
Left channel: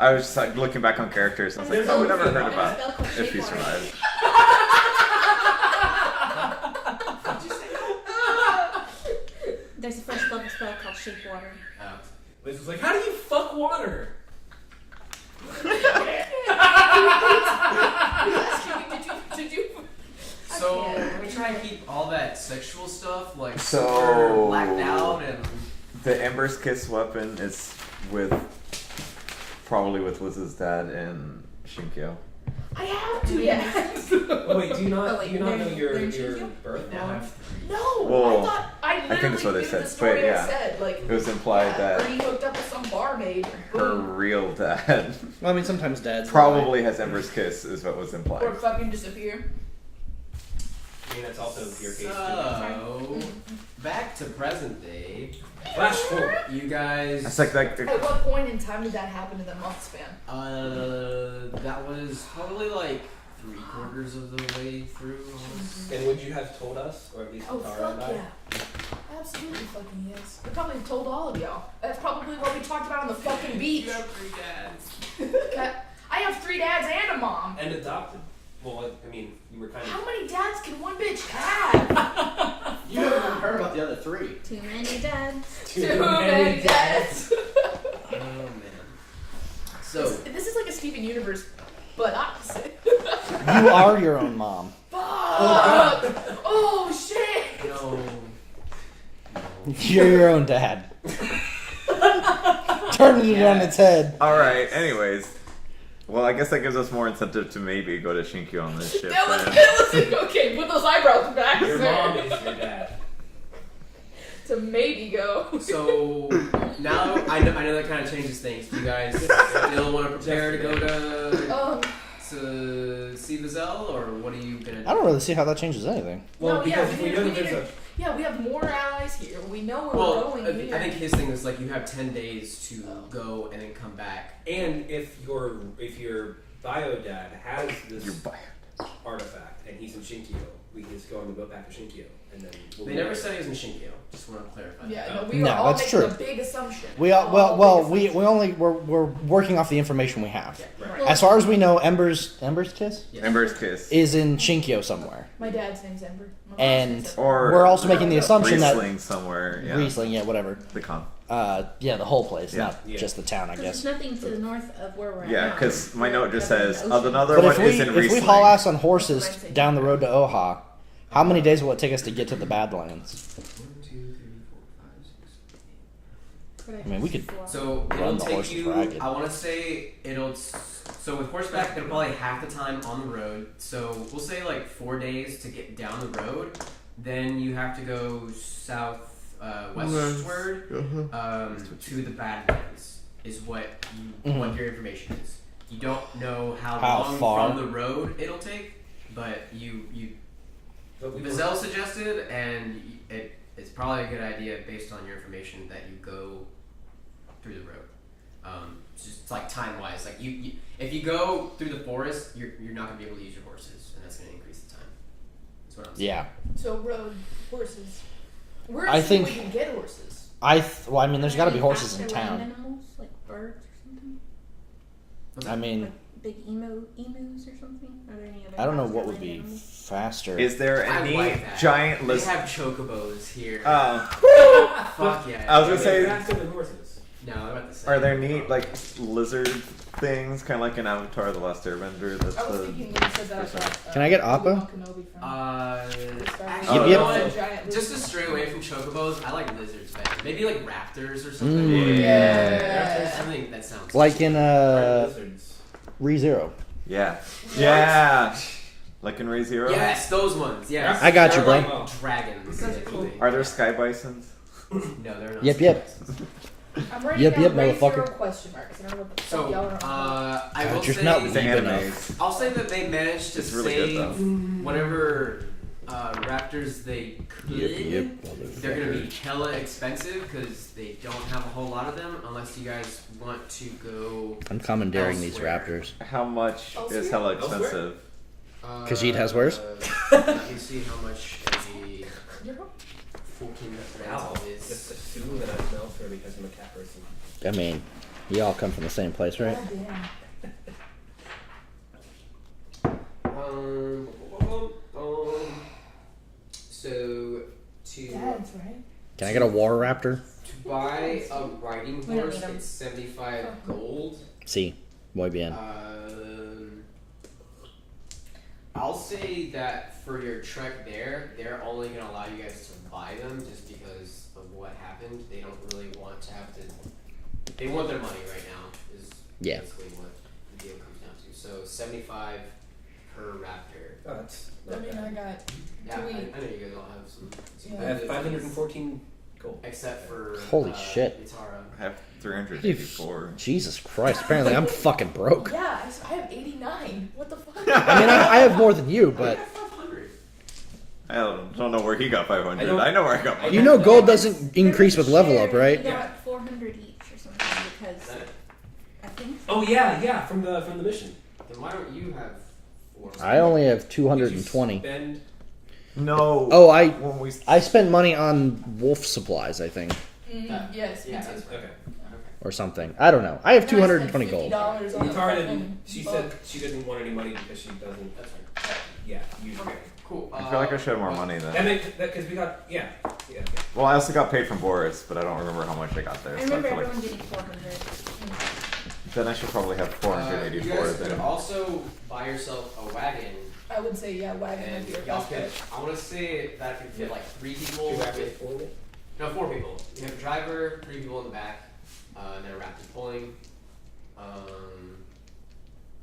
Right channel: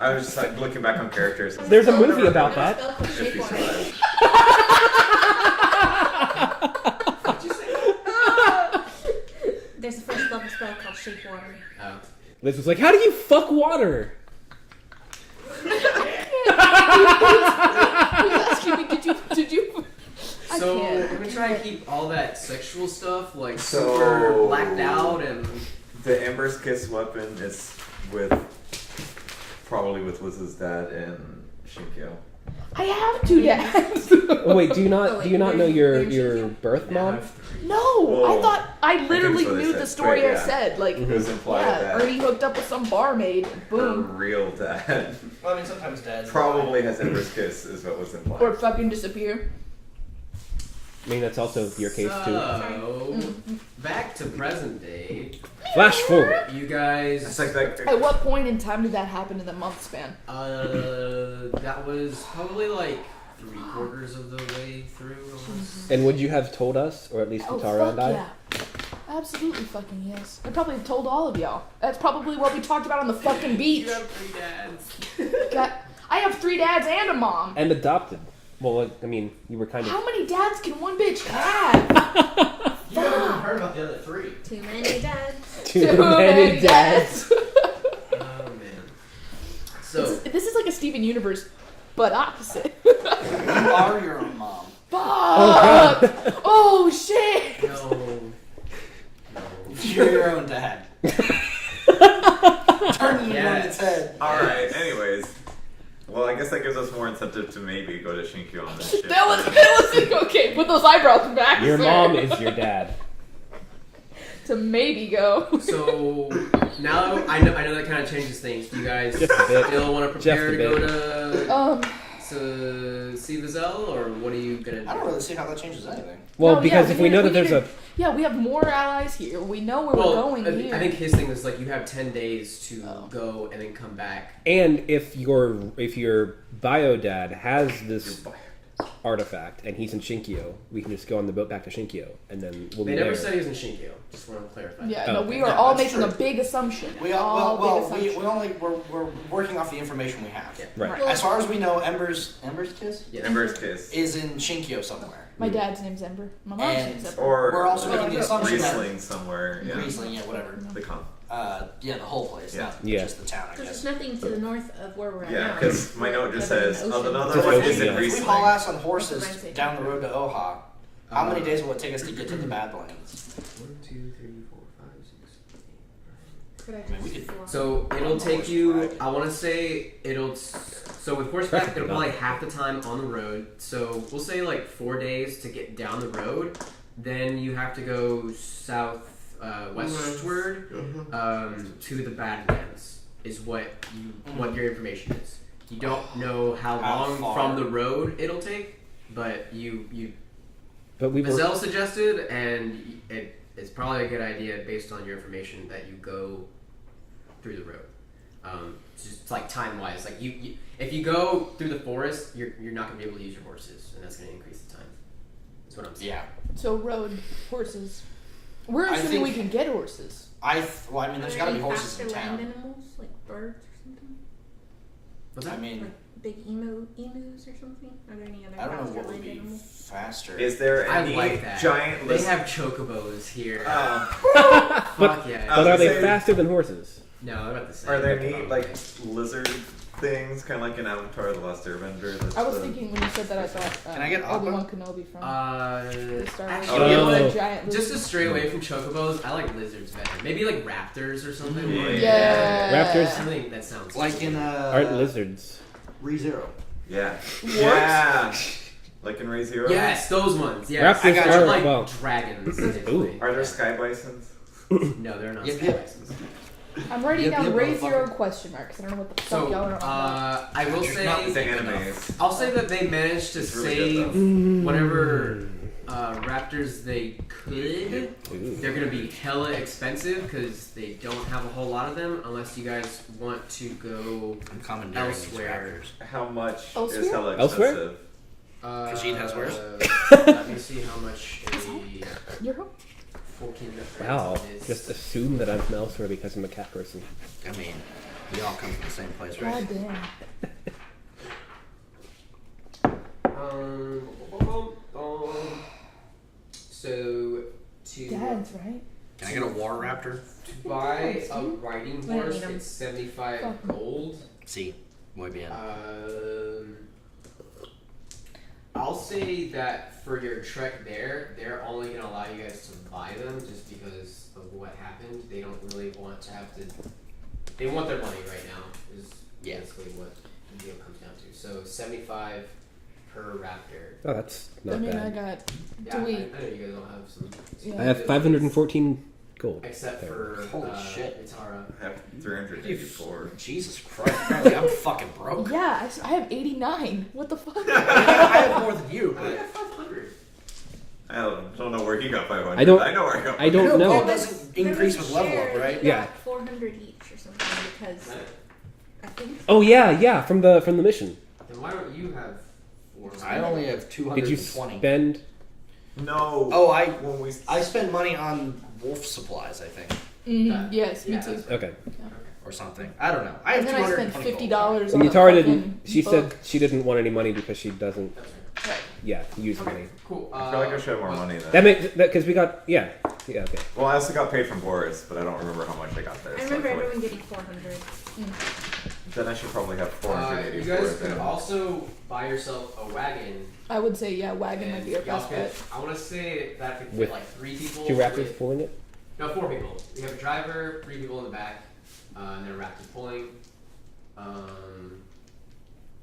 I was just like looking back on characters. And There's a stuff. movie Whatever about happened. that. Spell called If he Shape Water. survives. There's a first level spell called Shape Water. Oh. Liz was like, "How do you fuck water?" He's asking me, did you? I So can't. we're gonna try and keep all that sexual stuff like So- super blacked out and The Ember's Kiss weapon is probably with Liz's dad and Shinkyo. I have two dads. Oh, wait, do you not? Oh, wait, do you not know your they're in your Shinkyo? birth mom? No, Whoa. I thought I think literally that's what they knew said. the story Wait, yeah. I said. Like, It was implied yeah, that Ernie hooked up with some barmaid. her Boom. real dad Well, I mean, sometimes dads probably has Ember's Kiss, is what was implied. Or fucking disappear. I mean, that's also your case too. So back to present day. Flash forward. You guys. It's like that. At what point in time did that happen in the month span? That was probably like 3/4 of the way through. Almost. And would you have told us, or at least Oh, Katara and fuck I? yeah. Absolutely fucking yes. I probably told all of y'all. That's probably what we talked about on the fucking beach. You have 3 dads. I have 3 dads and a mom. And adopted. Well, like, I mean, you were kind of. How many dads can one bitch have? You haven't even heard about the other 3. Too many dads. Too many dads. Oh man. So This is like a Steven Universe, but opposite. You are your own mom. Fuck! Oh shit! no. You're your own dad. Turning it on its head. Alright, anyways. Well, I guess that gives us more incentive to maybe go to Shinkyo on this ship. That then. was okay. Put those eyebrows back. Your sir. mom is your dad. To maybe go. So now I know that kind of changes things. Do you guys still want to prepare to go to see Vizelle, or what are you gonna do? I don't really see how that changes anything. Well, No, because yeah, if we know that there's a. Yeah, we have more allies here. We know where we're going here. I think his thing is like you have 10 days to Oh. go and then come back. And if your bio dad has this Your bio- artifact and he's in Shinkyo, we can just go on the boat back to Shinkyo, and then we'll They be never there. said he was in Shinkyo. Just want to clarify. Yeah, Oh. no, we No, are all that's making true. a big assumption. We All we big assumptions. we're working off the information we have. Yeah. Right. Well, As far as we know, Ember's Kiss Yeah. Ember's Kiss. is in Shinkyo somewhere. My dad's name's Ember. My mom's And- name's Ember. Or We're also making the assumption that Riesling somewhere. Yeah. Riesling, yeah, whatever. The con. Yeah, the whole place, Yeah. not Yeah. just the town, I Because guess. there's nothing to the north of where we're at Yeah, now. because my We're note just covered in says, the oh, ocean. another But one if is in we Riesling. haul ass on That's horses what I'm saying. down the road to Oha, how many days will it take us to get to the Badlands? 1, 2, 3, 4, 5, 6. could I I mean, we just could- swap? So Run it'll the take horse you. dragon. I want to say it'll. So with horseback, it'll probably half the time on the road. So we'll say like 4 days to get down the road. Then you have to go south westward to the Badlands. Is what what your information is. You don't know how long far? from the road it'll take, but But we Vazelle suggested, and it's probably a good idea based on your information that you go through the road. Just like time wise, like you if you go through the forest, you're not gonna be able to use your horses, and that's gonna increase the time. That's what I'm saying. Yeah. So road horses. We're I assuming think- we can get horses. Well, I mean, there's got to be horses in After land town. animals, like birds or something? What's I that? mean, Like big emus or something? Are there any other I don't know faster what would land be animals? faster. Is there I any like that. giant They list? have chocobos here. Oh, Fuck yeah. I was are gonna they say, faster than horses? No, I'm about to say. are there neat like lizard things, kind of like in Avatar: The Last Airbender? That's I was the- thinking when you said that, I thought. Can I get Aqua? Obi-Wan Kenobi from the Star Wars. actually, Oh, you know yeah. what? Giant Just to lizard. stray away from chocobos, I like lizards better. Maybe like raptors or something. Yeah. Raptors Something that sounds Like in aren't lizards. ReZero. Yeah. What? Yeah. Like in Ray Zero. Yes, those ones. Yes. I got you, Like bro. dragons. Those are basically. Are there sky bisons? No, they're not. Yep. I'm writing Yep, down yep, Ray Zero motherfucker. question marks. I don't know what the So, fuck y'all are on about. I will You're say, not It's Deep animes. I'll say that they managed to It's really good, save though. whatever raptors they could. They're gonna be hella expensive because they don't have a whole lot of them. Unless you guys want to go. I'm commandeering these Elsewhere. raptors. How much Elsewhere? is hella Elsewhere? expensive? Khajiit has worse? Let me see how much a Your home? 14 Wow. is. Just assume that I'm elsewhere because I'm a cat person. I mean, we all come from the same place, right? God damn. So to Dad's right. Can I get a war raptor? buy a riding We don't horse, need 'em. it's 75 Fuck. gold. See, muy bien. I'll say that for your trek there, they're only going to allow you guys to buy them just because of what happened. They don't really want to have to. They want their money right now. Is Yeah. basically what the deal comes down to. So 75 per raptor. Oh, that's I not mean, I bad. got. Yeah, Do we- I know you guys all have some. Yeah. I have 514 gold. Except for Holy shit. Itara. I have 384. Jesus Christ! Apparently, I'm fucking broke. Yeah, I have 89. What the fuck? I mean, I have more than you, but 500. I don't know where he got 500. I don't- I know where I got. I you don't know, know. gold doesn't increase with level up, right? We got Yeah. 400 each or something because I think. Oh yeah, from the mission. Then why don't you have 4? I only have Did you 220. spend? No. Oh, I When we spent money on wolf supplies, I think, Yes, me Yeah, too. that's right. Okay. or something. I don't know. I have And then I spent 220 gold. $50 on And the Yatara fucking didn't. She book. said she didn't want any money because she doesn't. That's right. Yeah, use Okay, money. cool. I feel like I should have more money That then. makes that because we got yeah. Okay. Well, I also got paid from Boris, but I don't remember how much I got there. I So I remember feel like everyone getting 400. then I should probably have You 484. guys could Then also buy yourself a wagon. I would say, yeah, wagon would And be your y'all best could, bet. I want to say that could fit With like 3 people. 2 raptors with- pulling it. No, 4 people. You have a driver, 3 people in the back, and then a raptor pulling.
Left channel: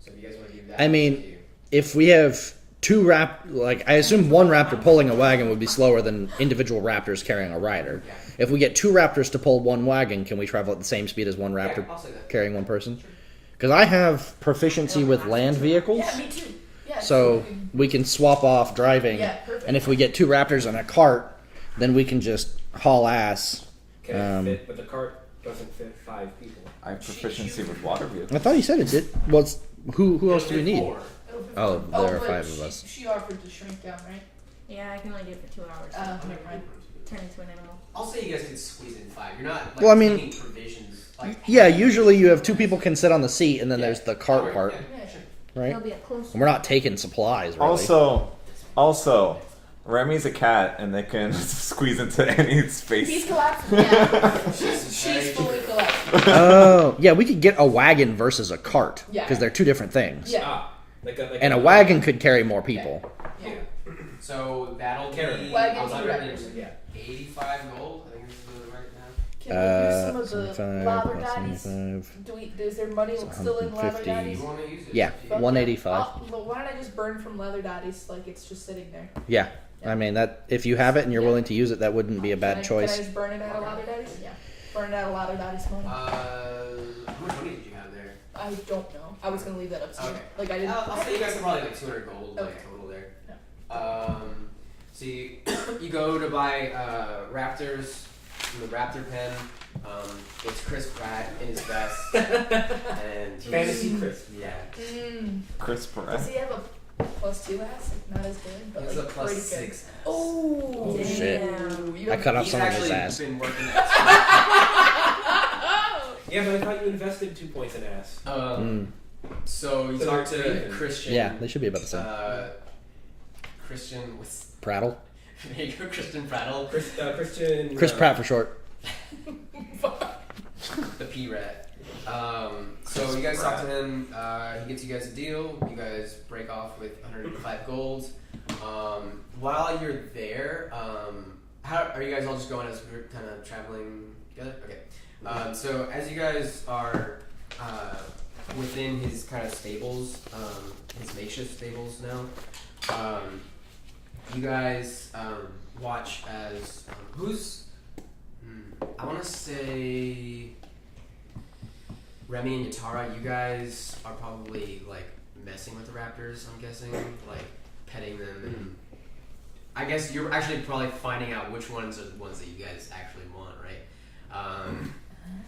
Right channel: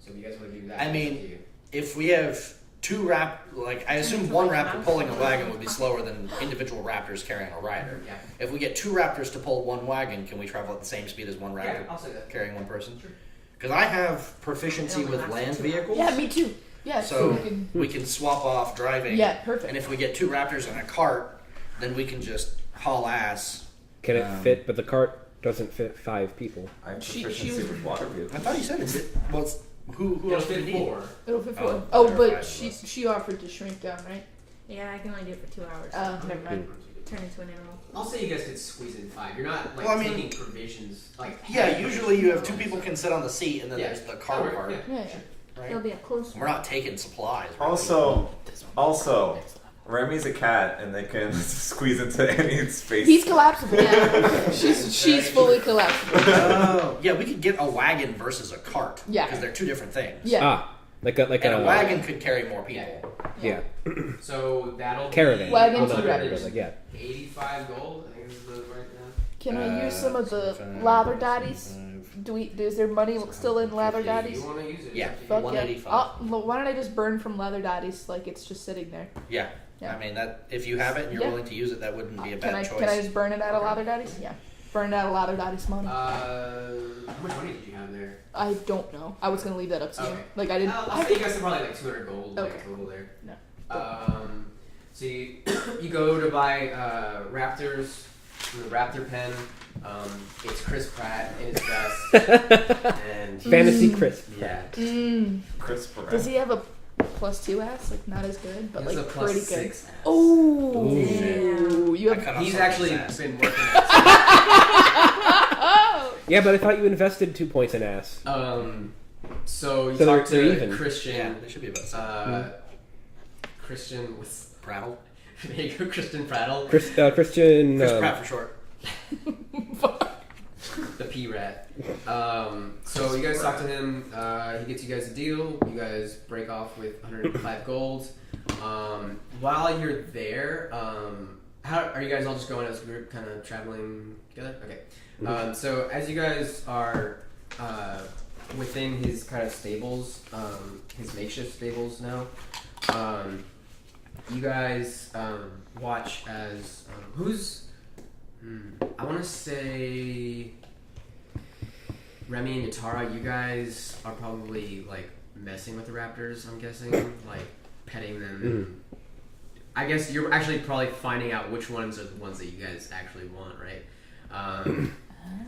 So if you guys want to do that, I mean, it's up to you. If we have I assume one raptor pulling a wagon would be slower than individual raptors carrying a rider. Yeah. If we get 2 raptors to pull one wagon, can we travel at the same speed as one raptor Yeah, I'll say that. carrying one person? Sure. Because I have proficiency with land vehicles, Yeah, me too. Yeah, so we can, we can swap off driving. yeah, perfect. And if we get 2 raptors and a cart, then we can just haul ass. Can it fit? But the cart doesn't fit 5 people. I have She- proficiency she- with water vehicles. I thought you said it did. Well, who else do you It'll fit need? 4. It'll fit Oh, oh, there are but 5 of us. she offered to shrink down, right? Yeah, I can only do it for 2 hours. Never mind. Turn into an animal. I'll say you guys could squeeze in 5. You're not like Well, I mean- taking provisions. Like Yeah, usually you have 2 people can sit on the seat, and then Yeah. there's the cart part, Yeah, Yeah, sure. right? It'll be a close And we're not taking supplies. Really. Also, Remy's a cat, and they can squeeze into any space. he's collapsible. Yeah, she's fully collapsible. Oh, yeah, we could get a wagon versus a cart. Yeah. Because they're 2 different things. Yeah. Ah, like And a wagon could carry more people. Yeah. So that'll Caravan. be Wagon, 2 185 raptors. Yeah. gold. I think this is the right now. Can I use some of the 75, lather plus daddies? 75. Is there money still in lather 150. daddies? You want to use it? Yeah, Fuck 185. Yeah. Why don't I just burn from leather daddies like it's just sitting there? Yeah. Yeah. I mean that if you have it and you're Yeah. willing to use it, that wouldn't be a bad choice. Can I just burn it out of lather daddies? Yeah. Burn it out of lather daddies money. How much money did you have there? I don't know. I was gonna leave that up to you. Okay. Like I didn't. I'll say you guys have probably like 200 gold Okay. like total there. No. So you go to buy Raptors from the Raptor pen. It's Chris Pratt in his vest and Fantasy crisp. yeah. Chris Does Pratt. he have a +2 ass? Like not as good, but It's like a plus pretty good. 6. Oh, Oh, shit. You I have. cut off He's some of actually his ass. been working. Yeah, but I thought you invested 2 points in ass. So you So talk they're to even. Christian. Yeah, they should be about the same. Christian with Prattle. there you go, Christian Prattle, Christian. Chris Pratt for short. the P rat. So you guys talk to him. He gets you guys a deal. You guys break off with 105 gold. While you're there, how are you guys all just going as we're kind of traveling together? Okay. So as you guys are within his kind of stables, his makeshift stables now, you guys watch as I want to say Remy and Yatara. You guys are probably like messing with the raptors. I'm guessing, like petting them. I guess you're actually probably finding out which ones are the ones that you guys actually want, right?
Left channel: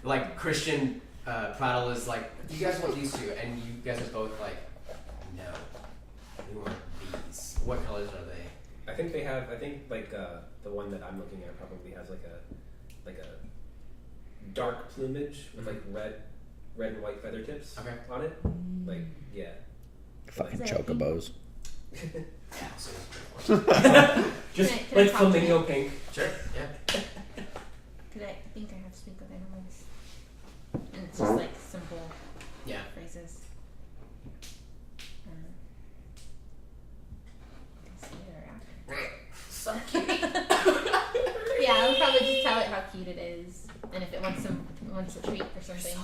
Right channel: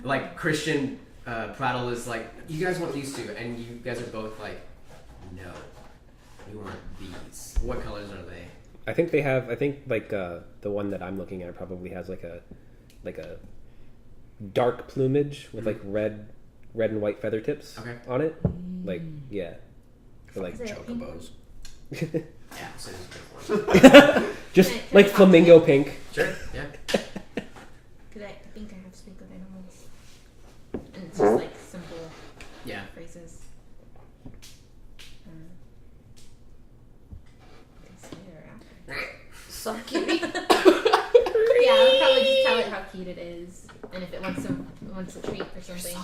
Like Christian Prattle is like, you guys want these two, and you guys are both like, no, we want these. What colors are they? I think they have. I think like the one that I'm looking at probably has like a dark plumage with like red and white feather tips on it. Like yeah, Like Is it a pink chocobos. Yeah, so those just Can I like talk flamingo to pink. Sure, yeah. Because I think I have speak with animals. And it's just like simple Yeah. phrases. You can see her after. So cute. Yeah, I'll probably just tell it how cute it is. And if it wants a treat or something.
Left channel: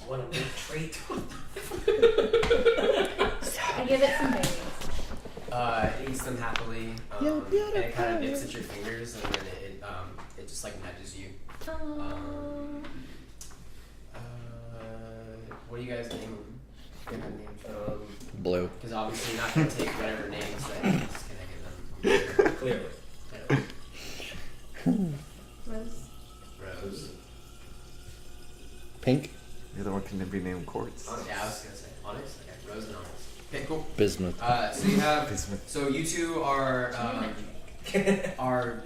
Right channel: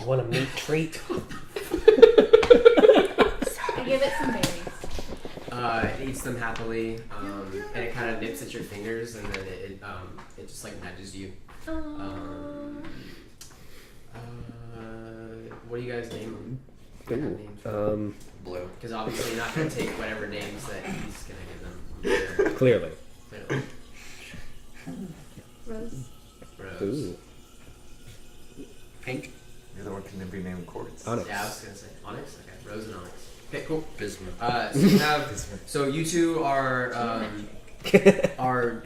You want a meat treat? I give it some berries. It eats them happily, and it kind of nips at your fingers, and then it just like nudges you. What do you guys name them? Blue. Because obviously you're not going to take whatever names that he's going to give them. Clearly. Rose. Rose. Ooh. Pink. The other one can be named Quartz. Onyx. Yeah, I was going to say Onyx. Okay, Rose and Onyx. Okay, cool. Bismuth. So you have. So you two are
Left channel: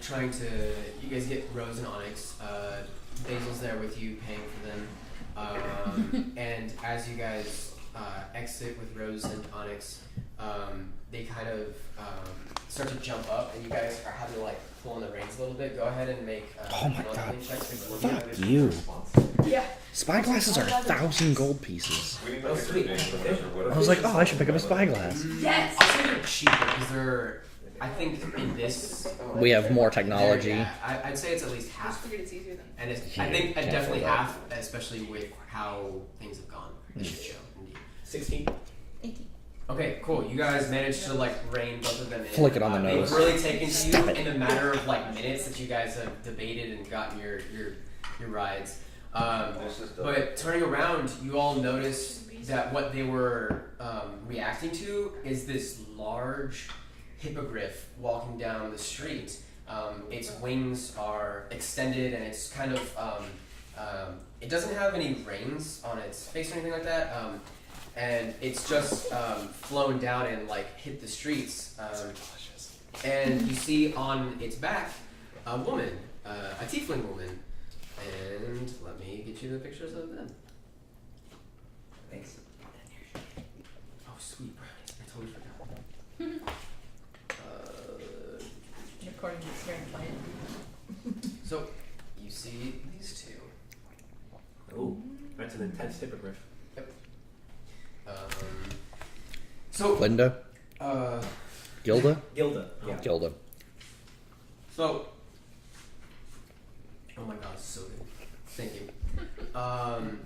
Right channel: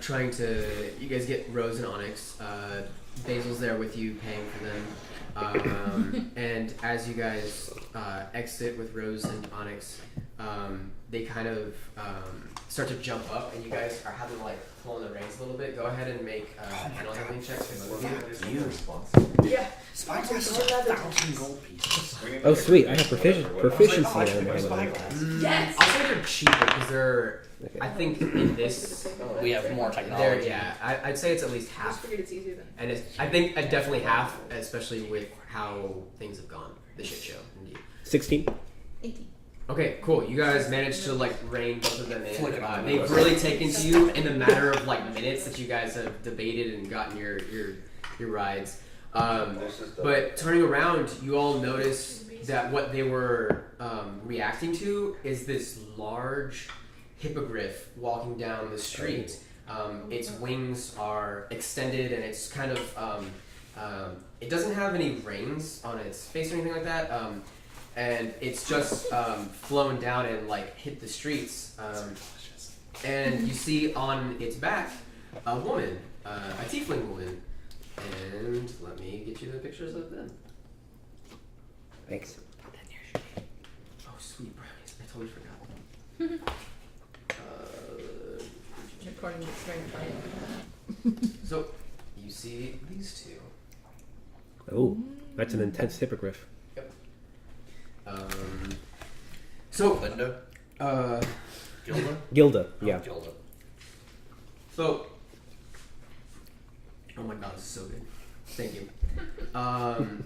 trying to. You guys get Rose and Onyx. Basil's there with you, paying for them. And as you guys exit with Rose and Onyx, they kind of start to jump up, and you guys are having to like pull in the reins a little bit. Go ahead and make handling checks before Fuck you. Yeah. Spyglasses are 1,000 gold pieces. Oh sweet, I have proficiency. I was like, oh, I should pick up a spyglass. Yes. I'll say they're cheaper because they're. I think in this. We have more they're- technology. Yeah, I'd say it's at least I just half. figured it's easier than. And it's, I think definitely half, especially with how things have gone. The shit show, indeed. 16. 18. Okay, cool. You guys managed to like rein both of them in. Flick it on the They've nose. really taken to you in the matter of like minutes that you guys have debated and gotten your rides. But turning around, you all notice that what they were reacting to is this large hippogriff walking down the street. Its wings are extended, and it's kind of it doesn't have any reins on its face or anything like that. And it's just flown down and like hit the streets. And you see on its back a woman, a tiefling woman. And let me get you the pictures of them. Thanks. Oh, sweet brownies. I totally forgot. According to this very quiet. So, you see these two. Oh, that's an intense hippogriff. So, Linda? Gilda? Gilda, yeah. Gilda. so, oh my god, this is so good. Thank you.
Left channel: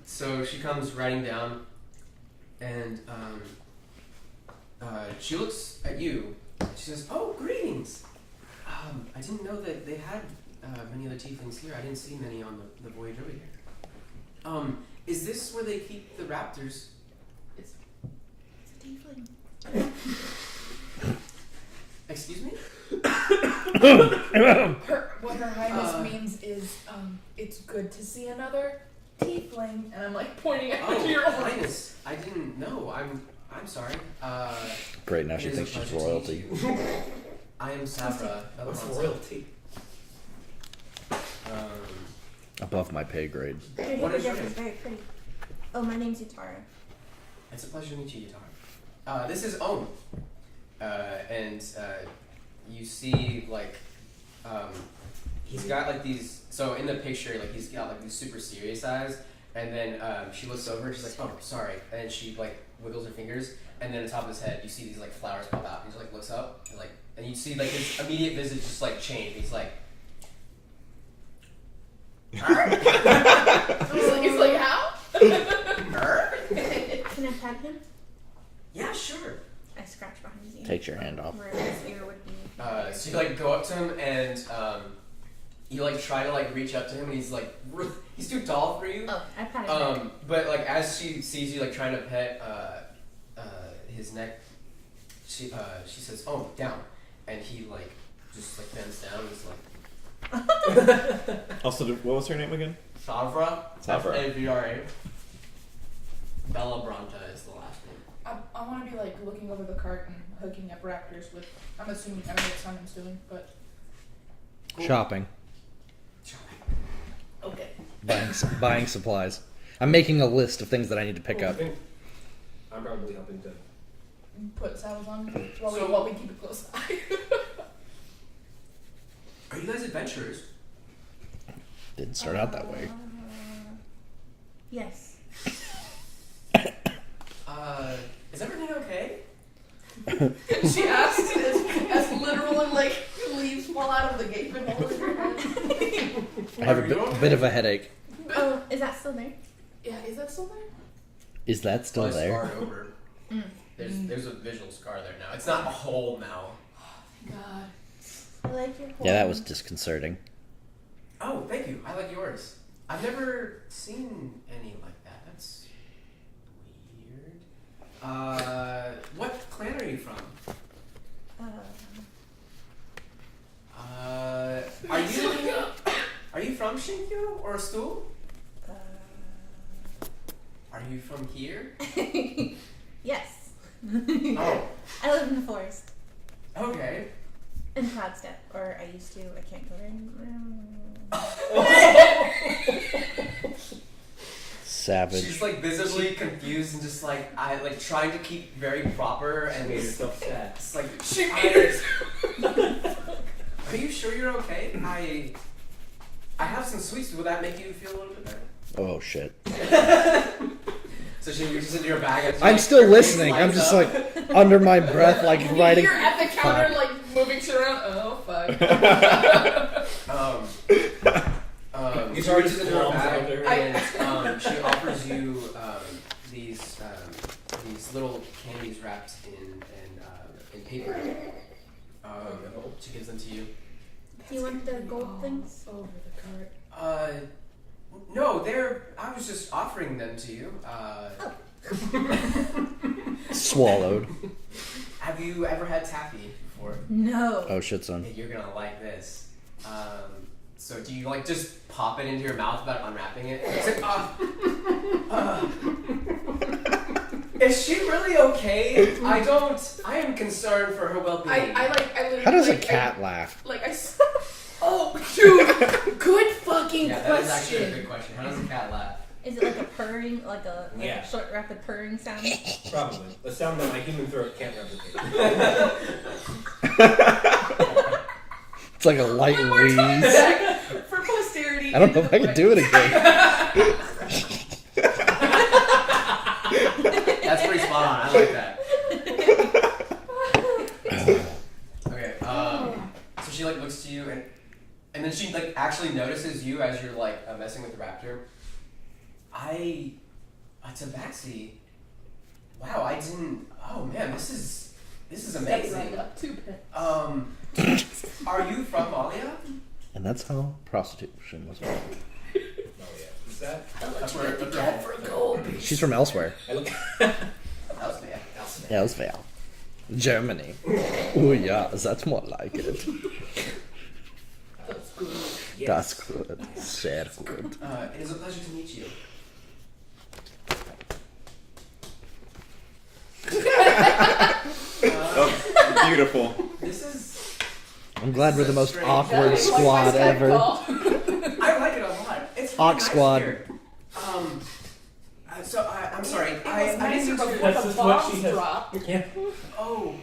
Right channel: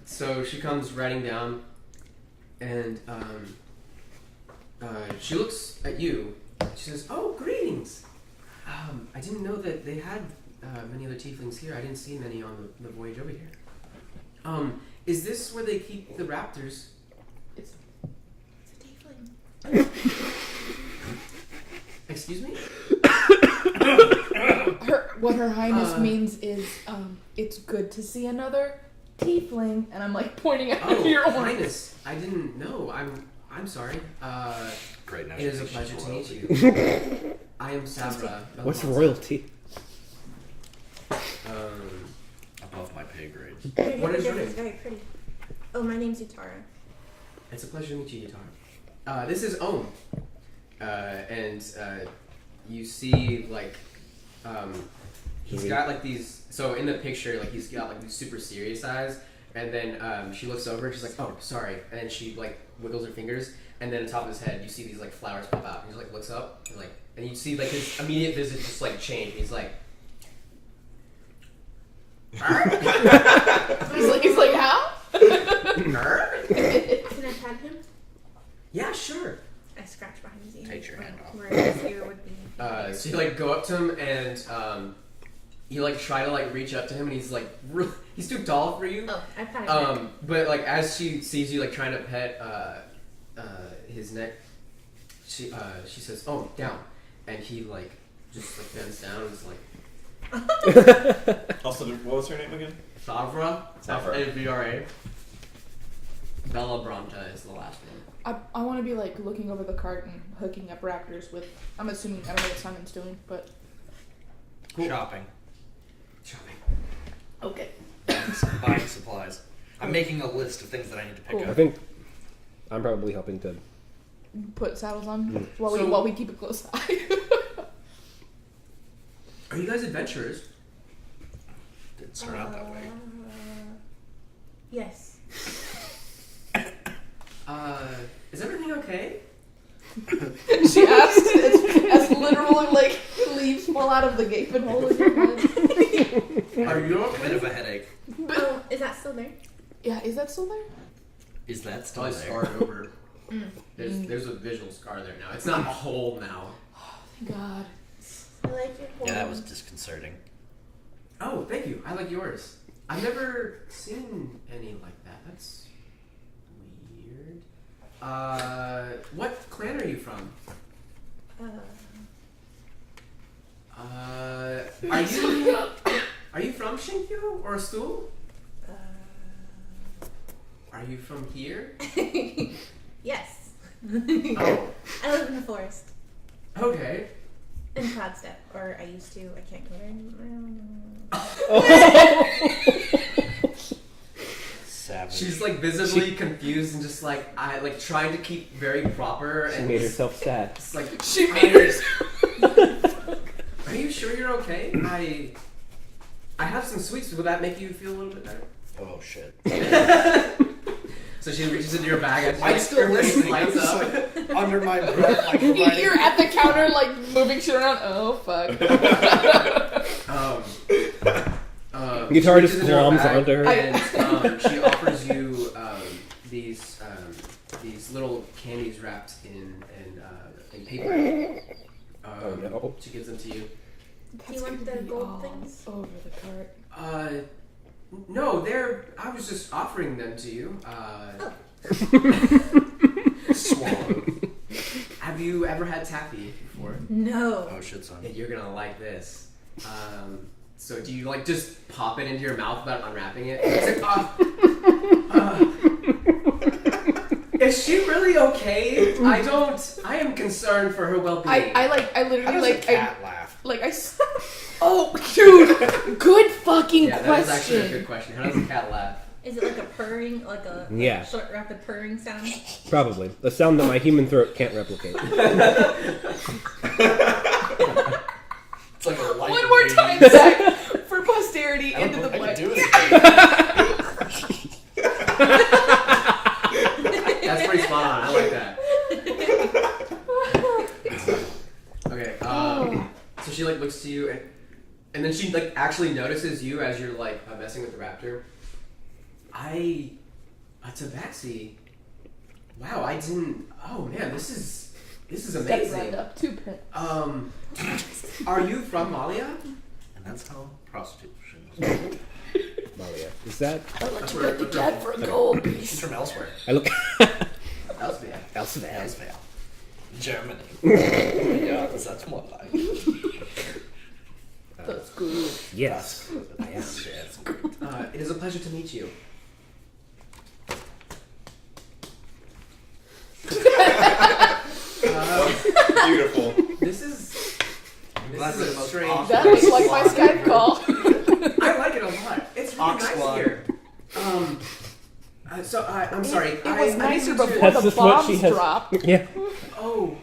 So she comes riding down, and she looks at you. She says, "Oh, greetings. I didn't know that they had many other tieflings here. I didn't see many on the voyage over here. Is this where they keep the raptors?" It's a tiefling. Excuse me? What her highness means is, it's good to see another tiefling, and I'm like pointing at Oh, your own. highness, I didn't know. I'm sorry. Great, now It she is a thinks she's pleasure to royalty. meet you. I am Sabra. What's Belmonte. royalty? Above my pay grade. Your What is your hippogriff is name? very pretty. Oh, my name's Utara. It's a pleasure to meet you, Yutara. This is Ohm. And you see, like, he's got, like, these... So, in the picture, like, he's got, like, these super serious eyes. And then she looks over, she's like, "Oh, sorry." And then she, like, wiggles her fingers. And then on top of his head, you see these, like, flowers pop out. And he just, like, looks up. And, like, and you see, like, his immediate visage just, like, change. And he's like... He's like, how? "Nerd?" Can I pat him? Yeah, sure. I scratch behind his ear. Takes your hand off. Where his ear would be. So you like go up to him and you like try to like reach up to him and he's like he's too tall for you. Oh, I pat his neck. But like as she sees you like trying to pet his neck, she says, "Oh, down," and he like just like bends down and is like, Also, what was her name again? Savra. Savra. F-A-V-R-A. Bella Bronta is the last name. I want to be like looking over the cart and hooking up raptors with. I'm assuming I don't know what Simon's doing, but Cool. Shopping. okay. Buying supplies. I'm making a list of things that I need to pick Cool. I up. think I'm probably helping to. Put saddles on while So- we keep a close eye. Are you guys adventurers? Didn't start out that way. Yes. Is everything okay? She asked as literally like leaves fall out of the gaping hole in your head. I have Are you okay? a bit of a headache. Oh, is that still there? Yeah, is that still there? Is that still I there? scarred over. There's a visual scar there now. It's not a hole now. Thank God. I like your Yeah, that was horn. disconcerting. Oh, thank you. I like yours. I've never seen any like that. That's weird. What clan are you from? Are you from Shinkyo or Stool? Are you from here? Yes. Oh, I live in the forest. okay. In Cloudstep. Or I used to. I can't go there anymore. Savage. She's like visibly confused and just like I like trying to keep very proper She and made herself sad. it's like She made Are you sure you're okay? I have some sweets. Would that make you feel a little bit better? Oh shit. So she reaches into your bag. And she, I'm like, still her face listening. I'm lights just up. like under my breath, like You writing. hear at the counter like moving shit around. Oh fuck. Guitar she just reaches into her glums bag onto her. and she offers you these little candies wrapped in paper. She gives them to you. Do you want the gold things? Over the cart. No, I was just offering them to you. Swallowed. Have you ever had taffy before? No. Oh shit, son. Yeah, you're gonna like this. So do you like just pop it into your mouth without unwrapping it? It's like, is she really okay? I am concerned for her well-being. I literally How does like a cat laugh? oh dude, good fucking yeah, that is actually a question. good question. How does a cat laugh? Is it like a purring, like a Yeah. short, rapid purring sound? Probably. The sound that my human throat can't replicate. It's like a light One more time, wheeze. Zach, for posterity. I don't into know if the I can play. do it again. That's pretty spot on. I like that. Okay. So she like looks to you and And then she like actually notices you as you're like messing with the raptor. Tabaxi. Wow, I didn't. Oh man, this is Step amazing. right up, 2 pence. Are you from Malia? And that's how prostitution was made. Malia. Is that? I'll let That's you where- get the that's where- cat for a gold piece. She's from elsewhere. I look. That was bad. Elsewhere. Germany. Oh yeah, that's more like it. That's good. Yes. That's good. That's good. It is a pleasure to meet you. Beautiful. This is. I'm glad we're the most Strange. awkward That looks like my squad Skype ever. call. I like it a lot. It's really Hawk nice Squad. here. I'm sorry. It was nicer need to- before That's the just what she bombs has- dropped. Yeah. Oh,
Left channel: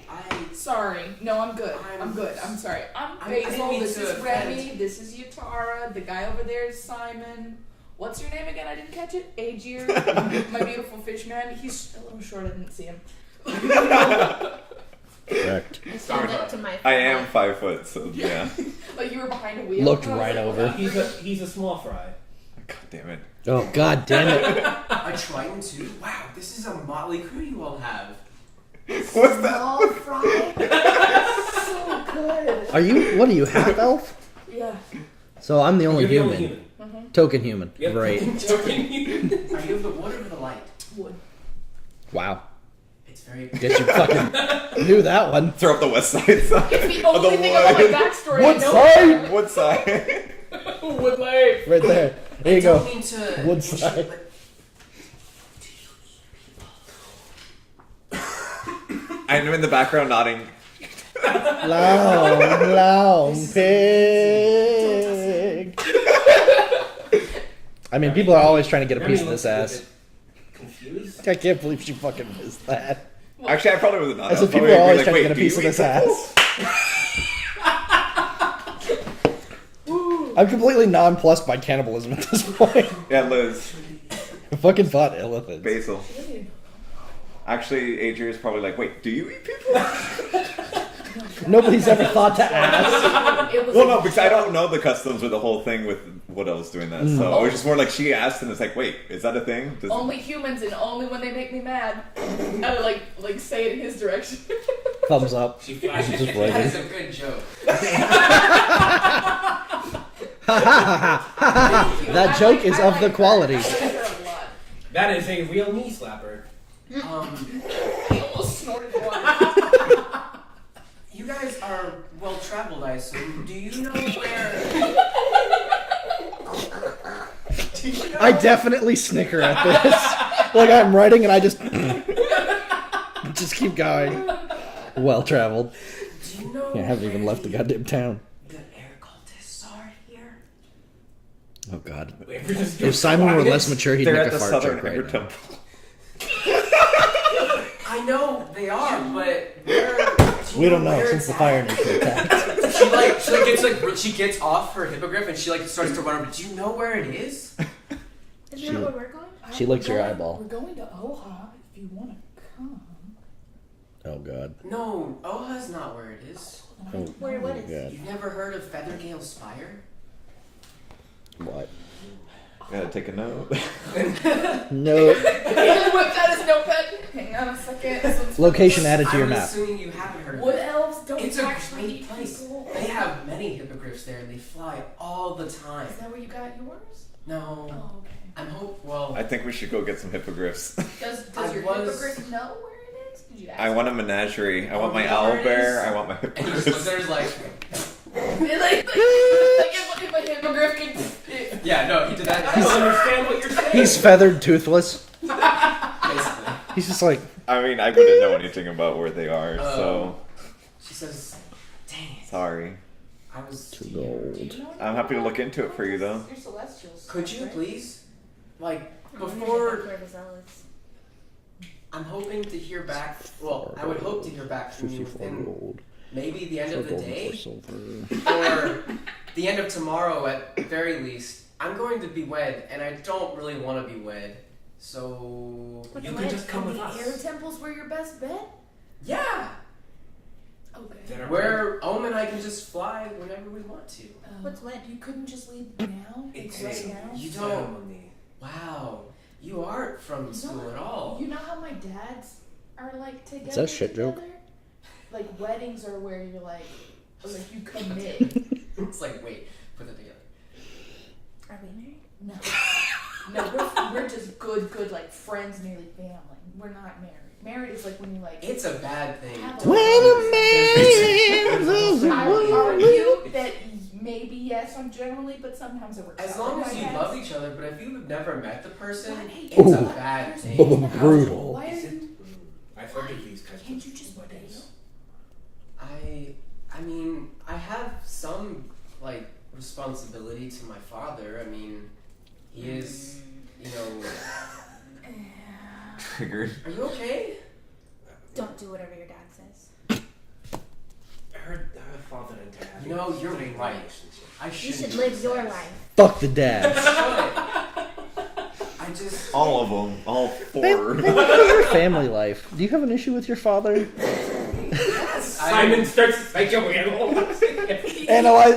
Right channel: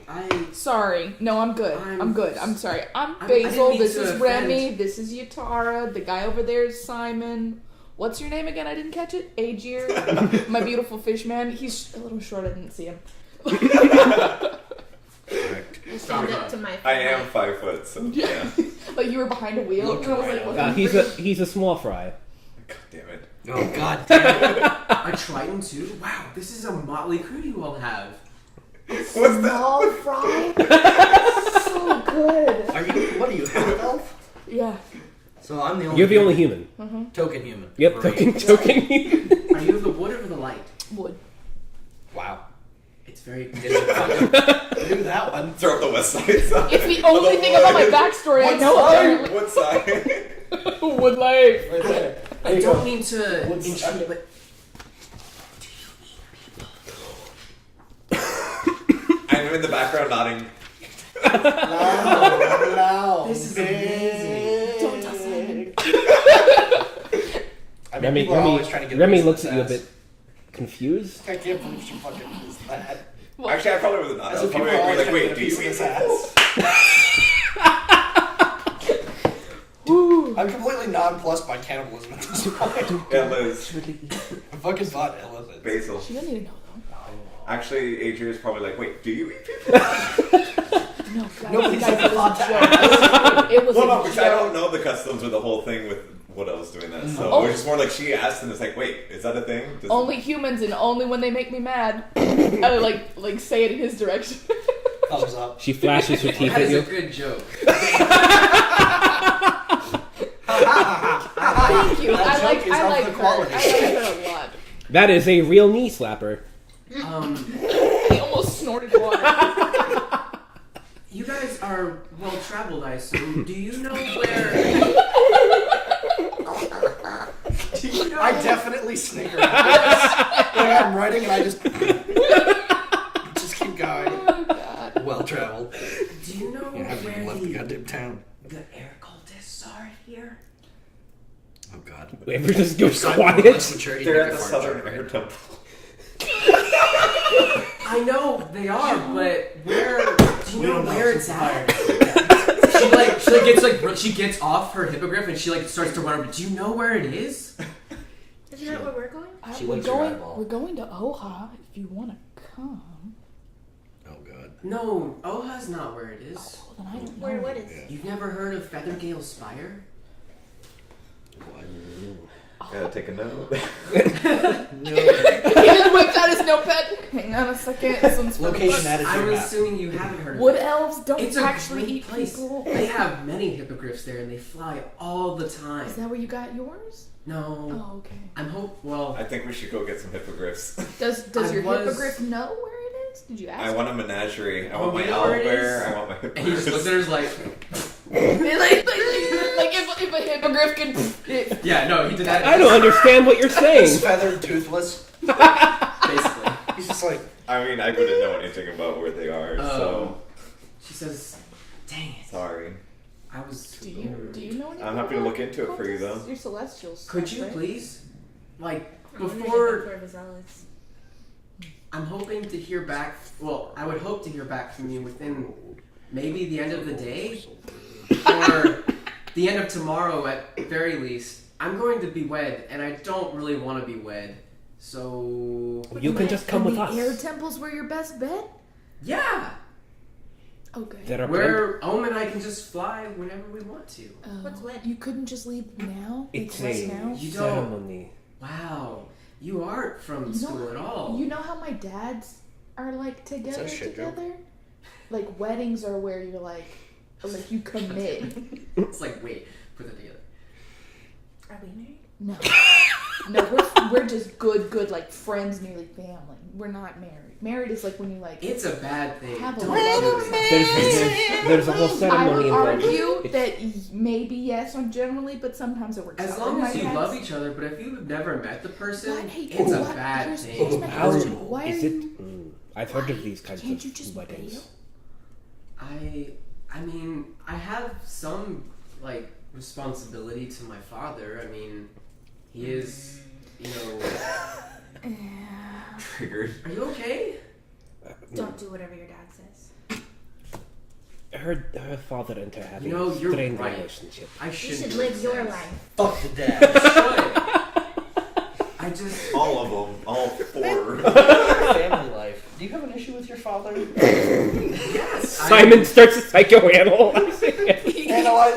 Sorry. No, I'm good. I'm good. I'm sorry. I'm Basil. mean This to is Remy. offend. This is Yutara. The guy over there is Simon. What's your name again? I didn't catch it. Aegir. My beautiful fish man. He's a little short. I didn't see him. Correct. I stand up to my. I am 5 foot, so yeah. Like you were behind a wheel. Looked and I was right like, over. what? He's a small fry. God damn it. Oh god damn it. A Triton too? Wow, this is a motley crew you all have. What's that? Small fry. So good. What are you, half elf? Yeah. So I'm the only You're the only human. Token human. Yep. Great. Joking. Are you of the wood or of the light? Wood. Wow. It's very. Did you fucking knew that one? Throw up the west side sign. It's the only thing about my backstory I know. apparently. What side? Wood life. Right there. There I you don't go. mean to Wood intrude, side. but I'm in the background nodding. Loud This is pig. I mean, people are always trying to get a Remy piece of looks this at you a ass. bit confused. I can't believe she fucking missed that. Actually, I probably would not. I I said was people probably are always like, trying to wait, get a do you piece of eat this people? ass. I'm completely nonplussed by cannibalism at this point. Yeah, Liz. I fucking thought elephants. Basil. She doesn't even know Actually, Adrian is probably like, wait, do you eat people? though. No, Nobody's ever thought to ask. It was Well, a no, because I joke. don't know the customs with the whole thing with what I was doing that. So it was just more like she asked, and it's like, wait, is that a thing? Does Only humans and only when they make me mad. I like say it in his direction. Thumbs up. She flashes her teeth that at is a you. good joke. Thank you. That I joke like- is I of like the her. quality. I like her a lot. That is a real knee slapper. He almost snorted water. You guys are well traveled, I assume. Do you know where? Do you know? I definitely snicker at this. Like I'm writing and I just keep going. Well traveled. Do you know? I haven't even left the goddamn town. The air cultists are here. Oh god. Wait, we're just If Simon were quiet. less mature, he'd They're make at a the fart southern joke air right now. temple. I know they are, but where? Do you We don't know where since it's the fire at? gets attacked. she gets off her hippogriff and she like starts to run over. Do you know where it is? Isn't that where we're going? She licks your eyeball. We're going to Oha if you want to come. Oh god. No, Oha's not where it is. Well, then I don't Where? know. What is? God. You've never heard of Feathergale Spire? What? Gotta take a note. No. He just whips out his notepad. Hang on a second. Since Location added to your I'm map. assuming you haven't heard of Wood it. elves don't It's a actually great eat place. people. They have many hippogriffs there and they fly all the time. Is that where you got yours? No. Oh, okay. Well, I think we should go get some hippogriffs. Does I your was- hippogriff know where it is? Did you ask? I want a menagerie. I want Oh, my you know where owl it bear. is? I want my and he just hippogriffs. there's like, like if a hippogriff can. yeah, no, he did that. I don't understand what you're He's saying. feathered, toothless. Basically. He's just like, I mean, I wouldn't know anything about where they are, so She says, "Dang it, sorry. I was." Do you know anything I'm happy to about look into it for you, though. Your celestials. Could you right? please, like, I'm gonna before? go for Alex. I'm hoping to hear back. Well, I would hope to hear back from you within maybe the end of the day or the end of tomorrow at very least. I'm going to be wed, and I don't really want to be wed. So You can just come with the us. air temples were your best bet. yeah, Okay. that are Where Ohm and I can just fly whenever we want to. What's wed? You couldn't just leave now? It's Like right now? You don't. ceremony. Wow, you aren't from You school know- at all. You know how my dads are like together? Is that a shit joke? together? Like weddings are where you're like you commit. It's like, wait, put that together. Are we married? No. No, we're just good like friends, nearly family. We're not married. Married is like when you like It's a bad thing. have a Don't wedding. There's a whole I ceremony. would argue It's- that maybe yes on generally, but sometimes it works As out. long Like as my you dad's- love each other, but if you've never met the person, What? Hey, it's guess a what? bad Here's- thing. here's my question. Brutal. Why are Is it? you? I've heard why of these kinds can't of you just weddings. bail? I mean, I have some like responsibility to my father. I mean, he is, you know. Triggered. Are you okay? Don't do whatever your dad says. Her father and her having You know, you're strained right. relationship. I You shouldn't should do live your this. life. Fuck the dad. I just. All of them. All 4. Family life. Do you have an issue with your father? Yes. Simon starts to psychoanalyze.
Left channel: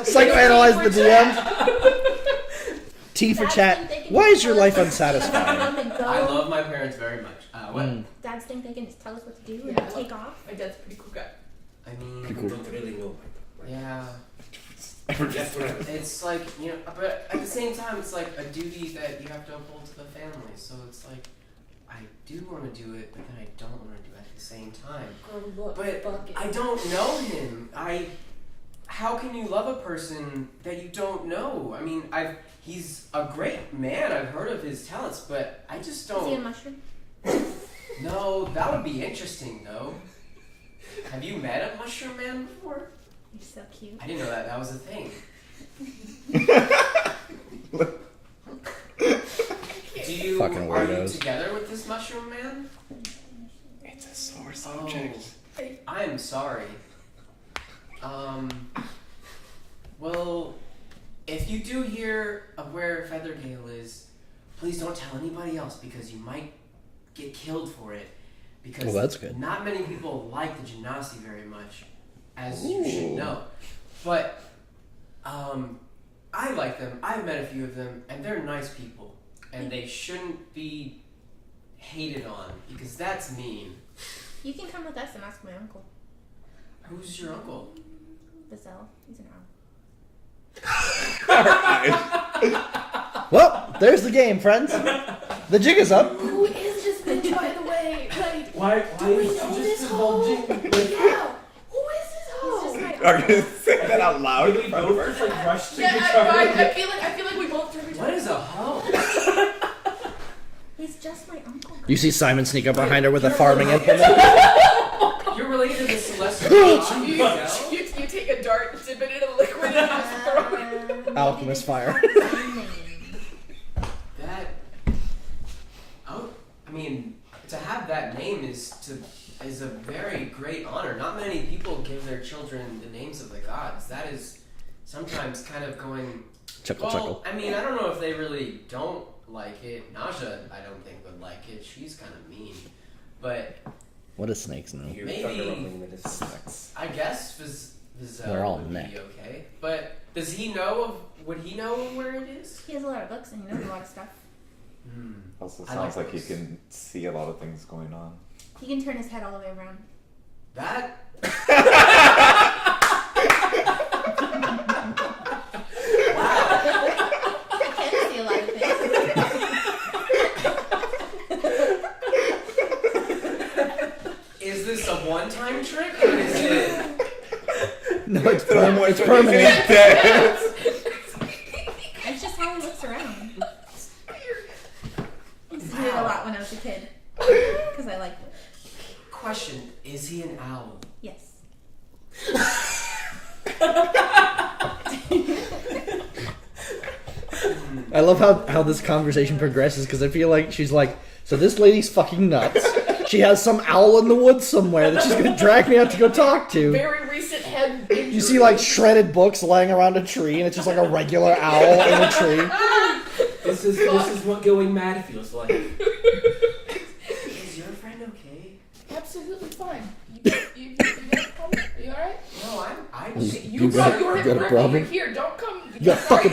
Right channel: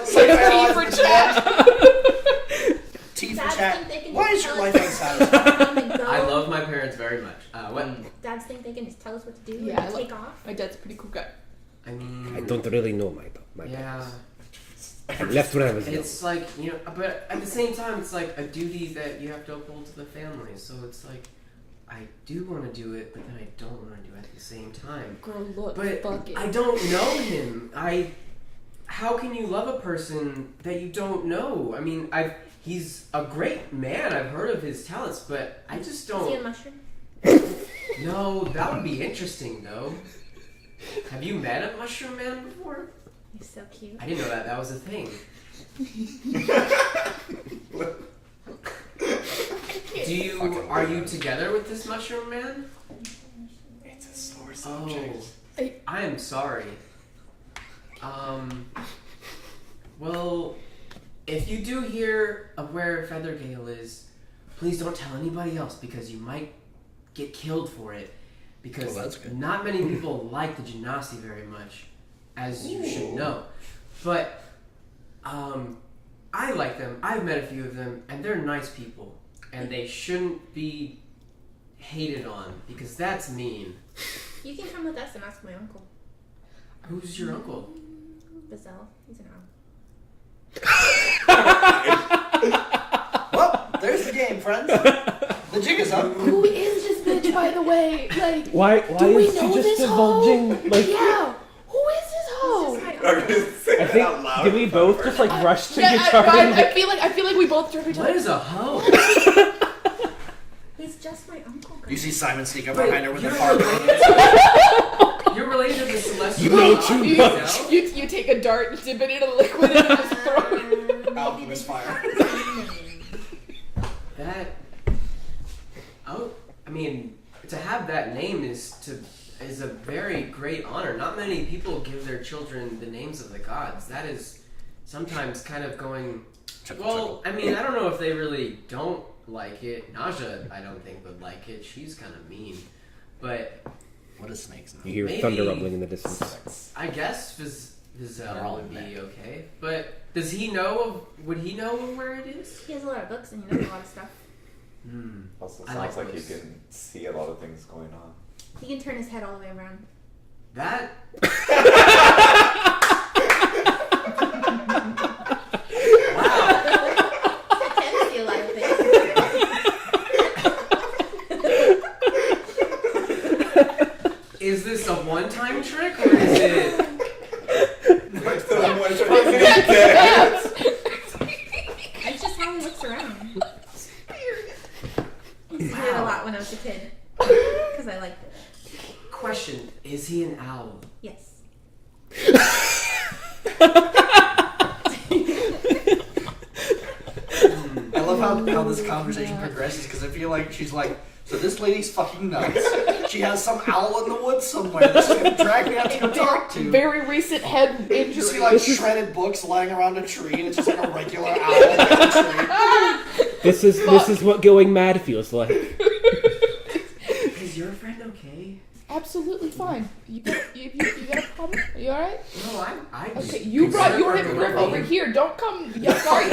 Psychoanalyze the DM. T for Dads chat. think they can Why just is your tell life us unsatisfying? Come and go. I love my parents very much. What? Dads think they can just tell us what to do Yeah, I and love- take off. My dad's a pretty cool guy. I I mean, don't really know my yeah. That's what I was. It's like, you know, but at the same time, it's like a duty that you have to uphold to the family. So it's like, I do want to do it, but then I don't want to do it at the same time. Girl, look, But fuck it. I don't know him. How can you love a person that you don't know? I mean, he's a great man. I've heard of his talents, but I just Is he a don't. mushroom? No, that would be interesting though. Have you met a mushroom man before? You're so cute. I didn't know that was a thing. Fucking Are you weirdos. together with this mushroom man? It's a sore Oh, I am sorry. Well, if you do hear of where Feathergale is, please don't tell anybody else because you might get killed for it. Because Well, that's good. not many people like the Genasi very much, as you should know. But I like them. I've met a few of them, and they're nice people. And they shouldn't be hated on because that's mean. You can come with us and ask my uncle. Who's your uncle? Bazell. He's an owl. Well, there's the game, friends. The jig is up. Who is this bitch, by the way? Like, Why do we is know she just this divulging? hoe? Yeah. Who is this hoe? He's just my I'm uncle. gonna say that out loud. Did we both just like rush to Yeah, guitar? I feel like we both turned each What other. is a hoe? He's just my uncle. You see Simon sneak up behind her with a You're farming. You're related to the celestial. You take a dart, dip it in a liquid, and just throw it. Alchemist fire. That. Oh, I mean, to have that name is a very great honor. Not many people give their children the names of the gods. That is sometimes kind of going. Chuckle, Well, chuckle. I mean, I don't know if they really don't like it. Naja, I don't think would like it. She's kind of mean, but What is snake's You name? hear Maybe- thunder rumbling in the distance. I guess Vizel They're all would neck. be okay. But does he know of? Would he know of where it is? He has a lot of books and he knows a lot of stuff. Also I sounds like like he those. can see a lot of things going on. He can turn his head all the way around. That. I can see a lot of things. Is this a one-time trick or is it? No, it's He's dead. That's just how he looks around. I used to do it a lot when I was a kid. Because I liked it. Question: is he an owl? Yes. I love how this conversation progresses because I feel like she's like, so this lady's fucking nuts. She has some owl in the woods somewhere that she's gonna drag me out to go talk to. Very recent head injury. You see like shredded books lying around a tree, and it's just like a regular owl in a tree. This is what going mad feels like. Is your friend okay? absolutely fine. You got a problem? Are you alright? No, I'm Okay, you brought your hypocrite over here. Don't come. Yeah, sorry.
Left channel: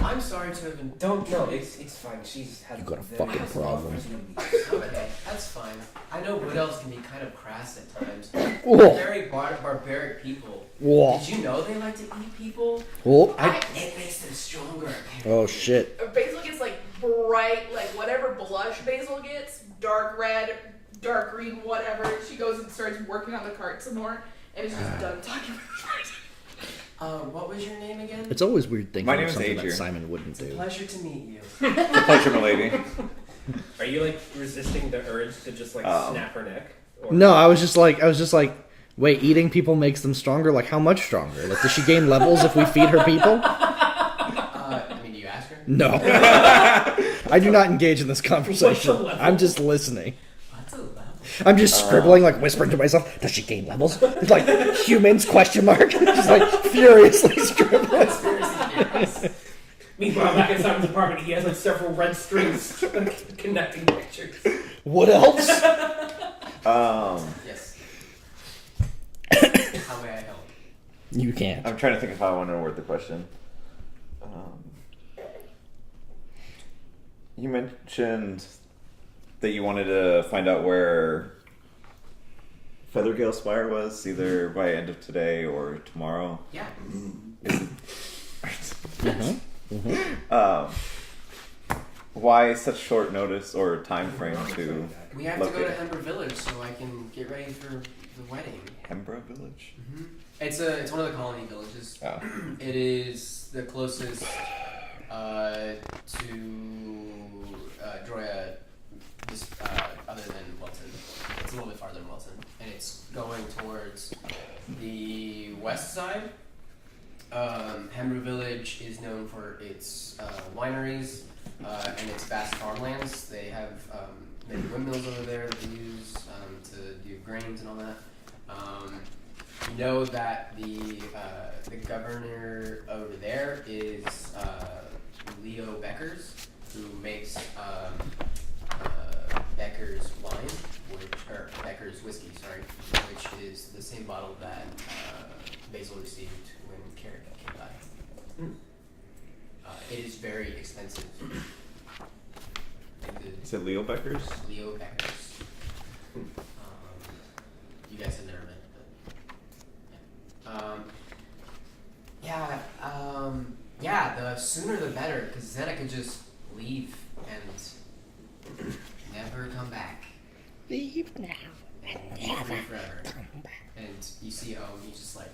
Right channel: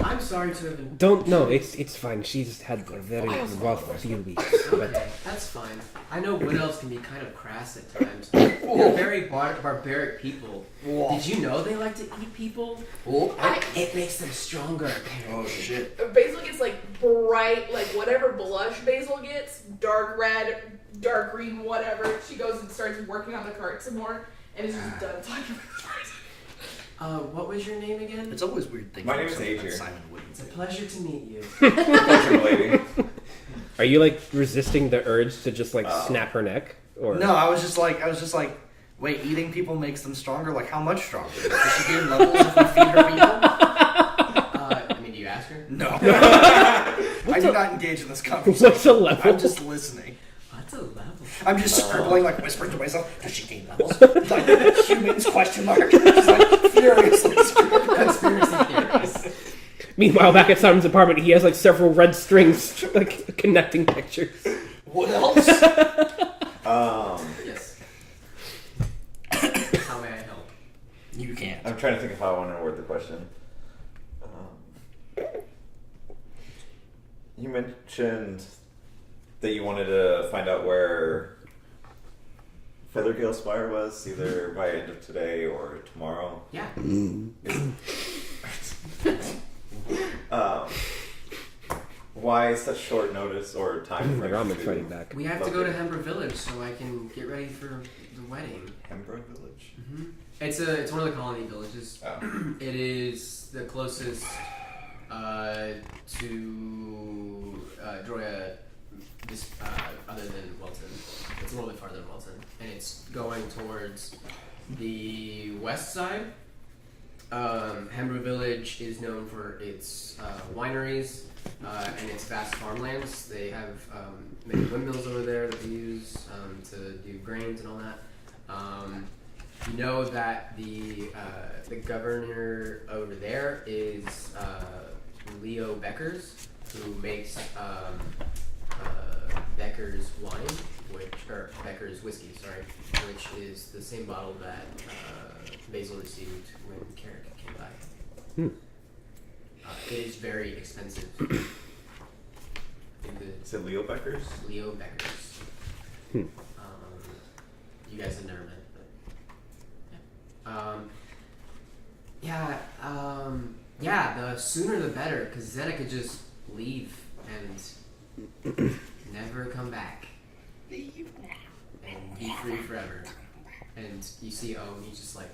I'm sorry to have been. Don't no, it's fine. She's had very fucking rough few weeks. Okay, that's fine. I know wood elves can be kind of crass at times. They're very barbaric people. Whoa. Did you know they like to eat people? Whoa. It makes them stronger. Oh shit. Basil gets like bright, like whatever blush Basil gets, dark red, dark green, whatever. She goes and starts working on the cart some more, and is just done talking about the person. What was your name again? It's always weird thinking My of name is something that Adrian. Simon wouldn't It's a do. pleasure to meet you. Pleasure, milady. Are you like resisting the urge to just like Oh. snap her neck? Or No, I was just like, wait, eating people makes them stronger? Like, how much stronger? Like, does she gain levels if we feed her people? I mean, do you ask her? No. I do not engage in this conversation. What's a level? I'm just listening. What's a level? I'm just scribbling, like whispering to myself, does she gain levels? Like, humans, question mark. Just like, furiously scribbling. Conspiracy theories. Meanwhile, back at Simon's apartment, he has like several red strings like connecting pictures. What else? Yes. How may I help? You can't. I'm trying to think of how I want to word the question. You mentioned that you wanted to find out where Feathergale Spire was, either by end of today or tomorrow. Yeah. Why such short notice or time frame I'm to fighting back. We have to go to locate Hember Village so I can get ready for the wedding. Hembra Village? It's one of the colony villages. Oh. It is the closest to Droya, other than Welton. It's a little bit farther than Welton, and it's going towards the west side. Hembra Village is known for its wineries and its vast farmlands. They have many windmills over there that they use to do grains and all that. You know that the governor over there is Leo Beckers, who makes Becker's wine, or Becker's whiskey, sorry, which is the same bottle that Basil received when Carrick came by. It is very expensive. Is it Leo Becker's? Leo Beckers. You guys have never met, but the sooner the better, because then I could just leave and never come back. Leave now and Be free forever. And you see, he's just like,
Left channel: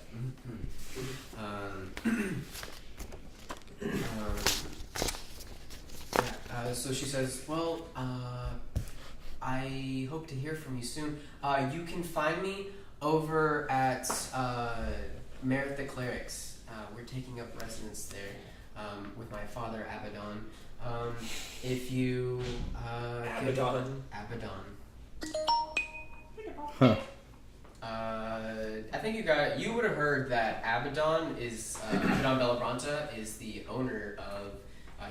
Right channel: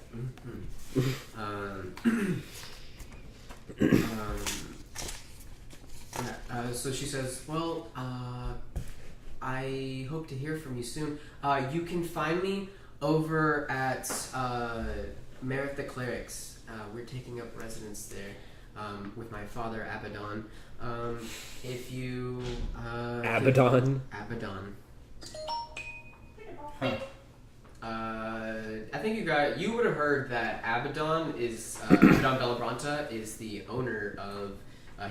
so she says, well, I hope to hear from you soon. You can find me over at Merith the Cleric's. We're taking up residence there with my father, Abaddon. If you... Abaddon. Abaddon. Huh. I think you would have heard that Abaddon is Abaddon Bellabranta is the owner of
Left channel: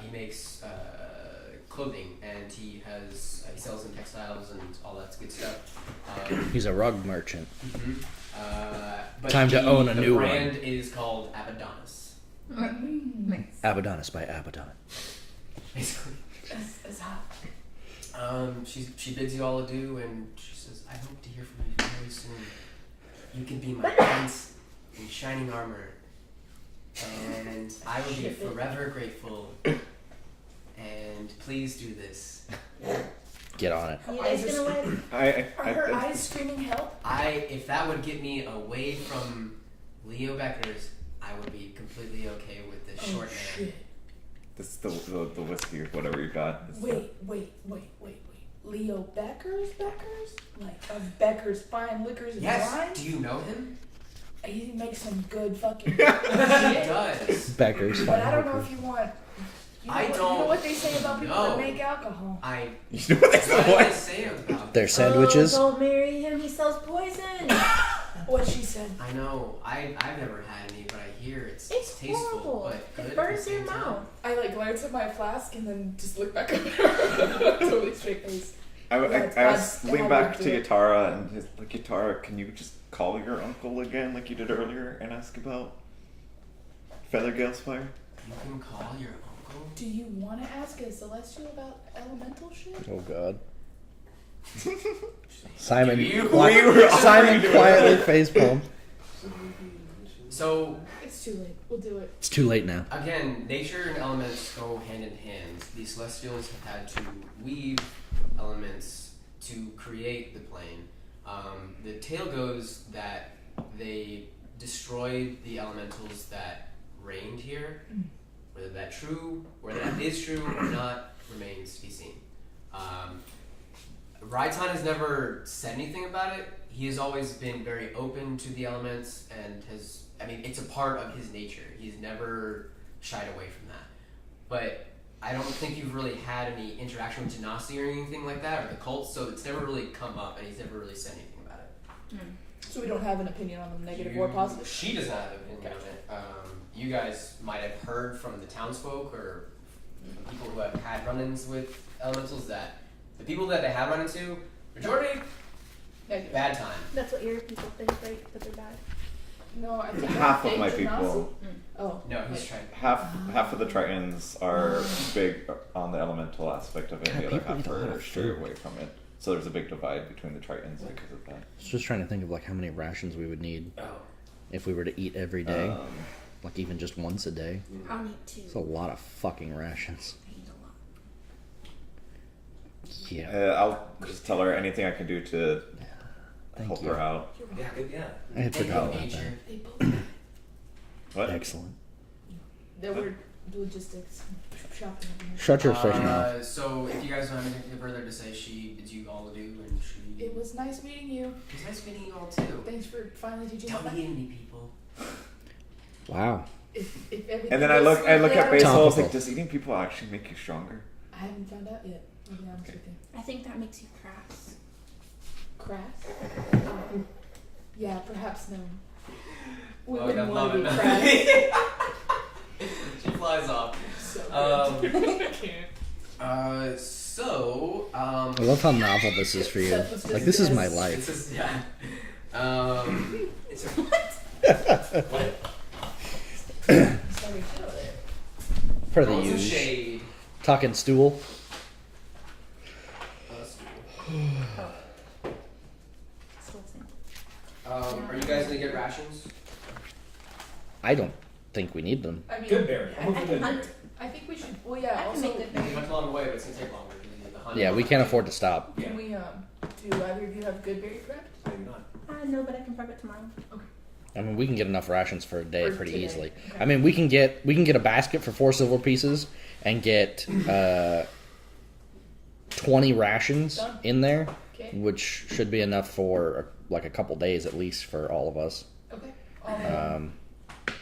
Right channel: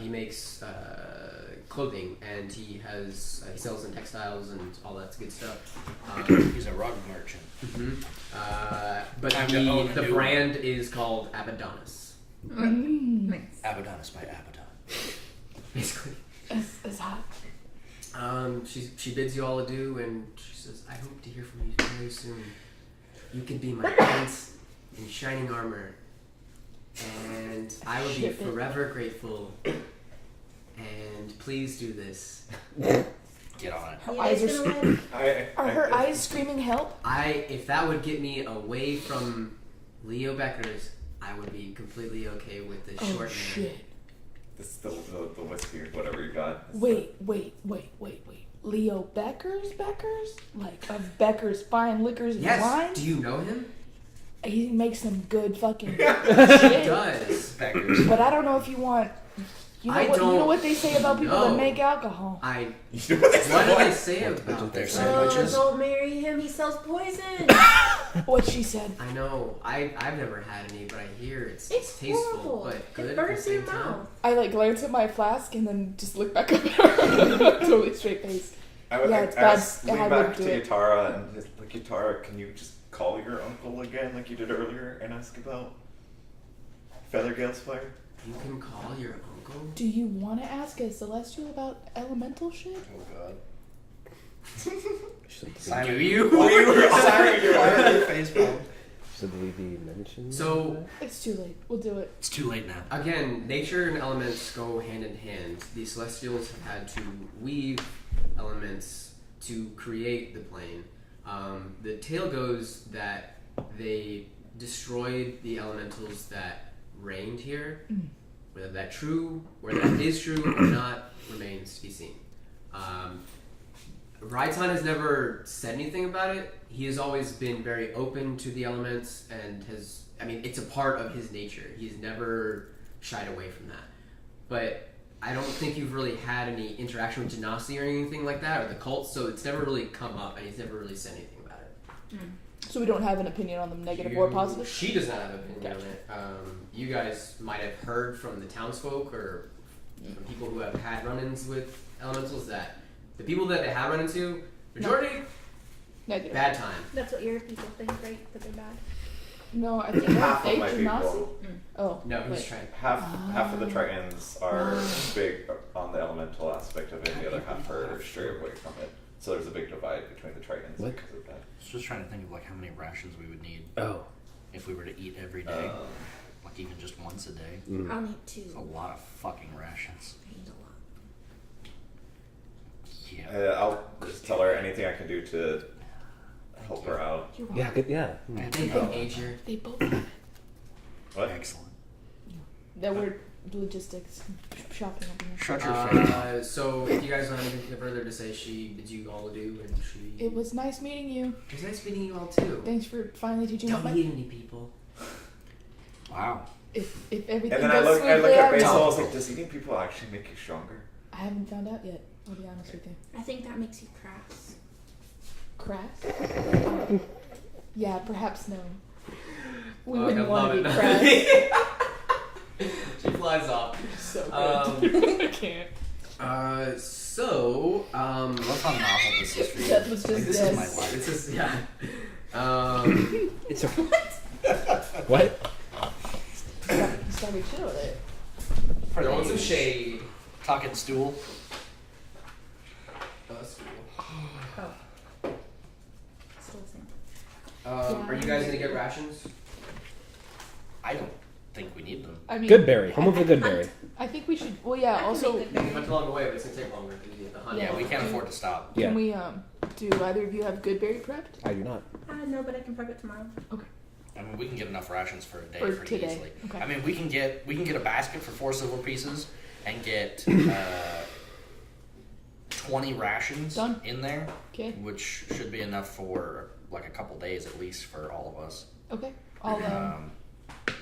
he makes clothing, and he sells in textiles and all that good stuff. He's a rug merchant. But Time to own a the new brand is called Abaddonus. Nice. Abaddonus by Abaddon. Basically. It's hot. She bids you all adieu, and she says, I hope to hear from you very soon. You can be my prince in shining armor, and I will be forever grateful. And please do this. Get on it. Her You eyes guys are gonna win? Are her eyes screaming help? If that would get me away from Leo Becker's, I would be completely okay with this short man. Shit. This is the whiskey or whatever you got. This is Wait. Leo Becker's? Like, of Becker's fine liquors and Yes. wines? Do you know him? He makes some good fucking He shit. does. Beggars. But I don't know if you want... You know what they say about people that know. make alcohol? You know what they What did I say about Their this? sandwiches. Oh, don't marry him. He sells poison. What she said. I know. I've never had any, but I hear it's It's tasteful, horrible. but good It at burns the your same time. mouth. I glance at my flask and then just look back up at her. Totally straight face. Yeah, it's I was bad. lean I back would to do it. Yatara and he's like, Yatara, can you just call your uncle again like you did earlier and ask about Feathergale's fire? You can call your uncle. Do you want to ask a Celestial about elemental shit? Oh God. Simon, Do you? Simon quietly facepalm. Should we be mentioned? So It's too late. We'll do it. It's too late now. again, nature and elements go hand in hand. The Celestials have had to weave elements to create the plane. The tale goes that they destroyed the elementals that reigned here. Whether that true, whether that is true or not, remains to be seen. Raitan has never said anything about it. He has always been very open to the elements and has, I mean, it's a part of his nature. He's never shied away from that. But I don't think you've really had any interaction with Genasi or anything like that, or the cults, so it's never really come up, and he's never really said anything about it. So we don't have an opinion on them, negative or positive? She does not have an opinion on it. You guys might have heard from the townsfolk or from people who have had run-ins with elementals that the people that they have run into, majority, Negative. bad time. That's what your people think, right? That they're bad. No, I think Half of fake my Genasi? people, Oh. No, he's wait. trying. half of the Tritons are big on the elemental aspect of it, and the other half are straight away from it. So there's a big divide between the Tritons What? because of that. I was just trying to think of like how many rations we would need Oh. if we were to eat every day, like even just once a day. I'll need 2. It's a lot of fucking rations. I need a lot. Yeah. I'll just tell her anything I can do to Thank help you. her out. You're Yeah, good. Yeah. I had Anything forgotten about major. They both have it. What? Excellent. That were logistics, shopping. Shut your face. So if you guys don't have anything further to say, she bid you all adieu, and she. It was nice meeting you. It was nice meeting you all too. Thanks for finally teaching Don't me. eat any people. Wow. If everything And then I goes look smoothly, at Basil. I was Topical. like, does eating people actually make you stronger? I haven't found out yet. I'll be honest with you. I think that makes you crass. Crass? Yeah, perhaps no. We Fuck, wouldn't I want love to be it. crass. She flies off. So good. I can't. So, I love how novel this is for you. Seth was just Like this is dead. my life. this is yeah. It's a, What? Sorry, chill there. For the Throwing some use. shade. Talking stool. Oh. Still the same. Are you guys gonna get rations? I don't think we need them. I mean, good berry. Home of the good berry. I think we should. Well, yeah. I can Also, make good If I berry. tell along the way, but it's gonna take longer because you have the honey. Yeah, we can't afford to stop. Yeah. can we do either of you have good berry prepped? I do not. No, but I can prep it tomorrow. I mean, we can get enough rations for a day For pretty today. easily. Okay. I mean, we can get a basket for 4 silver pieces and get 20 rations Done. in there, Okay. which should be enough for like a couple days at least for all of us. Okay.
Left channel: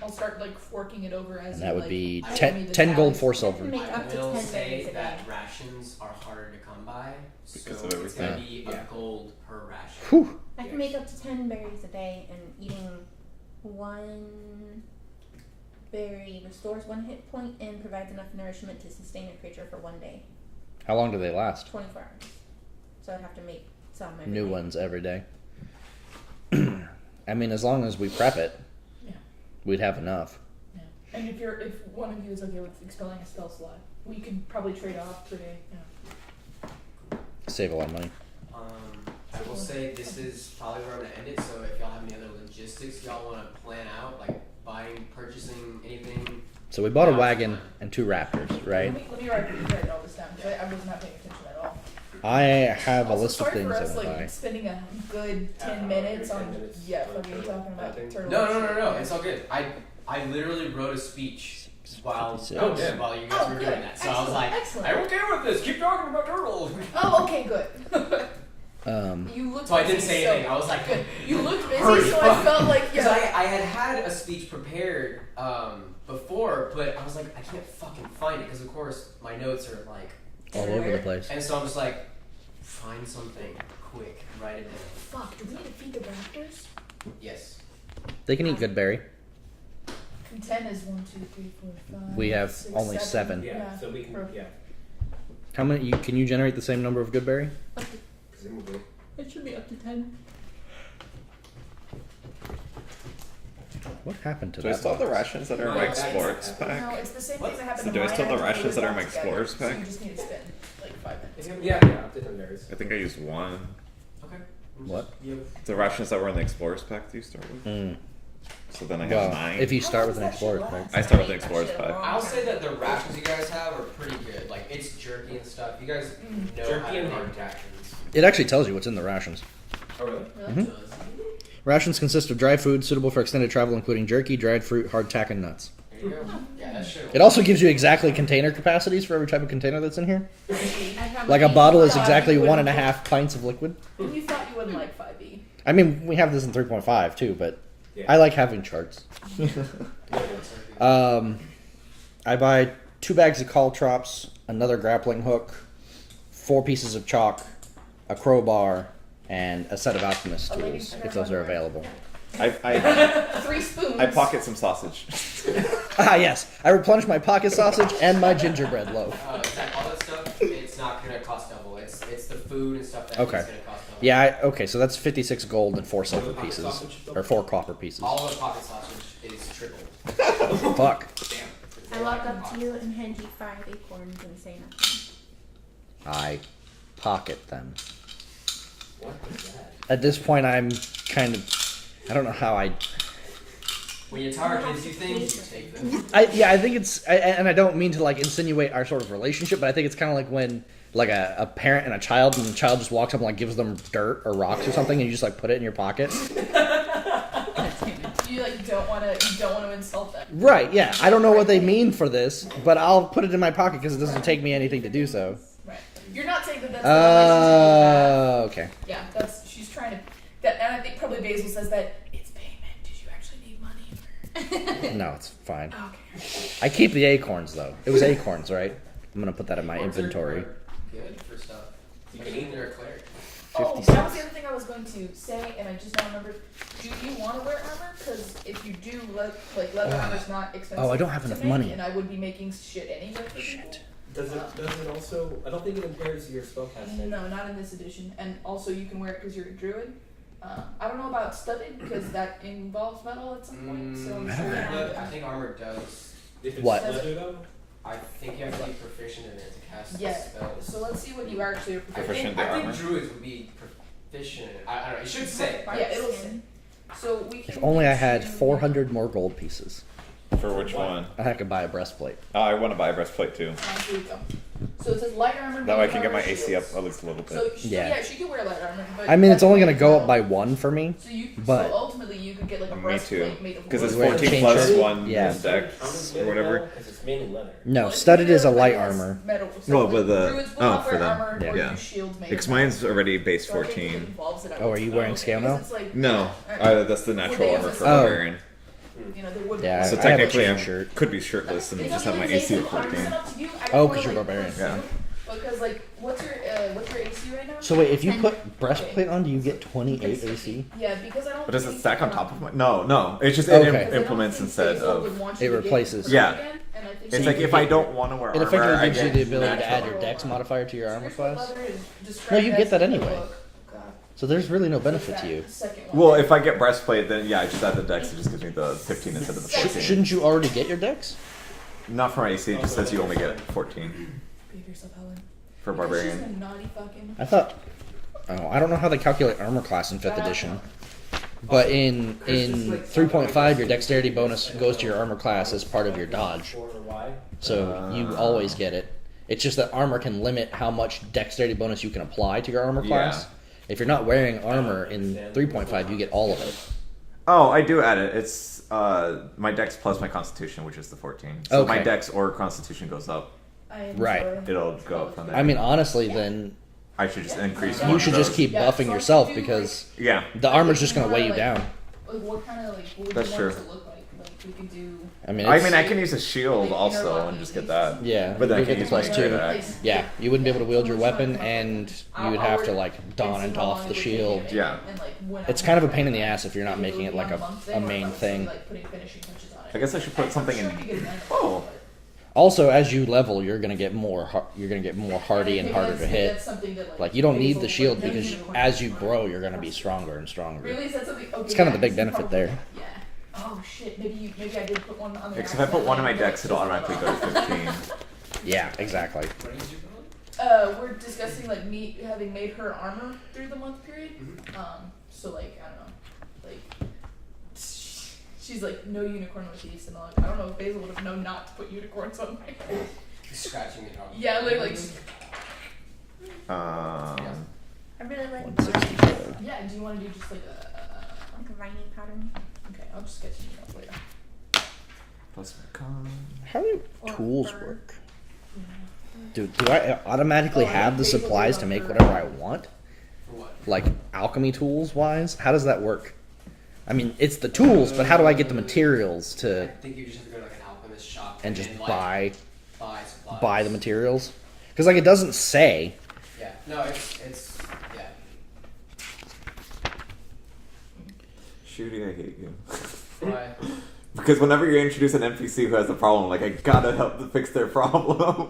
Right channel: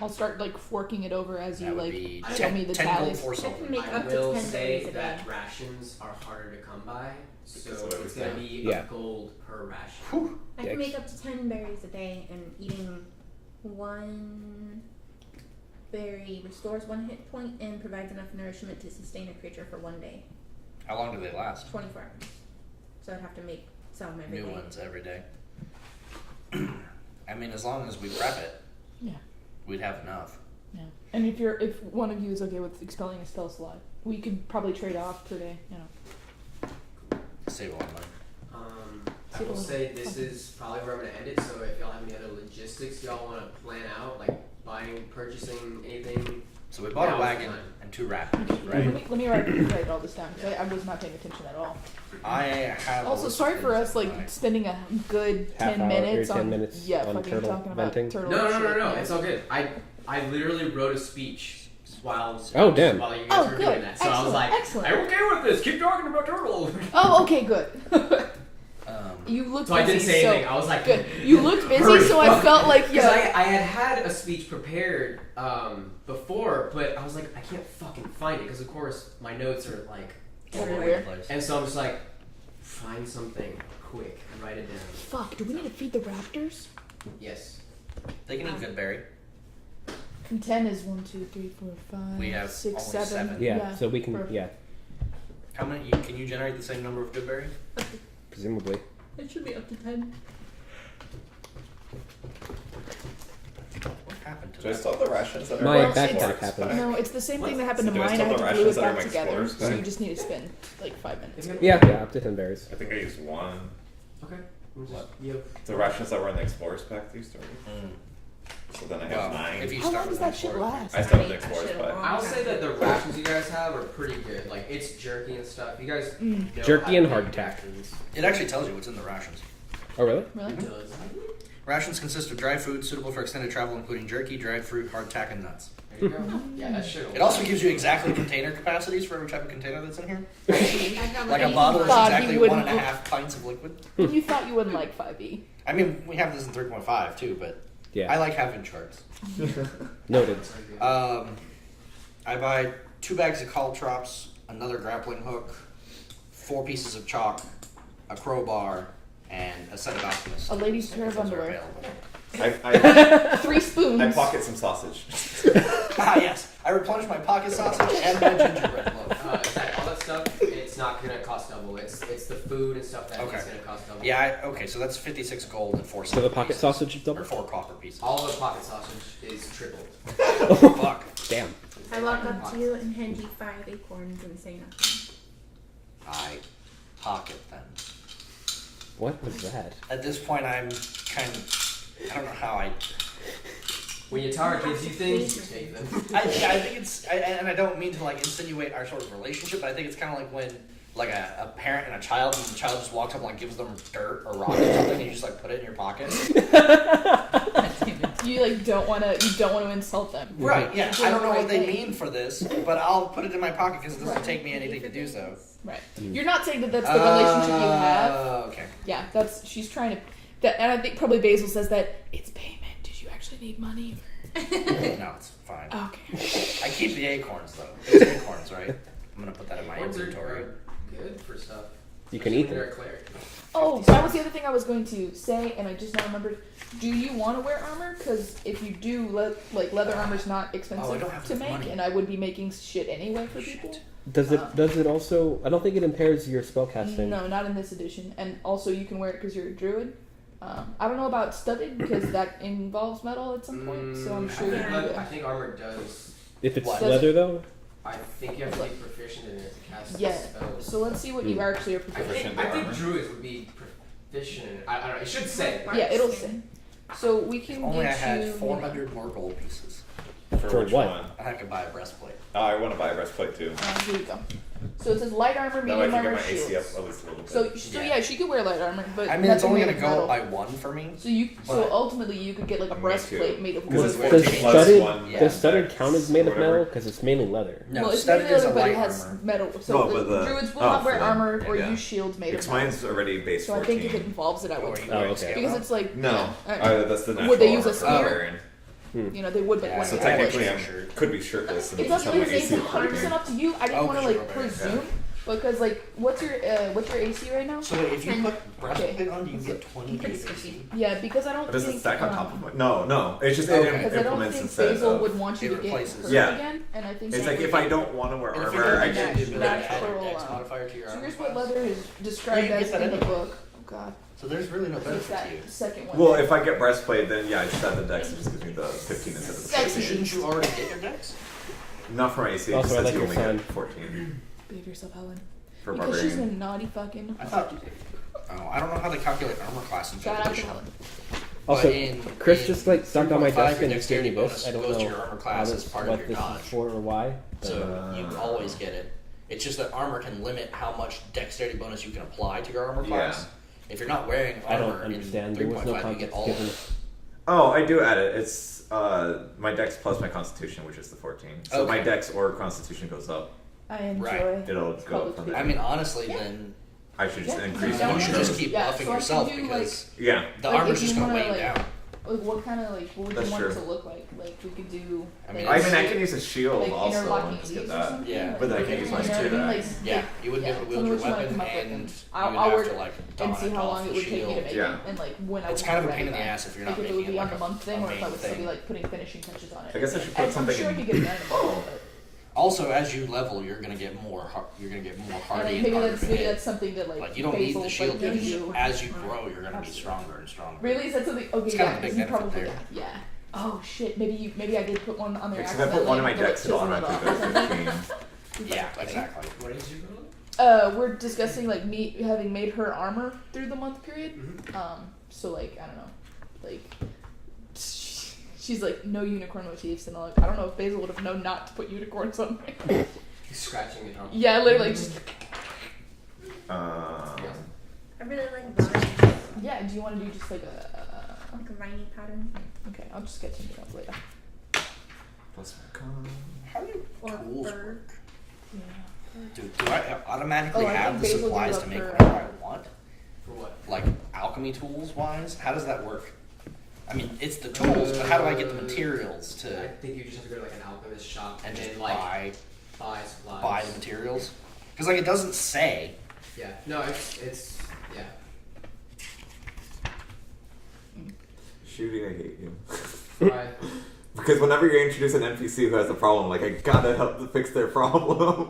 I'll start like forking it over as And you that would like be show me 10, the 10 gold, tallies. 4 I silver. can make I up to will 10 say berries a day. that rations are harder to come by, so Because of it's gonna everything. be Yeah. a gold per ration. Whew. I can make up to 10 berries a day, and eating 1 berry restores 1 hit point and provides enough nourishment to sustain a creature for 1 day. How long do they last? 24 hours. So I'd have to make some every New day. ones every day. I mean, as long as we prep it, Yeah. we'd have enough. Yeah. And if one of you is okay with expelling a spell slot, we could probably trade off per day. You know. Save a lot of money. I will say this is probably where I'm gonna end it. So if y'all have any other logistics y'all want to plan out, like buying, purchasing anything, So we bought a Now's the wagon time. and 2 raptors, right? Let me write all this down. 'Cause I was not paying attention at all. I have a Also, list sorry of for things us that like I buy. spending a good Half 10 hour, minutes 10 on minutes yeah, on fucking turtle talking about hunting. turtle. no, shit. it's all good. I literally wrote a speech while Oh, damn. while you guys Oh, were good. doing that. So I was like, Excellent. I'm okay with this. Keep talking about turtles. Oh, okay, good. Um, You looked So I busy, didn't say so anything. I was like, good. You looked busy, Hurry so I up. felt like Because yeah. I had a speech prepared before, but I was like, I can't fucking find it because of course my notes are like, all over the Everywhere. place. and so I'm just like, find something quick and write it down. Fuck. Do we need to feed the raptors? Yes. They can eat good berry. And 10 is 1, 2, 3, 4, 5. We have 6, only 7. Yeah, so we can. Perfect. Yeah. How many? Can you generate the same number of good berry? Presumably. It should be up to 10. What happened to Do I that? still have the rations that are My in my backpack Explorers happened. pack? No, it's the same thing that happened So to do I mine. still I have had the to glue rations it that are in back my together, Explorers so you pack? just need to spin like 5 minutes. Yeah, up to 10 berries. I think I used one. Okay. What? Yep. The rations that were in the Explorers pack that you started with. Mm. So then I have Well, 9. if you How start long with does an that shit explorer, last? I start with the That Explorers shit pack. long I'll time. say that the rations you guys have are pretty good. Like it's jerky and stuff. You guys know Jerky how to and make hardtack. rations. it actually tells you what's in the rations. Oh, really? Really? Mhm. Does it? Rations consist of dry food suitable for extended travel, including jerky, dried fruit, hardtack, and nuts. There you go. Yeah, that shit. It also gives you exactly container capacities for every type of container that's in here. I've Like a bottle is God, exactly you wouldn't 1.5 pints of liquid. And you thought you wouldn't like 5e. I mean, we have this in 3.5 too, but Yeah. I like having charts. Noted. I buy 2 bags of caltrops, another grappling hook, 4 pieces of chalk, a crowbar, and a set of alchemist A lady's tools, pair if of those are underwear. available. I 3 spoons. I pocket some sausage. Ah, yes. I replenish my pocket sausage and my gingerbread loaf. Is that all that stuff? It's not gonna cost double. It's the food and stuff that Okay. is gonna cost double. Yeah, okay, so that's 56 gold and 4 So silver the pocket pieces. sausage is double? Or 4 copper pieces. All the pocket sausage is triple. Fuck. Damn. I walk up to you and hand you 5 acorns and say nothing. I pocket them. What was that? At this point, I'm kind of... I don't know how I... When your tower gives you things, you take them. I think it's... and I don't mean to, like, insinuate our sort of relationship, but I think it's kind of like when, like, a parent and a child, and the child just walks up and, like, gives them dirt or rocks or something, and you just, like, put it in your pocket. You like don't want to insult them. Right, yeah. I don't know what they mean for this, but I'll put it in my pocket because it doesn't take me anything to do so. Right. You're not saying that that's the relationship you have. Okay. Yeah, that's she's trying to. That, and I think probably Basil says that it's payment. Did you actually need money? No, it's fine. Okay. I keep the acorns, though. It was acorns, right? I'm going to put that in my Acorns inventory. are good for stuff. You can eat them. They're a cleric. Oh, that was the other thing I was going to say, and I just now remembered. Do you want to wear armor? Because if you do, leather armor's not expensive Oh, I don't have to enough make, money. and I would be making shit anyway for people. Does it also? I don't think it impairs your spellcasting. No, not in this edition. And also, you can wear it because you're a druid. I don't know about studded because that involves metal at some point. So I'm sure you can do But it. I think armor does. If it's What? leather though. I think you have to be proficient in it to cast Yeah. spells. So let's see what you actually are I proficient. Proficient think, in I think armor? druids would be proficient. I don't know. It should say. Yeah, it'll say. So we can. If only I get had you- 400 more gold pieces. For which what? one? I could buy a breastplate. Oh, I want to buy a breastplate too. Here we go. So it says light armor, That way I medium can get armor, my AC up shields. at least a little bit. So Yeah. yeah, she could wear light armor, but I mean, it's that only can going make to go metal. up by 1 for me. So you, but- so ultimately, you could get like a Me breastplate too. made of wood. Because it's Where 14 it plus changes- 1 Yeah. Does studded dex count as or made of whatever. metal? Because it's mainly leather. No, Well, it's studded made is a of- but light it has armor. Metal. So No, like, but the- druids will oh, not wear for them. armor or Yeah. use shields made Because of metal. mine's already base So I think if it 14. involves it, I Oh, would are you do wearing it. scale Because now? it's like No, that's the Would natural they use armor a for sword? barbarian. you know they would. Yeah, want So I to. have a technically, I shirt. could be shirtless and It just have doesn't my really AC say at it's 14. up to you. I Oh, don't want 'cause to you're like barbarian. presume because like what's your AC right now? So wait, if you 10. put breastplate on, do you get 28 It's AC? Yeah, because I don't. But does it think, stack on top of my? No. It's just it Okay. Because I don't implements think instead Basil of. would want you it to get replaces. hurt Yeah. again, and I think It's so like you if I would- don't want to wear It armor, effectively I gives you get the ability to natural add your dex roll. modifier to your So armor here's what class. leather is described you get as that in the anyway. book. Oh god. So there's really no So benefit that to you. Second one. Well, if I get breastplate, then yeah, I just add the dex. It just gives me the 15 instead of the 14. Shouldn't you already get your dex? Not for my AC. It just Also, I says like you your only friend. get 14 Behave yourself, Helen. for Because she's a barbarian. naughty fucking. I thought. Oh, I don't know how they calculate armor class in 5th bad edition. Helen. But Also, in Chris in just like started on my 3.5, desk your and dexterity saying bonus this. I don't goes to know your armor class as part of what your this is dodge. for or why. So you always get it. It's just that armor can limit how much dexterity bonus you can apply to your armor class. Yeah. If you're not wearing I don't armor in understand. There was no 3.5, you get all of it. Oh, I do add it. It's my dex plus my constitution, which is the 14. So my Okay. dex or constitution goes up. I enjoy. Right. It'll go up from there. I mean, honestly, then I should just increase Yeah. one you of should just those. keep Yeah, buffing so I yourself could do, because Yeah. the Like, armor's if just you going to weigh wanna, you like- down. What kind of like what would That's you want true. it to look like? Like we could do. I mean, I it's- mean, I can use a shield Like, also interlocking and just get these that. or something? Yeah. But then I You can could use my use spear two. axe. Yeah, you wouldn't be able to wield your Someone's trying weapon, to come up with and it. you I'll would have work to it like and don see and how long off it the would take me to shield. make Yeah. it, and like when I It's would kind of a write pain in it the down. ass if you're not If it making would it be like on a month a thing, or if main I was gonna be, thing. like putting finishing touches on it. I guess I should put I'm something sure I in. could get it done in a month, Oh. but Also, as you level, you're gonna get more hardy and maybe harder that's, to maybe hit. that's something that like. Like you don't need Basil, the shield like, because no, as you grow, you're gonna be stronger and stronger. Really, is that something? Okay, It's kind of yeah, the big so you benefit probably- there. Yeah. Oh shit! Maybe I did put one on there. Because if I put one in my accidentally, decks, it'll like, automatically chiseled go it to off. 15. Yeah, exactly. What did you roll? We're discussing like me having made her armor through the month period. Mm-hmm. So like I don't know, like she's like no unicorn motifs, and I don't know if Basil would have known not to put unicorns on there. Scratching it off. Yeah, literally. Just, I really like One, vine, six, yeah. Do you want to do just like a? like a viney pattern. Okay, I'll just get something else later. Plus my con. How do Or tools fur. work? Yeah. Do I automatically Oh, I have think the Basil supplies goes to up make for- whatever I want? For what? Like alchemy tools wise? How does that work? I mean, it's the tools, but how do I get the materials I to think you just have to go to like an alchemist shop and just then, like, buy supplies. the materials? Because like it doesn't say. Yeah. No, it's yeah. Shooty, I hate you. Why? Because whenever you introduce an NPC who has a problem, like I gotta help to fix their problem.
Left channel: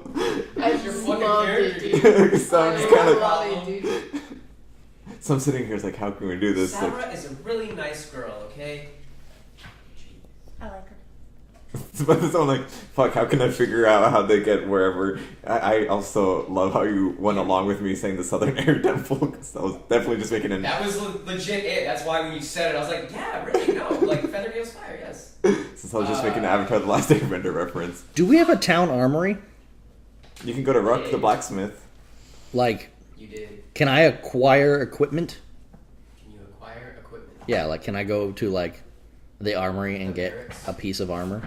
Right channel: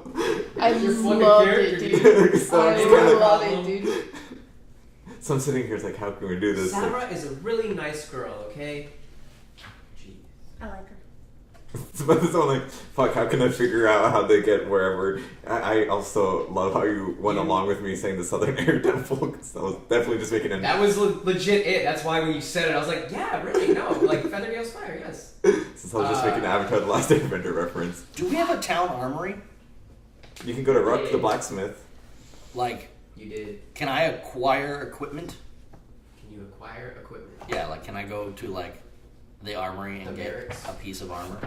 I Your fucking loved character, it, dude. So I'm I just kind of love it, dude. so I'm sitting here, it's like, how can we do this? Like, Sarah is a really nice girl, okay? Gee. I like her. but so I'm like, fuck, how can I figure out how they get wherever? I also love how you went along with me saying the Southern Air Temple, because I was definitely just making an. That was legit it. That's why when you said it, I was like, yeah, really, no, like Feathergale's fire, yes. Since I was just making an Avatar: The Last Airbender reference. Do we have a town armory? You can go to Ruck the blacksmith. Like, You did. can I acquire equipment? Can you acquire equipment? Yeah, like can I go to like the armory and The get barracks? a piece of armor?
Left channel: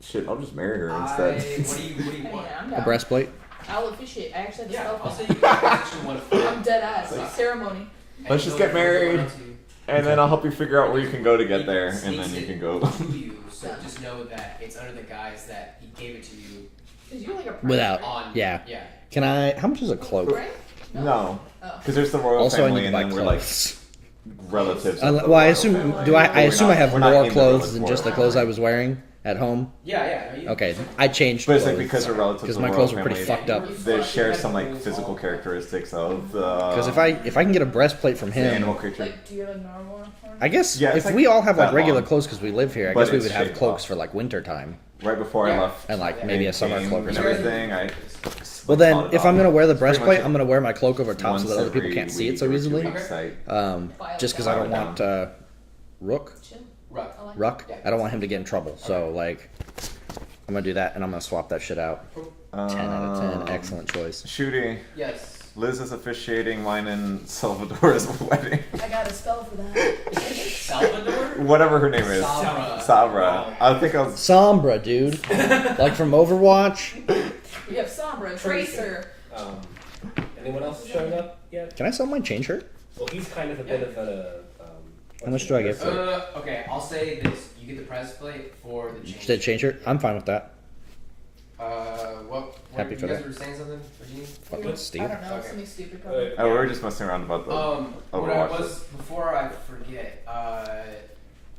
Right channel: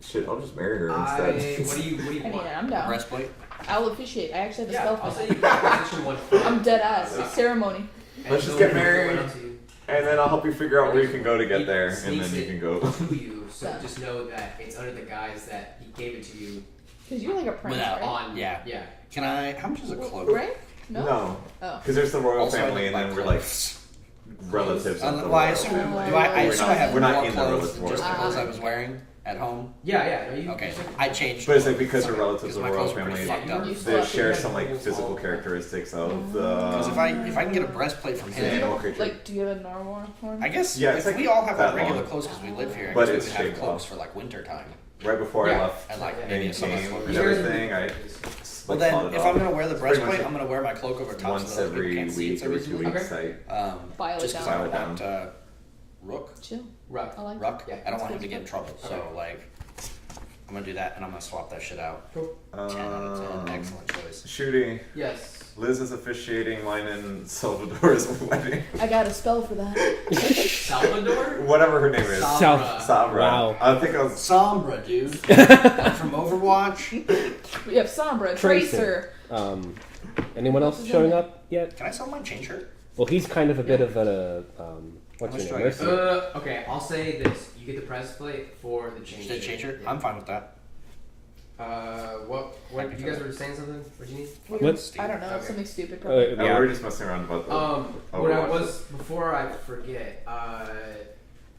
Shit, I'll just marry her What do instead. you I mean, want? I'm A down. breastplate? I'll officiate. I actually have a Yeah, spell I'll for say that. you can position one first. I'm dead ass. Ceremony. Let's just get married. And then I'll help you figure out where you can go to get there, and then you can go. To you, so Done. just know that it's under the guise that he gave it to you Because you're like a prince, Without- right? on. Yeah. Yeah. Can I? How much is a cloak? Right? No. No, Oh. because there's the royal Also, I family, need and to then buy we're like clothes. relatives. of the Well, I royal assume. family. Do I? I We're assume not- I have we're not more in the clothes royal than just the family. clothes I was wearing at home. Yeah. No, you, Okay, I changed. But it's like clothes. because we're relatives Because of my the royal clothes were pretty family, fucked up. You they slept share in some like rules physical all- characteristics of the. Because if I can get a breastplate from the him, animal creature. Like, do you have a narwhal horn? I guess Yeah, if it's like we all have that like regular long. clothes because we live here, I But guess we it's would have shaped clothes off. for like winter time Right before I Yeah. left and like and maybe a summer came cloak or and something. everything, I. Well, like, then thought it if off. I'm gonna wear the It's pretty much breastplate, it. I'm gonna wear my cloak over top Once so that other people every can't see it week so or 2 easily. weeks, I Just because I File don't it down. want Rook. Chill. Ruck. I like Ruck. Yeah, I don't want him to get in trouble. So like, I'm gonna do that, and I'm gonna swap that shit out. 10 out of 10. Excellent choice. Shooty. Yes. Liz is officiating mine and Salvador's wedding. I got a spell for that. Salvador. Whatever her name is. Sabra. Sabra. Wow. I think I was. Sombra, dude. Like from Overwatch. We have Sombra, Tracer. Anyone else showing up yet? Can I sell my chain shirt? Well, he's kind of a bit of a. How much do I get? Okay, I'll say this. You get the breastplate for the change. Just a chain shirt? I'm fine with that. What Happy you for guys that. were saying something? What do you need? Let's- I don't know. Okay. Something stupid, probably. Oh, we were just messing around about the. What I Overwatch. was before I forget,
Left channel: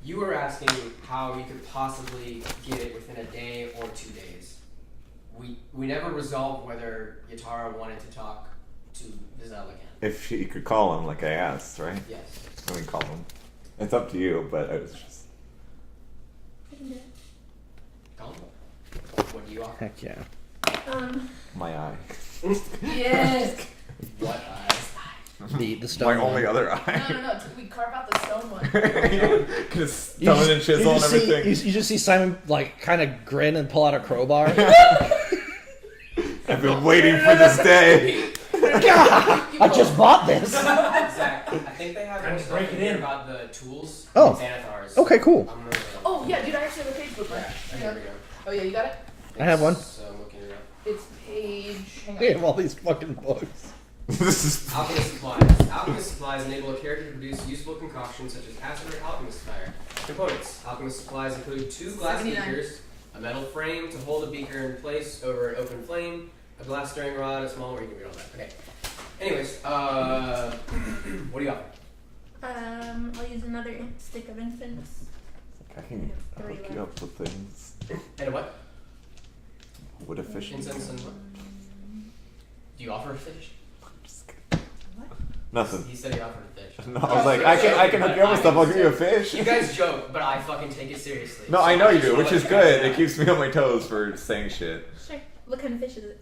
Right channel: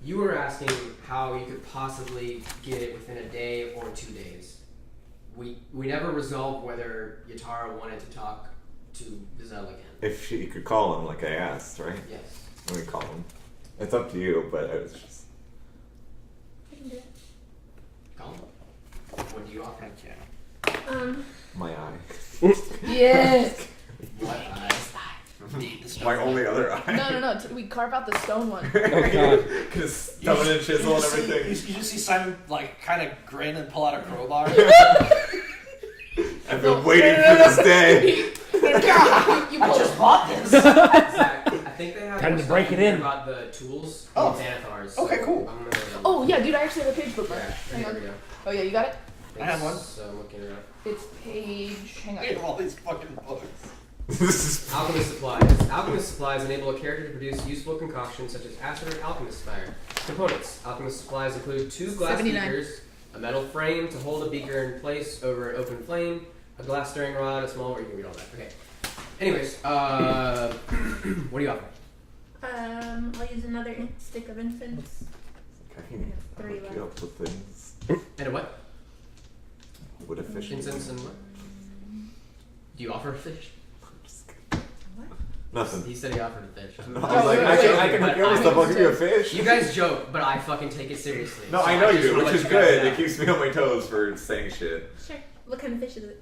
you were asking how you could possibly get it within a day or 2 days. We never resolved whether Yatara wanted to talk to Vizel again. If she could call him, like I asked, right? Yes. We can call him. It's up to you, but I was just. I can do it. Call him. What do you offer? Heck yeah. My eye. Yes. What eyes? The stone. My one. only other eye. No. We carve out the stone one. Because stone and chisel and everything. You just see Simon like kind of grin and pull out a crowbar. I've been waiting for this day. I just bought this. Zach, I think they have Time more to stuff break it here in. about the tools Oh. and Xanathars. Okay, cool. I'm gonna, Oh yeah, dude. I actually have a page bookmark. yeah, Hang there on. we go. Oh yeah, you got it. I have one. So I'm looking it up. It's page. Hang on. They have all these fucking books. This is. Alchemist supplies. Alchemist supplies enable a character to produce useful concoctions such as acid or alchemist fire. Components. Alchemist supplies include 2 glass 79. beakers, a metal frame to hold a beaker in place over an open flame, a glass stirring rod, a small. Or you can read all that. Okay. Anyways, what do you offer? I'll use another stick of incense. I can I have 3 hook left. you up with things. And what? Would a fish? Incense and what? Do you offer a fish? What? Nothing. He said he offered a fish. No, I was like, I can hook you up with stuff. I'll give you a fish. You guys joke, but I fucking take it seriously. No, So I know you just do, wanna which let is you guys good. know. It keeps me on my toes for saying shit. Sure. What kind of fish is it?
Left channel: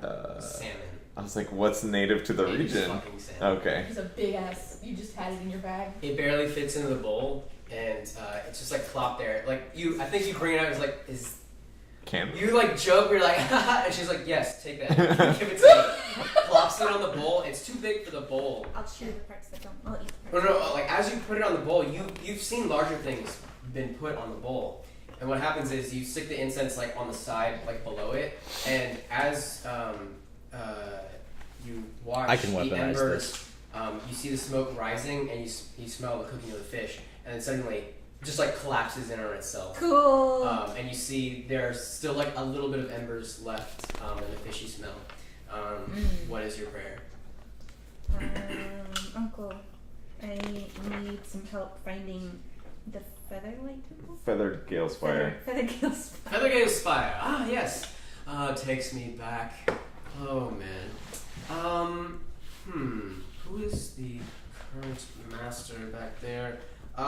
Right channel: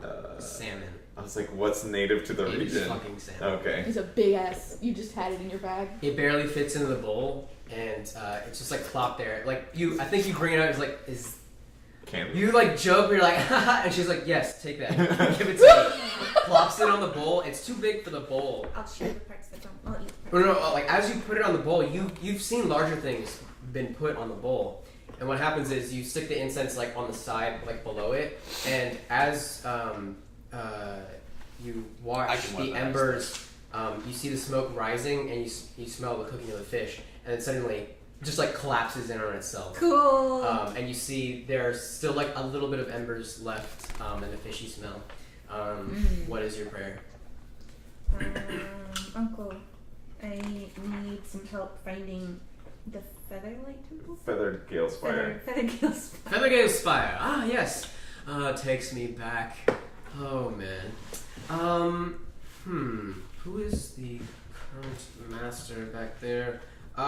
Salmon. I was like, what's native to the It's region? fucking salmon. Okay. It's a big ass. You just had it in your bag. It barely fits into the bowl, and it's just like plopped there. Like I think you bring it out. It's like, Can you like joke. You're like, haha, and she's like, yes, take that. Give it to me. Plops it on the bowl. It's too big for the bowl. I'll chew the parts that don't. I'll eat the No, parts. no, like as you put it on the bowl, you've seen larger things been put on the bowl, and what happens is you stick the incense like on the side, like below it, and as you watch I can the weaponize embers, you see the smoke rising, and you smell the cooking of the fish, and then suddenly it just like collapses in on itself. Cool. And you see there's still like a little bit of embers left, and the fishy smell. What is your prayer? Uncle, I need some help finding the Featherlight Temple? Feathered Gale Spire. Feathergale Spire. Feathergale Spire. Ah, yes. Takes me back. Oh man. Who is the current master back there? You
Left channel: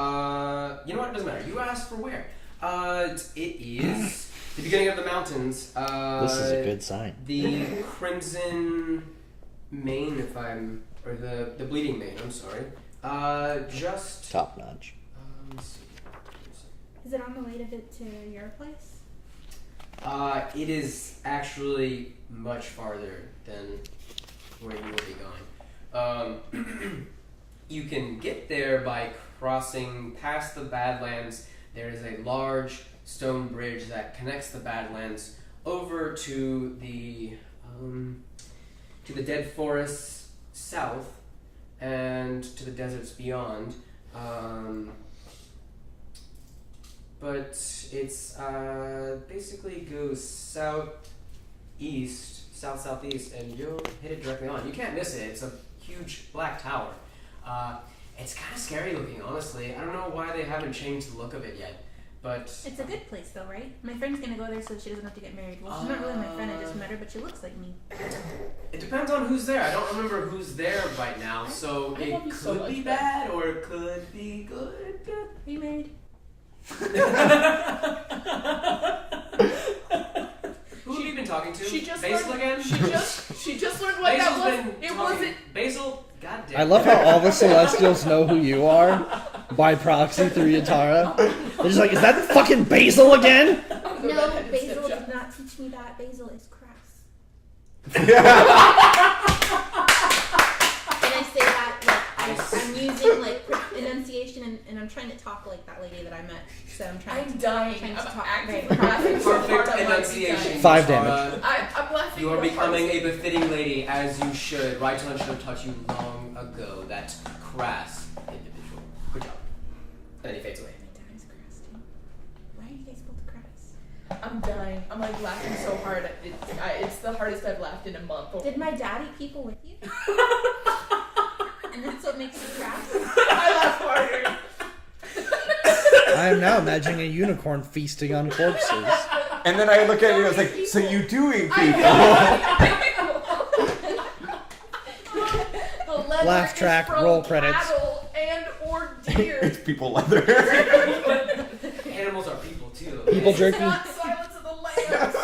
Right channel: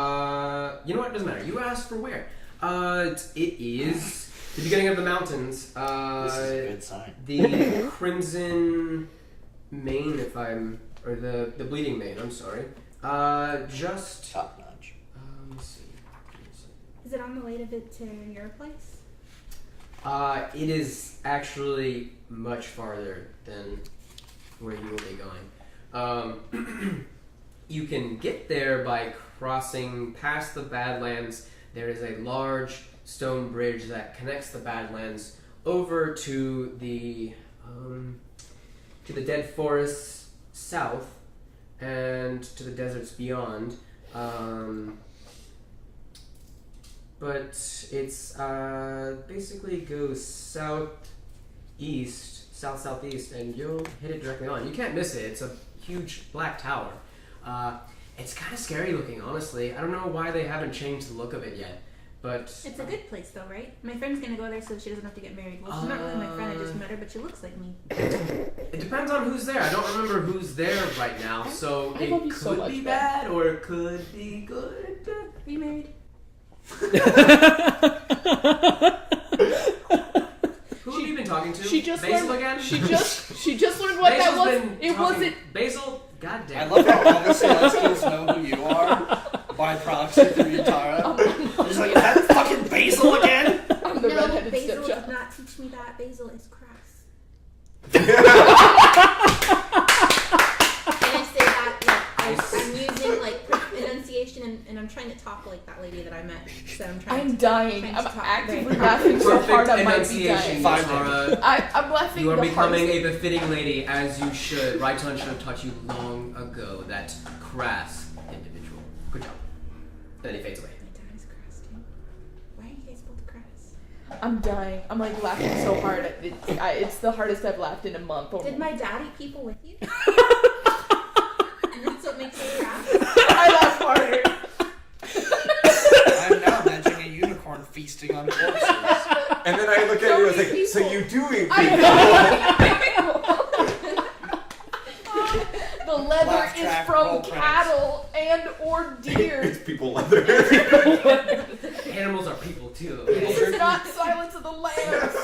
know what? It doesn't matter. You asked for where. It is the beginning of the mountains. This is a good sign. The Crimson Mane, or the Bleeding Mane. I'm sorry. Just. Top notch. Let's see. Is it on the way to your place? It is actually much farther than where you will be going. You can get there by crossing past the Badlands. There is a large stone bridge that connects the Badlands over to the dead forests south and to the deserts beyond. But it's basically goes southeast, and you'll hit it directly on. You can't miss it. It's a huge black tower. It's kind of scary looking, honestly. I don't know why they haven't changed the look of it yet, but It's a good place, though, right? My friend's gonna go there so she doesn't have to get married. Well, she's not really my friend. I just met her, but she looks like me. it depends on who's there. I don't remember who's there right now, so I it love you could so much, be Ben. bad or it could be good. Are you married? Who have you been talking to? She just Basil learned. again? She just learned what that Basil's was. been It talking- wasn't. Basil. God damn. I love how all the Celestials know who you are by proxy through Yatara. They're just like, is that fucking Basil again? I'm the No, redheaded Basil stepchild. did not teach me that. Basil is crass. And I say that like I'm using like enunciation and I'm trying to talk like that lady that I met. So I'm trying. I'm to, dying. trying I'm to talk actively very laughing so hard I might be enunciation. dying. 5 Tara. I'm laughing. You are the becoming hardest. a befitting lady, as you should. Raiton should have taught you long ago. That crass individual. Good job. And then he fades away. My dad is crass too. Why are you guys both crass? I'm dying. I'm like laughing so hard. It's the hardest I've laughed in a month. Did my dad eat people with you? And that's what makes you crass? I laugh harder. I'm now imagining a unicorn feasting on corpses. And then I look at you and I was like, so you do eat I people. The leather Laugh track, is from roll credits. cattle and or deer. It's people leather. Animals are people too. People It's jerky. not Silence of the Lambs.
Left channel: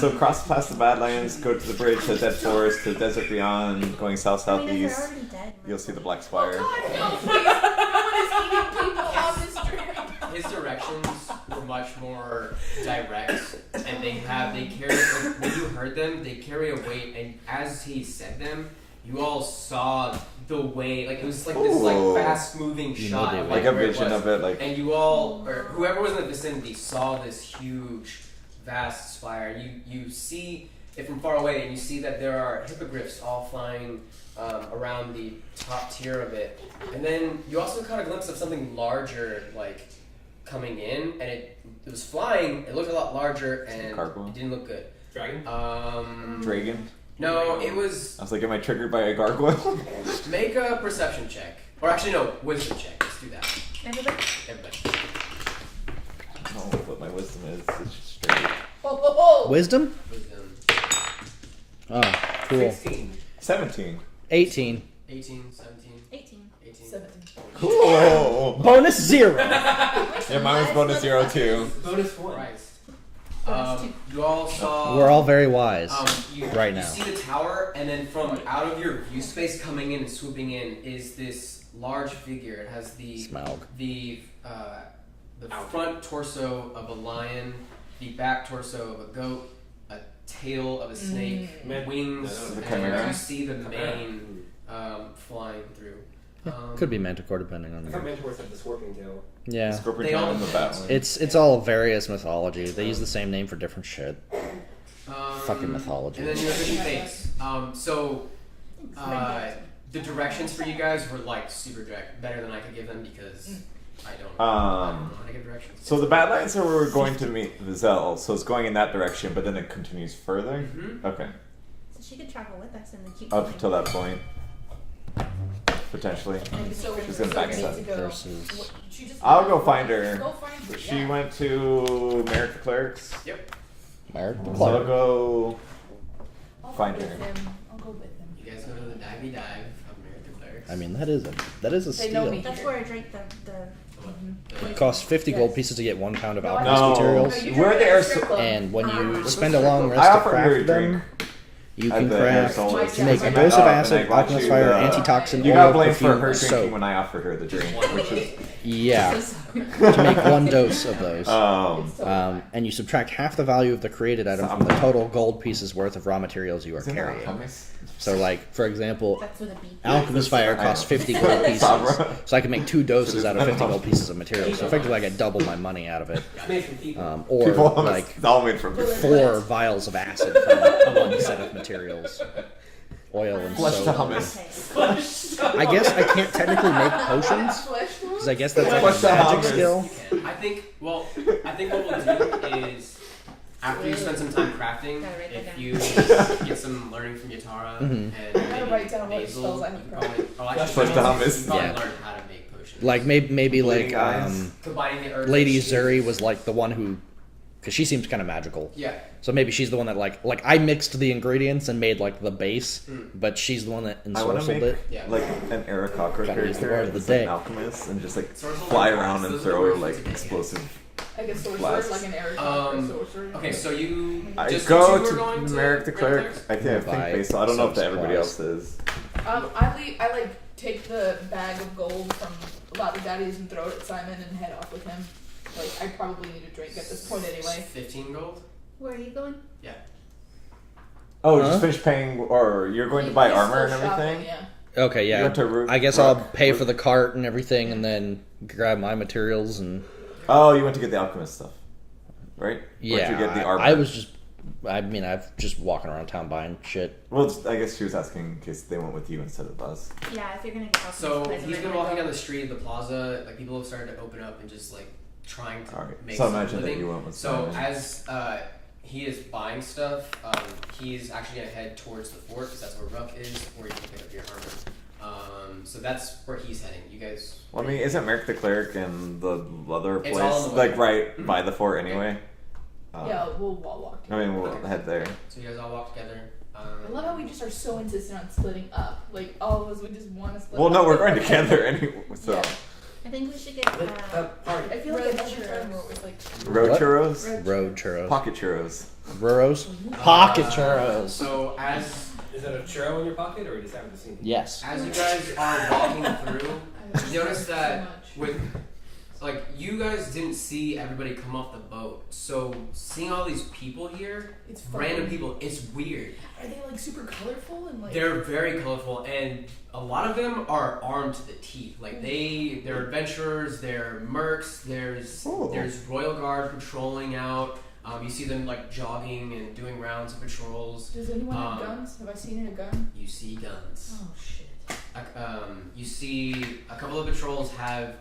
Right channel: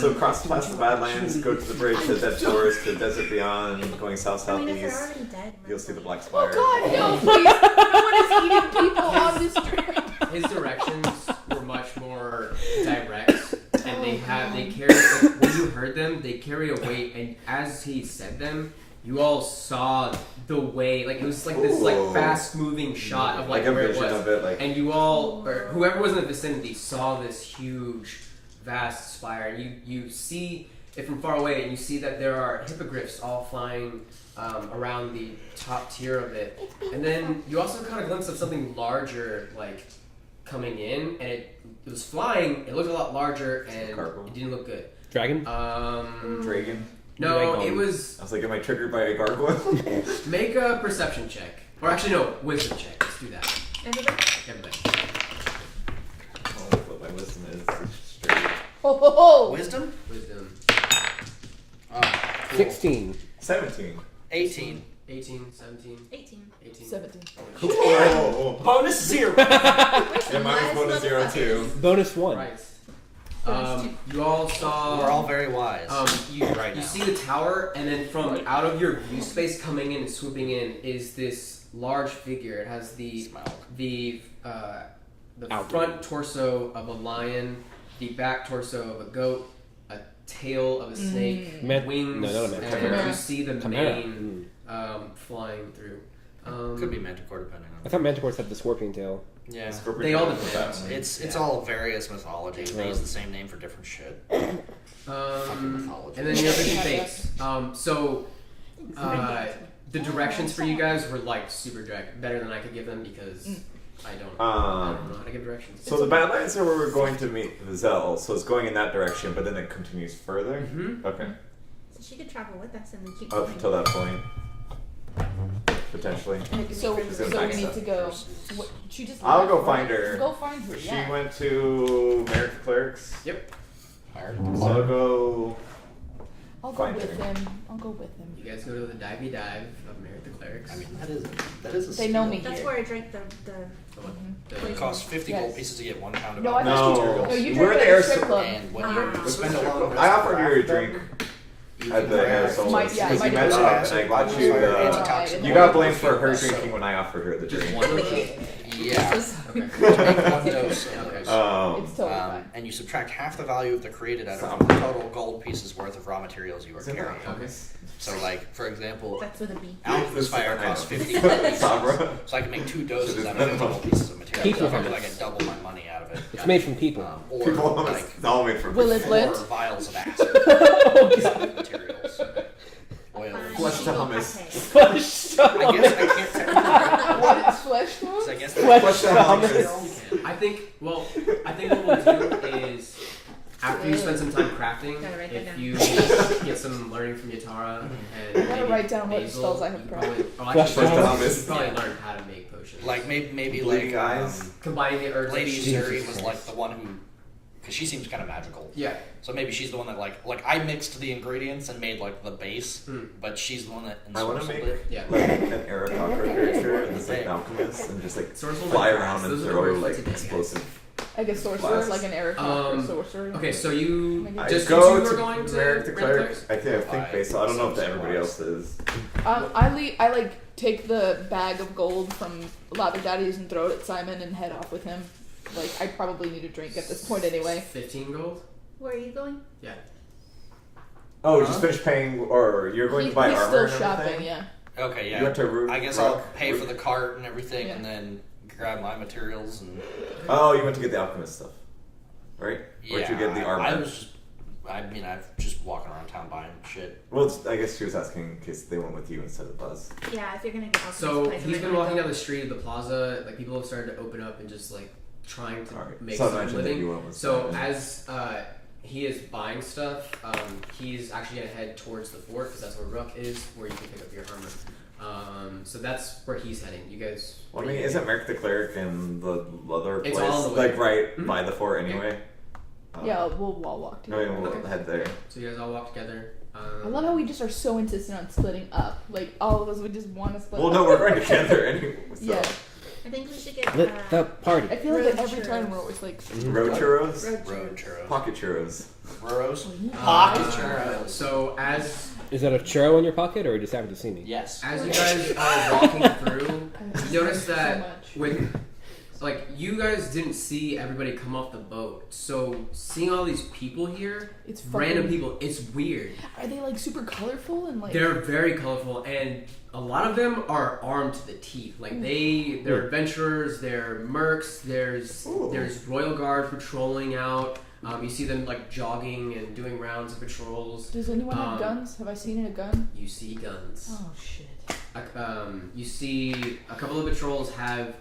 So cross past the Badlands, go to the bridge to the Dead Forest, to the desert beyond, going south I mean, if they're southeast. already dead. You'll see the Black Oh Spire. God, no! Please, no one is eating people on this trip. His directions were much more direct, and they carry, like, when you heard them, they carry a weight, and as he said them, you all saw the way, like it was like this like Ooh. fast moving shot of Like a where it vision was. of it, like And you all, or whoever was in the vicinity, saw this huge, vast spire. You see it from far away, and you see that there are hippogriffs all flying around the top tier of it. And then you also caught a glimpse of something larger, like coming in, and it was flying. It looked a lot larger, and Gargoyle? it didn't look good. Dragon? Dragon. No, it was. I was like, am I triggered by a gargoyle? Make a perception check, or actually no, wisdom check. do that. Everybody? Everybody. Oh, what my wisdom is. It's just straight. Wisdom? Wisdom. Oh, cool. 16. 17. 18. 18, 17, 18. 18. 17. Cool. Bonus 0. Yeah, mine was bonus 0 too. Bonus 1. Right. Bonus You all saw. We're all very wise You, right you now. see the tower, and then from out of your view space coming in and swooping in is this large figure. It has the Smaug. the front torso of a lion, the back torso of a goat, a tail of a snake, wings, No, the and chimera. you see the Chimera. mane flying through. Could be Manticore depending on. I thought Manticores have the scorpion tail. Yeah. Scorpion They all tail and the depend. bat one. It's all various mythology. They use the same name for different shit. Fucking mythology. And then you have the face. The directions for you guys were like super direct, better than I could give them because I don't know how to give directions. So the Badlands are where we're going to meet Vizel, so it's going in that direction, but then it continues further? Mhm. Okay. So she could travel with us and then keep Up going. until that point. Potentially. So, She's so gonna we need backstep to go. versus- What, she just I'll left, go right? find her. Go find her. She Yeah. went to Merrick the Clerics. Merit? So I'll go I'll go find with her. him. I'll go with him. You guys go to the divey dive of Merit the Clerics. I mean, that is a They steal. know me. That's here. where I drank the It costs 50 gold Yes. pieces to get 1 pound of No, I alchemist No. materials. No, you We're drink the it at air a strip so- club. And when Ah. you spend a long rest I to offered you a craft them, drink you at can the air craft soul. My- like yeah, my explosive dad- acid, and I got alchemist you fire, the- antitoxin. You oil, got blamed for perfume, her drinking soap. when I offered her the drink. Yeah, So sorry. to make 1 dose of those. It's totally Um, fine. and you subtract half the value of the created item from the total gold pieces worth of raw materials you are Isn't that carrying. hummus? So, like, for example, That's with a B. alchemist fire I know. costs 50 gold pieces. Sabra. So I can make 2 doses Should've out of been 50 hummus. gold pieces of material. So People effectively I get double my money out of it. It's made from people. Or People like it's all made from Will it 4 lit? vials of acid from one set of materials. Oil and Flesh soap. to hummus. I guess I can't technically make potions. Flesh Because I guess that's Flesh to a crafting hummus. skill. I think what we'll do is after you spend some time crafting, Gotta write that if down. you get some learning from Yatara and gotta maybe write down what Basil, spells I have you probably, Flesh to hummus. you probably learn how to make potions. Like maybe Bleeding like eyes. combining the herbs. Lady Jesus Zuri was Christ. like the one who, because she seems kind of magical. Yeah. So maybe she's the one that like I mixed the ingredients and made like the base, but she's the one that I want to ensorcelled make it. Yeah. like an Arakocra character Word of the that's like day. an alchemist and just like Swords will fly make around glass. and Those are throw the like words today. explosive. Like a sorcerer, Blast. like an Eric sorcerer. Okay, so you I just go you two to were going to Merrick the Red Cleric. Clerics? I think Buy Basil. I don't know if some everybody else supplies. is. I like take the bag of gold from Lather Daddy's and throw it at Simon and head off with him. Like I probably need a drink at this point anyway. 15 gold. Where are you going? Yeah. Oh, Huh? just finished paying, or you're going to buy He's armor and still everything? shopping, yeah. Okay, You yeah. went to Rook, I guess Rook, I'll pay Rook? for the cart and everything, Yeah. and then grab my materials and Oh, you went to get the alchemist stuff, right? yeah. Or did you get the armor? I was just, I mean, I've just walking around town buying shit. Well, I guess she was asking in case they went with you instead of us. Yeah, if you're gonna get alchemist So supplies, he's I been might walking go. down the street of the plaza. Like people have started to open up and just like trying to All right. make So some imagine that living. you went with So Simon. as he is buying stuff, he's actually gonna head towards the fort because that's where Rook is, where you can pick up your armor. So that's where he's heading. You guys. Well, I mean, isn't Merrick the Cleric and the other It's place all on the way. like right by the fort anyway? Yeah, we'll walk I together. mean, we'll head there. So you guys all walk together. I love how we just are so insistent on splitting up. Like all of us would just want to split Well, up. no, we're going together anyway. So Yeah. I think we should get The party. I feel like Road every time churros. we're always like road What? churros, Road churros. pocket churros. Churros? Pocket churros. So as Is that a churro in your pocket, or you just happen to see me? Yes. you guys are walking through, you notice so that much. with like you guys didn't see everybody come off the boat. So seeing all these people here, It's fucking, random people, it's weird. Are they like super colorful and like? They're very colorful, and a lot of them are armed to the teeth. Like they're adventurers, they're mercs. There's Ooh. royal guards patrolling out. You see them like jogging and doing rounds of patrols. Does anyone have guns? Have I seen a gun? You see guns. Oh shit. You see a couple of patrols have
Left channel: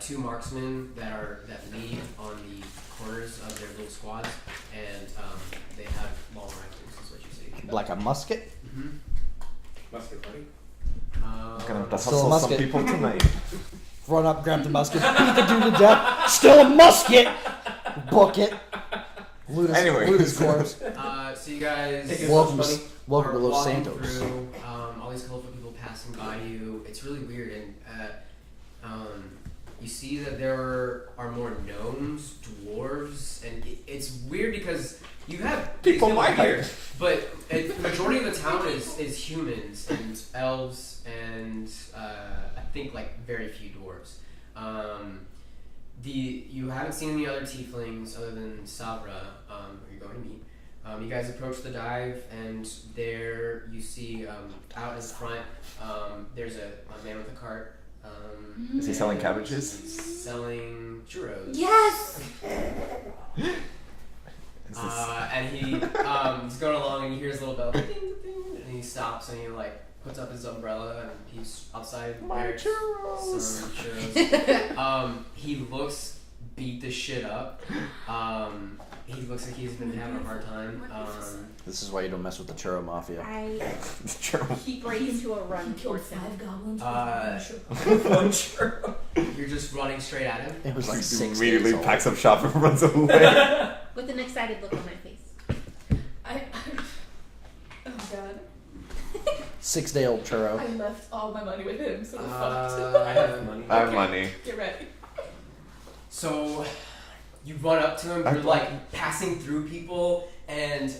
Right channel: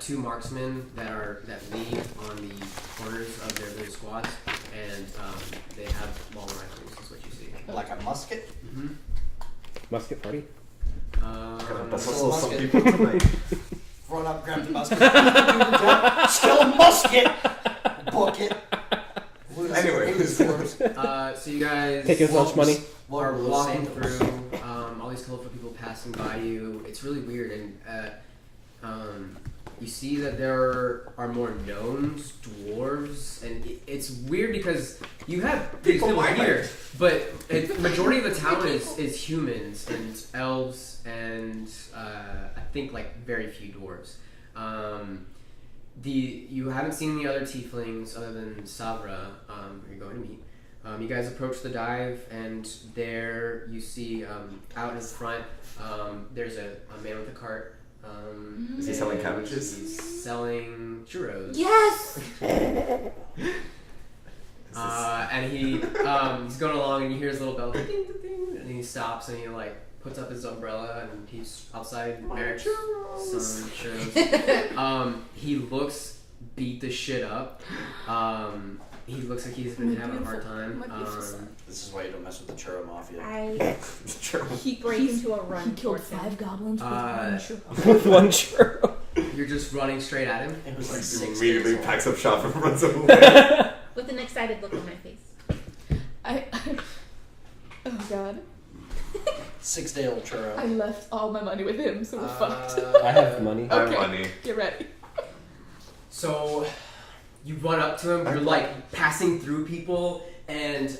2 marksmen that lead on the corners of their little squads, and they have long rifles. Is what you see. Like a musket? Mm-hmm. Musket party? Gonna Still a hustle some musket. people tonight. Run up, grab the musket, beat the dude to death, steal a musket, book it. Anyway. Loot his corpse. So you guys Take as Welcome much money. Welcome are to Los walking Santos. through all these colorful people passing by you. It's really weird, and you see that there are more gnomes, dwarves, and it's weird because you have People these my here, height. but the majority of the town is humans and elves, and I think like very few dwarves. You haven't seen any other tieflings other than Sabra, who you're going to meet. You guys approach the dive, and there you see out in front there's a man with a cart. Is he selling cabbages? He's selling churros. Yes. And he's going along, and you hear his little bell, ding, ding, ding, and he stops and he like puts up his umbrella, and he's outside. There's some churros. He looks beat the shit up. He looks like he's been having a hard time. This is why you don't mess with the churro mafia. I Churro. break into a run He killed towards him. 5 goblins with One churro. You're just running straight at him. It was like He 6 immediately days old. packs up shop and runs away. With an excited look on my face. Oh god. 6-day-old churro. I left all my money with him, so we're fucked. I have money. I have Okay. money. Get ready. So you run up to him. You're like passing through people, and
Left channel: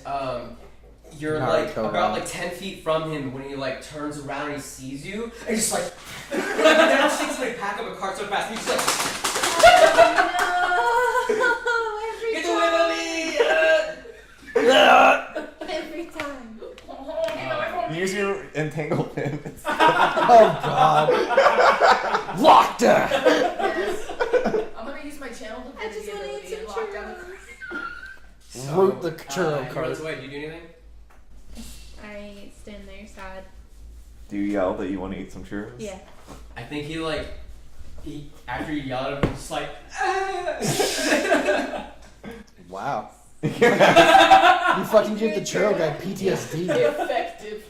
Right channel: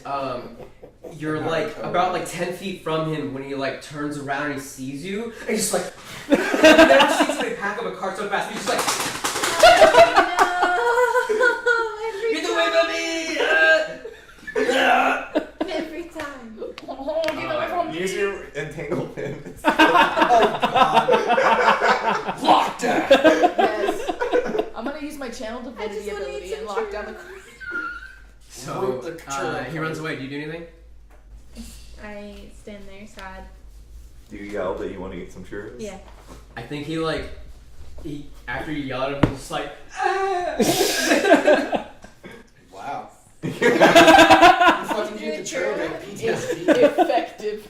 you're like about like 10 feet from him when he like turns around and he sees you, and just like never seen somebody pack up a cart so fast. He's just like, Every get away from me! Every time. Use your entangle pin. Oh god. Locked her. Yes. I'm gonna use my channel I just divinity want to eat ability some and lock down the So Root the churro he runs away. Do you do anything? I stand there sad. Do you yell that you want to eat some churros? Yeah. I think he after you yell at him, he's just like, ah! Wow. You fucking give the churro guy PTSD. effective.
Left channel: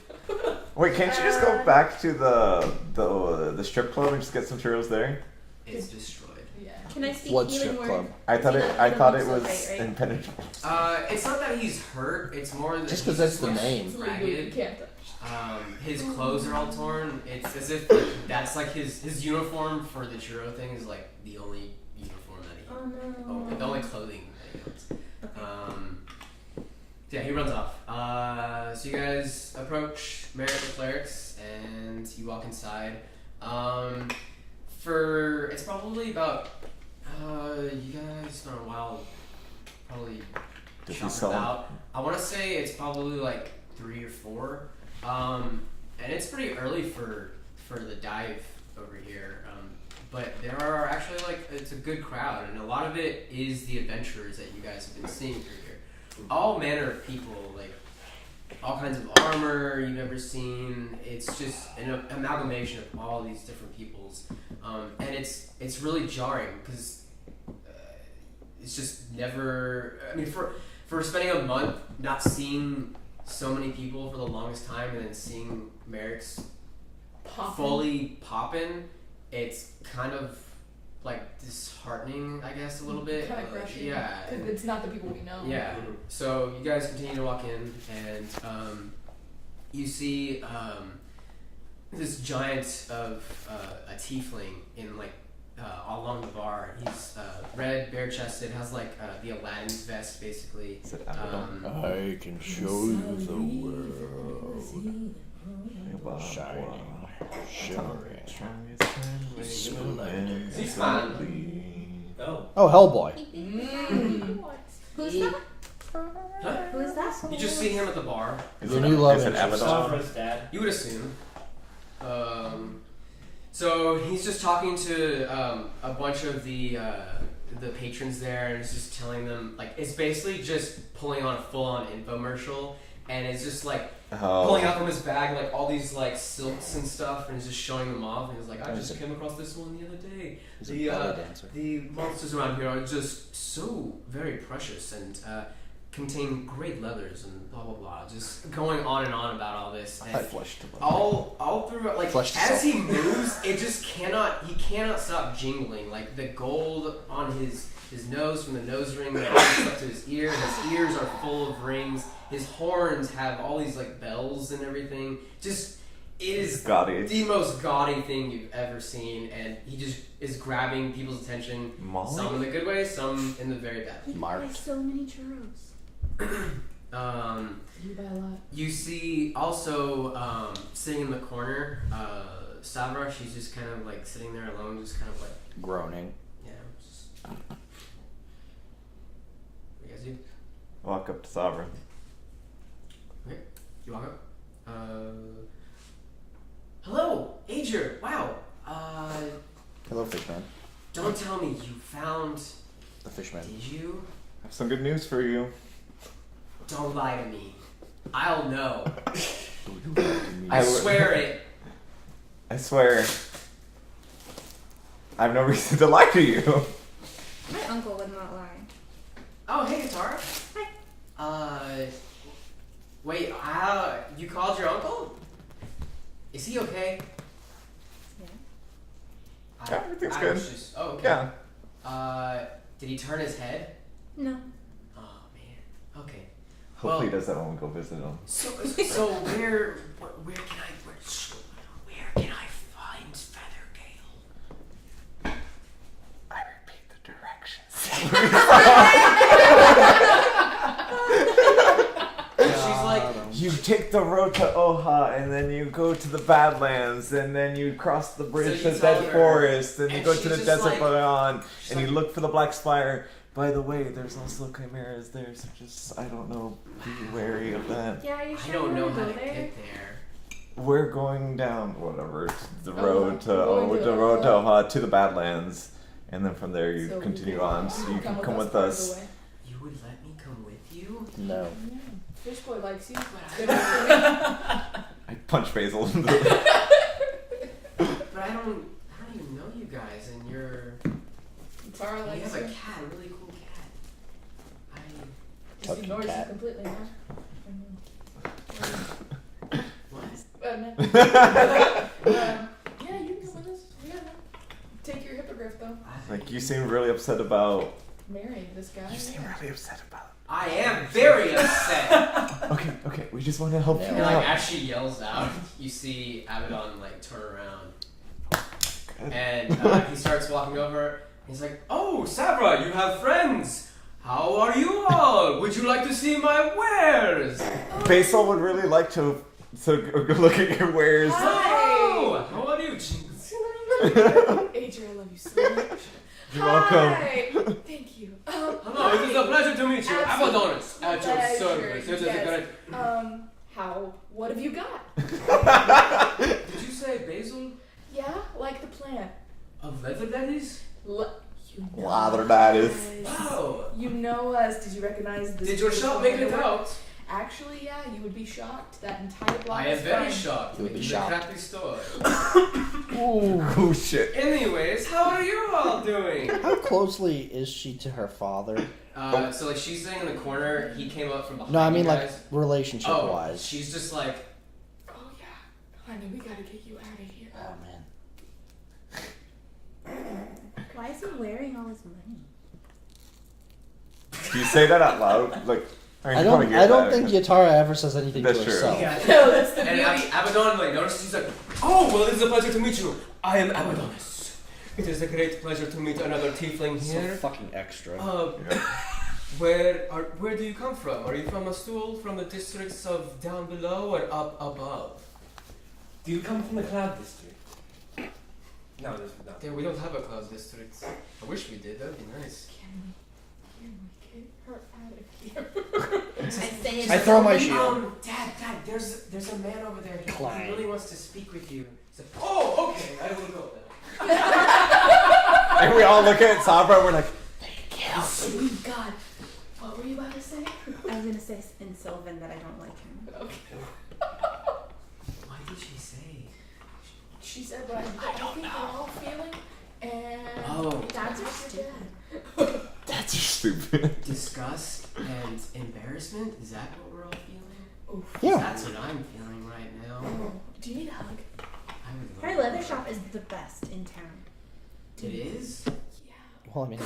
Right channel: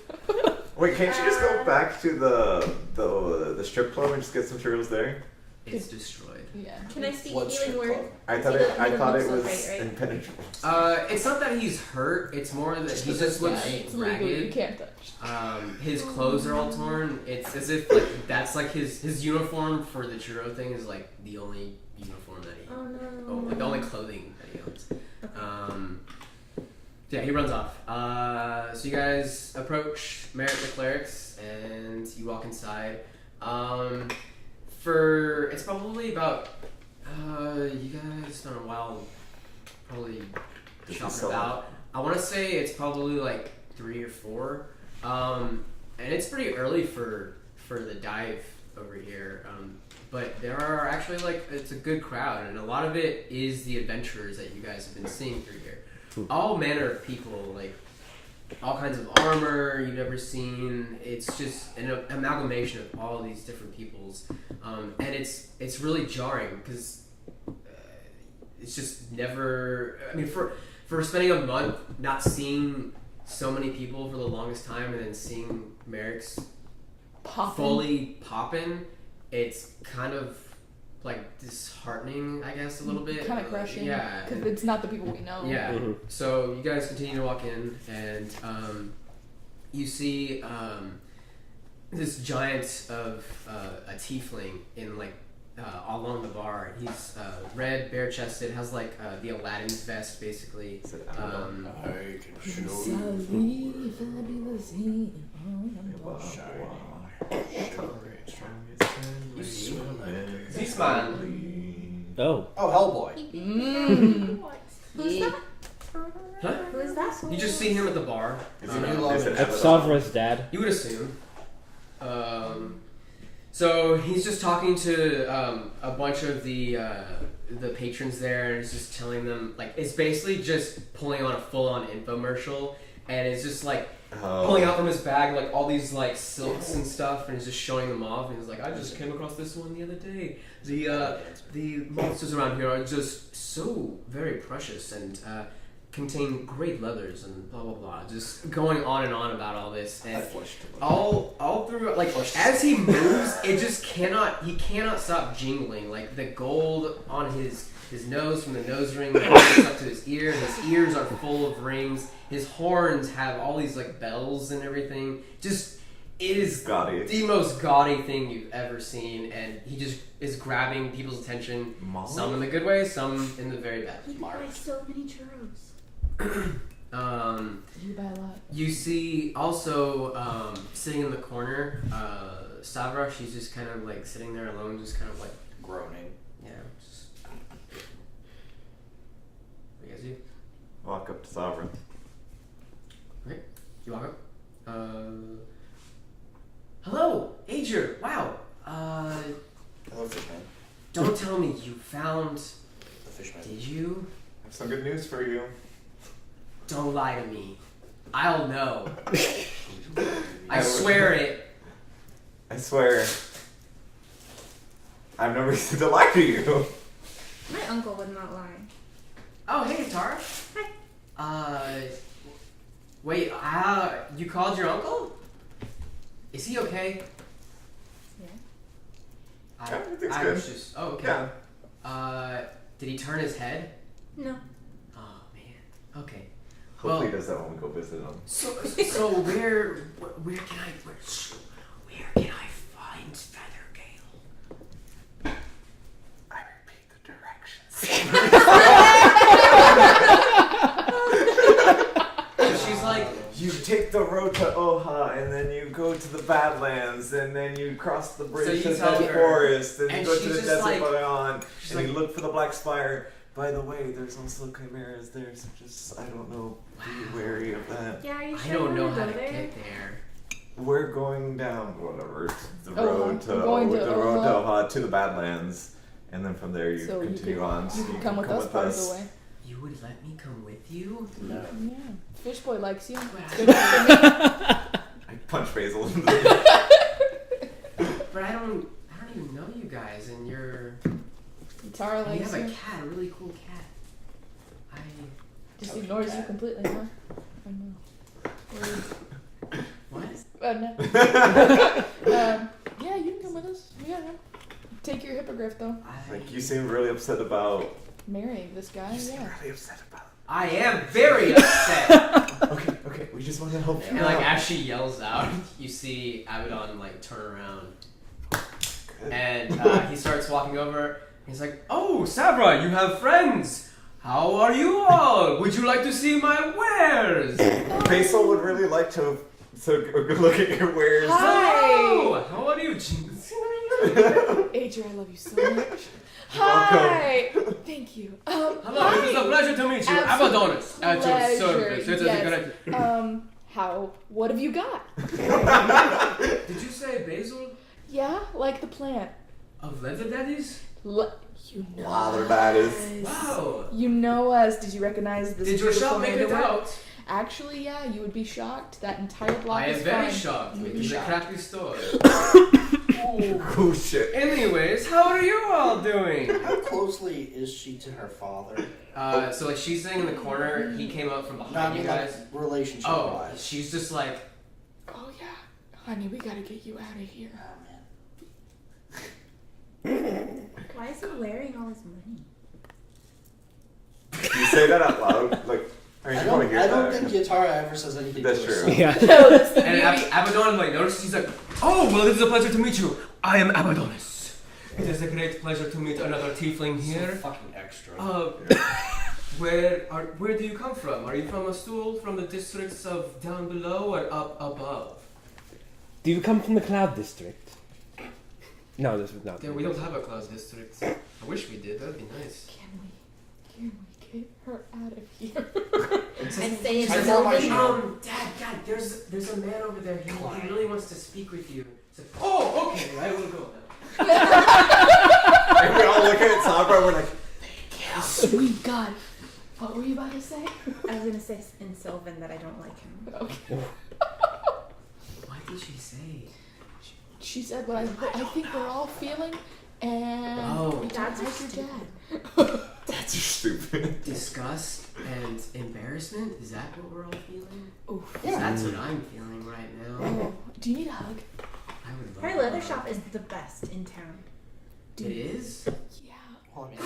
Wait, can't you just go back to the strip club and just get some churros there? It's destroyed. Yeah. Can I speak What healing strip word? club? I thought He it doesn't was look so great, right? impenetrable. It's not that he's hurt. It's more that Just he 'cause that's just the looks name. It's legal, you ragged. can't touch. His clothes are all torn. It's as if like, that's like his uniform for the churro thing is like the only uniform that he Oh no. the only clothing that he owns. Okay. Yeah, he runs off. So you guys approach Merrick the Clerics, and you walk inside. It's probably about you guys spent a while probably Does he shopping sell about. I want to say it's probably like 3 or 4, and it's pretty early for the dive over here. But there are actually like it's a good crowd, and a lot of it is the adventurers that you guys have been seeing through here. All manner of people, like all kinds of armor you've never seen. It's just an amalgamation of all these different peoples, and it's really jarring because it's just never. I mean, for spending a month not seeing so many people for the longest time, and then seeing Merrick's fully poppin', it's kind of like disheartening, I guess, a little bit. Kind of crushing. Yeah. Because it's not the people we know. Yeah. So you guys continue to walk in, and you see this giant of a tiefling in like along the bar. He's red, bare chested, has like the Aladdin's vest basically. Is it Abaddon? I can show you the world. He's fine. Oh. Oh, Hellboy. Who's that? Huh? Who is that? You just see him at the bar. Is The it, new logo. is it Abaddon? Savra's dad. You would assume. So he's just talking to a bunch of the patrons there, and he's just telling them like it's basically just pulling on a full-on infomercial, and it's just like pulling out from his bag like all these like silks and stuff, and he's just showing them off, and he's like, I just came across this one the other day. The monsters around here are just so very precious, and contain great leathers and blah blah blah. Just going on and on about all this. And I flushed a little. all through, like, Flushed as he moves, it just cannot. He cannot stop jingling. Like the gold on his nose from the nose ring that goes up to his ear. His ears are full of rings. His horns have all these like bells and everything. Just it is Gaudy. the most gaudy thing you've ever seen, and he just is grabbing people's attention. Molly? Some in the good way, some in the very bad. He buys so many churros. You buy a lot. You see also sitting in the corner, Sabra. She's just kind of like sitting there alone, just kind of like Groaning. yeah. Just... What do you guys do? Walk up to Sovereign. Okay, you walk up. Hello, Ager. Wow. Hello, fishman. Don't tell me you found. The fishman. Did you? I have some good news for you. Don't lie to me. I'll know. I I swear it. I swear. I have no reason to lie to you. My uncle would not lie. Oh, hey, Tara. Hi. Wait, you called your uncle? Is he okay? Yeah. Yeah, everything's I good. was just, oh, okay. Yeah. Did he turn his head? No. Oh, man. Okay. Hopefully he Well, does that when we go visit him. So where can I find Feathergale? I repeat the directions. She's like, You take the road to Oha, and then you go to the Badlands, and then you cross the bridge So to you tell Dead her, Forest, and you and go to she's the just Desert like- Beyond, she's and you like- look for the Black Spire. By the way, there's also chimeras there, so just, I don't know, be wary of that. Yeah, are you I sure don't you know want to how go to there? get there. We're going down, whatever, the Oha. road to We're going to the road to Oha. Oha to the Badlands, and then from there you So continue can, on. So you you can can come with us part of the way. You would let me come with you? No. Yeah. Fish boy likes you. But Good enough for me. I punch Basil. I don't even know you guys, and Tara you likes have you. a cat, a really cool cat. Just ignores you completely, huh? What? No. Yeah, you can come with us. Yeah, no. Take your hippogriff though. Like, you seem really upset about. Marrying this guy. You seem Yeah. really upset about. I am very upset. Okay, we just want to help you And like out. as she yells out, you see Abaddon like turn around, Good. and he starts walking over. He's like, "Oh, Sabra, you have friends. How are you all? Would you like to see my wares?" Basil would really like to look at your wares. Hello, how are you? Adrian, I love you so much. You're Hi. Thank you. Hello, it is a pleasure to meet you. Absolute Abaddonus at your service. pleasure, It is yes. great- What have you got? Did you say basil Yeah, like the plant. of leather? That is. You know Lather that is. us. Wow. You know us. Did you recognize this? Did your beautiful shop make it handiwork? out? Actually, yeah, you would be shocked. That entire block I am is very fine. shocked. You It would be is a shocked. crappy store. Oh shit. Anyways, how are you all doing? How closely is she to her father? So like she's sitting in the corner. He came up from behind No, I mean you like guys. relationship Oh, wise. she's just like, Oh yeah, honey, we gotta get you out of here. Oh man. Why is he wearing all his money? Do you say that out loud? Like, I mean, I you probably don't. hear I don't that. think Yatara ever says anything That's to true. herself. Yeah. No, that's the and beauty. Abaddon like noticed. He's like, oh well, it is a pleasure to meet you. I am Abaddonus. It is a great pleasure to meet another tiefling So here. fucking extra. Where do you come from? Are you from a stool from the districts of down below or up above? Do you come from the Cloud District? No, this is not. There, we don't have a cloud district. I wish we did. That'd be nice. Can we get her out of here? I'd say it's I throw my open. shield. Dad, there's a man over there. He really wants to speak with you. So, oh, okay, I will go then. And we all look at Sabra. We're like, Sweet God. What were you about to say? I was gonna say in Sylvan that I don't like him. Okay. What did she say? She said what I think we're all feeling, and Oh. Dads are that's your stupid. dad. That's stupid. disgust and embarrassment. Is that what we're all feeling? Oof. Yeah. That's what I'm feeling right now. Oh, do you need a hug? I would love Her a leather hug. shop is the best in town. It is. Yeah. Well, I mean,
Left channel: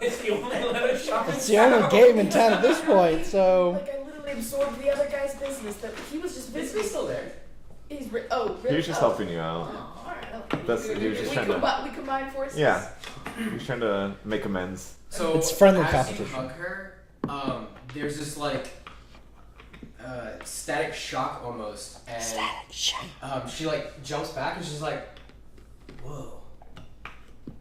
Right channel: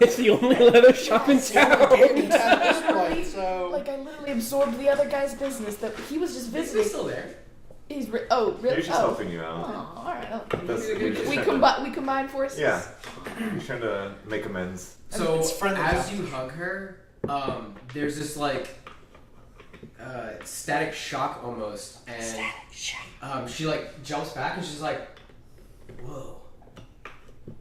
It's the only leather shop in it's the only town. game in town at this point, so. Like I literally absorbed the other guy's business that he was just Is visiting. he still there? He's really. He's just helping you out. Oh, all right. That's- he was just we, trying to- we combine forces. Yeah. He's trying to make amends. So It's friendly as you competition. hug her, there's this like static shock almost, and she like jumps back and she's like, "Whoa,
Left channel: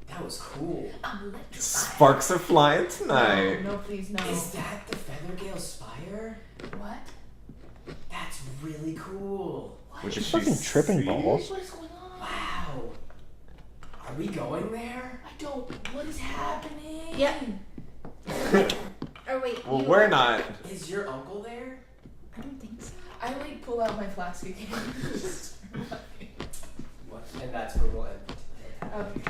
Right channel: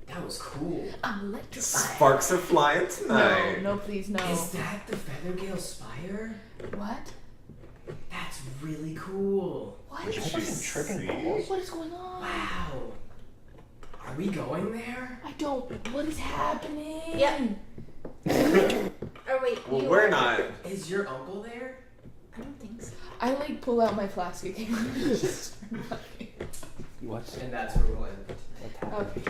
that was cool." I'm electrified. Sparks are flying tonight. No, please, no. Is that the Feathergale Spire? What? That's really cool. What? What did she Fucking tripping see? balls. What is going on? Wow. Are we going there? I don't. What is happening? Yep. Oh wait. Well, you we're are- not. Is your uncle there? I don't think so. I like pull out my flask again. What? And that's where we'll end. Okay.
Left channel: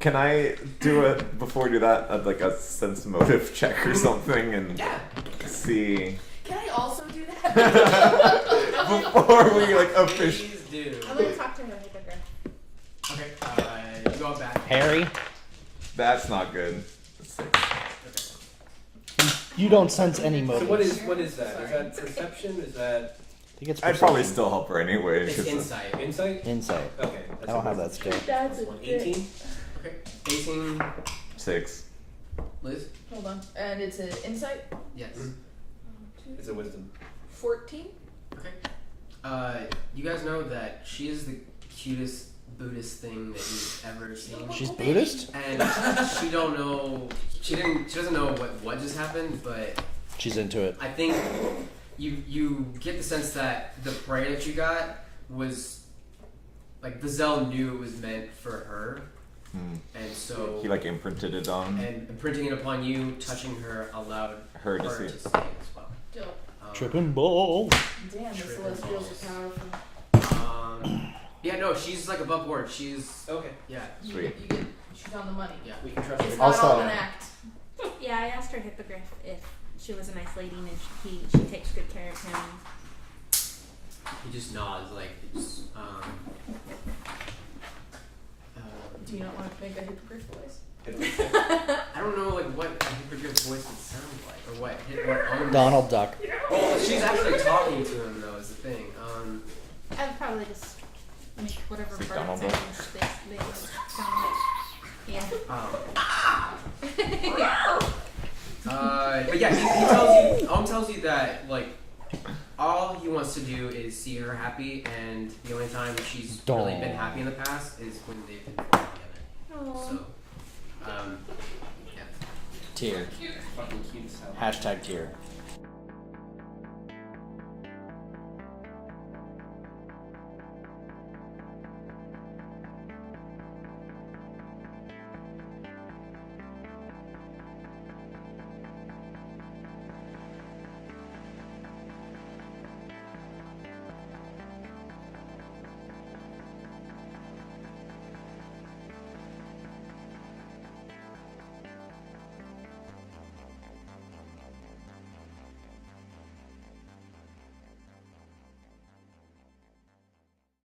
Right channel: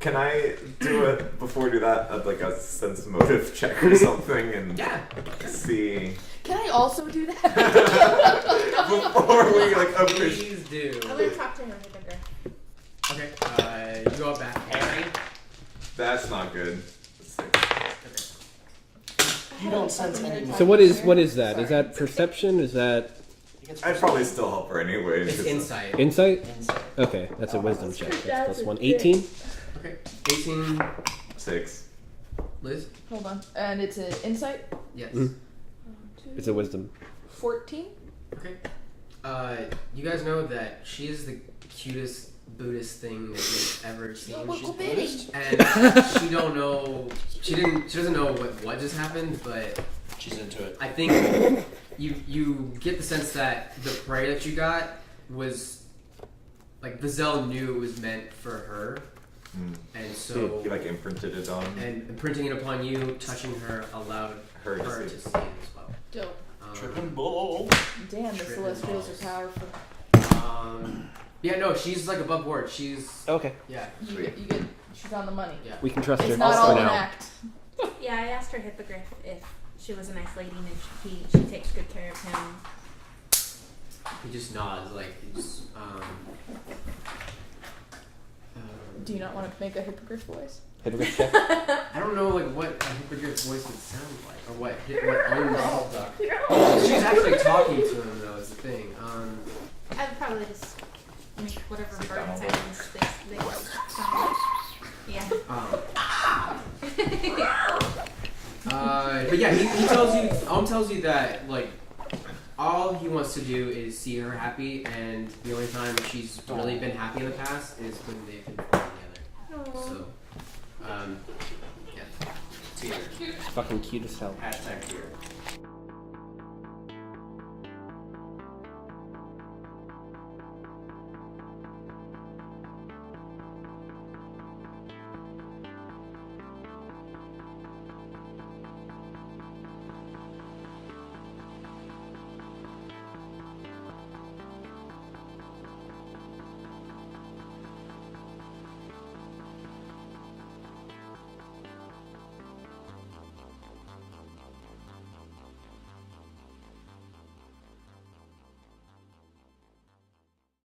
Can I do it before we do that? Like a sense motive check or something and Yeah. see Can I also do that? before we like officially. Please do. I'm gonna talk to her hippogriff. Okay. You go back. Harry, That's not good. That's six. you don't sense any So motive. what is that? Sorry. Is that perception? Is that He gets I'd probably still help her anyway. It's 'cause insight. insight? insight. Okay, that's a Oh, wisdom that's check. good. That's plus one. 18? Okay. 18. 6. Liz? Hold on. And it's an insight. Yes. Mm. It's a wisdom. 14. Okay. You guys know that she is the cutest Buddhist thing that you've ever seen. She's Buddhist? And she don't know. She doesn't know what just happened, but She's into it. I think you get the sense that the prayer that you got was like the Zell knew it was meant for her, and so He like imprinted it on and imprinting it upon you, touching her allowed her to her see. to see it as well. Dope. Tripping ball. Damn, the Tripping Celestials balls. are powerful. Yeah, no, she's like above board. She's Okay. yeah. Sweet. You get, she's on the money. Yeah. We can trust It's her. not Also- all an act. Yeah, I asked her hippogriff if she was a nice lady and if she takes good care of him. He just nods like it's Do you not want to make a hippogriff voice? I don't know like what a hippogriff voice would sound like or what own Donald Duck. She's actually talking to him though is the thing. I would probably just make whatever bird Donald sounds they sound like. Yeah. But yeah, he tells you tells you that like all he wants to do is see her happy, and the only time she's really been happy in the past is when they've been together. Aw. So, yeah. Tear. Fucking cute as hell. Hashtag tear.